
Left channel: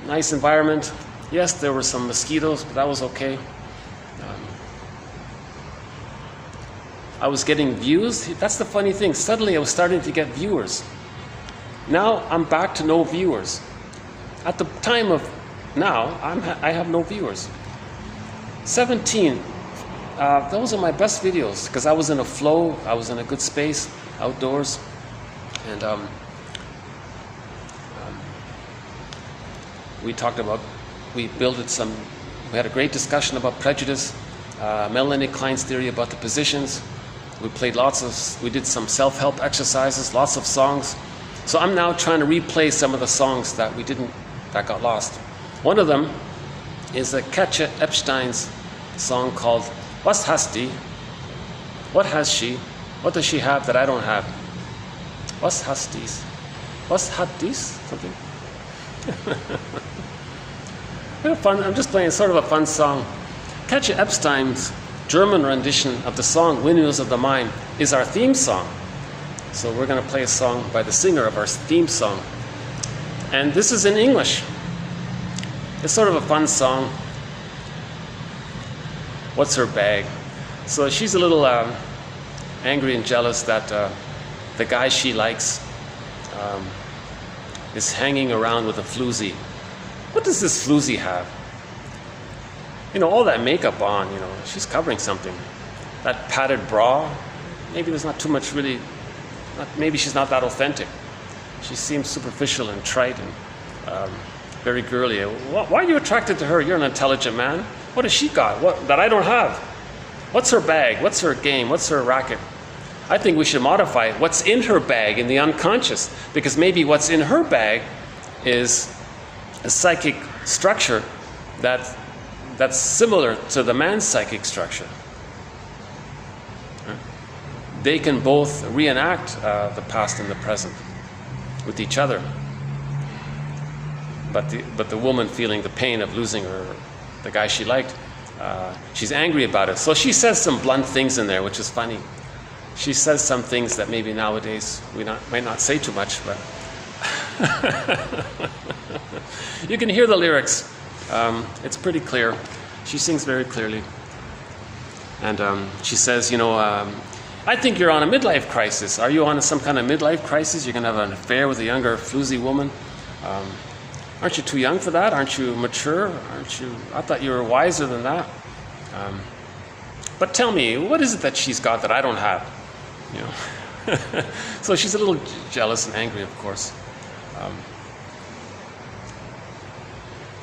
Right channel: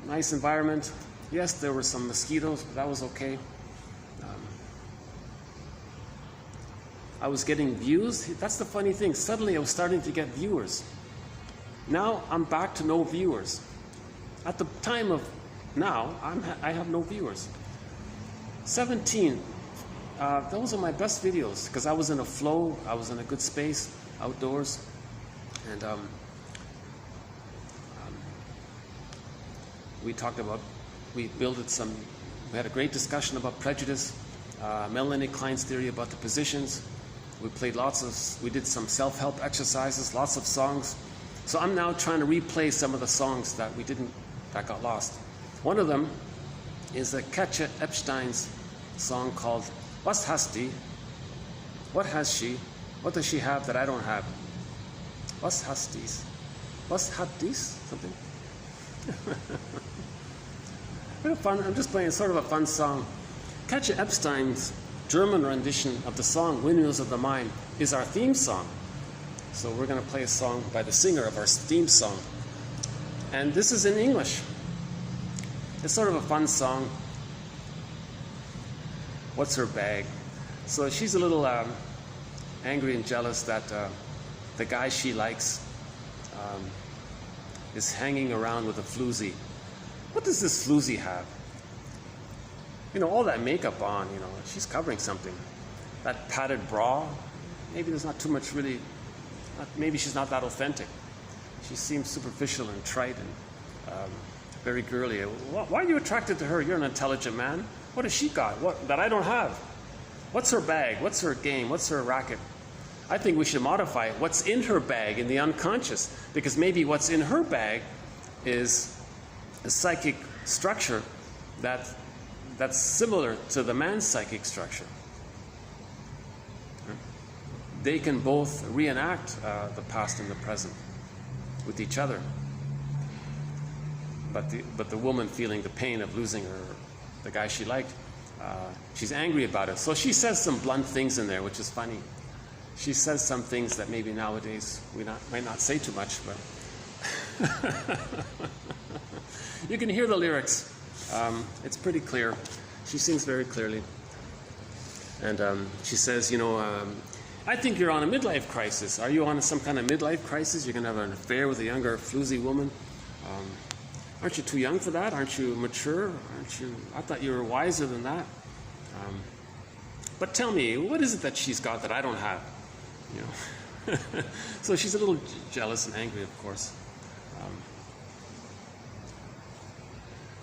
nice environment. Yes, there were some mosquitoes, but that was okay. I was getting views. That's the funny thing. Suddenly I was starting to get viewers. Now I'm back to no viewers. At the time of now, I have no viewers. 17. Those are my best videos because I was in a flow. I was in a good space, outdoors, and we talked about. We had a great discussion about prejudice, Melanie Klein's theory about the positions. We did some self-help exercises, lots of songs. So I'm now trying to replay some of the songs that got lost. One of them is Katja Epstein's song called "Was hast die?" What has she? What does she have that I don't have? Was hast dies? Was hat dies? Something. Fun. I'm just playing sort of a fun song. Katja Epstein's German rendition of the song "Windmills of the Mind" is our theme song. So we're going to play a song by the singer of our theme song. And this is in English. It's sort of a fun song. What's her bag? So she's a little angry and jealous that the guy she likes is hanging around with a floozy. What does this floozy have? You know, all that makeup on, you know, she's covering something. That padded bra, maybe there's not too much really, maybe she's not that authentic. She seems superficial and trite and very girly. Why are you attracted to her? You're an intelligent man. What has she got that I don't have? What's her bag? What's her game? What's her racket? I think we should modify what's in her bag in the unconscious, because maybe what's in her bag is a psychic structure that's similar to the man's psychic structure. They can both reenact the past and the present with each other. But the woman feeling the pain of losing the guy she liked, she's angry about it. So she says some blunt things in there, which is funny. she says some things that maybe nowadays we might not say too much, but you can hear the lyrics. It's pretty clear. She sings very clearly. And she says, you know, I think you're on a midlife crisis. Are you on some kind of midlife crisis? You're going to have an affair with a younger, floozy woman? Aren't you too young for that? Aren't you mature? I thought you were wiser than that. But tell me, what is it that she's got that I don't have? You know. So she's a little jealous and angry, of course.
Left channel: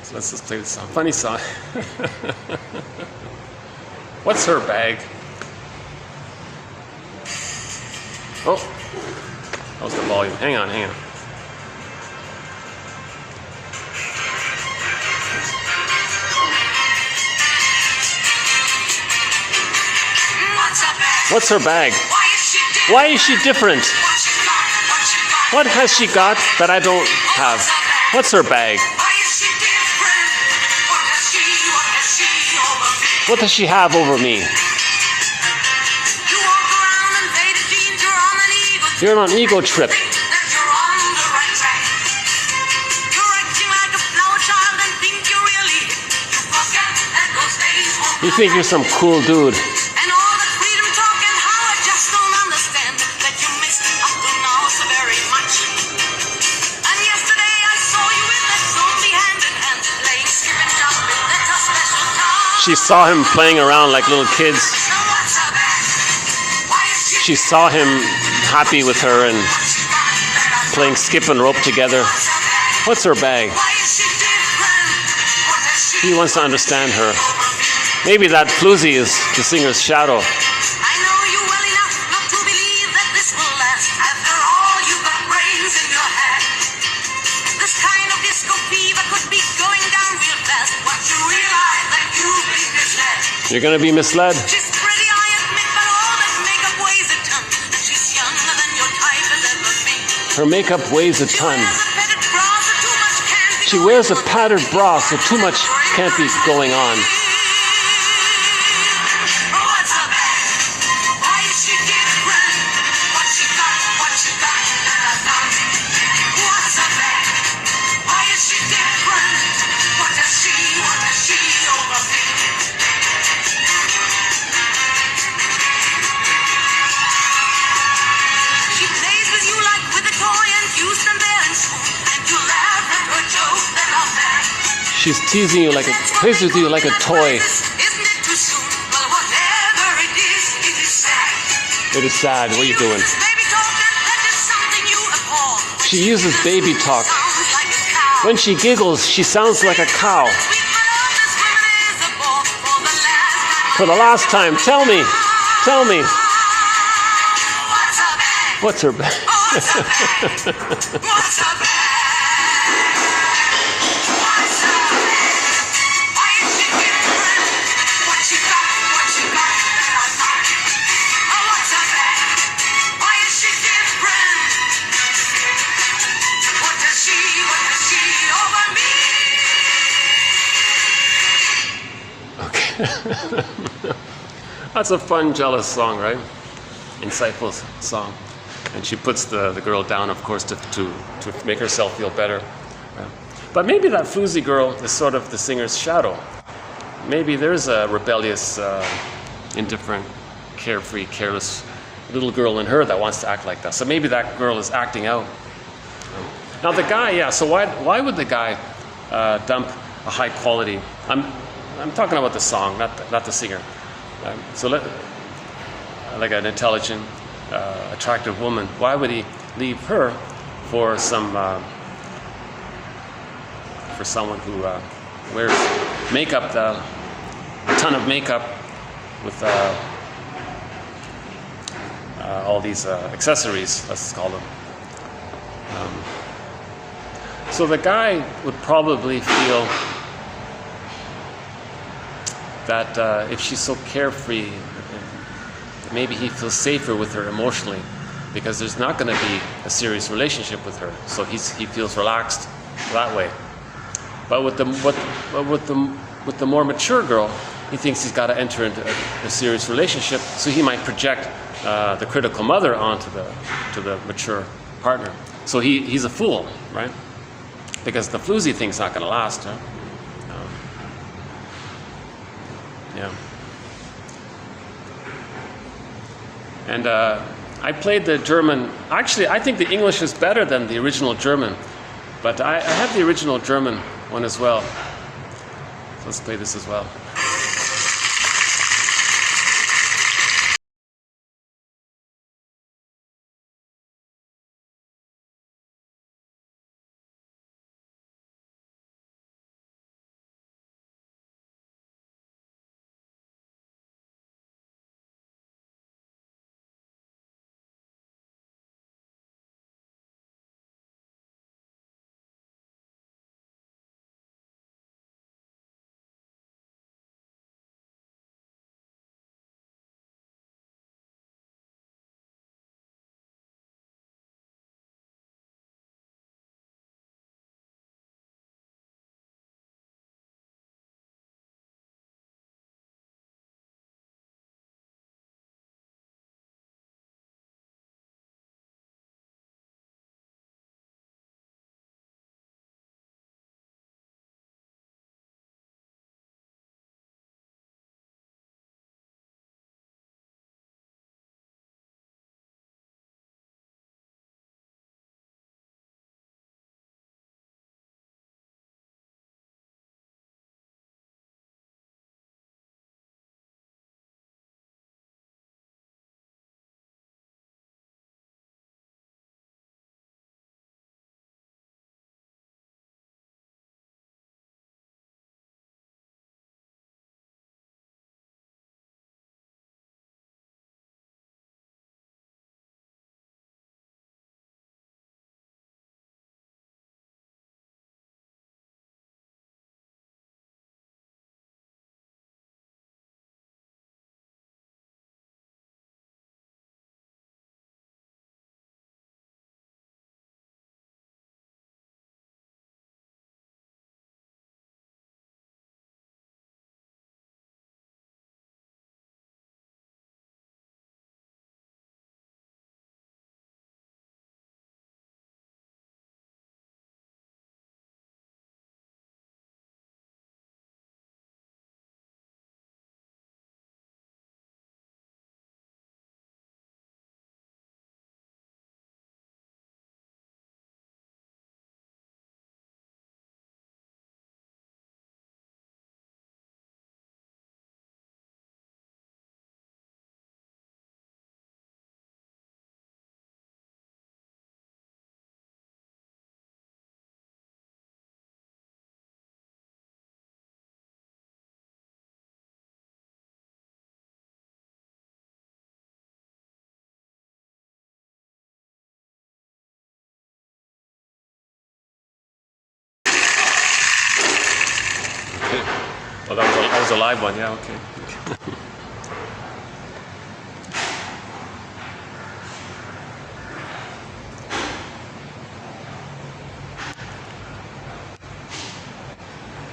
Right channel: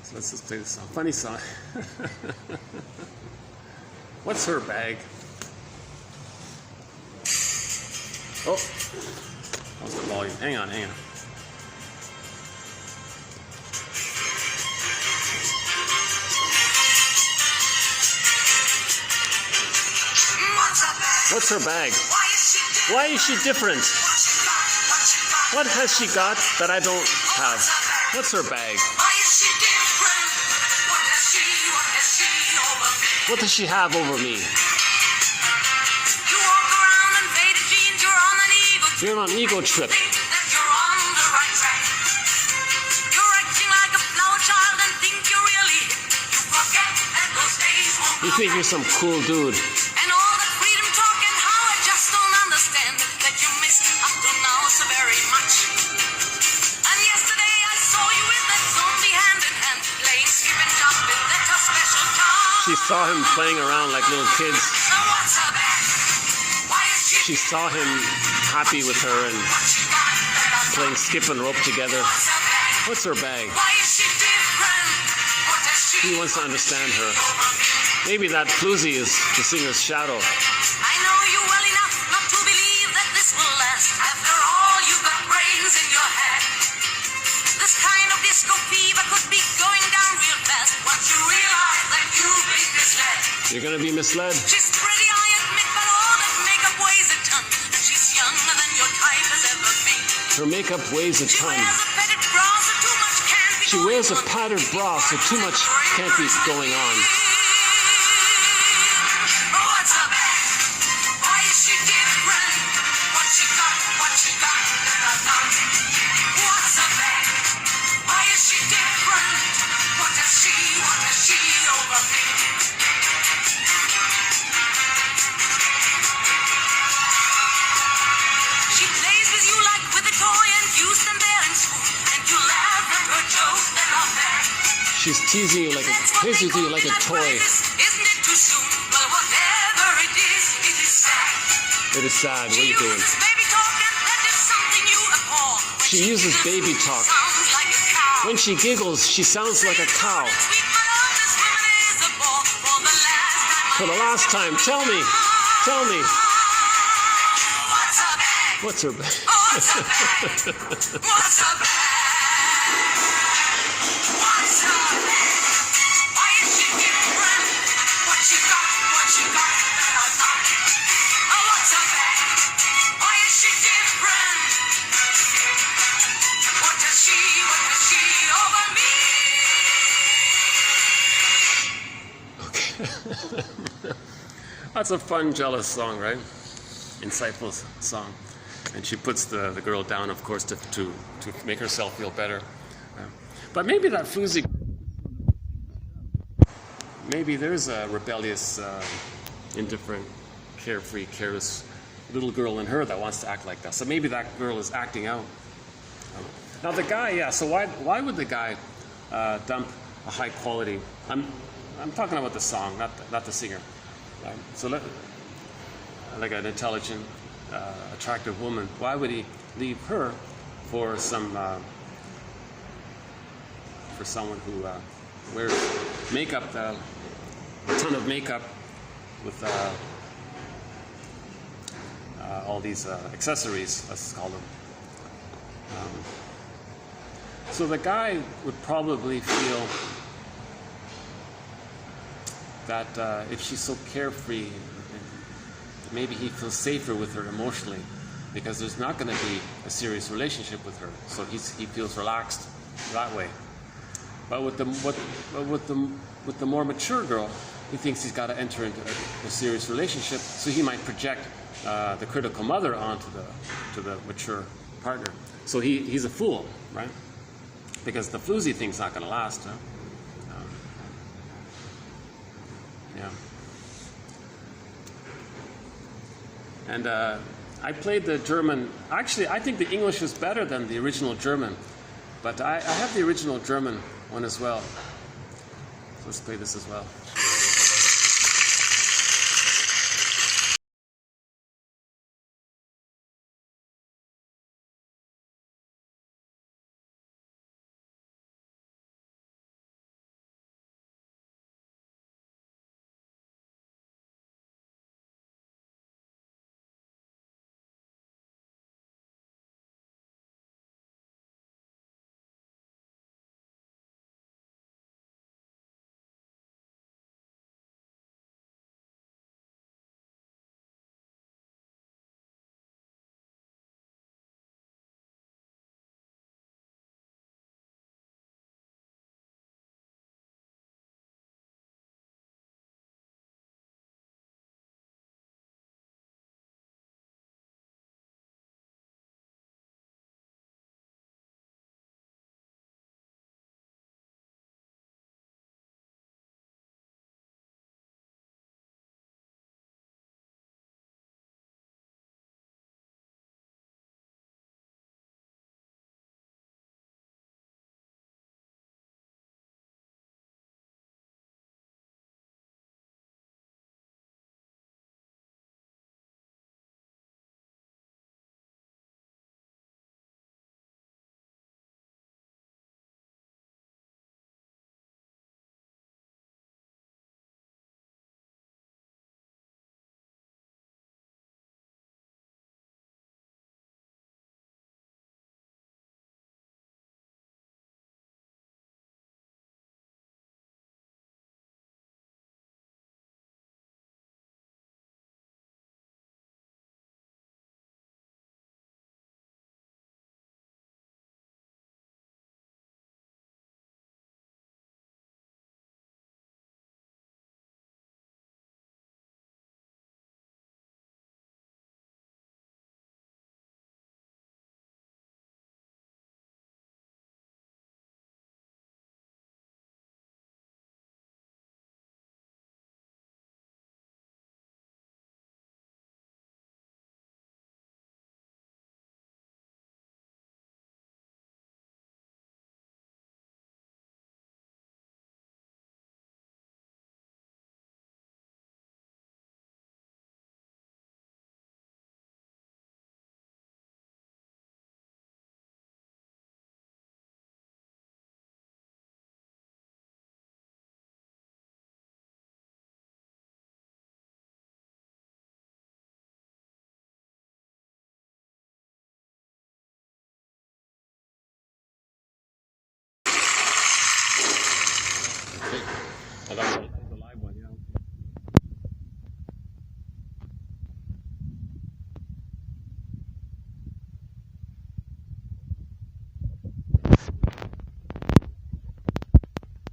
So let's just play the song. Funny song. What's her bag? Oh, that was the volume. Hang on. What's her bag? Why is she different? What has she got that I don't have? What's her bag? What does she have over me? You're on an ego trip. You think you're some cool dude. She saw him playing around like little kids. She saw him happy with her and playing skip and rope together. What's her bag? He wants to understand her. Maybe that floozy is the singer's shadow. You're going to be misled. She's pretty, I admit, but all that makeup weighs a ton. She's younger than your type has ever been. Her makeup weighs a ton. She wears a padded bra, so too much can't be She wears a padded bra, so too much can't be going on. What's her bag? Why is she different? What she got that I don't? What's her bag? Why is she different? What has she over me? She plays with you like with a toy, and you stand there and swoon, and you laugh at her jokes that are bad. She's teasing you like plays with you like a toy. Isn't it too soon? Well, whatever it is sad. It is sad. What are you doing? Baby talk, that is something you abhor. She uses baby talk. Sounds like a cow. When she giggles, she sounds like a cow. Sweet, but all this woman is a bore. For the last time, tell me. What's her bag? What's her bag? What's her bag? What's her bag? What's her bag? Why is she different? What she got that I don't? Oh, what's her bag? Why is she different? What does she over me? Okay. That's a fun, jealous song, right? Insightful song. And she puts the girl down, of course, to make herself feel better. But maybe that floozy girl is sort of the singer's shadow. Maybe there's a rebellious, indifferent, carefree, careless little girl in her that wants to act like that. So maybe that girl is acting out. Now the guy, yeah. So why would the guy dump a high quality? I'm talking about the song, not the singer. Like an intelligent, attractive woman, why would he leave her for someone who wears makeup, a ton of makeup with all these accessories, let's call them. So the guy would probably feel that if she's so carefree, maybe he feels safer with her emotionally, because there's not going to be a serious relationship with her. So he feels relaxed that way. But with the more mature girl, he thinks he's got to enter into a serious relationship, so he might project the critical mother onto the mature partner. So he's a fool, right? Because the floozy thing's not going to last. Huh? Yeah. And I played the German. Actually, I think the English is better than the original German, but I have the original German one as well. So let's play this as well. Oh, that was a live one, yeah, okay.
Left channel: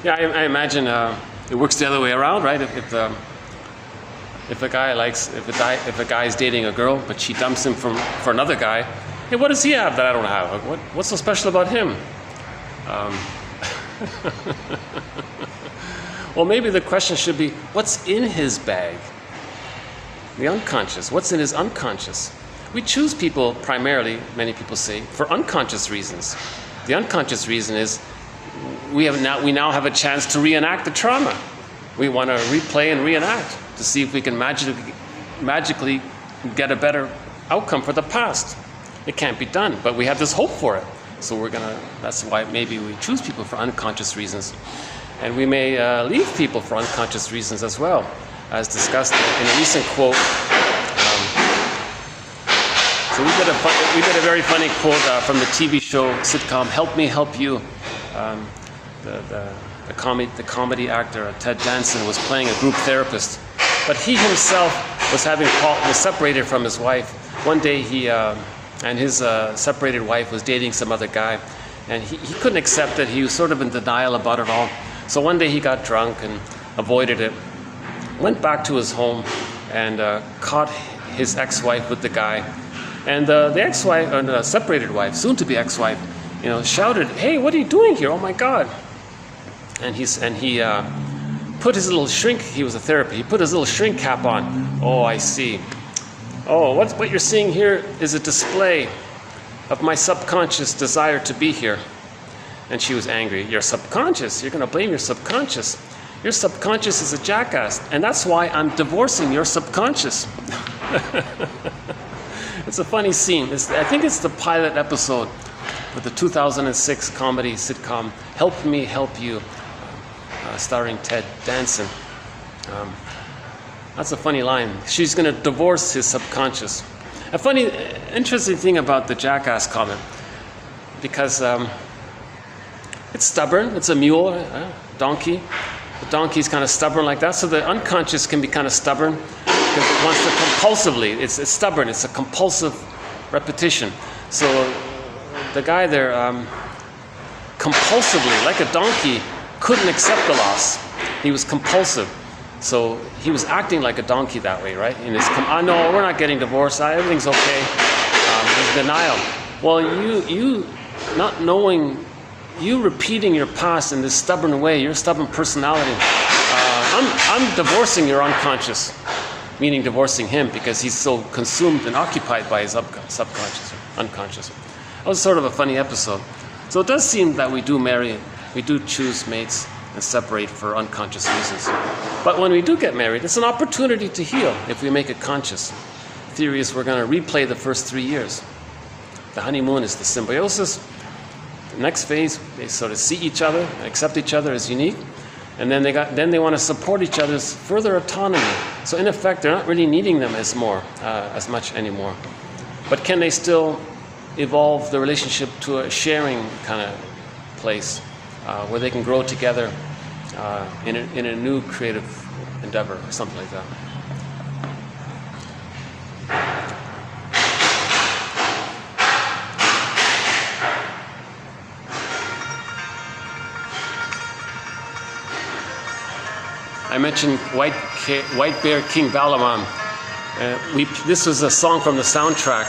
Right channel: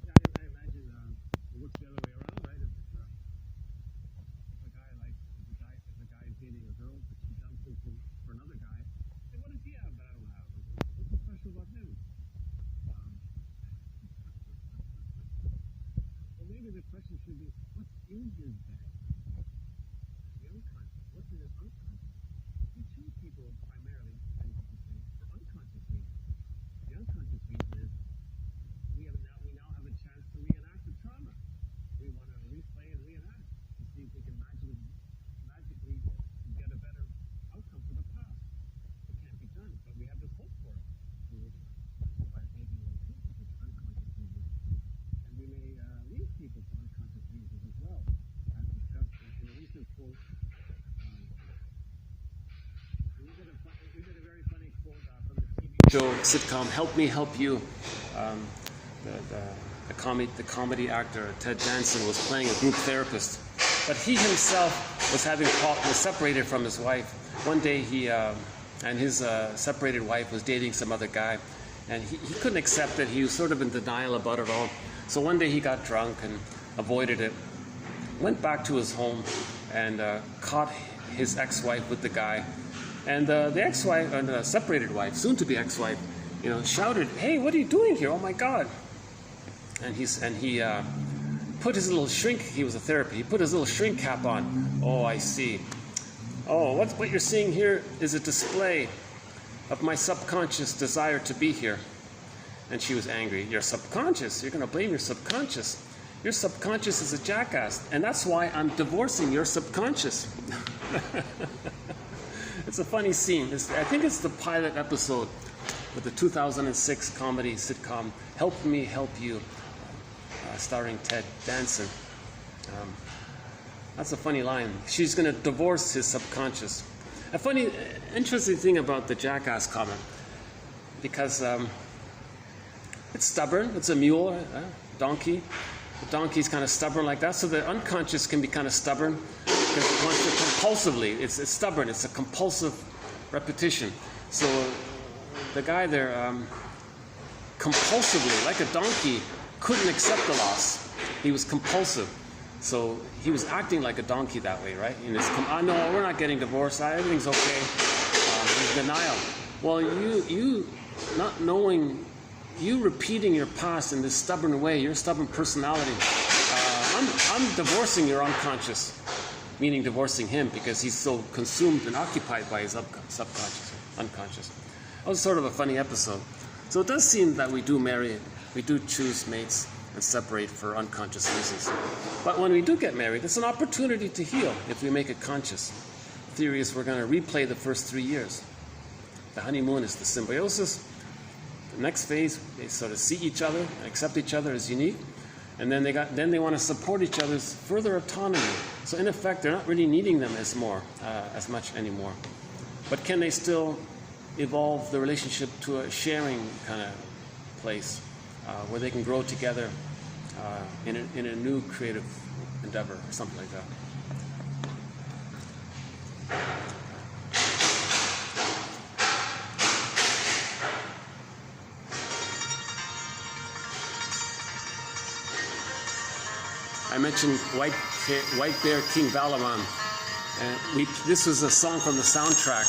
Yeah, I imagine it works the other way around, right? If a guy is dating a girl, but she dumps him for another guy, hey, what does he have that I don't have? What's so special about him? Well, maybe the question should be, what's in his bag? The unconscious. What's in his unconscious? We choose people primarily, many people say, for unconscious reasons. The unconscious reason is we now have a chance to reenact the trauma. We want to replay and reenact to see if we can magically get a better outcome for the past. It can't be done, but we have this hope for it. So that's why maybe we choose people for unconscious reasons. And we may leave people for unconscious reasons as well, as discussed in a recent quote. So we did a very funny quote from the TV show sitcom Help Me Help You. The comedy actor Ted Danson was playing a group therapist, but he himself was separated from his wife. One day he and his separated wife was dating some other guy, and he couldn't accept it. He was sort of in denial about it all. So one day he got drunk and avoided it, went back to his home and caught his ex-wife with the guy. And the ex-wife, or the separated wife, soon-to-be ex-wife, shouted, "Hey, what are you doing here? Oh my God!" And he put his little shrink. He was a therapist. He put his little shrink cap on. "Oh, I see. Oh, what you're seeing here is a display of my subconscious desire to be here." And she was angry. "Your subconscious? You're going to blame your subconscious? Your subconscious is a jackass, and that's why I'm divorcing your subconscious." It's a funny scene. I think it's the pilot episode of the 2006 comedy sitcom Help Me, Help You, starring Ted Danson. That's a funny line. She's going to divorce his subconscious. A funny, interesting thing about the jackass comment, because it's stubborn. It's a mule, a donkey. The donkey's kind of stubborn like that, so the unconscious can be kind of stubborn because it wants to compulsively. It's stubborn. It's a compulsive repetition. So the guy there, compulsively, like a donkey, couldn't accept the loss. He was compulsive. So he was acting like a donkey that way, right? In his, no, we're not getting divorced. Everything's okay. There's denial. Well, you not knowing, you repeating your past in this stubborn way, your stubborn personality. I'm divorcing your unconscious, meaning divorcing him because he's so consumed and occupied by his subconscious, unconscious. That was sort of a funny episode. So it does seem that we do marry, we do choose mates and separate for unconscious reasons. But when we do get married, it's an opportunity to heal if we make it conscious. The theory is we're going to replay the first 3 years. The honeymoon is the symbiosis. The next phase, they sort of see each other, accept each other as unique, and then they want to support each other's further autonomy. So in effect, they're not really needing them as much anymore. But can they still evolve the relationship to a sharing kind of place where they can grow together in a new creative endeavor or something like that? I mentioned White Bear King Balaam. This was a song from the soundtrack.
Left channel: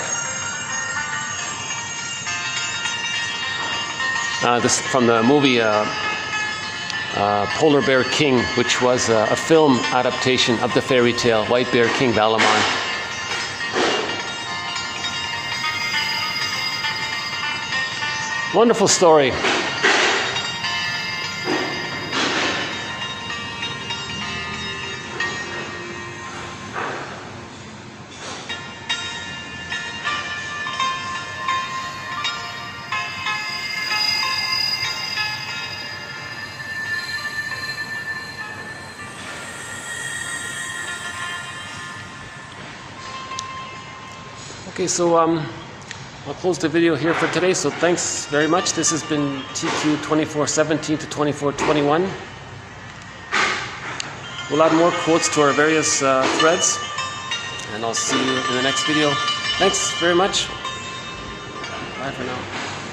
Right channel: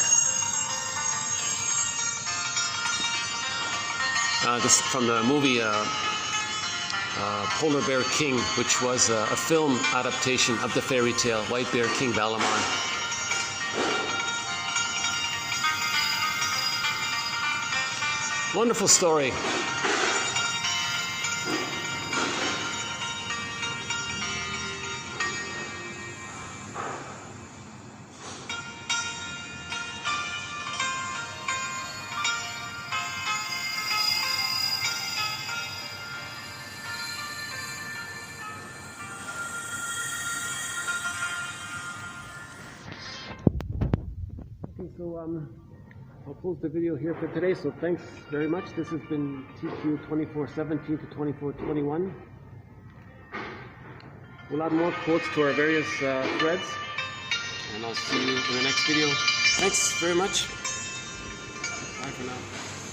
This from the movie Polar Bear King, which was a film adaptation of the fairy tale White Bear King Balaam. Wonderful story. Okay, so I'll close the video here for today. So thanks very much. This has been TQ 2417 to 2421. We'll add more quotes to our various threads, and I'll see you in the next video. Thanks very much. Bye for now.